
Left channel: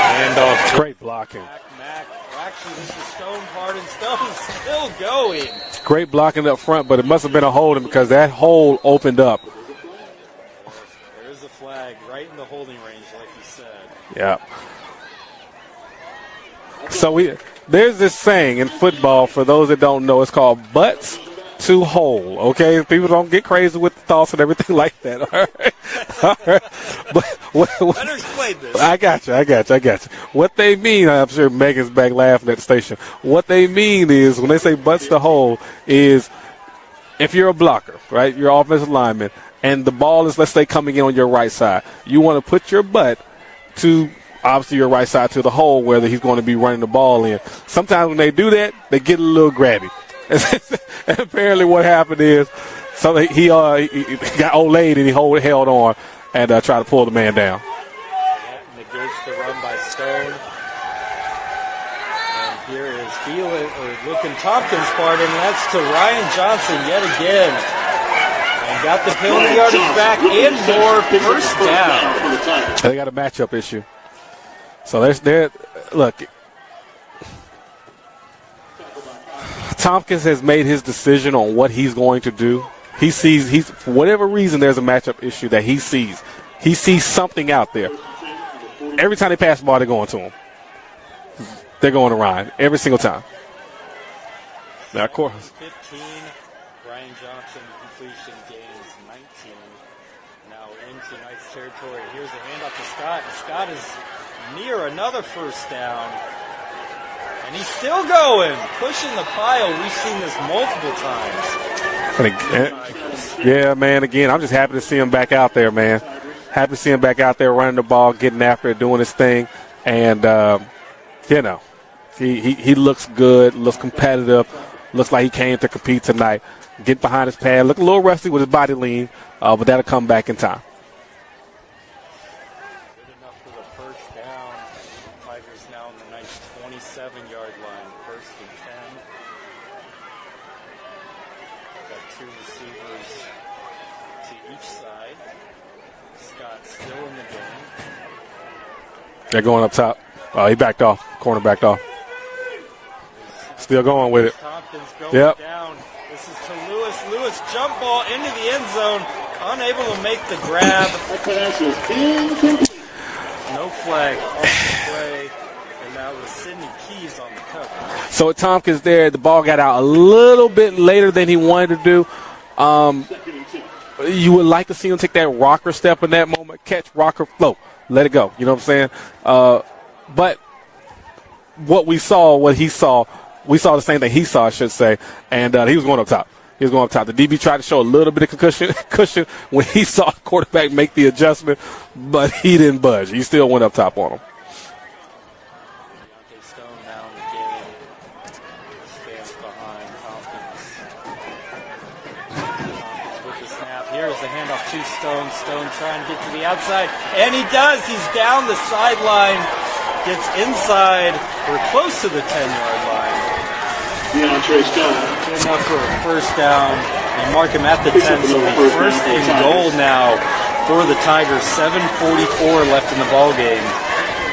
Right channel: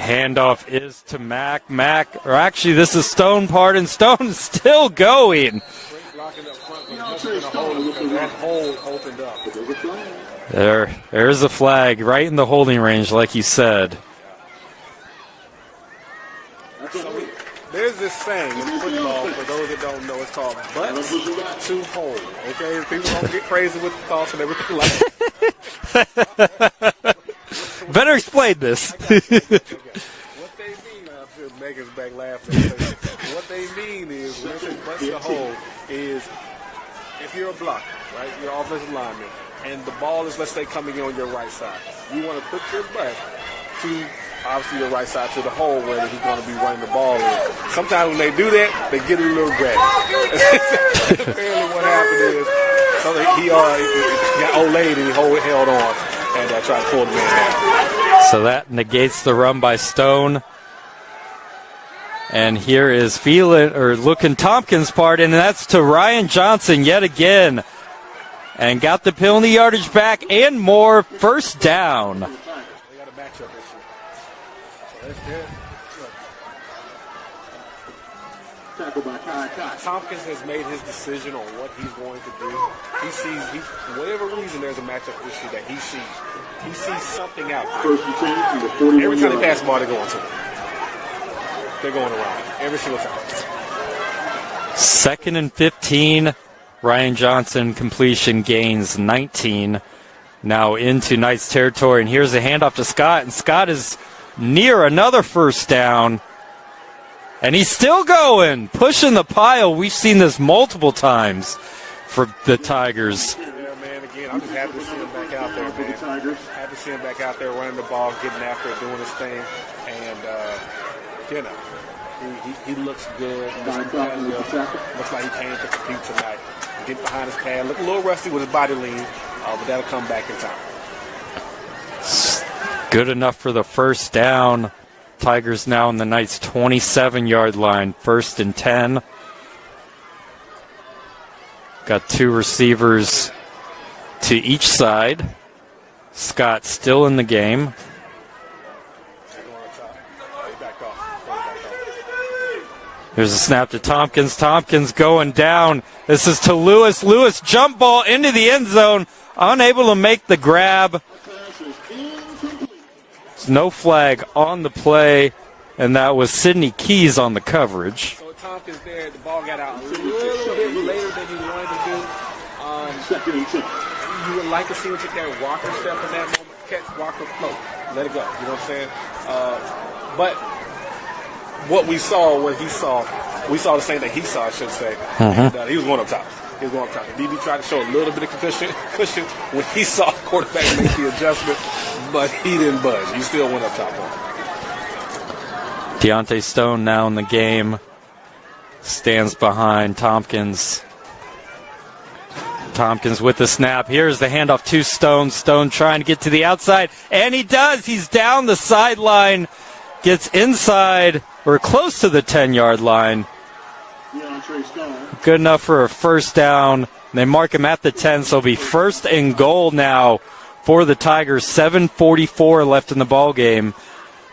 Handoff Great to blocking. Mac, or actually this is Stone, pardon. Stone's still going. Great blocking up front, but it must have been a holding because that hole opened up. There's a flag right in the holding range, like you said. Yeah. So there's this saying in football, for those that don't know, it's called butts to hole, okay? People don't get crazy with the thoughts and everything like that. All right? But Better explain this. I got you. What they mean, I'm sure Megan's back laughing at the station. What they mean is, when they say butts to hole, is if you're a blocker, right, you're an offensive lineman, and the ball is, let's say, coming in on your right side, you want to put your butt to, obviously, your right side to the hole where he's going to be running the ball in. Sometimes when they do that, they get a little grabby. Apparently what happened is he got olayed and he held on and tried to pull the man down. So that negates the run by Stone. And here is looking Tompkins' part, and that's to Ryan Johnson yet again. And got the penalty yardage back and more. First down. They got a matchup issue. So look. Tompkins has made his decision on what he's going to do. He sees, for whatever reason, there's a matchup issue that he sees. He sees something out there. Every time they pass the ball, they're going to him. They're going to Ryan every single time. Second and 15. Ryan Johnson completion gains 19. Now into Knights territory. And here's a handoff to Scott. And Scott is near another first down. And he's still going, pushing the pile. We've seen this multiple times for the Tigers. Yeah, man, again, I'm just happy to see him back out there, man. Happy to see him back out there running the ball, getting after it, doing his thing. And, he looks good, looks competitive, looks like he came to compete tonight. Get behind his pad, look a little rusty with his body lean, but that'll come back in time. Good enough for the first down. Tigers now in the Knights' 27-yard line, 1st and 10. Got two receivers to each side. Scott still in the game. They're going up top. He backed off. Corner backed off. There's a snap Still to Tompkins. Tompkins going down. This is to Lewis. Lewis jump ball into the end zone. Unable to make the grab. No flag on the play, and that was Sidney Keys on the coverage. So with Tompkins there, the ball got out a little bit later than he wanted to do. You would like to see him take that rocker step in that moment, catch, rocker, float, let it go. You know what I'm saying? But what he saw, we saw the same thing he saw, I should say, and he was going up top. The DB tried to show a little bit of cushion when he saw the quarterback make the adjustment, but he didn't budge. He still went up top on him. Deontay Stone now in the game. Stands behind Tompkins. Tompkins with the snap. Here's the handoff to Stone. Stone trying to get to the outside, and he does. He's down the sideline. Gets inside or close to the 10-yard line. Good enough for a first down. They mark him at the 10, so it'll be 1st and goal now for the Tigers. 7:44 left in the ball game.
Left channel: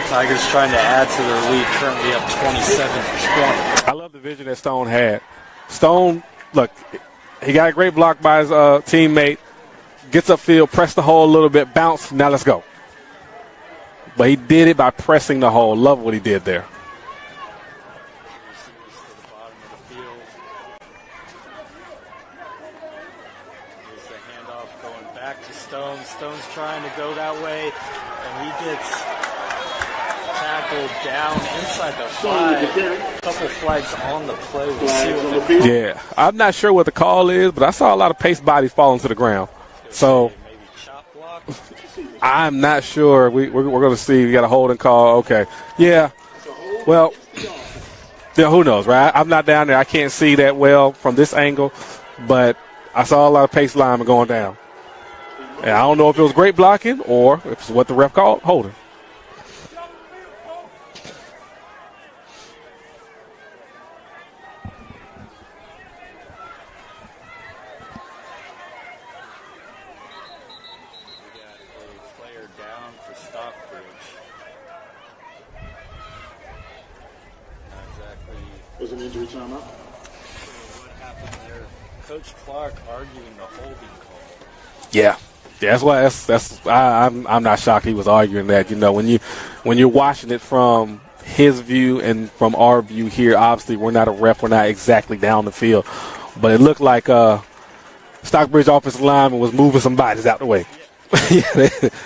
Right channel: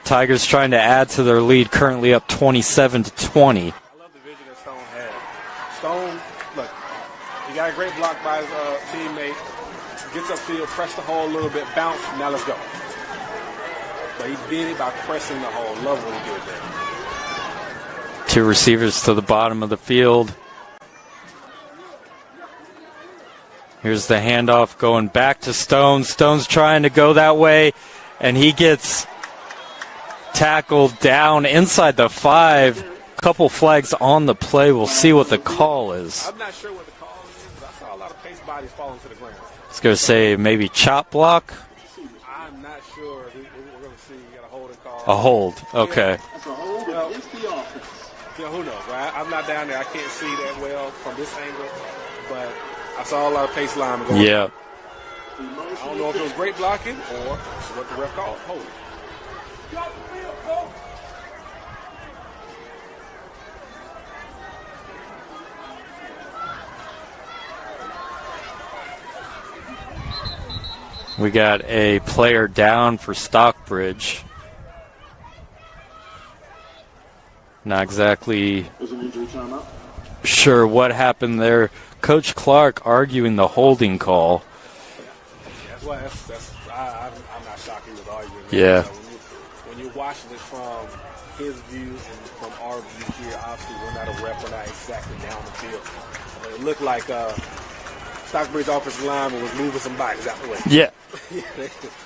Tigers trying to add to their lead, currently up 27-20. I love the vision that Stone had. Stone, look, he got a great block by his teammate. Gets upfield, pressed the hole a little bit, bounce. Now let's go. But he did it by pressing the hole. Love what he did there. Two receivers to the bottom of the field. Here's the handoff going back to Stone. Stone's trying to go that way, and he gets tackled down inside the 5. Couple flags on the play. We'll see what the call is. I'm not sure what the call is, but I saw a lot of pace bodies falling to the ground. I was going to say maybe chop block. I'm not sure. We're going to see. We got a holding call. Hold. Okay. Yeah. Well, yeah, who knows, right? I'm not down there. I can't see that well from this angle, but I saw a lot of pace linemen going down. And I don't know if it was great blocking or if it's what the ref called holding. We got a player down for Stockbridge. Not exactly sure what happened there. Coach Clark arguing the holding call. Yeah, that's why. I'm not shocked he was arguing that. Yeah. You know, when you're watching it from his view and from our view here, obviously we're not a ref. We're not exactly down the field, but it looked like Stockbridge offensive lineman was moving some bodies out the way. Yeah.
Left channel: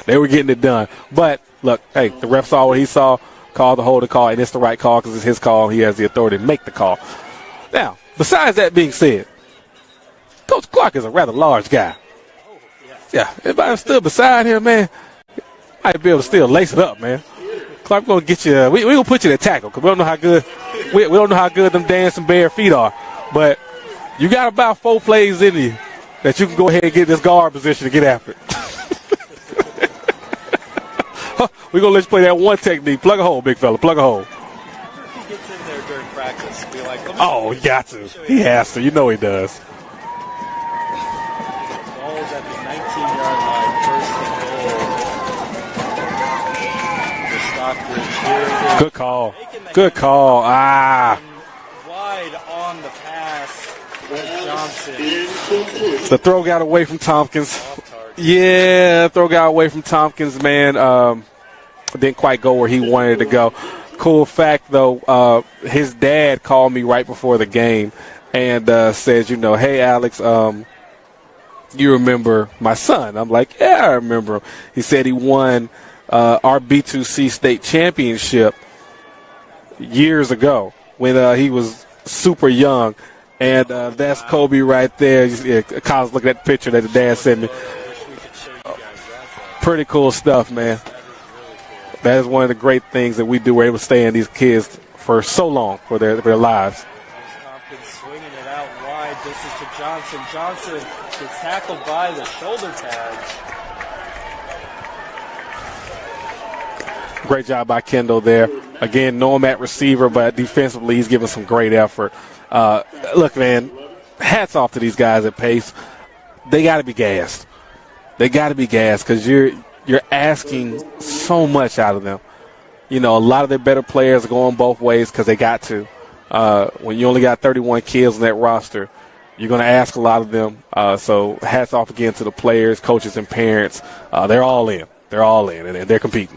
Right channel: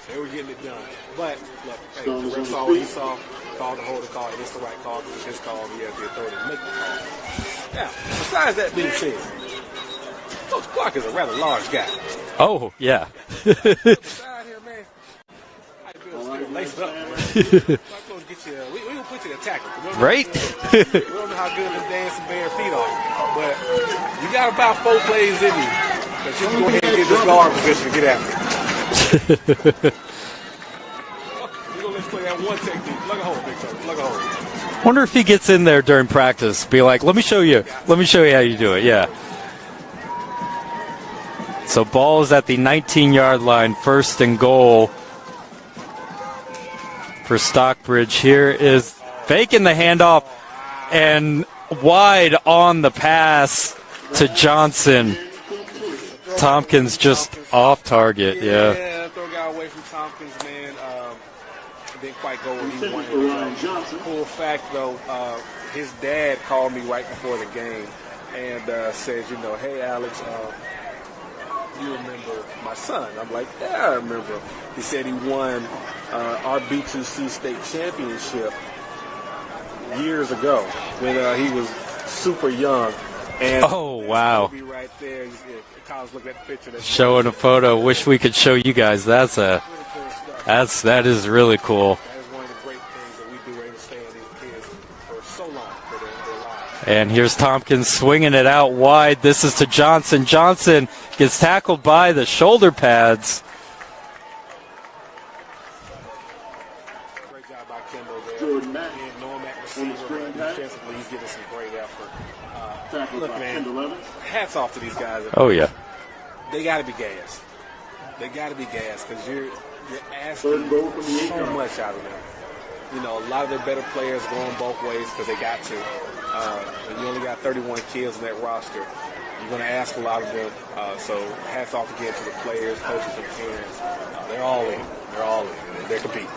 they were getting it done. But look, hey, the ref saw what he saw, called the holding call, and it's the right call because it's his call. He has the authority to make the call. Now, besides that being said, Coach Clark is a rather large guy. Oh, yeah. Yeah, if I'm still beside him, man, might be able to still lace it up, man. Clark gonna get you. We gonna put you in tackle because we don't know how good we don't know how good them dancing bare feet are. But you got about 4 plays in you that you can go ahead and get this guard position to get after. We're gonna let you play that one technique. Plug a hole, big fella. Plug a hole. Wonder if he gets in there during practice. Be like, let me show you. Let me show you how you do it. You know he does. So ball is at the 19-yard line, 1st and goal for Stockbridge. Here is faking the handoff and wide on the pass to Johnson. The throw got away from Tompkins. Off target. Yeah, throw got away from Tompkins, man. Didn't quite go where he wanted to go. Cool fact, though, his dad called me right before the game and said, you know, hey, Alex, you remember my son? I'm like, yeah, I remember him. He said he won our B2C state championship years ago when he was super young. And that's Kobe right there. Yeah, Colin's looking at the picture that the dad showing sent a photo. Wish we could show you guys. That's pretty cool stuff, man. That is really cool. That is one of the great things that we do. We're able to stay in these kids for so long for their lives. And here's Tompkins swinging it out wide. This is to Johnson. Johnson gets tackled by the shoulder pads. Great job by Kendall there. Again, know him at receiver, but defensively he's giving some great effort. Look, man, hats off to these guys at Pace. Yeah. They got to be gassed. They got to be gassed because you're asking so much out of them. You know, a lot of their better players are going both ways because they got to. When you only got 31 kids on that roster, you're going to ask a lot of them. So hats off again to the players, coaches, and parents. They're all in. They're all in, and they're competing.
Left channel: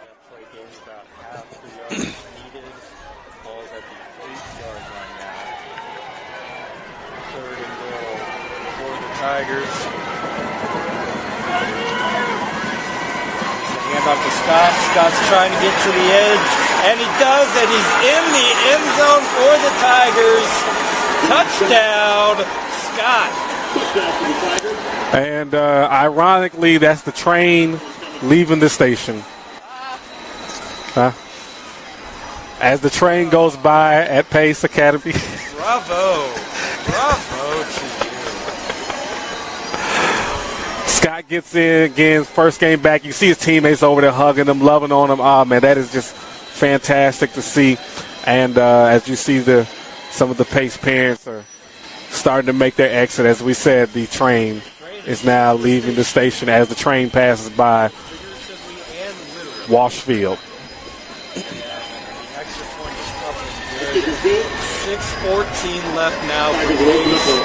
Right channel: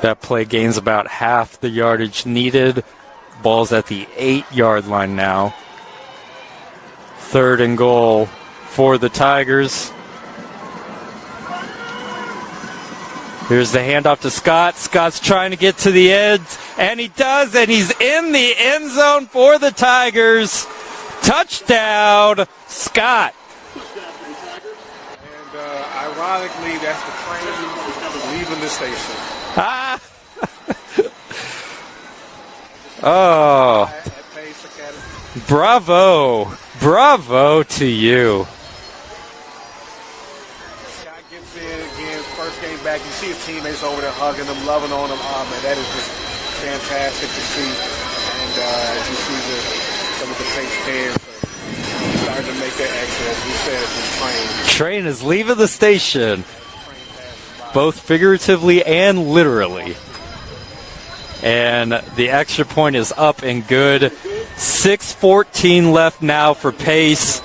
That play gains about half the yardage needed. Ball's at the 8-yard line now. 3rd and goal for the Tigers. Here's the handoff to Scott. Scott's trying to get to the edge, and he does, and he's in the end zone for the Tigers. Touchdown, Scott. And ironically, that's the train leaving the station. As the train goes by at Pace Academy. Bravo. Bravo to you. Scott gets in again, first game back. You see his teammates over there hugging him, loving on him. Oh, man, that is just fantastic to see. And as you see, some of the Pace parents are starting to make their exit. As we said, the train is now leaving the station as the train passes by. Both figuratively and literally. Walsh Field. And the extra point is up and good. 6:14 left now for Pace.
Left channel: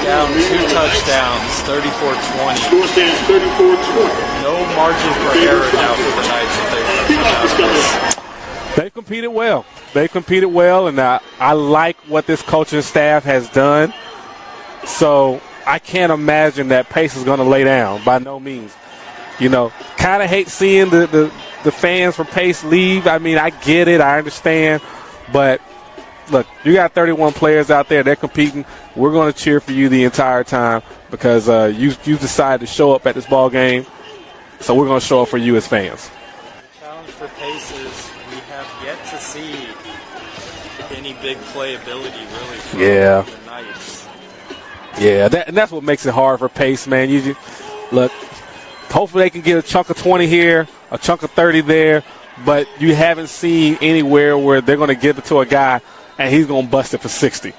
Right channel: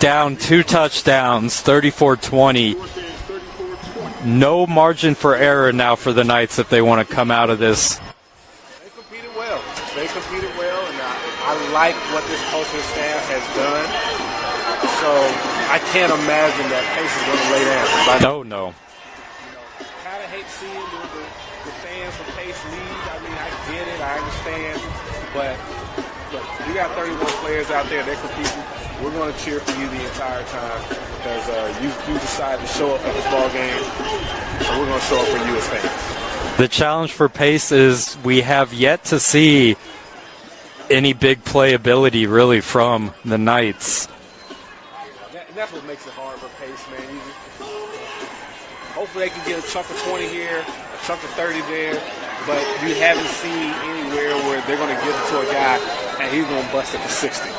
Down 2 touchdowns, 34-20. No margin for error now for the Knights if they want to come out of this. They competed well. And I like what this coaching staff has done. So I can't imagine that Pace is going to lay down by no means. No. You know, kind of hate seeing the fans from Pace leave. I mean, I get it. I understand. But, look, you got 31 players out there. They're competing. We're going to cheer for you the entire time because you decided to show up at this ball game. So we're going to show up for you as fans. The challenge for Pace is we have yet to see any big playability really from the Knights. Yeah, that's what makes it hard for Pace, man. Look, hopefully they can get a chunk of 20 here, a chunk of 30 there, but you haven't seen anywhere where they're going to give it to a guy and he's going to bust it for 60.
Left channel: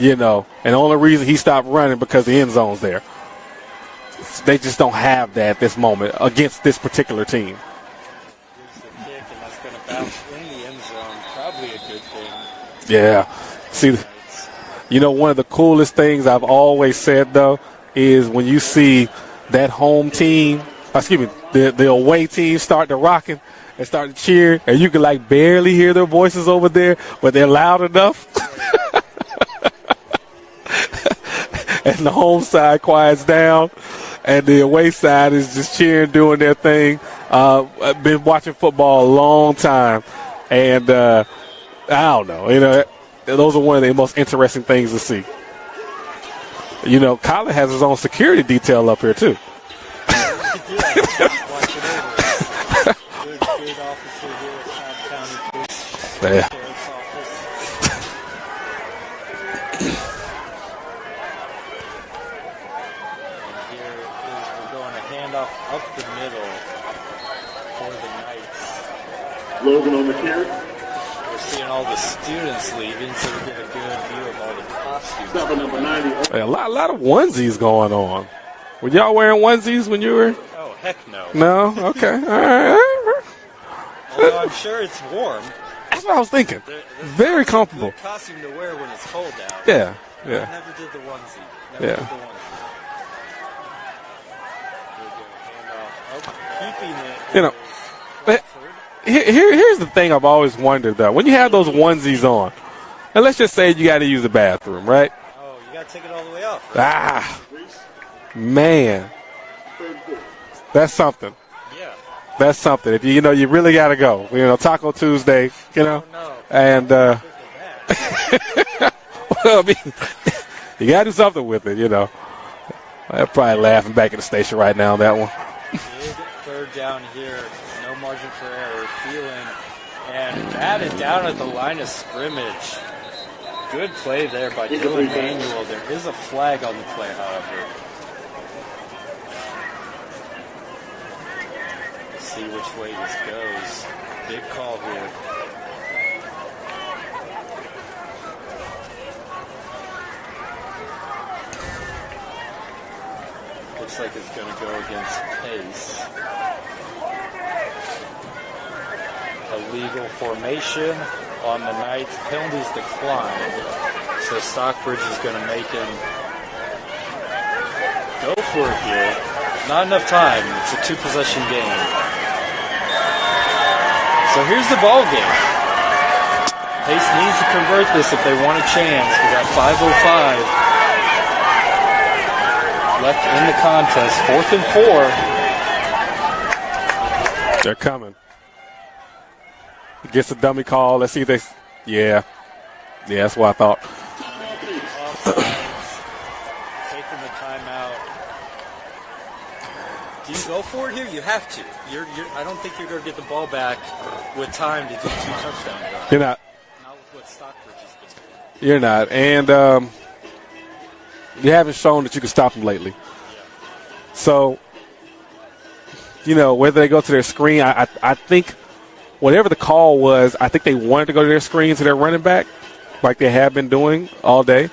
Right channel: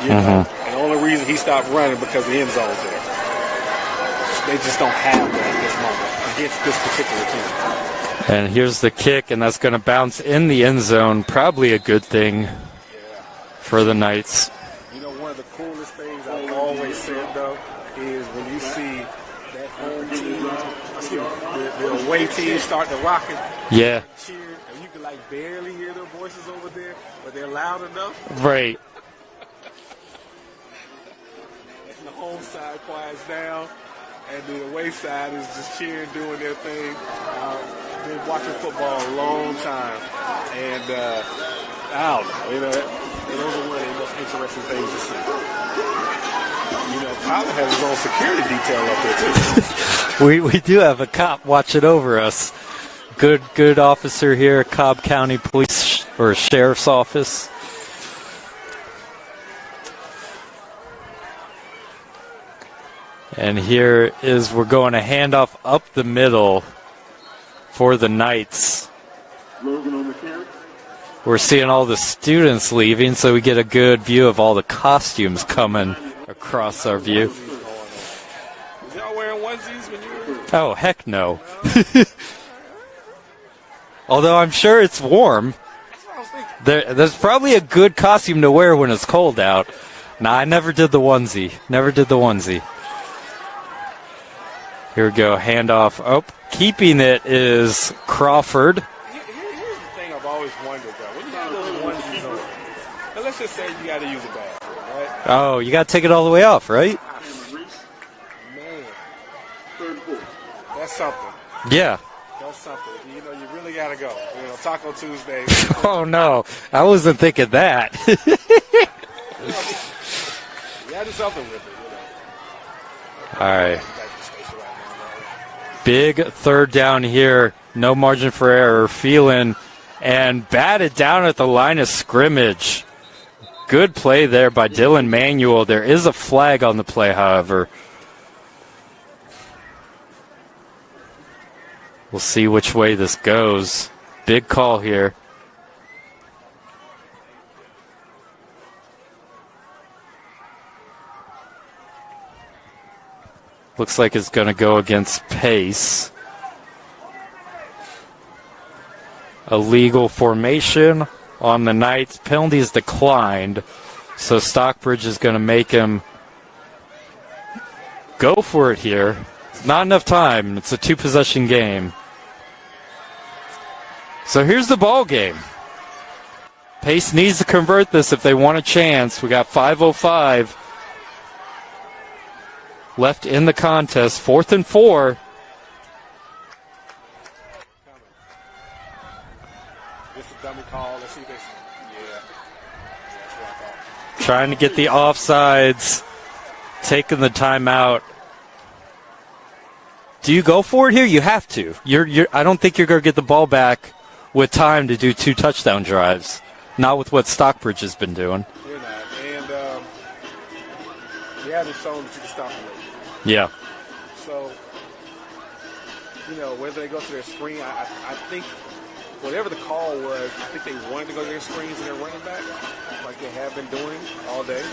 You know, and the only reason he stopped running because the end zone's there. They just don't have that at this moment against this particular team. And here's the kick, and that's going to bounce in the end zone. Probably a good thing. Yeah. For the Knights. You know, one of the coolest things I've always said, though, is when you see that home team, the away team start to rocking, start to cheer, and you can, like, barely hear their voices over there, but they're loud enough. Right. And the home side quiets down, and the away side is just cheering, doing their thing. I've been watching football a long time, and I don't know. You know, those are one of the most interesting things to see. You know, Colin has his own security detail up there, too. we do have a cop watching over us. Good officer here at Cobb County Police or Sheriff's Office. And here is, we're going a handoff up the middle for the Knights. Logan on the carry. We're seeing all the students leaving, so we get a good view of all the costumes coming across our view. Onesies going on. Were y'all wearing onesies when you were? Oh, heck no. No? Okay. All right. Although I'm sure it's warm. That's what I was thinking. There's probably a good costume to wear when it's cold out. Yeah. Nah, I never did the onesie. Did the onesie. Here we go, handoff. Oh, keeping it is Crawford. Here's the thing I've always wondered, though. When you have those onesies on, and let's just say you got to use the bathroom, right? Oh, you got to take it all the way off, right? Man. That's something. Yeah. That's something. If you really got to go. You know, Taco Tuesday. You know, oh, no. And, I wasn't thinking that. Well, I mean, you got to do something with it, you know. I'm probably laughing back at the station right now on that one. Big third down here. No margin for error. Phelan and batted down at the line of scrimmage. Good play there by Dylan Manuel. There is a flag on the play, however. We'll see which way this goes. Big call here. Looks like it's going to go against Pace. Illegal formation on the Knights. Penalties declined. So Stockbridge is going to make him go for it here. Not enough time. It's a two-possession game. So here's the ball game. Pace needs to convert this if they want a chance. We got 5:05 left in the contest. 4th and 4. They're coming. He gets a dummy call. Let's see if they. Yeah, that's what I thought. Trying to get the offsides. Taking the timeout. Do you go for it here? You have to. I don't think you're going to get the ball back with time to do 2 touchdown drives. You're not. Not with what Stockbridge has been doing. You're not. And you haven't shown that you can stop them lately. Yeah. So, whether they go to their screen, I think whatever the call was, I think they wanted to go to their screen to their running back like they have been doing all day.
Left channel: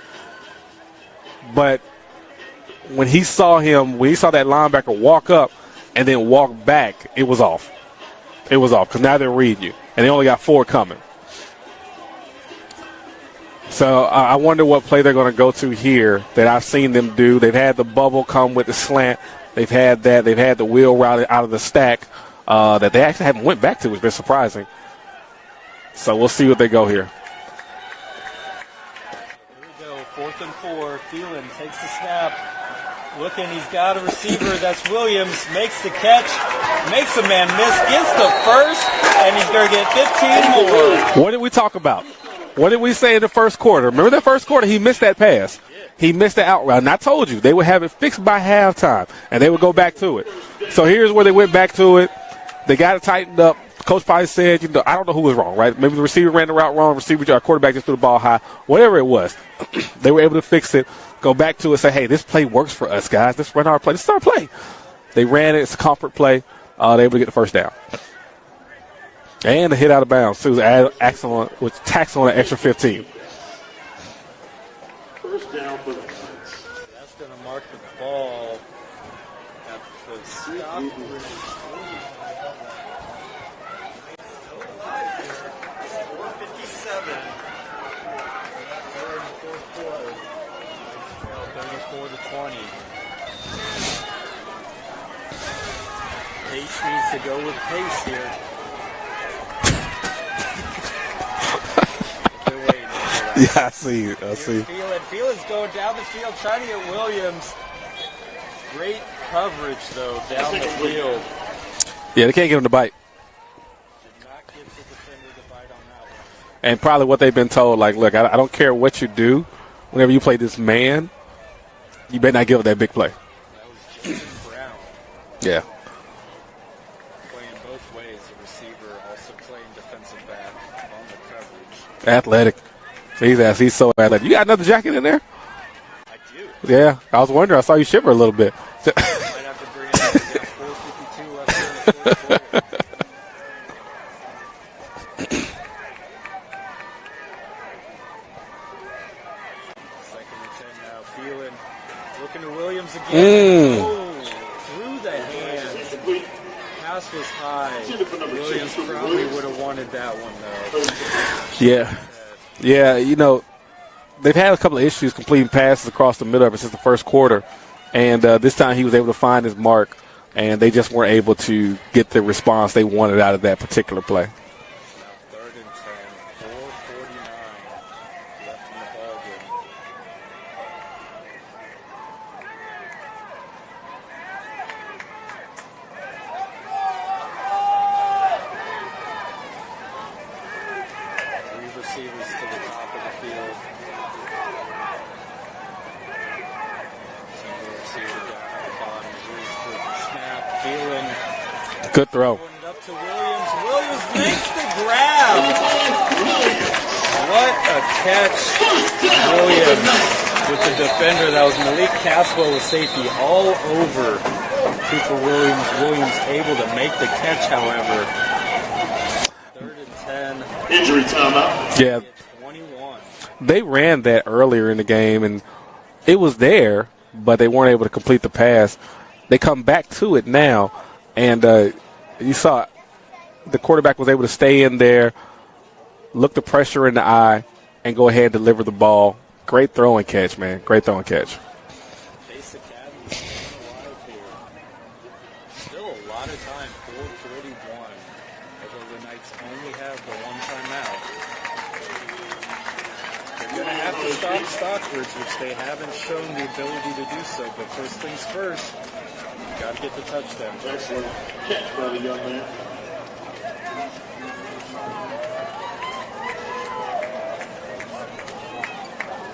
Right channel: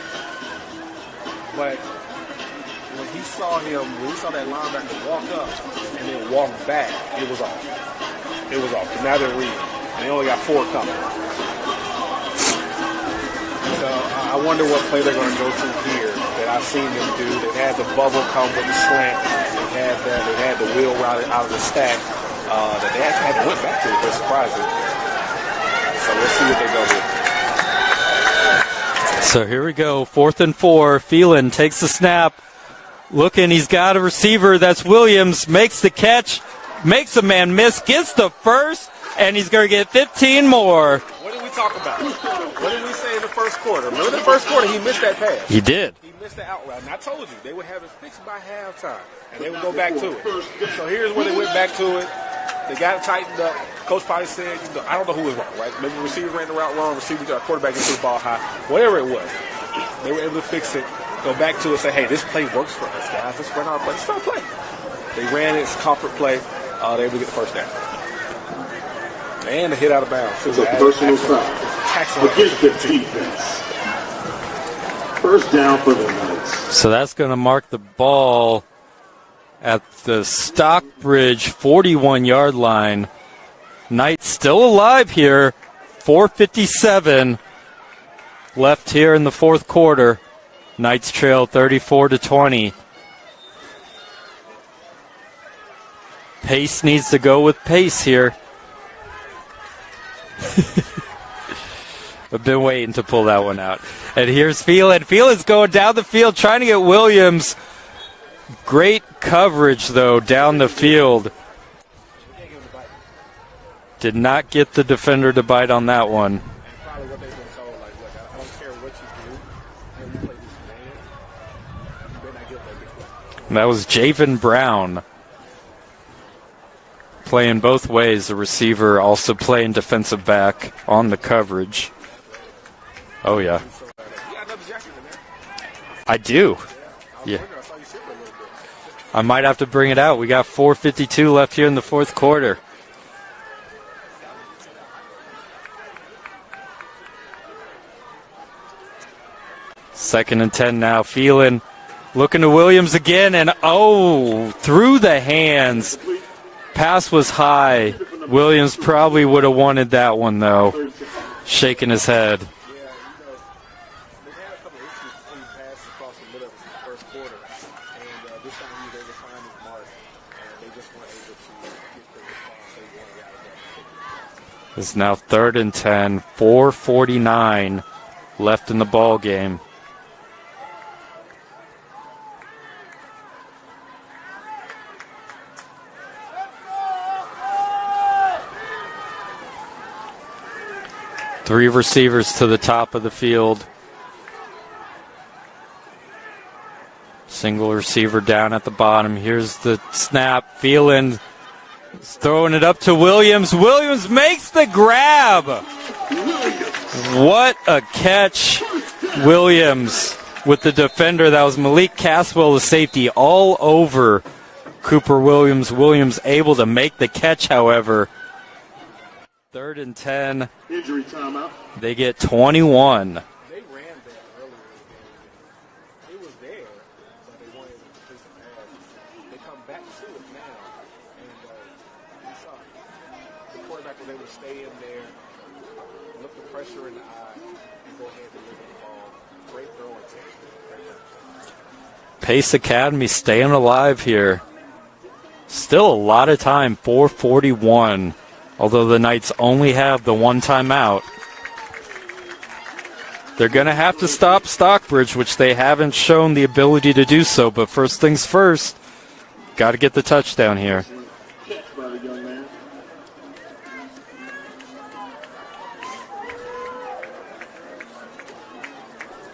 But when he saw that linebacker walk up and then walk back, it was off. It was off because now they read you. And they only got 4 coming. So I wonder what play they're going to go to here that I've seen them do. They've had the bubble come with the slant. They've had that. They've had the wheel route out of the stack that they actually haven't went back to. It's surprising. So we'll see what they go here. So here we go. 4th and 4. Phelan takes the snap. Looking, he's got a receiver. That's Williams. Makes the catch. Makes a man miss. Gets the first. And he's going to get 15 more. What did we talk about? What did we say in the first quarter? Remember the first quarter? He missed that pass. He did. He missed the out route. And I told you, they would have it fixed by halftime, and they would go back to it. So here's where they went back to it. They got it tightened up. Coach probably said, I don't know who was wrong, right? Maybe the receiver ran the route wrong, quarterback just threw the ball high. Whatever it was, they were able to fix it, go back to it, say, hey, this play works for us, guys. Let's run our play. This is our play. They ran it. It's a comfort play. They were able to get the first down. And a hit out of bounds. It was tax on an extra 15. First down for the Knights. So that's going to mark the ball at the Stockbridge 41-yard line. Knights still alive here. 4:57 left here in the fourth quarter. Knights trail 34-20. Pace needs to go with pace here. I've been waiting to pull that one out. And here's Phelan. Phelan's going down the field trying to get Williams. Great coverage, though, down the field. Yeah, they can't get him to bite. Did not get the defender to bite on that one. And probably what they've been told, like, look, I don't care what you do. Whenever you play this man, you better not give up that big play. And that was Javen Brown. Yeah. Playing both ways. The receiver also playing defensive back on the coverage. Athletic. He's so athletic. You got another jacket in there? I do. Yeah. I was wondering. I saw you shiver a little bit. I might have to bring it out. We got 4:52 left here in the fourth quarter. Second and 10 now. Phelan looking to Williams again. And, through the hands. Pass was high. Williams probably would have wanted that one, though. Shaking his head. Yeah, they've had a couple of issues completing passes across the middle of it since the first quarter. And this time he was able to find his mark, and they just weren't able to get the response they wanted out of that particular play. It's now 3rd and 10, 4:49 left in the ball game. Three receivers to the top of the field. Single receiver down at the bottom. Here's the snap. Phelan Good throw. Throwing it up to Williams. Williams makes the grab. What a catch. Williams with the defender. That was Malik Caswell, the safety, all over Cooper Williams. Williams able to make the catch, however. 3rd and 10. Injury timeout. They get 21. They ran that earlier in the game, and it was there, but they weren't able to complete the pass. They come back to it now, and you saw the quarterback was able to stay in there, look the pressure in the eye, and go ahead and deliver the ball. Great throw and catch, man. Great throw and catch. Pace Academy staying alive here. Still a lot of time, 4:41. Although the Knights only have the one timeout. They're going to have to stop Stockbridge, which they haven't shown the ability to do so. But first things first, got to get the touchdown here.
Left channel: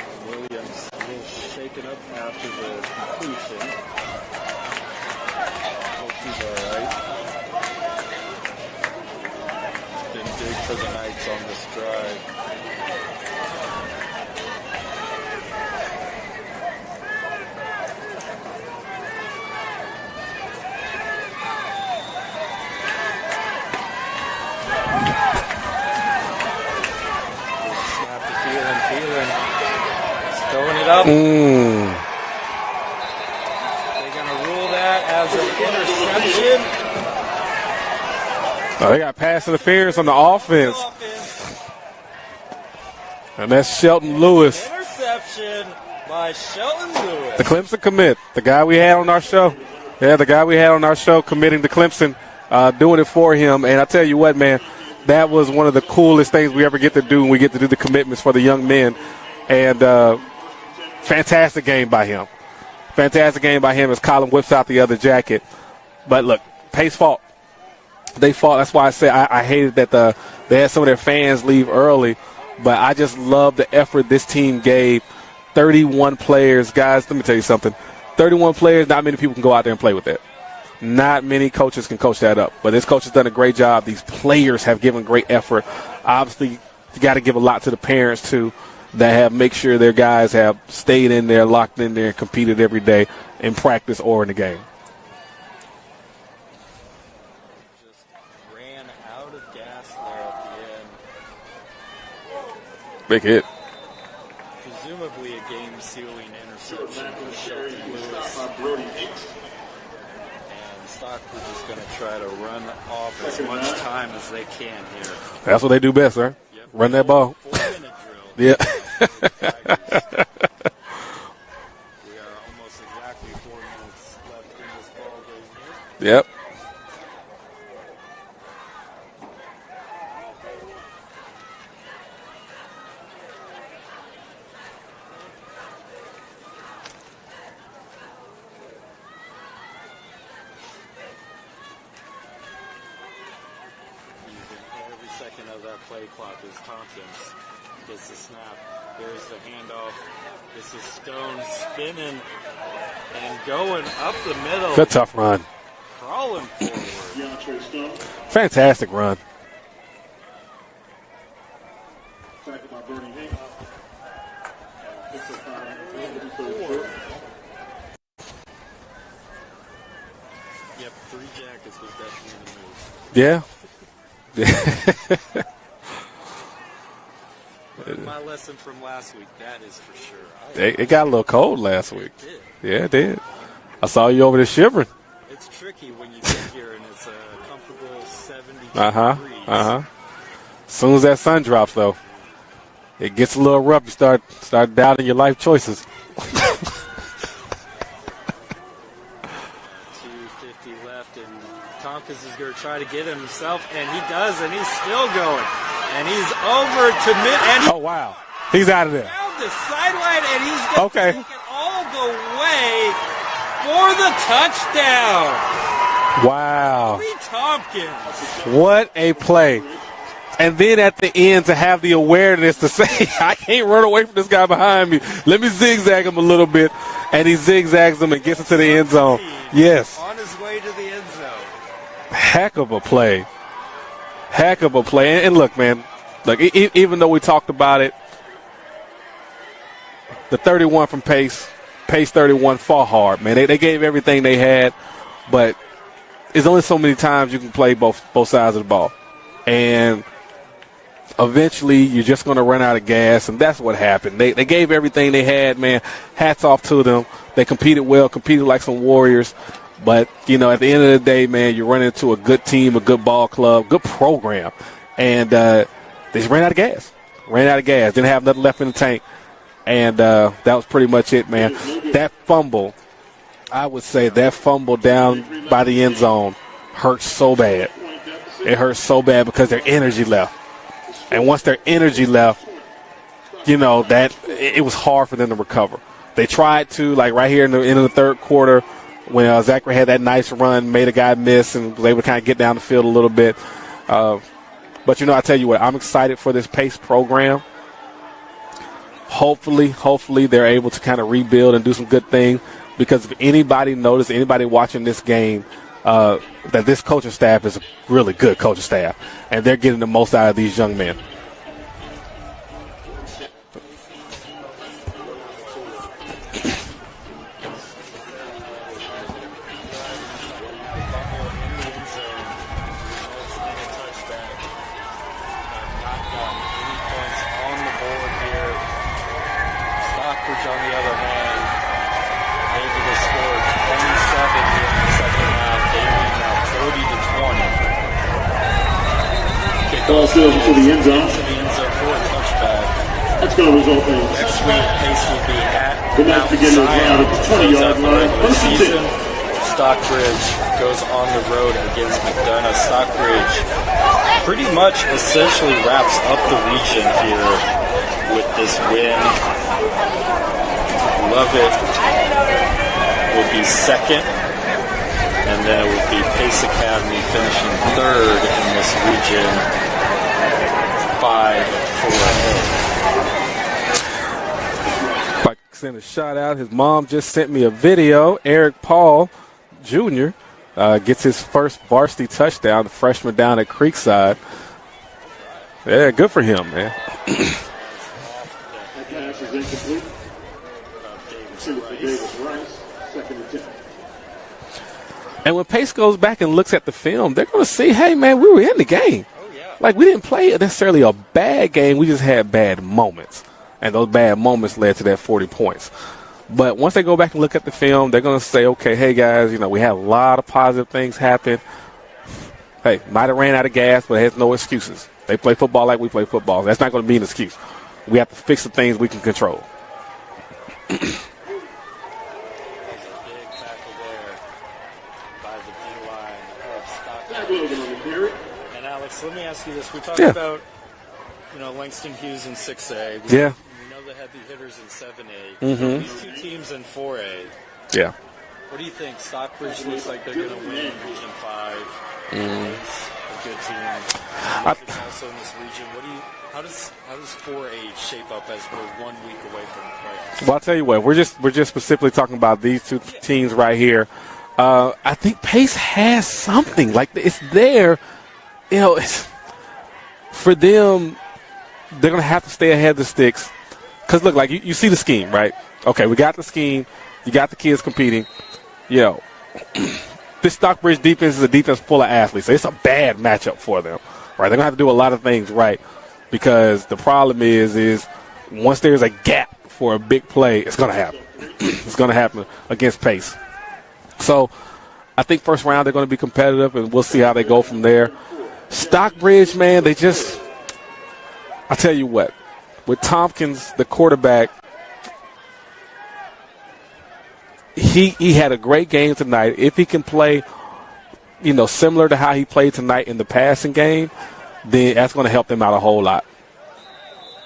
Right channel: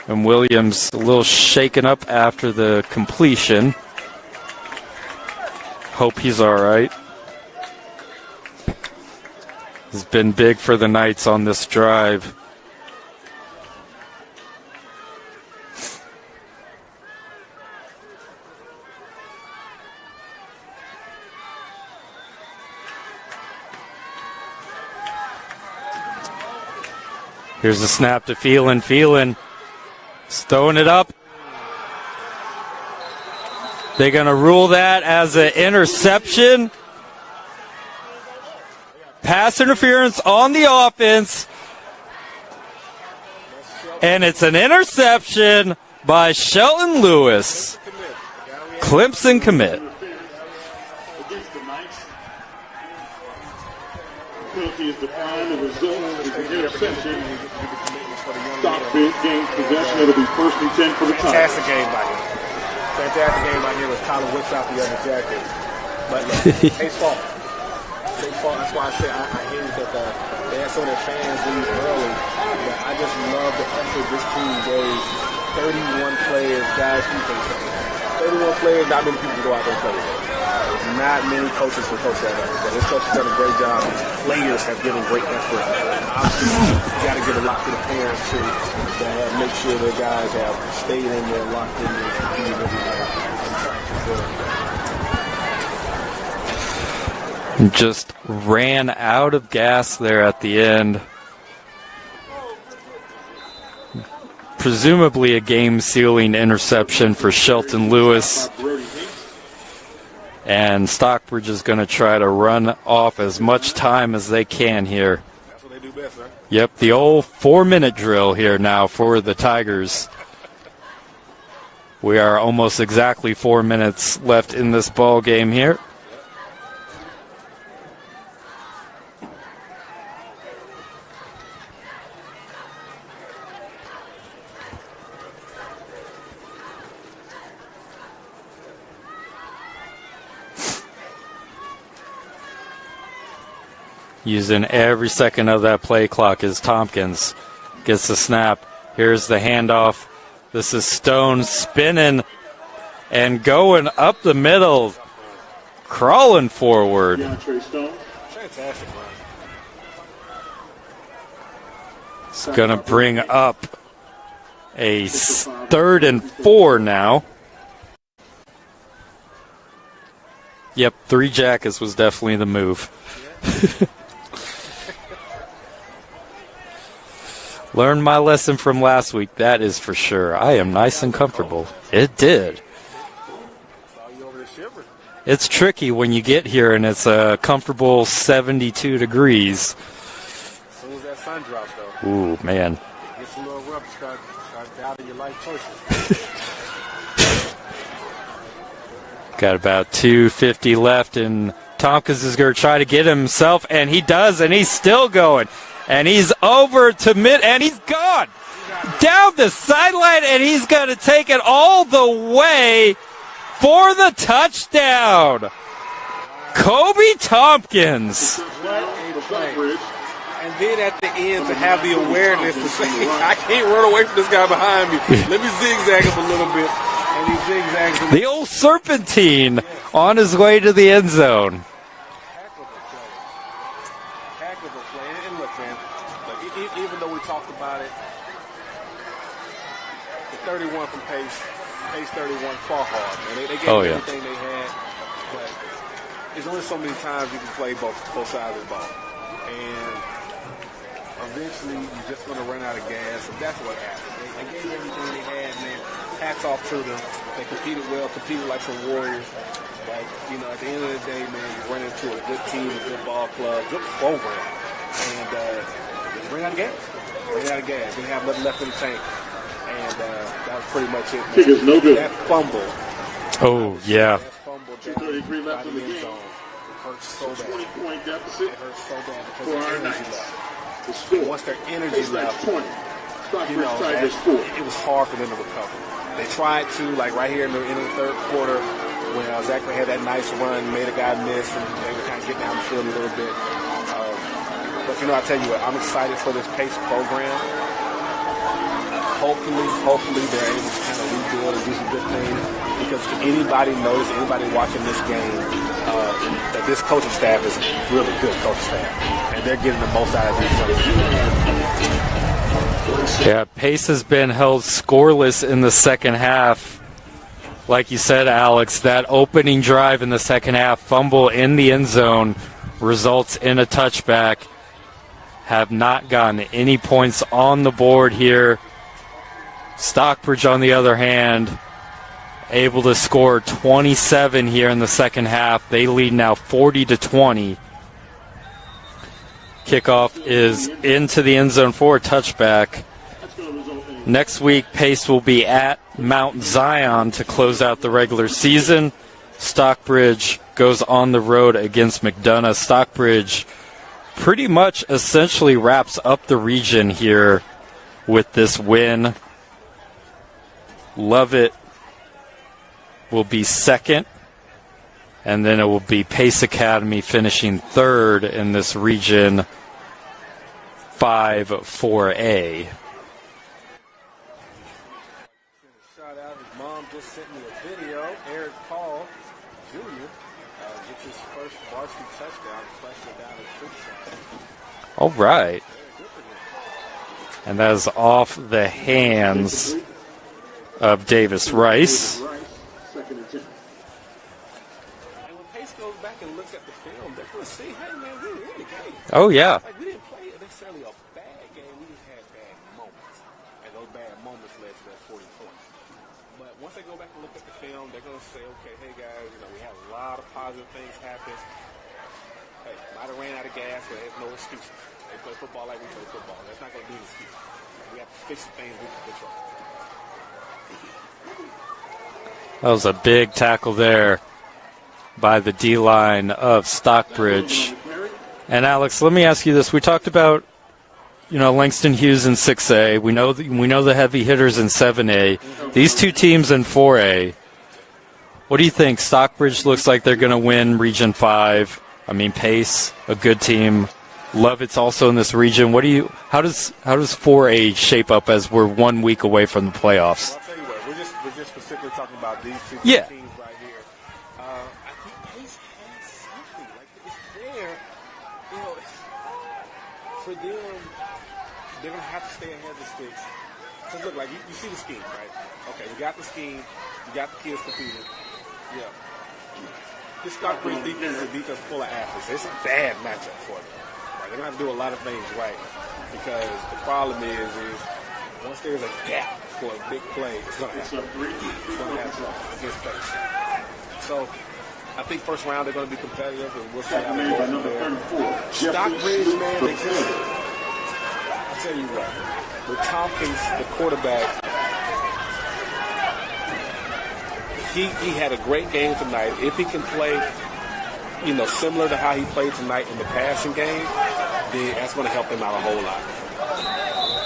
And Williams a little shaken up after the completion. Hope he's all right. He's been big for the Knights on this drive. Here's the snap to Phelan. Phelan is throwing it up. They're going to rule that as an interception. Oh, they got pass interference on the offense. And that's Shelton Lewis. And it's an interception by Shelton Lewis. The Clemson commit. The guy we had on our show. Clemson commit. Yeah, the guy we had on our show committing to Clemson, doing it for him. And I tell you what, man, that was one of the coolest things we ever get to do when we get to do the commitments for the young men. And fantastic game by him. Fantastic game by him as Colin whips out the other jacket. But look, Pace fought. They fought. That's why I say I hated that they had some of their fans leave early. But I just love the effort this team gave. 31 players. Guys, let me tell you something. 31 players, not many people can go out there and play with that. Not many coaches can coach that up. But this coach has done a great job. These players have given great effort. Obviously, you got to give a lot to the parents, too, that have make sure their guys have stayed in there, locked in there, and competed every day in practice or in the game. Just ran out of gas there at the end. Big hit. Presumably a game-sealing interception for Shelton Lewis. And Stockbridge is going to try to run off as much time as they can here. That's what they do best, sir. Yep, Run the that ball. old 4-minute drill here now for the Tigers. We are almost exactly 4 minutes left in this ball game here. Yep. Using every second of that play clock as Tompkins gets the snap. Here's the handoff. This is Stone spinning and going up the middle. It's a tough run. Crawling forward. Fantastic run. It's going to bring up a 3rd and 4 now. Yep, 3 jackets was definitely the move. Yeah. Learned my lesson from last week, that is for sure. I am nice it got and a little comfortable. cold last week. It did. Yeah, it did. I saw you over there shivering. It's tricky when you get here and it's a comfortable 72 degrees. As soon as that sun drops, though, Ooh, man. it gets a little rough. You start doubting your life choices. Got about 2:50 left, and Tompkins is going to try to get himself, and he does, and he's still going. And he's over to mid, and he's gone. He's out of there. Down the sideline, and he's going to Okay. take it all the way for the touchdown. Wow. Kobe Tompkins. What a play. And then at the end to have the awareness to say, I can't run away from this guy behind me. Let me zigzag him a little bit. And he zigzags him and The gets him old to the end zone. serpentine Yes. on his way to the end zone. Heck of a play. Heck of a play. And look, man, look, even though we talked about it, the 31 from Pace 31 fought hard, man. They gave everything they had, but there's only so many times you can play both sides of the ball. And eventually you're just going to run out of gas, and that's what happened. They gave everything they had, man. Hats off to them. They competed well, competed like some warriors. But, you know, at the end of the day, man, you run into a good team, a good ball club, good program. And they just ran out of gas. Didn't have nothing left in the tank. And that was pretty much it, man. That fumble, I would say that fumble down by the end zone hurts so bad. It hurts so bad because their energy left. And once their energy left, you know, that it was hard for them to recover. They tried to, like right here in the end of the third quarter, when Zachary had that nice run, made a guy miss, and they would kind of get down the field a little bit. But, you know, I tell you what, I'm excited for this PACE program. Hopefully they're able to kind of rebuild and do some good things, because if anybody noticed, anybody watching this game, that this coaching staff is really good coaching staff, and they're getting the most out of these young men. Yeah, Pace has been held scoreless in the second half. Like you said, Alex, that opening drive in the second half, fumble in the end zone, results in a touchback. Have not gotten any points on the board here. Stockbridge, on the other hand, able to score 27 here in the second half. They lead now 40-20. Kickoff is into the end zone for a touchback. Next week, Pace will be at Mount Zion to close out the regular season. Stockbridge goes on the road against McDonough. Stockbridge pretty much essentially wraps up the region here with this win. Lovett will be second, and then it will be Pace Academy finishing third in this region 5-4A. If I could send a shout out, his mom just sent me a video. Eric Paul Jr. Gets his first varsity touchdown, the freshman down at Creekside. All right. Yeah, good for him, man. And that is off the hands of Davis Rice. And when Pace goes back and looks at the film, they're going to see, hey, man, we were in the game. Oh, yeah. Like, we didn't play necessarily a bad game. We just had bad moments. And those bad moments led to that 40 points. But once they go back and look at the film, they're going to say, okay, hey, guys, we had a lot of positive things happen. Hey, might have ran out of gas, but it has no excuses. They play football like we play football. That's not going to be an excuse. We have to fix the things we can control. That was a big tackle there by the D-line of Stockbridge. And, Alex, let me ask you this. We talked about, Langston Hughes in 6A. We know the heavy hitters in 7A. Mm-hmm. These two teams in 4A. Yeah. What do you think? Stockbridge looks like they're going to win Region 5. I mean, Pace, a good team. Lovett's also in this region. How does 4A shape up as we're 1 week away from the playoffs? Well, I'll tell you what. We're just specifically talking about these two teams right here. I think Pace has something. Like, it's there. It's, for them, they're going to have to stay ahead of the sticks. Because, look, like, you see the scheme, right? Okay, we got the scheme. You got the kids competing. This Stockbridge defense is a defense full of athletes. So it's a bad matchup for them, right? They're going to have to do a lot of things right, because the problem is once there's a gap for a big play, it's going to happen. It's going to happen against Pace. So I think first round they're going to be competitive, and we'll see how they go from there. Stockbridge, man, I'll tell you what, with Tompkins, the quarterback, he had a great game tonight. If he can play, similar to how he played tonight in the passing game, then that's going to help them out a whole lot.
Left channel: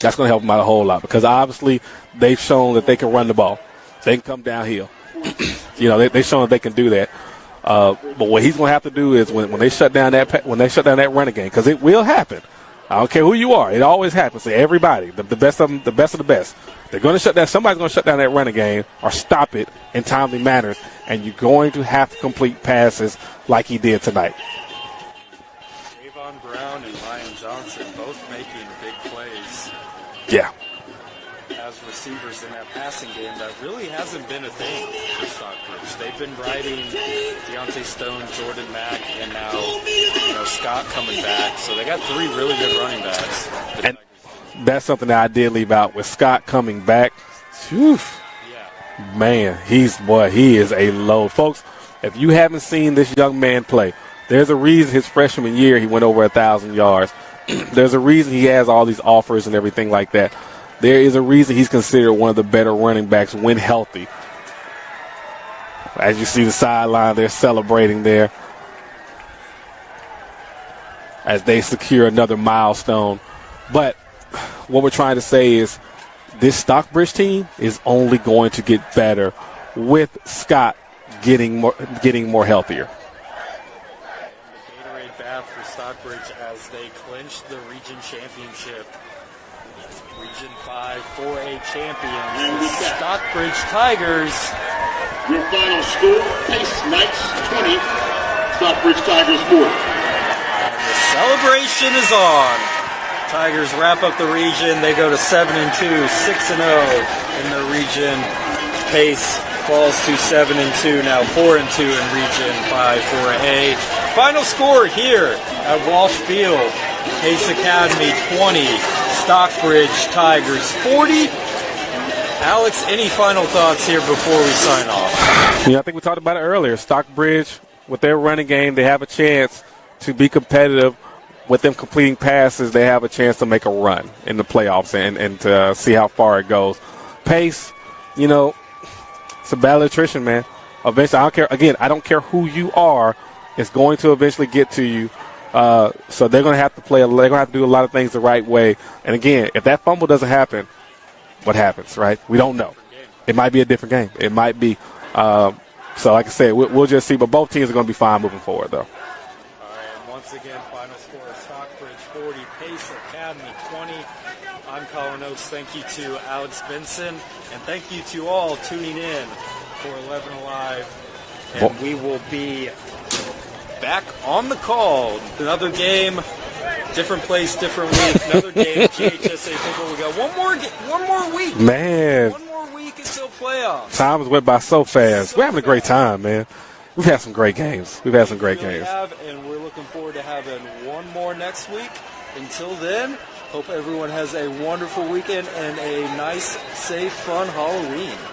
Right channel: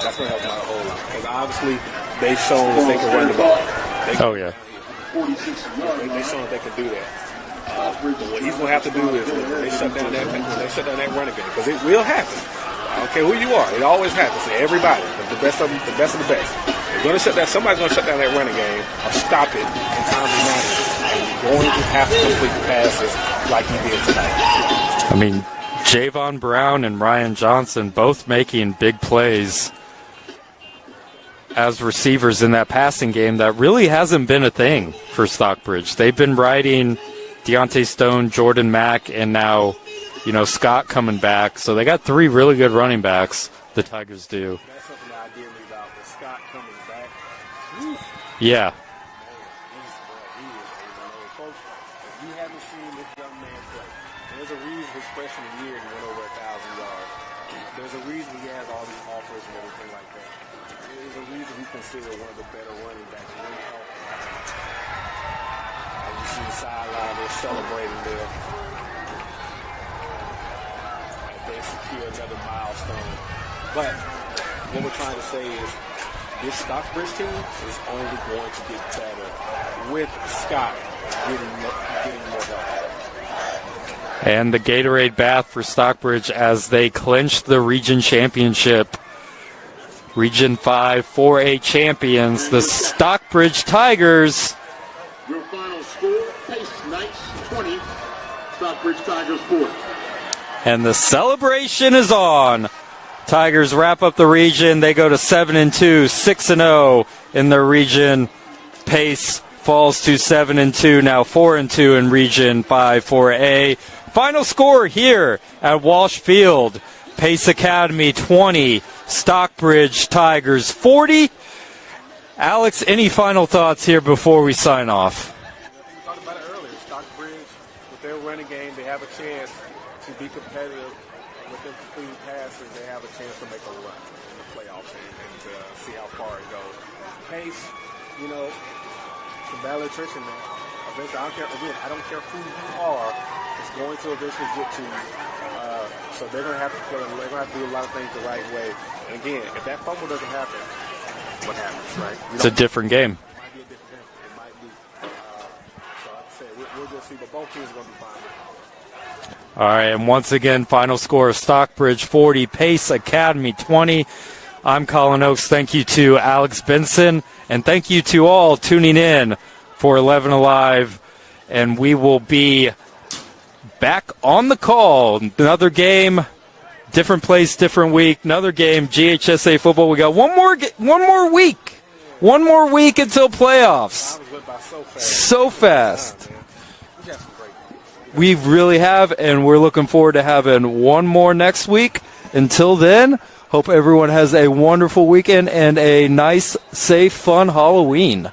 That's going to help them out a whole lot, because obviously they've shown that they can run the ball. They can come downhill. They've shown that they can do that. But what he's going to have to do is when they shut down that running game, because it will happen. I don't care who you are. It always happens to everybody. The best of them, the best of the best. They're going to shut down. Somebody's going to shut down that running game or stop it in timely manner, and you're going to have to complete passes like he did tonight. I mean, Javon Brown and Ryan Johnson both making big plays. Yeah. As receivers in that passing game, that really hasn't been a thing for Stockbridge. They've been riding Deontay Stone, Jordan Mack, and now, Scott coming back. So they got three really good running backs, the Tigers do. That's something that I did leave out with Scott coming back. Whew. Yeah. Man, he is a load. Folks, if you haven't seen this young man play, there's a reason his freshman year he went over 1,000 yards. There's a reason he has all these offers and everything like that. There is a reason he's considered one of the better running backs when healthy. As you see the sideline, they're celebrating there as they secure another milestone. But what we're trying to say is this Stockbridge team is only going to get better with Scott getting more healthier. And the Gatorade bath for Stockbridge as they clinch the region championship. Region 5 4A champions, the Stockbridge Tigers. Your final score, Pace Knights 20, Stockbridge Tigers 4. And the celebration is on. Tigers wrap up the region. They go to 7-2, 6-0 in their region. Pace falls to 7-2, now 4-2 in Region 5 4A. Final score here at Walsh Field. Pace Academy 20, Stockbridge Tigers 40. Alex, any final thoughts here before we sign off? I think we talked about it earlier. Stockbridge, with their running game, they have a chance to be competitive. With them completing passes, they have a chance to make a run in the playoffs and to see how far it goes. Pace, it's a battle of attrition, man. Eventually, I don't care who you are, it's going to eventually get to you. So they're going to have to they're going to have to do a lot of things the right way. And again, if that fumble doesn't happen, what happens, right? It's a different game. It might be a different game. It might be. So like I said, we'll just see. But both teams are going to be fine moving forward, though. All right, and once again, final score of Stockbridge 40, Pace Academy 20. I'm Colin Oakes. Thank you to Alex Benson, and thank you to all tuning in for 11 Alive. And we will be back on the call. Another game, different place, different week. Another game, GHSA football. We got one more week. Man. One more week until playoffs. Time went by so fast. We're having a great time, man. We've had some great games. We really have, and we're looking forward to having one more next week. Until then, hope everyone has a wonderful weekend and a nice, safe, fun Halloween.